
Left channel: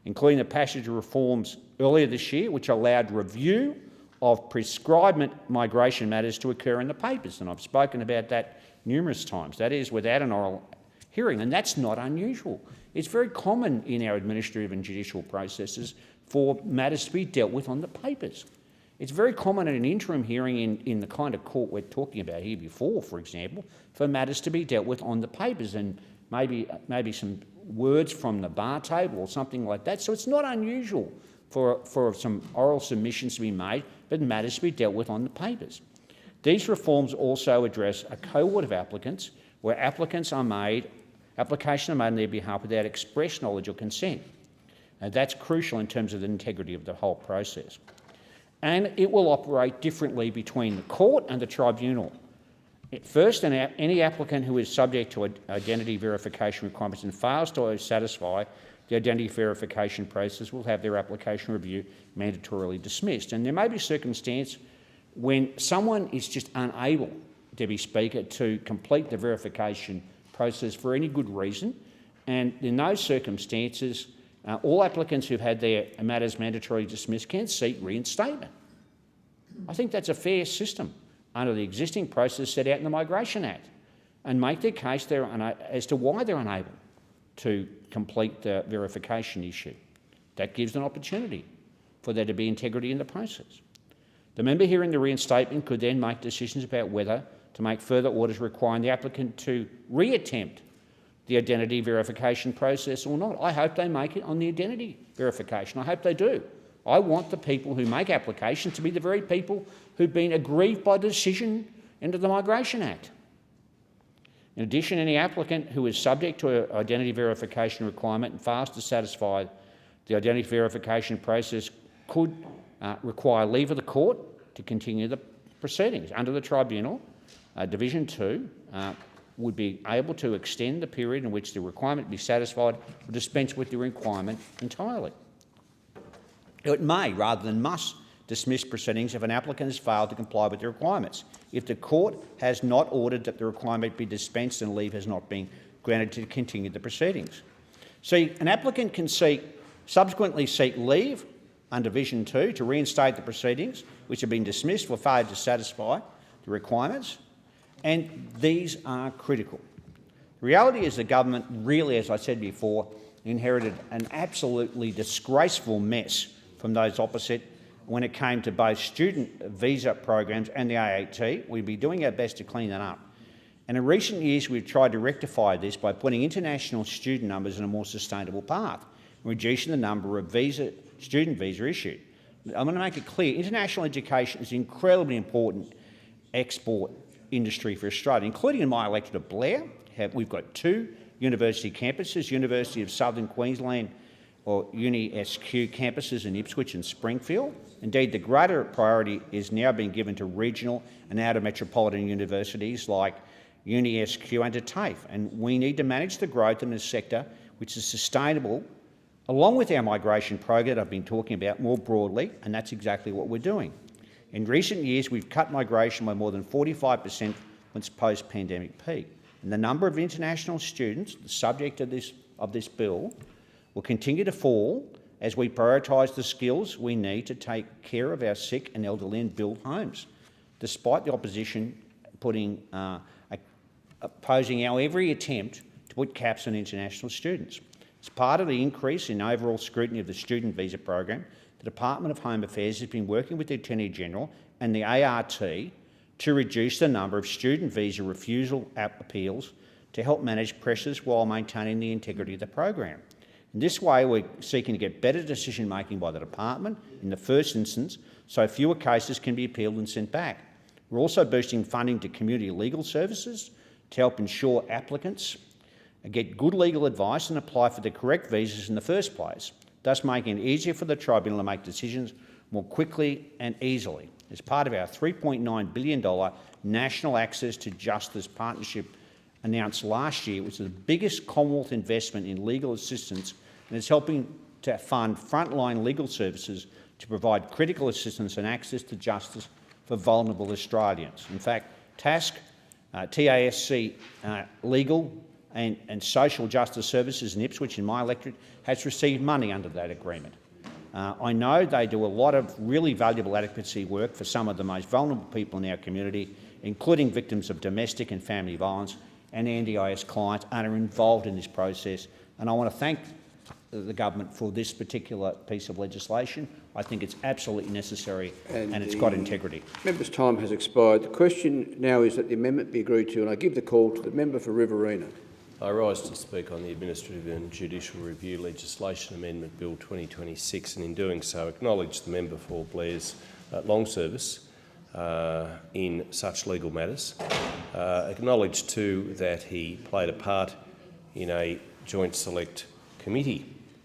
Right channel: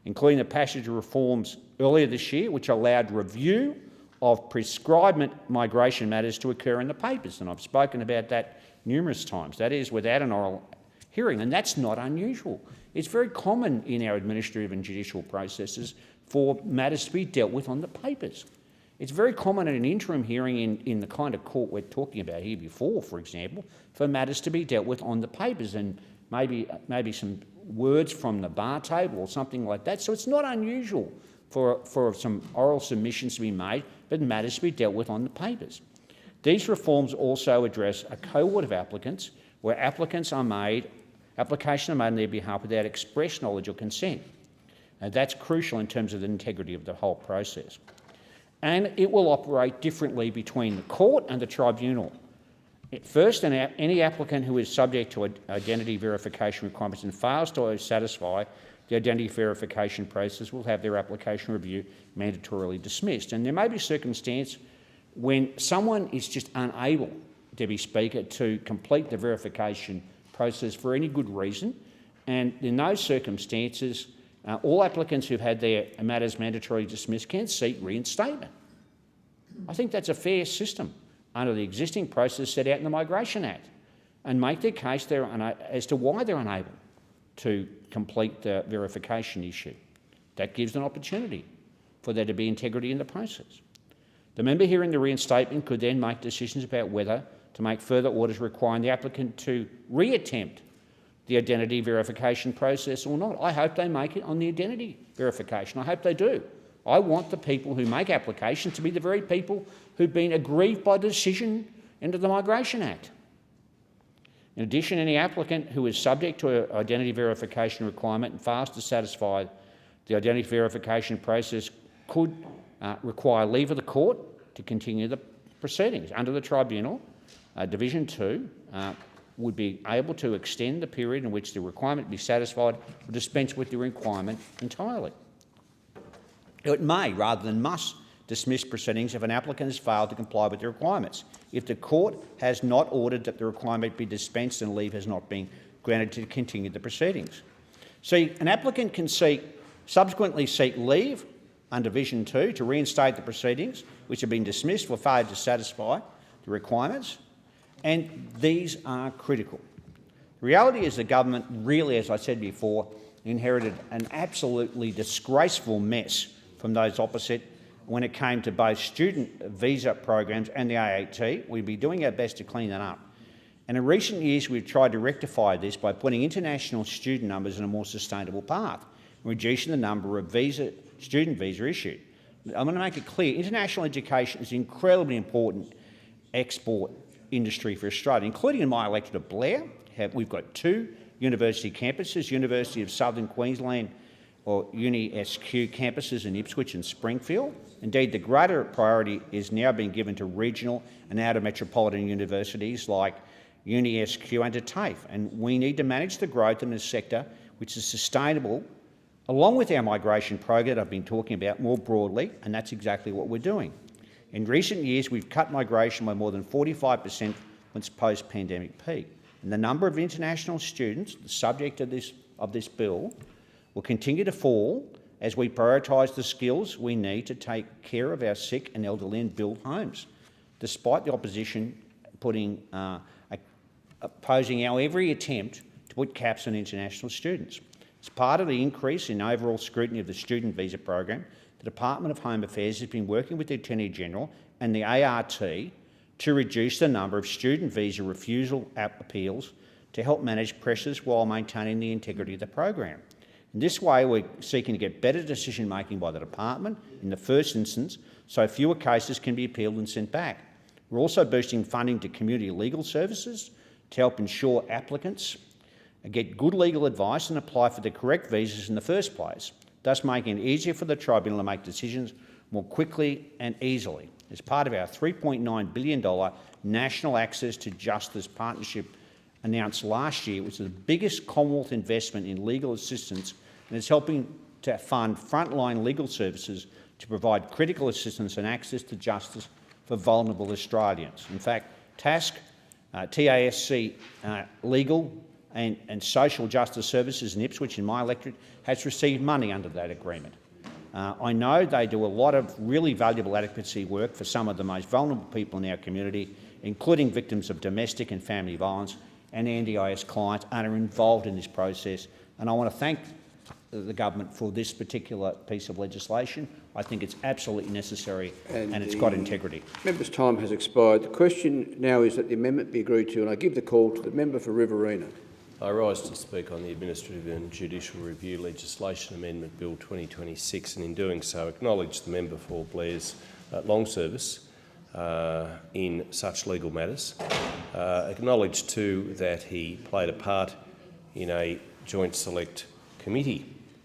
including the passage of reforms earlier this year, which allowed review of prescribed migration matters to occur in the papers. And I've spoken about that numerous times. That is, without an oral hearing, and that's not unusual. It's very common in our administrative and judicial processes for matters to be dealt with on the papers. It's very common at an interim hearing in the kind of court we're talking about here before, for example, for matters to be dealt with on the papers and maybe some words from the bar table or something like that. So it's not unusual for some oral submissions to be made, but matters to be dealt with on the papers. These reforms also address a cohort of applicants where applications are made on their behalf without express knowledge or consent. And that's crucial in terms of the integrity of the whole process. And it will operate differently between the court and the tribunal. First, any applicant who is subject to identity verification requirements and fails to satisfy the identity verification process will have their application review mandatorily dismissed. And there may be a circumstance when someone is just unable, Deputy Speaker, to complete the verification process for any good reason, and in those circumstances, all applicants who've had their matters mandatorily dismissed can seek reinstatement. I think that's a fair system under the existing process set out in the Migration Act, and make their case as to why they're unable to complete the verification issue. That gives an opportunity for there to be integrity in the process. The member hearing the reinstatement could then make decisions about whether to make further orders requiring the applicant to reattempt the identity verification process or not. I hope they make it on the identity verification. I hope they do. I want the people who make applications to be the very people who've been aggrieved by the decision under the Migration Act. In addition, any applicant who is subject to an identity verification requirement and fails to satisfy the identity verification process could require leave of the court to continue the proceedings. Under the tribunal, Division 2 would be able to extend the period in which the requirement be satisfied or dispense with the requirement entirely. It may, rather than must, dismiss proceedings if an applicant has failed to comply with the requirements, if the court has not ordered that the requirement be dispensed and leave has not been granted to continue the proceedings. See, an applicant can subsequently seek leave under Division 2 to reinstate the proceedings which have been dismissed for failure to satisfy the requirements, and these are critical. The reality is the government really, as I said before, inherited an absolutely disgraceful mess from those opposite when it came to both student visa programs and the AAT. We'll be doing our best to clean that up. And in recent years, we've tried to rectify this by putting international student numbers in a more sustainable path, reducing the number of student visa issued. I'm going to make it clear, international education is an incredibly important export industry for Australia, including in my electorate of Blair. We've got 2 university campuses, University of Southern Queensland or Uni-SQ campuses in Ipswich and Springfield. Indeed, the greater priority is now being given to regional and outer metropolitan universities like Uni-SQ and to TAFE, and we need to manage the growth in this sector which is sustainable, along with our migration program that I've been talking about more broadly, and that's exactly what we're doing. In recent years, we've cut migration by more than 45% from its post-pandemic peak, and the number of international students, the subject of this bill, will continue to fall as we prioritise the skills we need to take care of our sick and elderly and build homes, despite the opposition opposing our every attempt to put caps on international students. As part of the increase in overall scrutiny of the student visa program, the Department of Home Affairs has been working with the Attorney-General and the ART to reduce the number of student visa refusal appeals to help manage pressures while maintaining the integrity of the program. In this way, we're seeking to get better decision-making by the department in the first instance, so fewer cases can be appealed and sent back. We're also boosting funding to community legal services to help ensure applicants get good legal advice and apply for the correct visas in the first place, thus making it easier for the tribunal to make decisions more quickly and easily. As part of our $3.9 billion National Access to Justice Partnership announced last year, which is the biggest Commonwealth investment in legal assistance, and is helping to fund frontline legal services to provide critical assistance and access to justice for vulnerable Australians. In fact, TASC, Legal and Social Justice Services in Ipswich, in my electorate, has received money under that agreement. I know they do a lot of really valuable advocacy work for some of the most vulnerable people in our community, including victims of domestic and family violence and NDIS clients, and are involved in this process. And I want to thank the government for this particular piece of legislation. I think it's absolutely necessary and it's got integrity. Member's time has expired. The question now is that the amendment be agreed to, and I give the call to the member for Riverina. I rise to speak on the Administrative and Judicial Review Legislation Amendment Bill 2026, and in doing so acknowledge the member for Blair's long service in such legal matters. Acknowledge too that he played a part in a joint select committee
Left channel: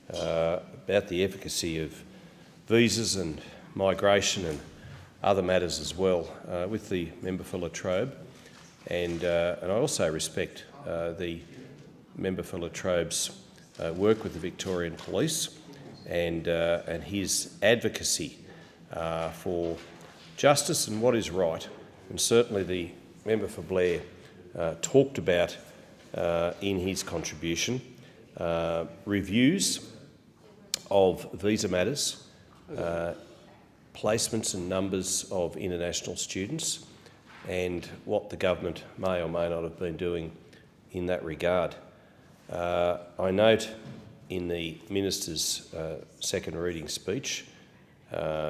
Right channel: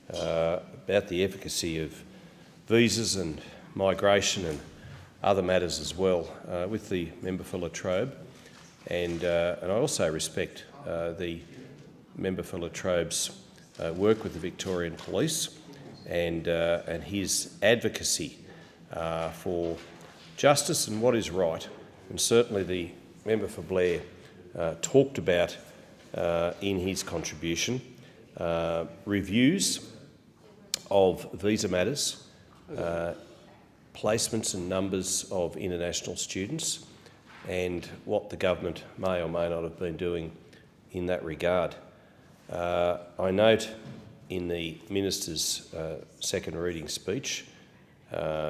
about the efficacy of visas and migration and other matters as well with the member for Latrobe. And I also respect the member for Latrobe's work with the Victorian Police and his advocacy for justice and what is right. And certainly the member for Blair talked about in his contribution reviews of visa matters, placements and numbers of international students, and what the government may or may not have been doing in that regard. I note in the Minister's second reading speech,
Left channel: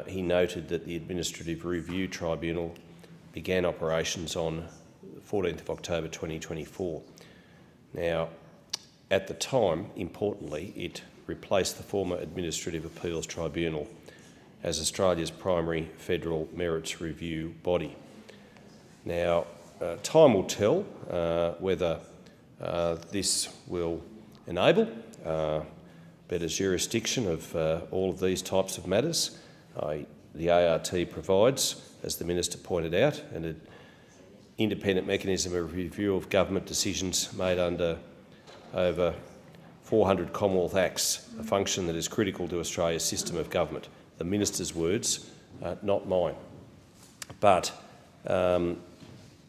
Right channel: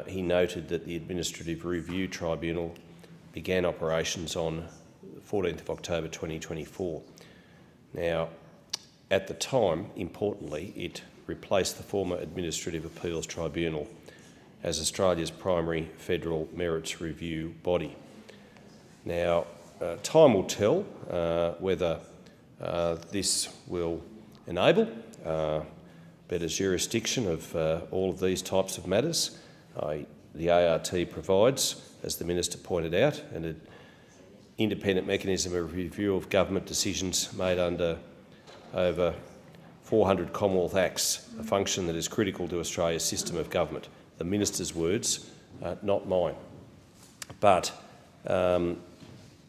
he noted that the Administrative Review Tribunal began operations on the 14th of October 2024. Now, at the time, importantly, it replaced the former Administrative Appeals Tribunal as Australia's primary federal merits review body. Now, time will tell whether this will enable better jurisdiction of all of these types of matters. The ART provides, as the Minister pointed out, an independent mechanism of review of government decisions made under over 400 Commonwealth Acts, a function that is critical to Australia's system of government. The Minister's words, not mine. But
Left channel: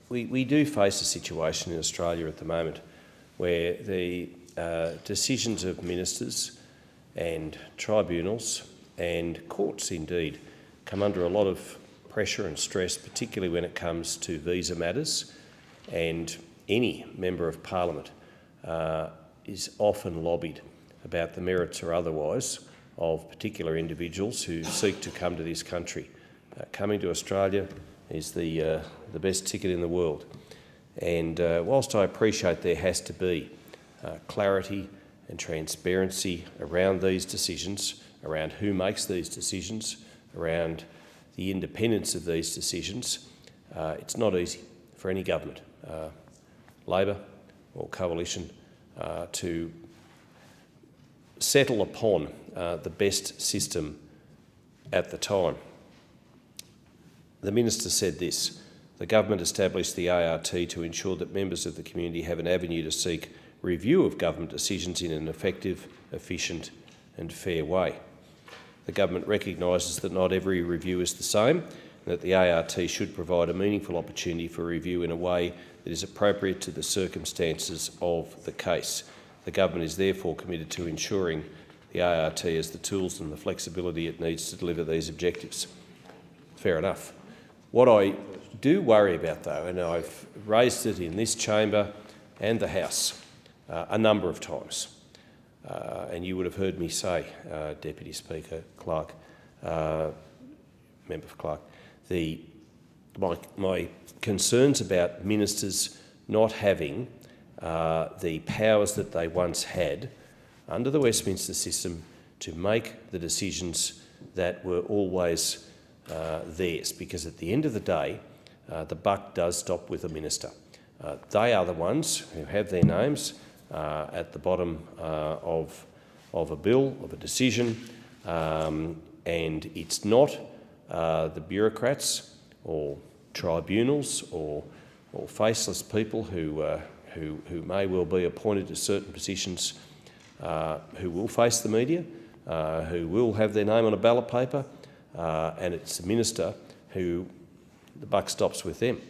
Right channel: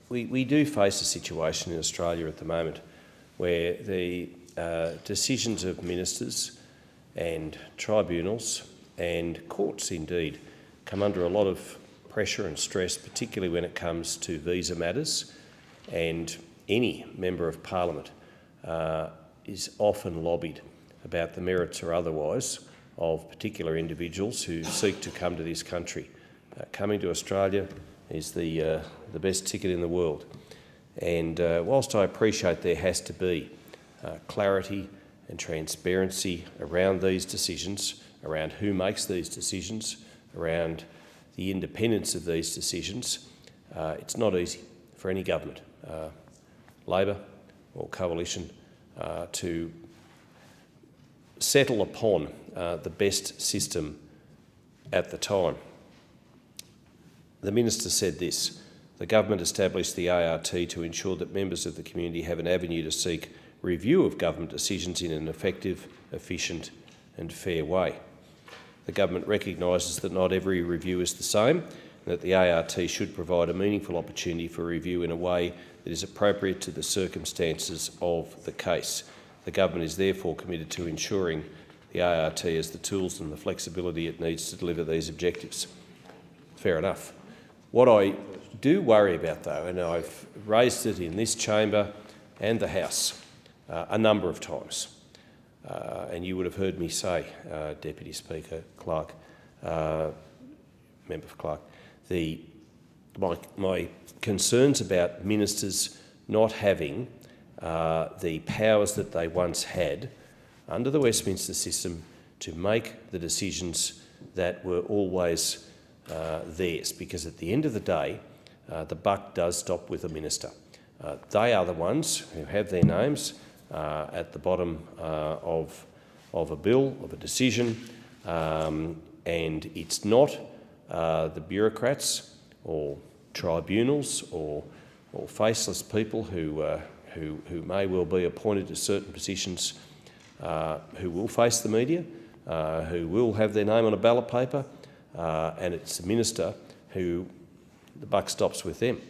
we do face a situation in Australia at the moment where the decisions of ministers and tribunals and courts indeed come under a lot of pressure and stress, particularly when it comes to visa matters, and any member of Parliament is often lobbied about the merits or otherwise of particular individuals who seek to come to this country. Coming to Australia is the best ticket in the world. And whilst I appreciate there has to be clarity and transparency around these decisions, around who makes these decisions, around the independence of these decisions, it's not easy for any government, Labor or coalition, to settle upon the best system at the time. The Minister said this: the government established the ART to ensure that members of the community have an avenue to seek review of government decisions in an effective, efficient and fair way. The government recognises that not every review is the same and that the ART should provide a meaningful opportunity for review in a way that is appropriate to the circumstances of the case. The government is therefore committed to ensuring the ART has the tools and the flexibility it needs to deliver these objectives. Fair enough. What I do worry about, though, and I've raised it in this chamber and the House a number of times, and you would have heard me say, Deputy Speaker Clark, Member for Clark, my concerns about ministers not having the powers that they once had under the Westminster system to make the decisions that were always theirs, because at the end of the day, the buck does stop with the minister. They are the ones who have their names at the bottom of a bill, of a decision, and it's not the bureaucrats or tribunals or faceless people who may well be appointed to certain positions who will face the media, who will have their name on a ballot paper, and it's the minister who the buck stops with them,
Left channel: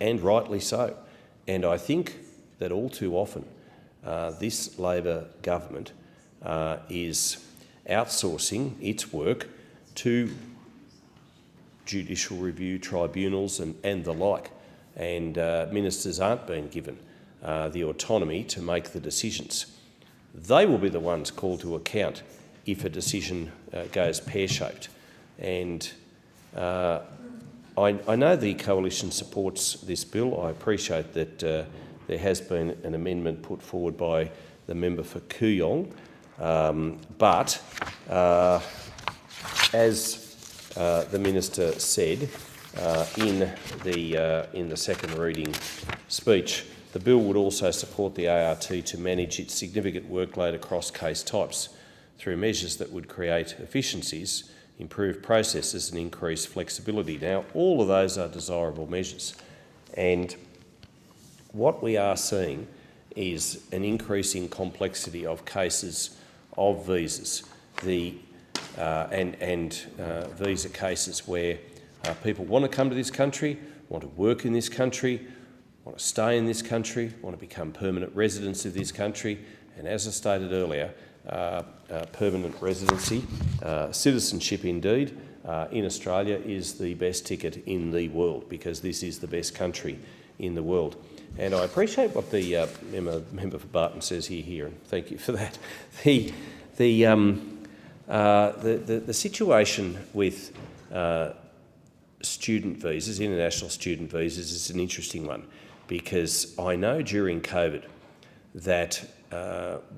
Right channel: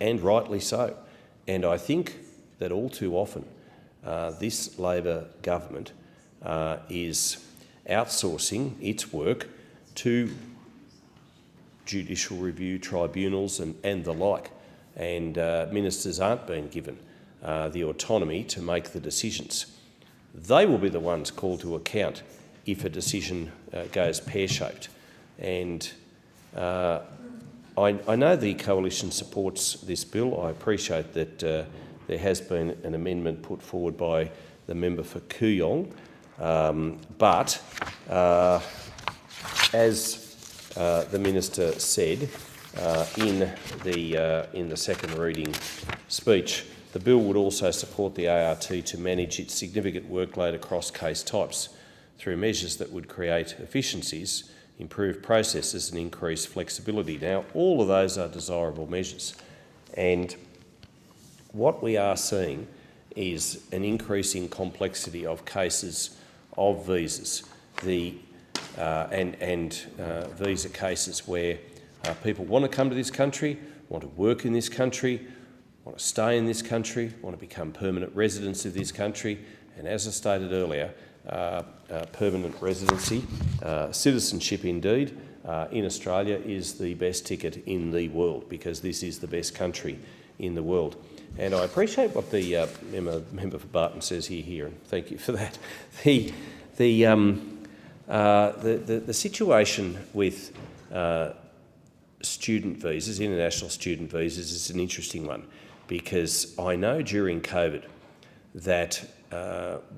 and rightly so. And I think that all too often this Labor government is outsourcing its work to judicial review tribunals and the like, and ministers aren't being given the autonomy to make the decisions. They will be the ones called to account if a decision goes pear-shaped. And I know the coalition supports this bill. I appreciate that there has been an amendment put forward by the member for Kooyong, but as the minister said in the second reading speech, the bill would also support the ART to manage its significant workload across case types through measures that would create efficiencies, improve processes and increase flexibility. Now, all of those are desirable measures, and what we are seeing is an increasing complexity of cases of visas, and visa cases where people want to come to this country, want to work in this country, want to stay in this country, want to become permanent residents of this country, and as I stated earlier, permanent residency, citizenship indeed, in Australia is the best ticket in the world, because this is the best country in the world. And I appreciate what the member for Barton says here, and thank you for that. The situation with student visas, international student visas, is an interesting one, because I know during COVID that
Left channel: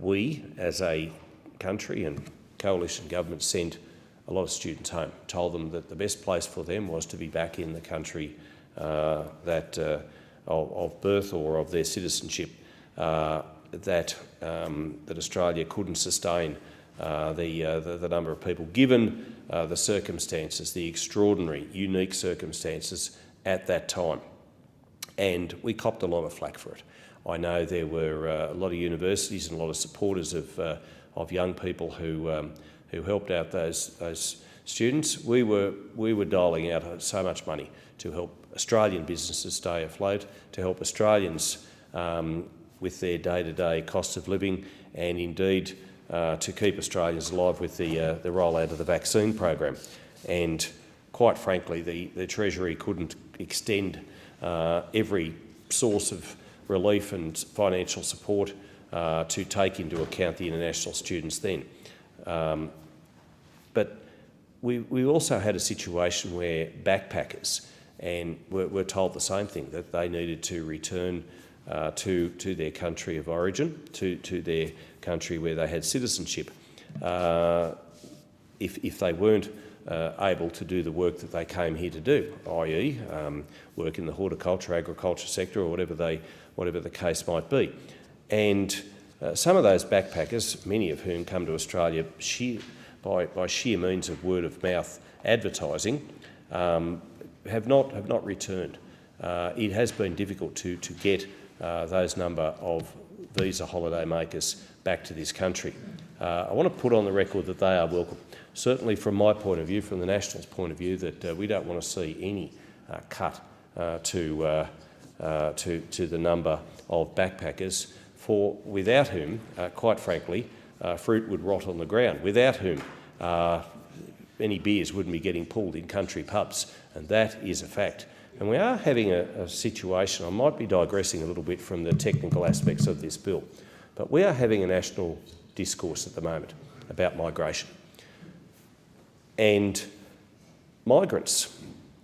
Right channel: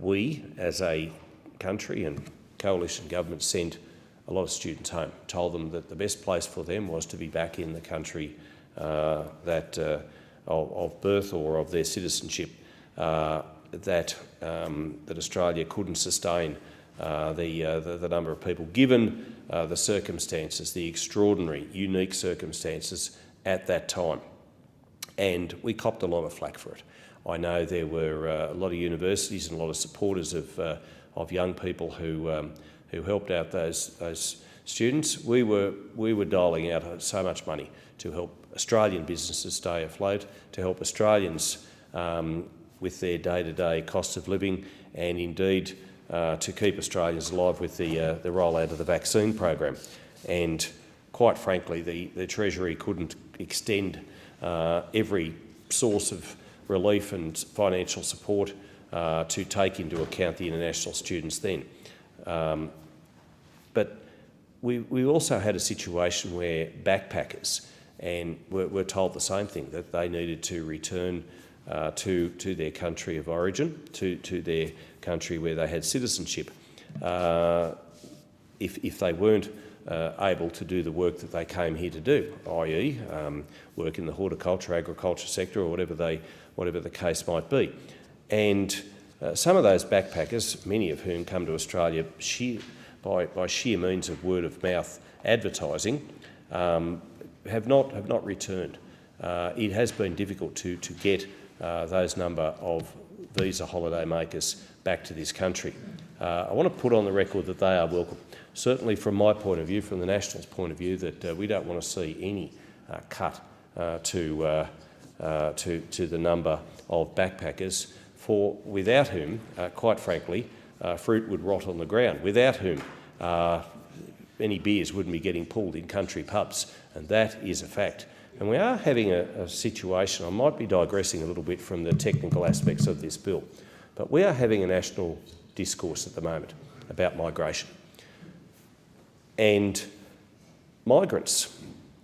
we, as a country and coalition government, sent a lot of students home, told them that the best place for them was to be back in the country of birth or of their citizenship, that Australia couldn't sustain the number of people, given the circumstances, the extraordinary, unique circumstances at that time. And we copped a lot of flack for it. I know there were a lot of universities and a lot of supporters of young people who helped out those students. We were dialing out so much money to help Australian businesses stay afloat, to help Australians with their day-to-day cost of living, and indeed to keep Australians alive with the rollout of the vaccine program. And quite frankly, the Treasury couldn't extend every source of relief and financial support to take into account the international students then. But we also had a situation where backpackers were told the same thing, that they needed to return to their country of origin, to their country where they had citizenship, if they weren't able to do the work that they came here to do, i.e. work in the horticulture, agriculture sector, or whatever the case might be. And some of those backpackers, many of whom come to Australia by sheer means of word-of-mouth advertising, have not returned. It has been difficult to get those number of visa holiday makers back to this country. I want to put on the record that they are welcome. Certainly from my point of view, from the Nationals' point of view, that we don't want to see any cut to the number of backpackers, without whom, quite frankly, fruit would rot on the ground, without whom any beers wouldn't be getting pulled in country pubs, and that is a fact. And we are having a situation, I might be digressing a little bit from the technical aspects of this bill, but we are having a national discourse at the moment about migration. And migrants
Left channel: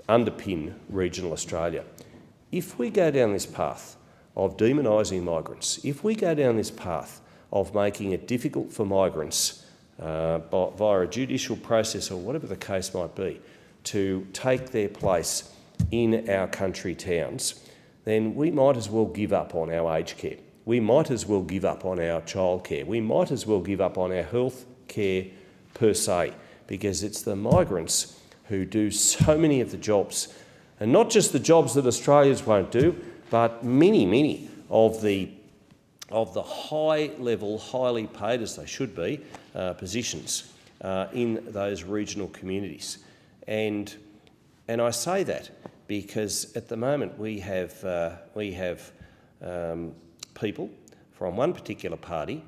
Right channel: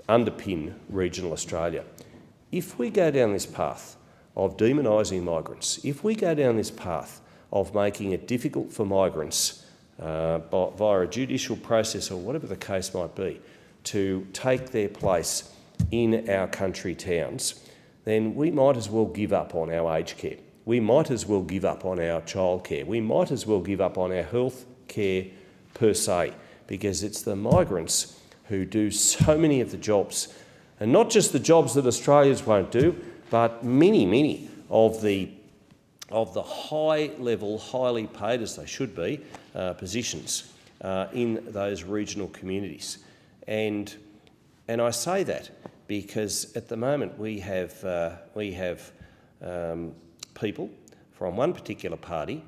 underpin regional Australia. If we go down this path of demonising migrants, if we go down this path of making it difficult for migrants via a judicial process or whatever the case might be to take their place in our country towns, then we might as well give up on our aged care. We might as well give up on our childcare. We might as well give up on our health care per se, because it's the migrants who do so many of the jobs, and not just the jobs that Australians won't do, but many of the high-level, highly paid, as they should be, positions in those regional communities. And I say that because at the moment we have people from one particular party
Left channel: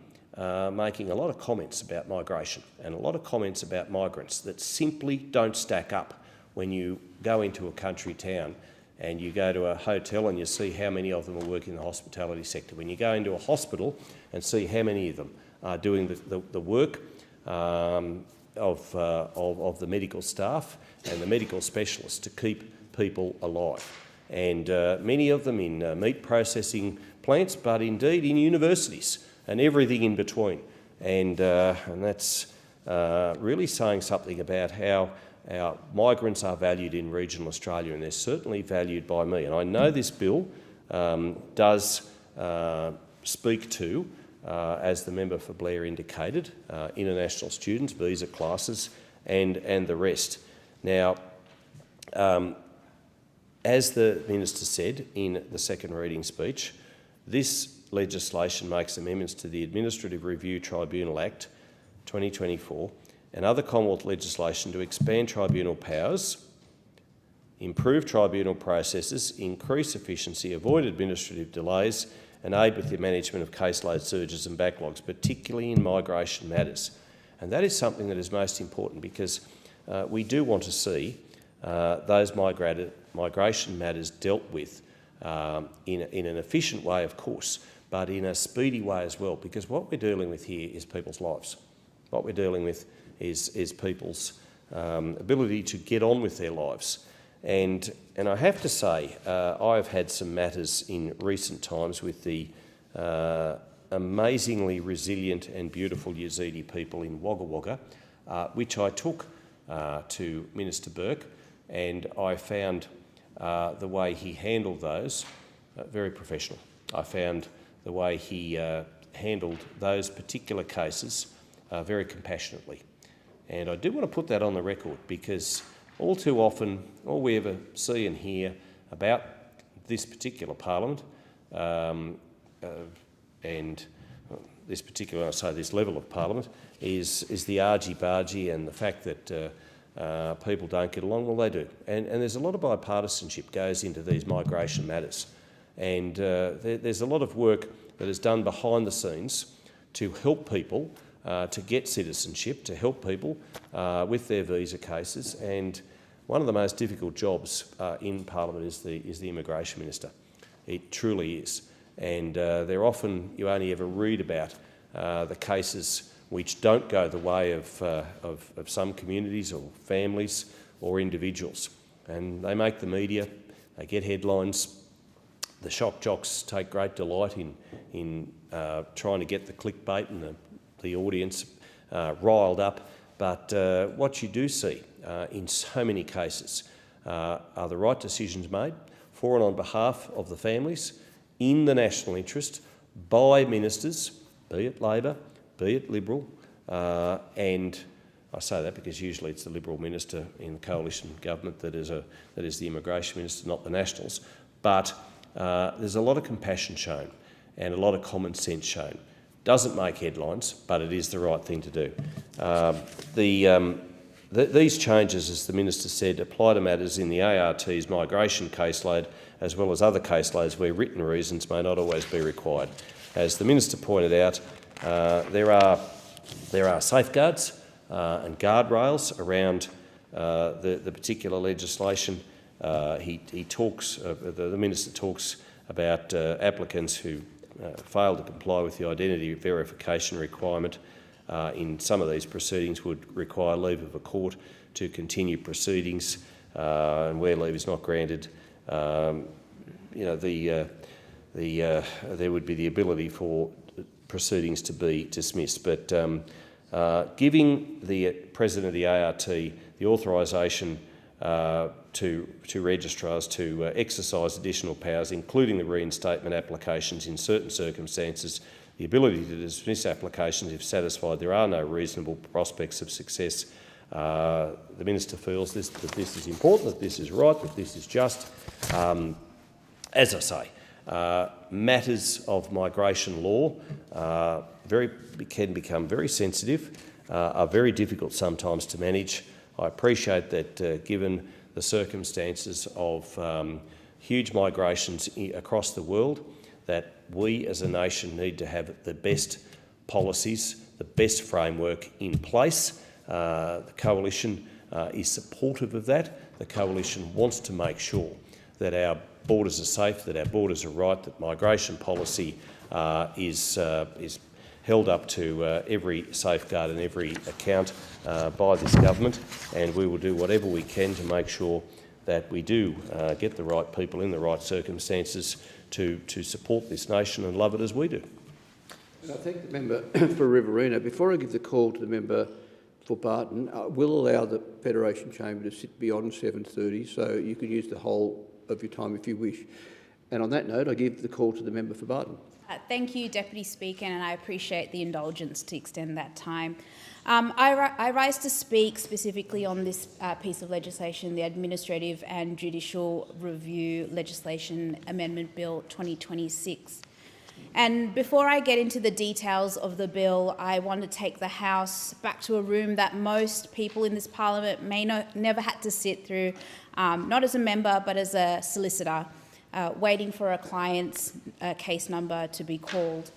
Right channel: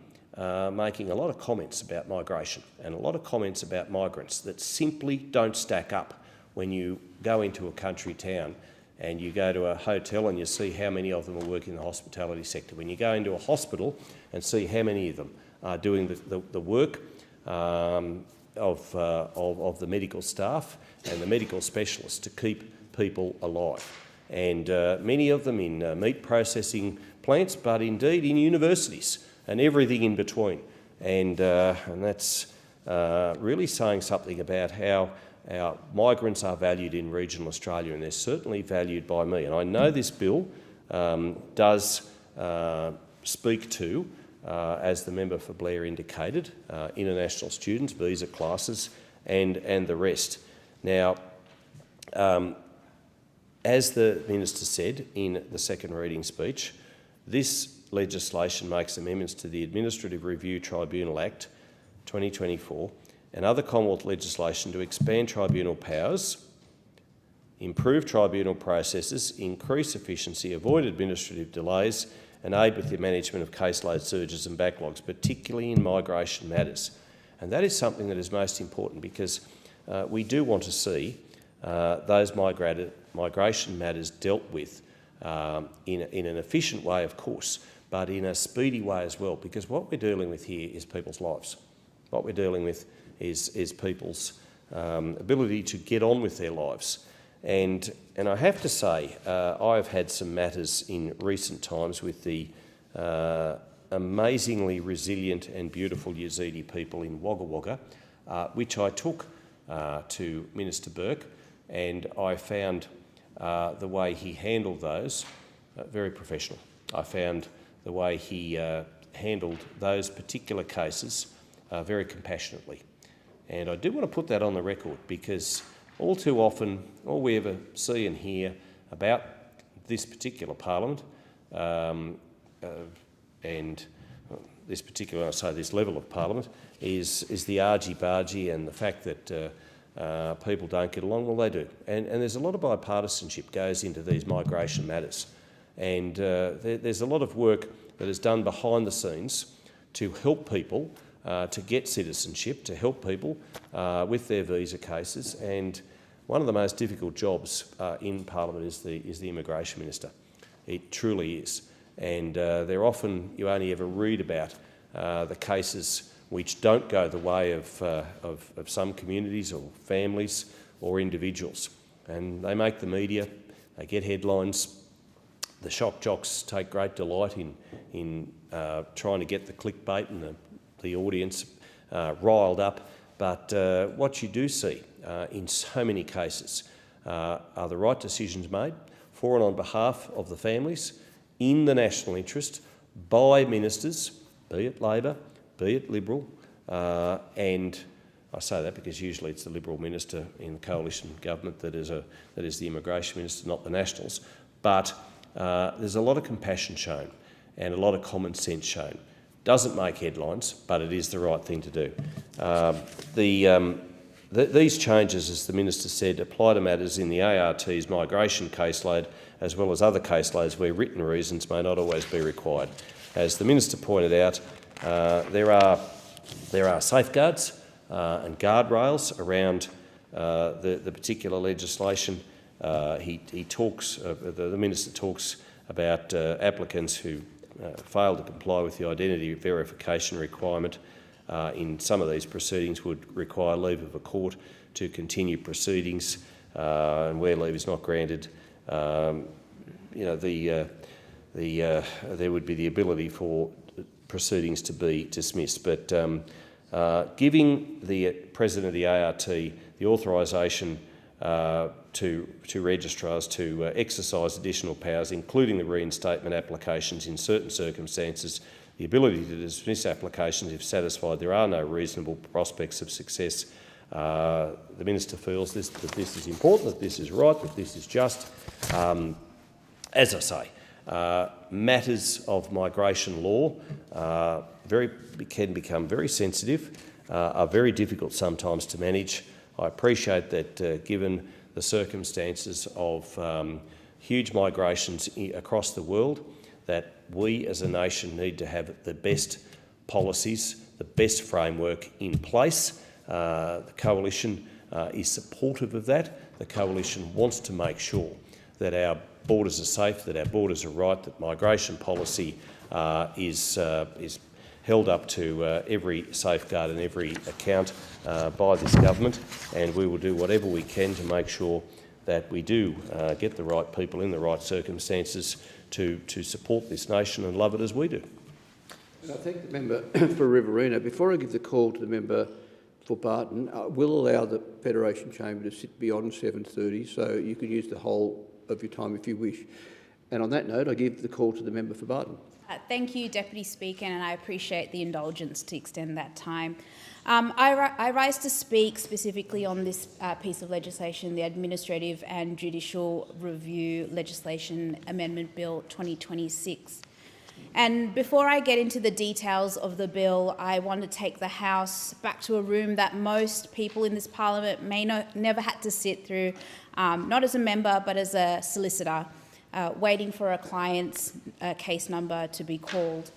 making a lot of comments about migration and a lot of comments about migrants that simply don't stack up when you go into a country town and you go to a hotel and you see how many of them are working in the hospitality sector. When you go into a hospital and see how many of them are doing the work of the medical staff and the medical specialists to keep people alive. And many of them in meat processing plants, but indeed in universities and everything in between. And that's really saying something about how our migrants are valued in regional Australia, and they're certainly valued by me. And I know this bill does speak to, as the member for Blair indicated, international students, visa classes and the rest. Now, as the Minister said in the second reading speech, This legislation makes amendments to the Administrative Review Tribunal Act 2024 and other Commonwealth legislation to expand tribunal powers, improve tribunal processes, increase efficiency, avoid administrative delays and aid with the management of caseload surges and backlogs, particularly in migration matters. And that is something that is most important because we do want to see those migration matters dealt with in an efficient way, of course, but in a speedy way as well, because what we're dealing with here is people's lives. What we're dealing with is people's ability to get on with their lives. And I have to say, I've had some matters in recent times with the amazingly resilient and beautiful Yazidi people in Wagga Wagga, which I took to Minister Burke, and I found the way he handled those very professional. I found the way he handled those particular cases very compassionately. And I do want to put that on the record because all too often, all we ever see and hear about this particular parliament and this particular, I say this level of parliament, is the argy-bargy and the fact that people don't get along. Well, they do. And there's a lot of bipartisanship goes into these migration matters. And there's a lot of work that is done behind the scenes to help people to get citizenship, to help people with their visa cases. And one of the most difficult jobs in Parliament is the Immigration Minister. It truly is. And they're often, you only ever read about the cases which don't go the way of some communities or families or individuals. And they make the media, they get headlines. The shock jocks take great delight in trying to get the clickbait and the audience riled up. But what you do see in so many cases are the right decisions made for and on behalf of the families in the national interest by ministers, be it Labor, be it Liberal, and I say that because usually it's the Liberal minister in the coalition government that is the Immigration Minister, not the Nationals. But there's a lot of compassion shown and a lot of common sense shown. Doesn't make headlines, but it is the right thing to do. These changes, as the Minister said, apply to matters in the ART's migration caseload as well as other caseloads where written reasons may not always be required. As the Minister pointed out, there are safeguards and guardrails around the particular legislation. He talks, the Minister talks about applicants who fail to comply with the identity verification requirement in some of these proceedings would require leave of a court to continue proceedings, and where leave is not granted, there would be the ability for proceedings to be dismissed. But giving the President of the ART the authorisation to registrars to exercise additional powers, including the reinstatement applications in certain circumstances, the ability to dismiss applications if satisfied there are no reasonable prospects of success. The Minister feels that this is important, that this is right, that this is just. As I say, matters of migration law can become very sensitive, are very difficult sometimes to manage. I appreciate that given the circumstances of huge migrations across the world, that we as a nation need to have the best policies, the best framework in place. The Coalition is supportive of that. The Coalition wants to make sure that our borders are safe, that our borders are right, that migration policy is held up to every safeguard and every account by this government, and we will do whatever we can to make sure that we do get the right people in the right circumstances to support this nation and love it as we do. And I thank the member for Riverina. Before I give the call to the member for Barton, I will allow the Federation Chamber to sit beyond 7:30, so you can use the whole of your time if you wish. And on that note, I give the call to the member for Barton. Thank you, Deputy Speaker, and I appreciate the indulgence to extend that time. I rise to speak specifically on this piece of legislation, the Administrative and Judicial Review Legislation Amendment Bill 2026. And before I get into the details of the bill, I want to take the House back to a room that most people in this Parliament may never had to sit through, not as a member but as a solicitor, waiting for a client's case number to be called.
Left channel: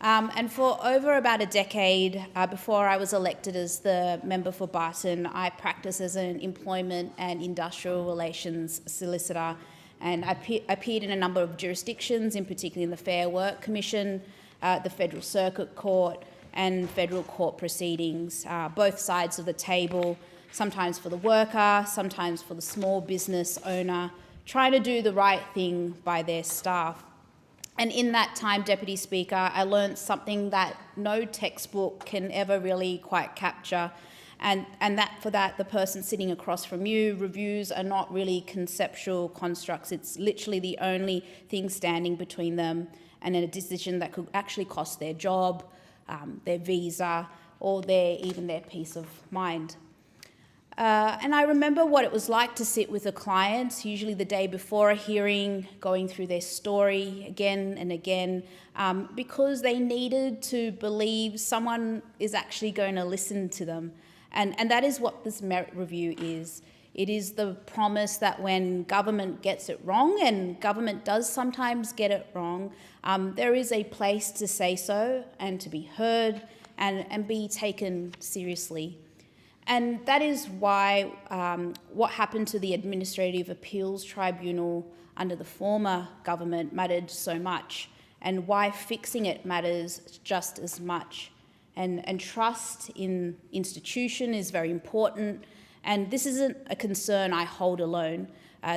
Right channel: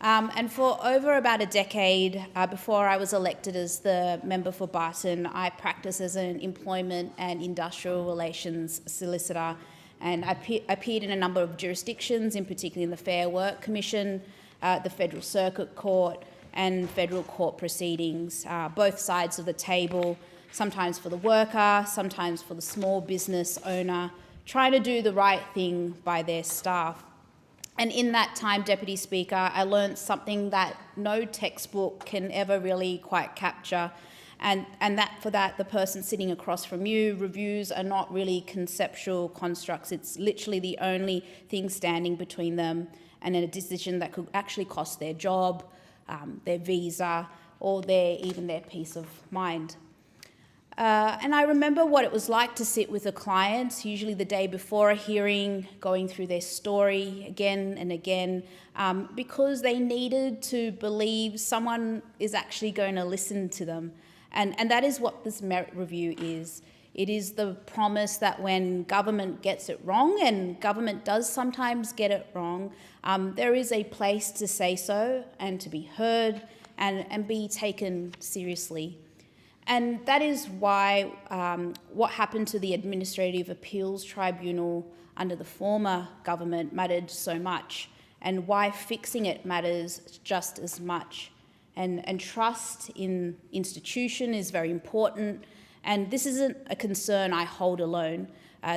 And for over about a decade, before I was elected as the member for Barton, I practiced as an employment and industrial relations solicitor, and I appeared in a number of jurisdictions, in particular in the Fair Work Commission, the Federal Circuit Court and federal court proceedings, both sides of the table, sometimes for the worker, sometimes for the small business owner, trying to do the right thing by their staff. And in that time, Deputy Speaker, I learned something that no textbook can ever really quite capture, and for that, the person sitting across from you, reviews are not really conceptual constructs. It's literally the only thing standing between them and a decision that could actually cost their job, their visa, or even their peace of mind. And I remember what it was like to sit with a client, usually the day before a hearing, going through their story again and again, because they needed to believe someone is actually going to listen to them. And that is what this merit review is. It is the promise that when government gets it wrong, and government does sometimes get it wrong, there is a place to say so and to be heard and be taken seriously. And that is why what happened to the Administrative Appeals Tribunal under the former government mattered so much, and why fixing it matters just as much. And trust in institution is very important, and this isn't a concern I hold alone.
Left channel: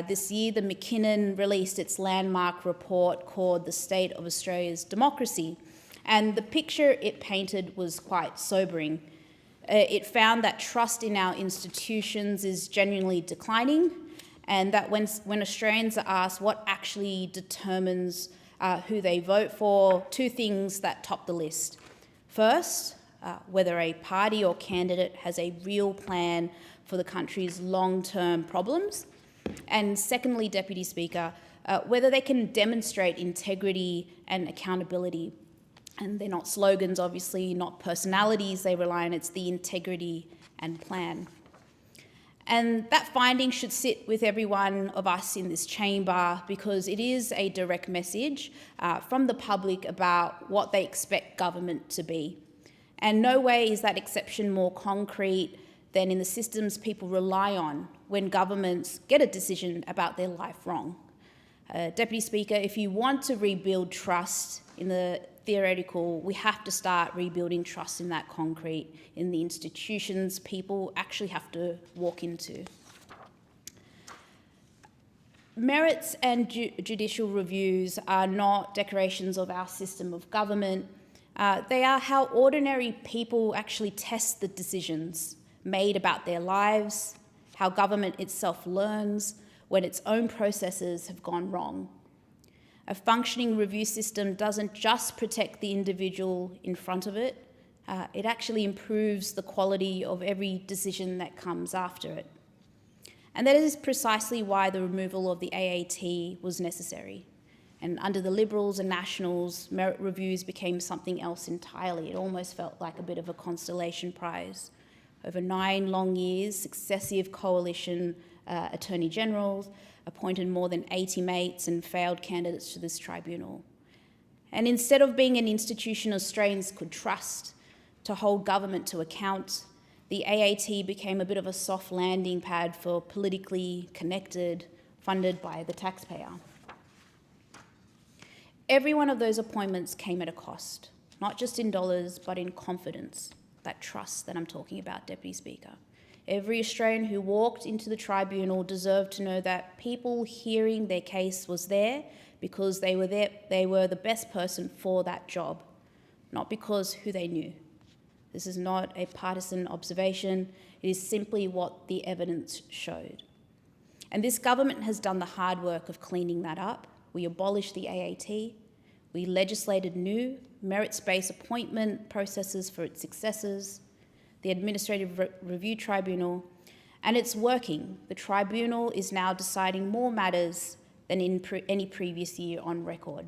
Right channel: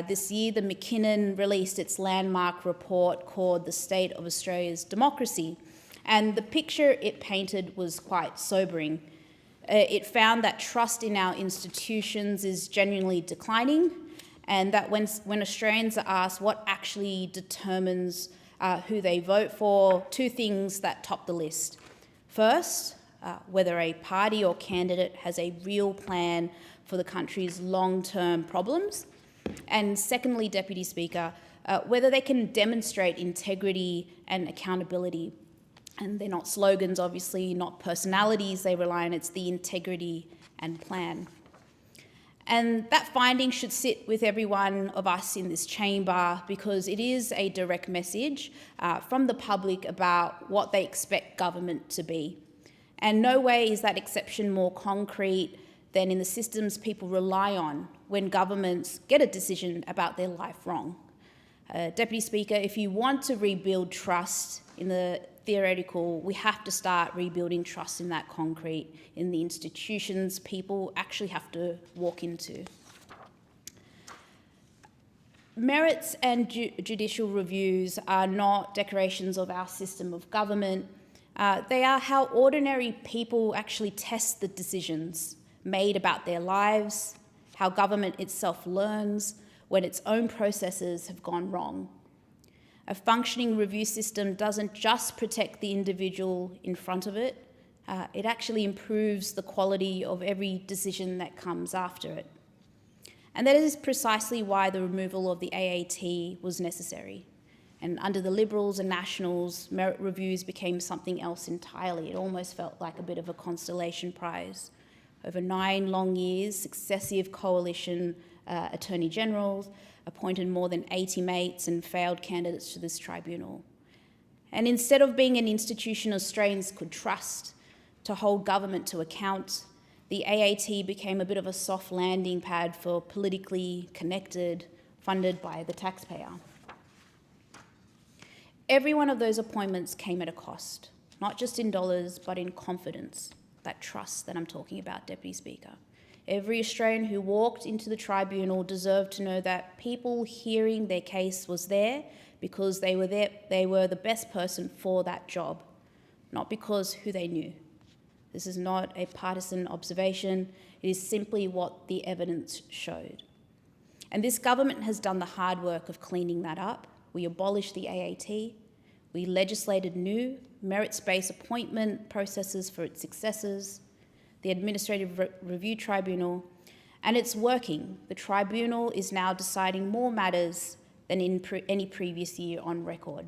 This year, the McKinnon released its landmark report called The State of Australia's Democracy, and the picture it painted was quite sobering. It found that trust in our institutions is genuinely declining, and that when Australians are asked what actually determines who they vote for, two things that top the list. First, whether a party or candidate has a real plan for the country's long-term problems. And secondly, Deputy Speaker, whether they can demonstrate integrity and accountability. And they're not slogans, obviously, not personalities they rely on, it's the integrity and plan. And that finding should sit with every one of us in this chamber, because it is a direct message from the public about what they expect government to be. And no way is that exception more concrete than in the systems people rely on when governments get a decision about their life wrong. Deputy Speaker, if you want to rebuild trust in the theoretical, we have to start rebuilding trust in that concrete, in the institutions people actually have to walk into. Merits and judicial reviews are not decorations of our system of government. They are how ordinary people actually test the decisions made about their lives, how government itself learns when its own processes have gone wrong. A functioning review system doesn't just protect the individual in front of it, it actually improves the quality of every decision that comes after it. And that is precisely why the removal of the AAT was necessary. And under the Liberals and Nationals, merit reviews became something else entirely. It almost felt like a bit of a consolation prize. Over 9 long years, successive coalition Attorney Generals appointed more than 80 mates and failed candidates to this tribunal. And instead of being an institution Australians could trust to hold government to account, the AAT became a bit of a soft landing pad for politically connected, funded by the taxpayer. Every one of those appointments came at a cost, not just in dollars, but in confidence, that trust that I'm talking about, Deputy Speaker. Every Australian who walked into the tribunal deserved to know that people hearing their case was there because they were the best person for that job, not because who they knew. This is not a partisan observation, it is simply what the evidence showed. And this government has done the hard work of cleaning that up. We abolished the AAT, we legislated new merits-based appointment processes for its successors, the Administrative Review Tribunal, and it's working. The tribunal is now deciding more matters than in any previous year on record.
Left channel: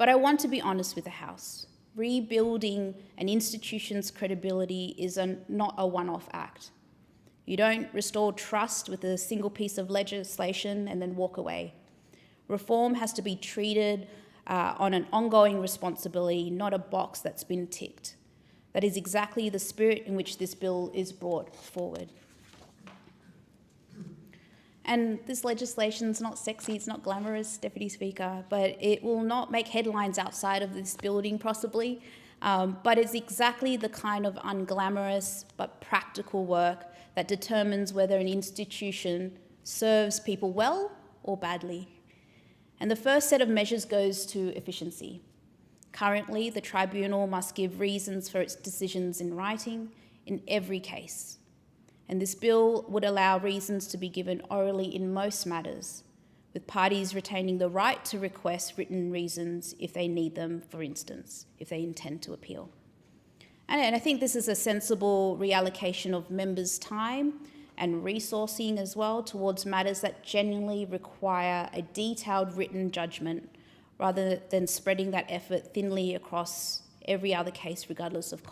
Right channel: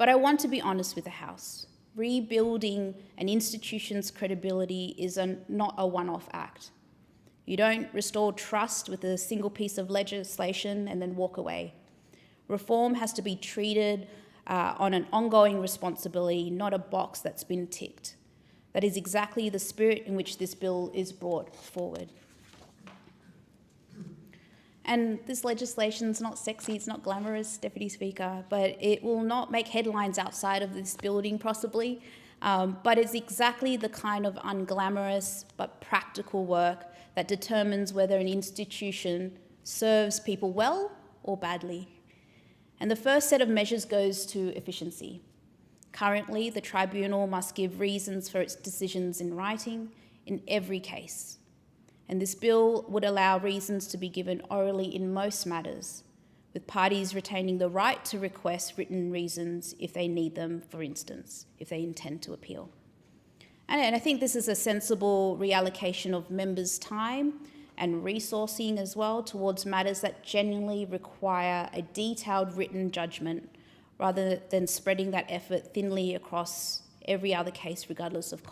But I want to be honest with the House. Rebuilding an institution's credibility is not a one-off act. You don't restore trust with a single piece of legislation and then walk away. Reform has to be treated on an ongoing responsibility, not a box that's been ticked. That is exactly the spirit in which this bill is brought forward. And this legislation's not sexy, it's not glamorous, Deputy Speaker, but it will not make headlines outside of this building possibly, but it's exactly the kind of unglamorous but practical work that determines whether an institution serves people well or badly. And the first set of measures goes to efficiency. Currently, the tribunal must give reasons for its decisions in writing in every case. And this bill would allow reasons to be given orally in most matters, with parties retaining the right to request written reasons if they need them, for instance, if they intend to appeal. And I think this is a sensible reallocation of members' time and resourcing as well towards matters that genuinely require a detailed written judgment rather than spreading that effort thinly across every other case regardless of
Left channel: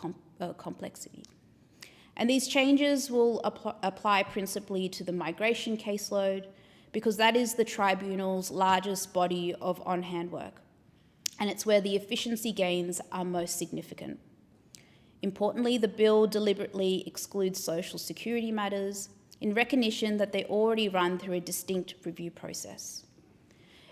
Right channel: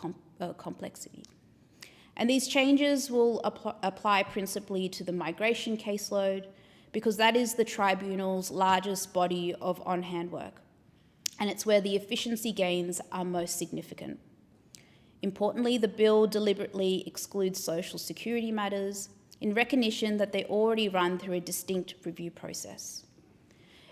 complexity. And these changes will apply principally to the migration caseload because that is the tribunal's largest body of on-hand work, and it's where the efficiency gains are most significant. Importantly, the bill deliberately excludes social security matters in recognition that they already run through a distinct review process.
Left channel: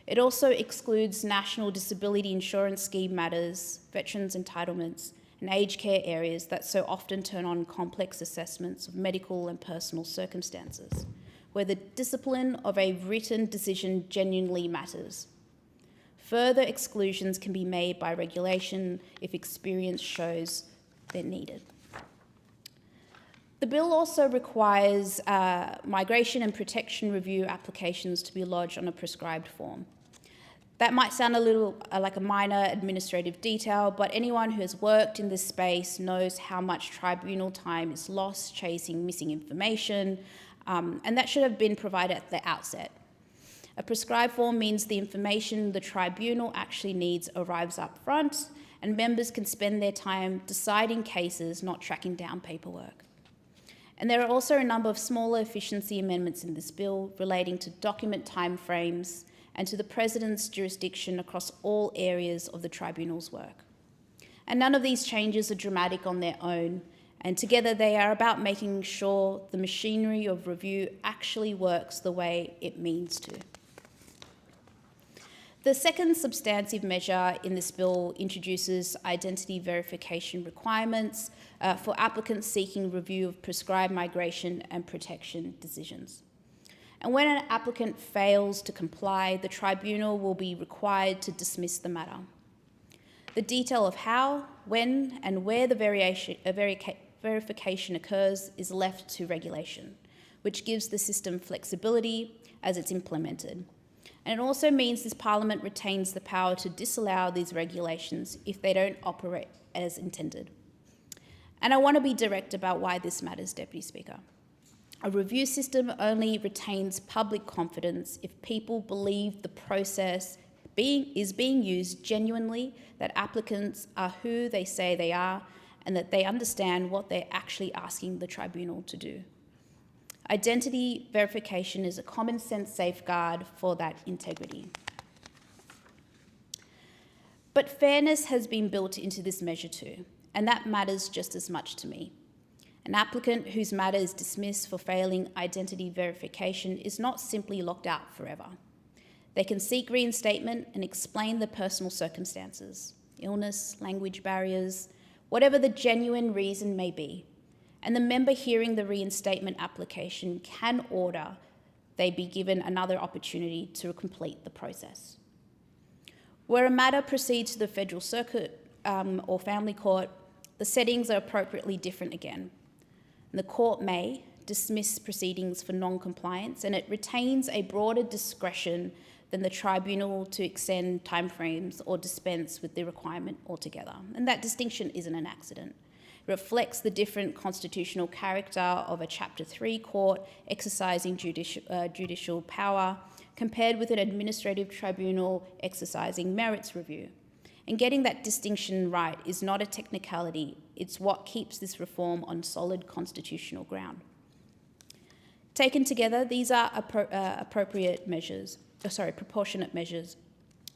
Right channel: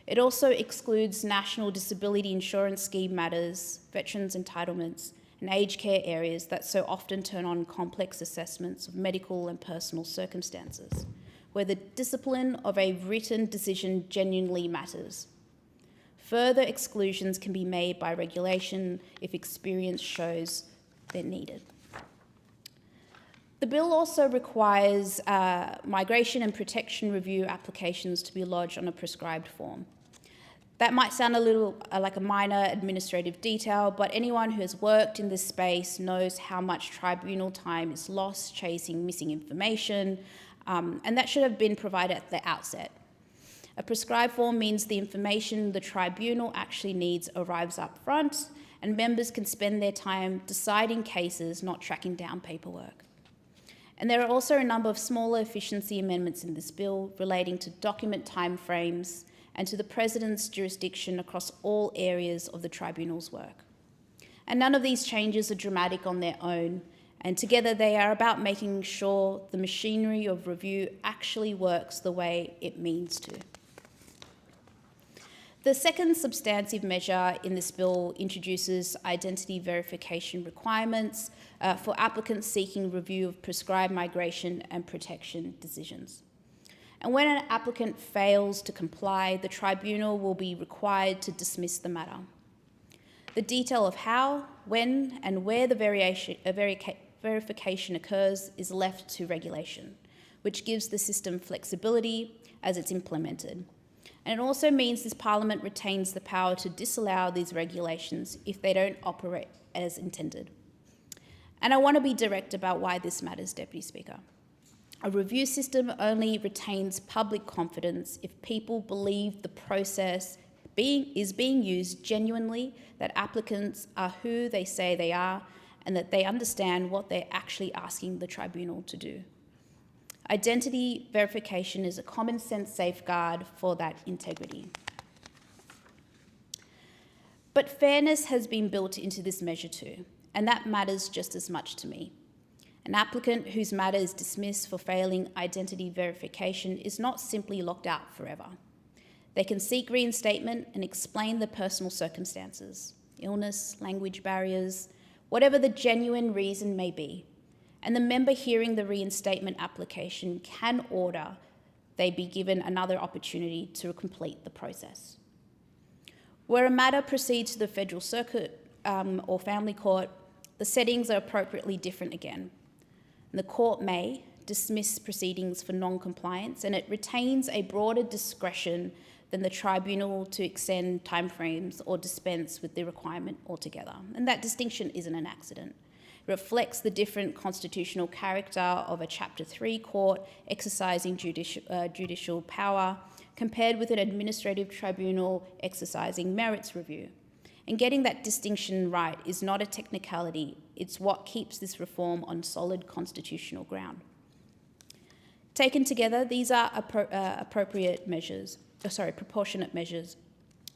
It also excludes National Disability Insurance Scheme matters, veterans' entitlements, and aged care areas that so often turn on complex assessments of medical and personal circumstances, where the discipline of a written decision genuinely matters. Further exclusions can be made by regulation if experience shows they're needed. The bill also requires migration and protection review applications to be lodged on a prescribed form. That might sound a little like a minor administrative detail, but anyone who has worked in this space knows how much tribunal time is lost chasing missing information, and that should have been provided at the outset. A prescribed form means the information the tribunal actually needs arrives up front, and members can spend their time deciding cases, not tracking down paperwork. And there are also a number of smaller efficiency amendments in this bill relating to document timeframes and to the President's jurisdiction across all areas of the tribunal's work. And none of these changes are dramatic on their own, and together they are about making sure the machinery of review actually works the way it means to. The second substantive measure in this bill introduces identity verification requirements for applicants seeking review of prescribed migration and protection decisions. And when an applicant fails to comply, the tribunal will be required to dismiss the matter. The detail of how, when, and where the verification occurs is left to regulation, which gives the system flexibility as it's implemented. And it also means this Parliament retains the power to disallow these regulations if they don't operate as intended. And I want to be direct about why this matters, Deputy Speaker. A review system only retains public confidence if people believe the process is being used genuinely, that applicants are who they say they are, and that they understand what they're actually asking the tribunal to do. Identity verification is a common sense safeguard for that integrity. But fairness has been built into this measure too, and that matters just as much to me. An applicant whose matter is dismissed for failing identity verification is not simply locked out forever. They can seek reinstatement and explain the personal circumstances, illness, language barriers, whatever the genuine reason may be. And the member hearing the reinstatement application can order they be given another opportunity to complete the process. Where a matter proceeds to the Federal Circuit or Family Court, the settings are appropriately different again. The court may dismiss proceedings for non-compliance, and it retains a broader discretion than the tribunal to extend timeframes or dispense with the requirement altogether. And that distinction isn't an accident. It reflects the different constitutional character of a Chapter 3 court exercising judicial power compared with an administrative tribunal exercising merits review. And getting that distinction right is not a technicality, it's what keeps this reform on solid constitutional ground. Taken together, these are proportionate measures.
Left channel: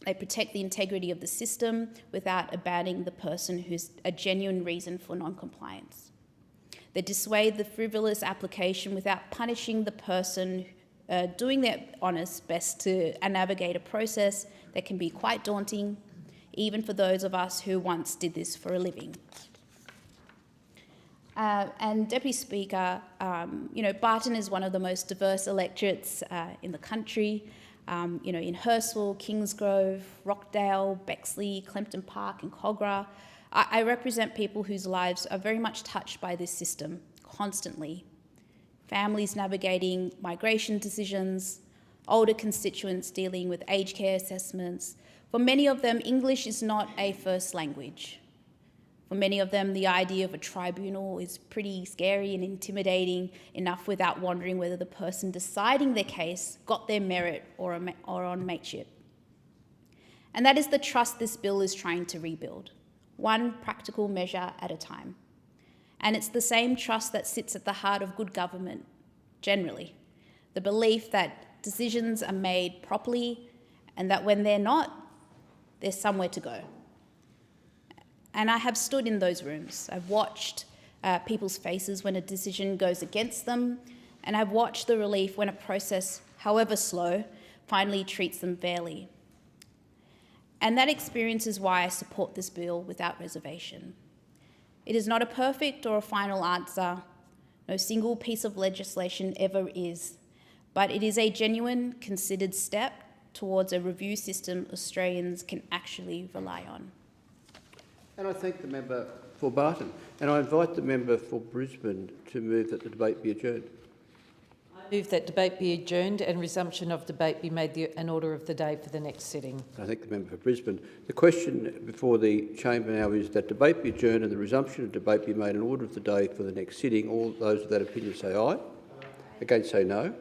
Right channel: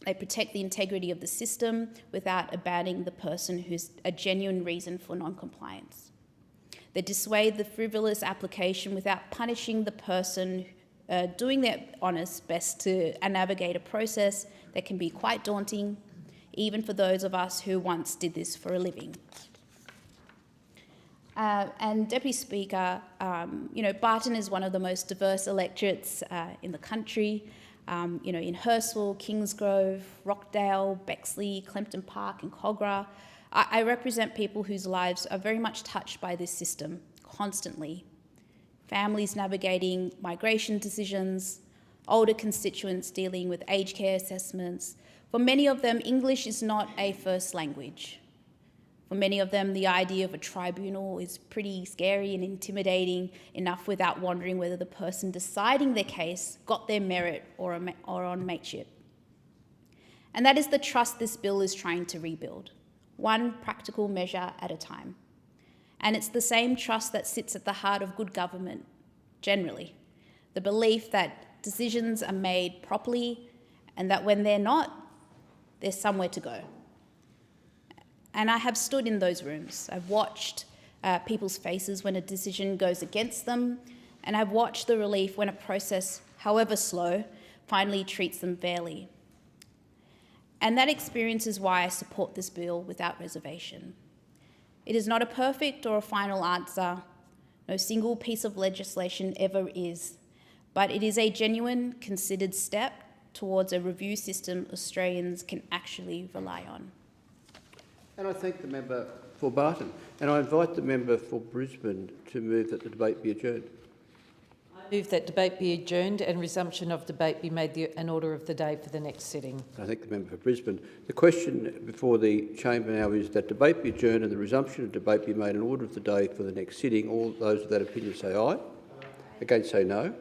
They protect the integrity of the system without abandoning the person who's a genuine reason for non-compliance. They dissuade the frivolous application without punishing the person doing their honest best to navigate a process that can be quite daunting, even for those of us who once did this for a living. And Deputy Speaker, Barton is one of the most diverse electorates in the country. In Hurstville, Kingsgrove, Rockdale, Bexley, Clempton Park and Cogra. I represent people whose lives are very much touched by this system, constantly. Families navigating migration decisions, older constituents dealing with aged care assessments. For many of them, English is not a first language. For many of them, the idea of a tribunal is pretty scary and intimidating enough without wondering whether the person deciding their case got their merit or on mateship. And that is the trust this bill is trying to rebuild, one practical measure at a time. And it's the same trust that sits at the heart of good government, generally. The belief that decisions are made properly and that when they're not, there's somewhere to go. And I have stood in those rooms. I've watched people's faces when a decision goes against them, and I've watched the relief when a process, however slow, finally treats them fairly. And that experience is why I support this bill without reservation. It is not a perfect or a final answer. No single piece of legislation ever is, but it is a genuine, considered step towards a review system Australians can actually rely on. And I thank the member for Barton. And I invite the member for Brisbane to move that the debate be adjourned. I move that debate be adjourned and resumption of debate be made an order of the day for the next sitting. I thank the member for Brisbane. The question before the chamber now is that debate be adjourned and the resumption of debate be made an order of the day for the next sitting. All those of that opinion say aye. Against say no.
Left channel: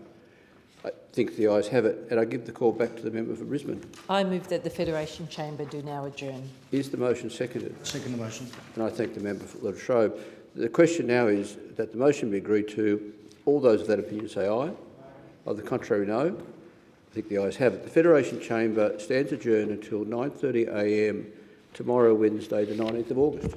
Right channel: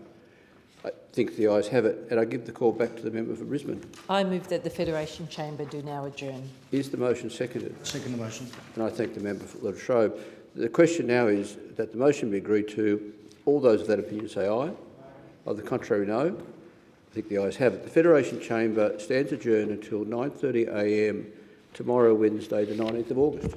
I think the ayes have it, and I give the call back to the member for Brisbane. I move that the Federation Chamber do now adjourn. Is the motion seconded? Second the motion. And I thank the member for Latrobe. The question now is that the motion be agreed to. All those of that opinion say aye. Of the contrary, no. I think the ayes have it. The Federation Chamber stands adjourned until 9:30 a.m. tomorrow, Wednesday, the 19th of August.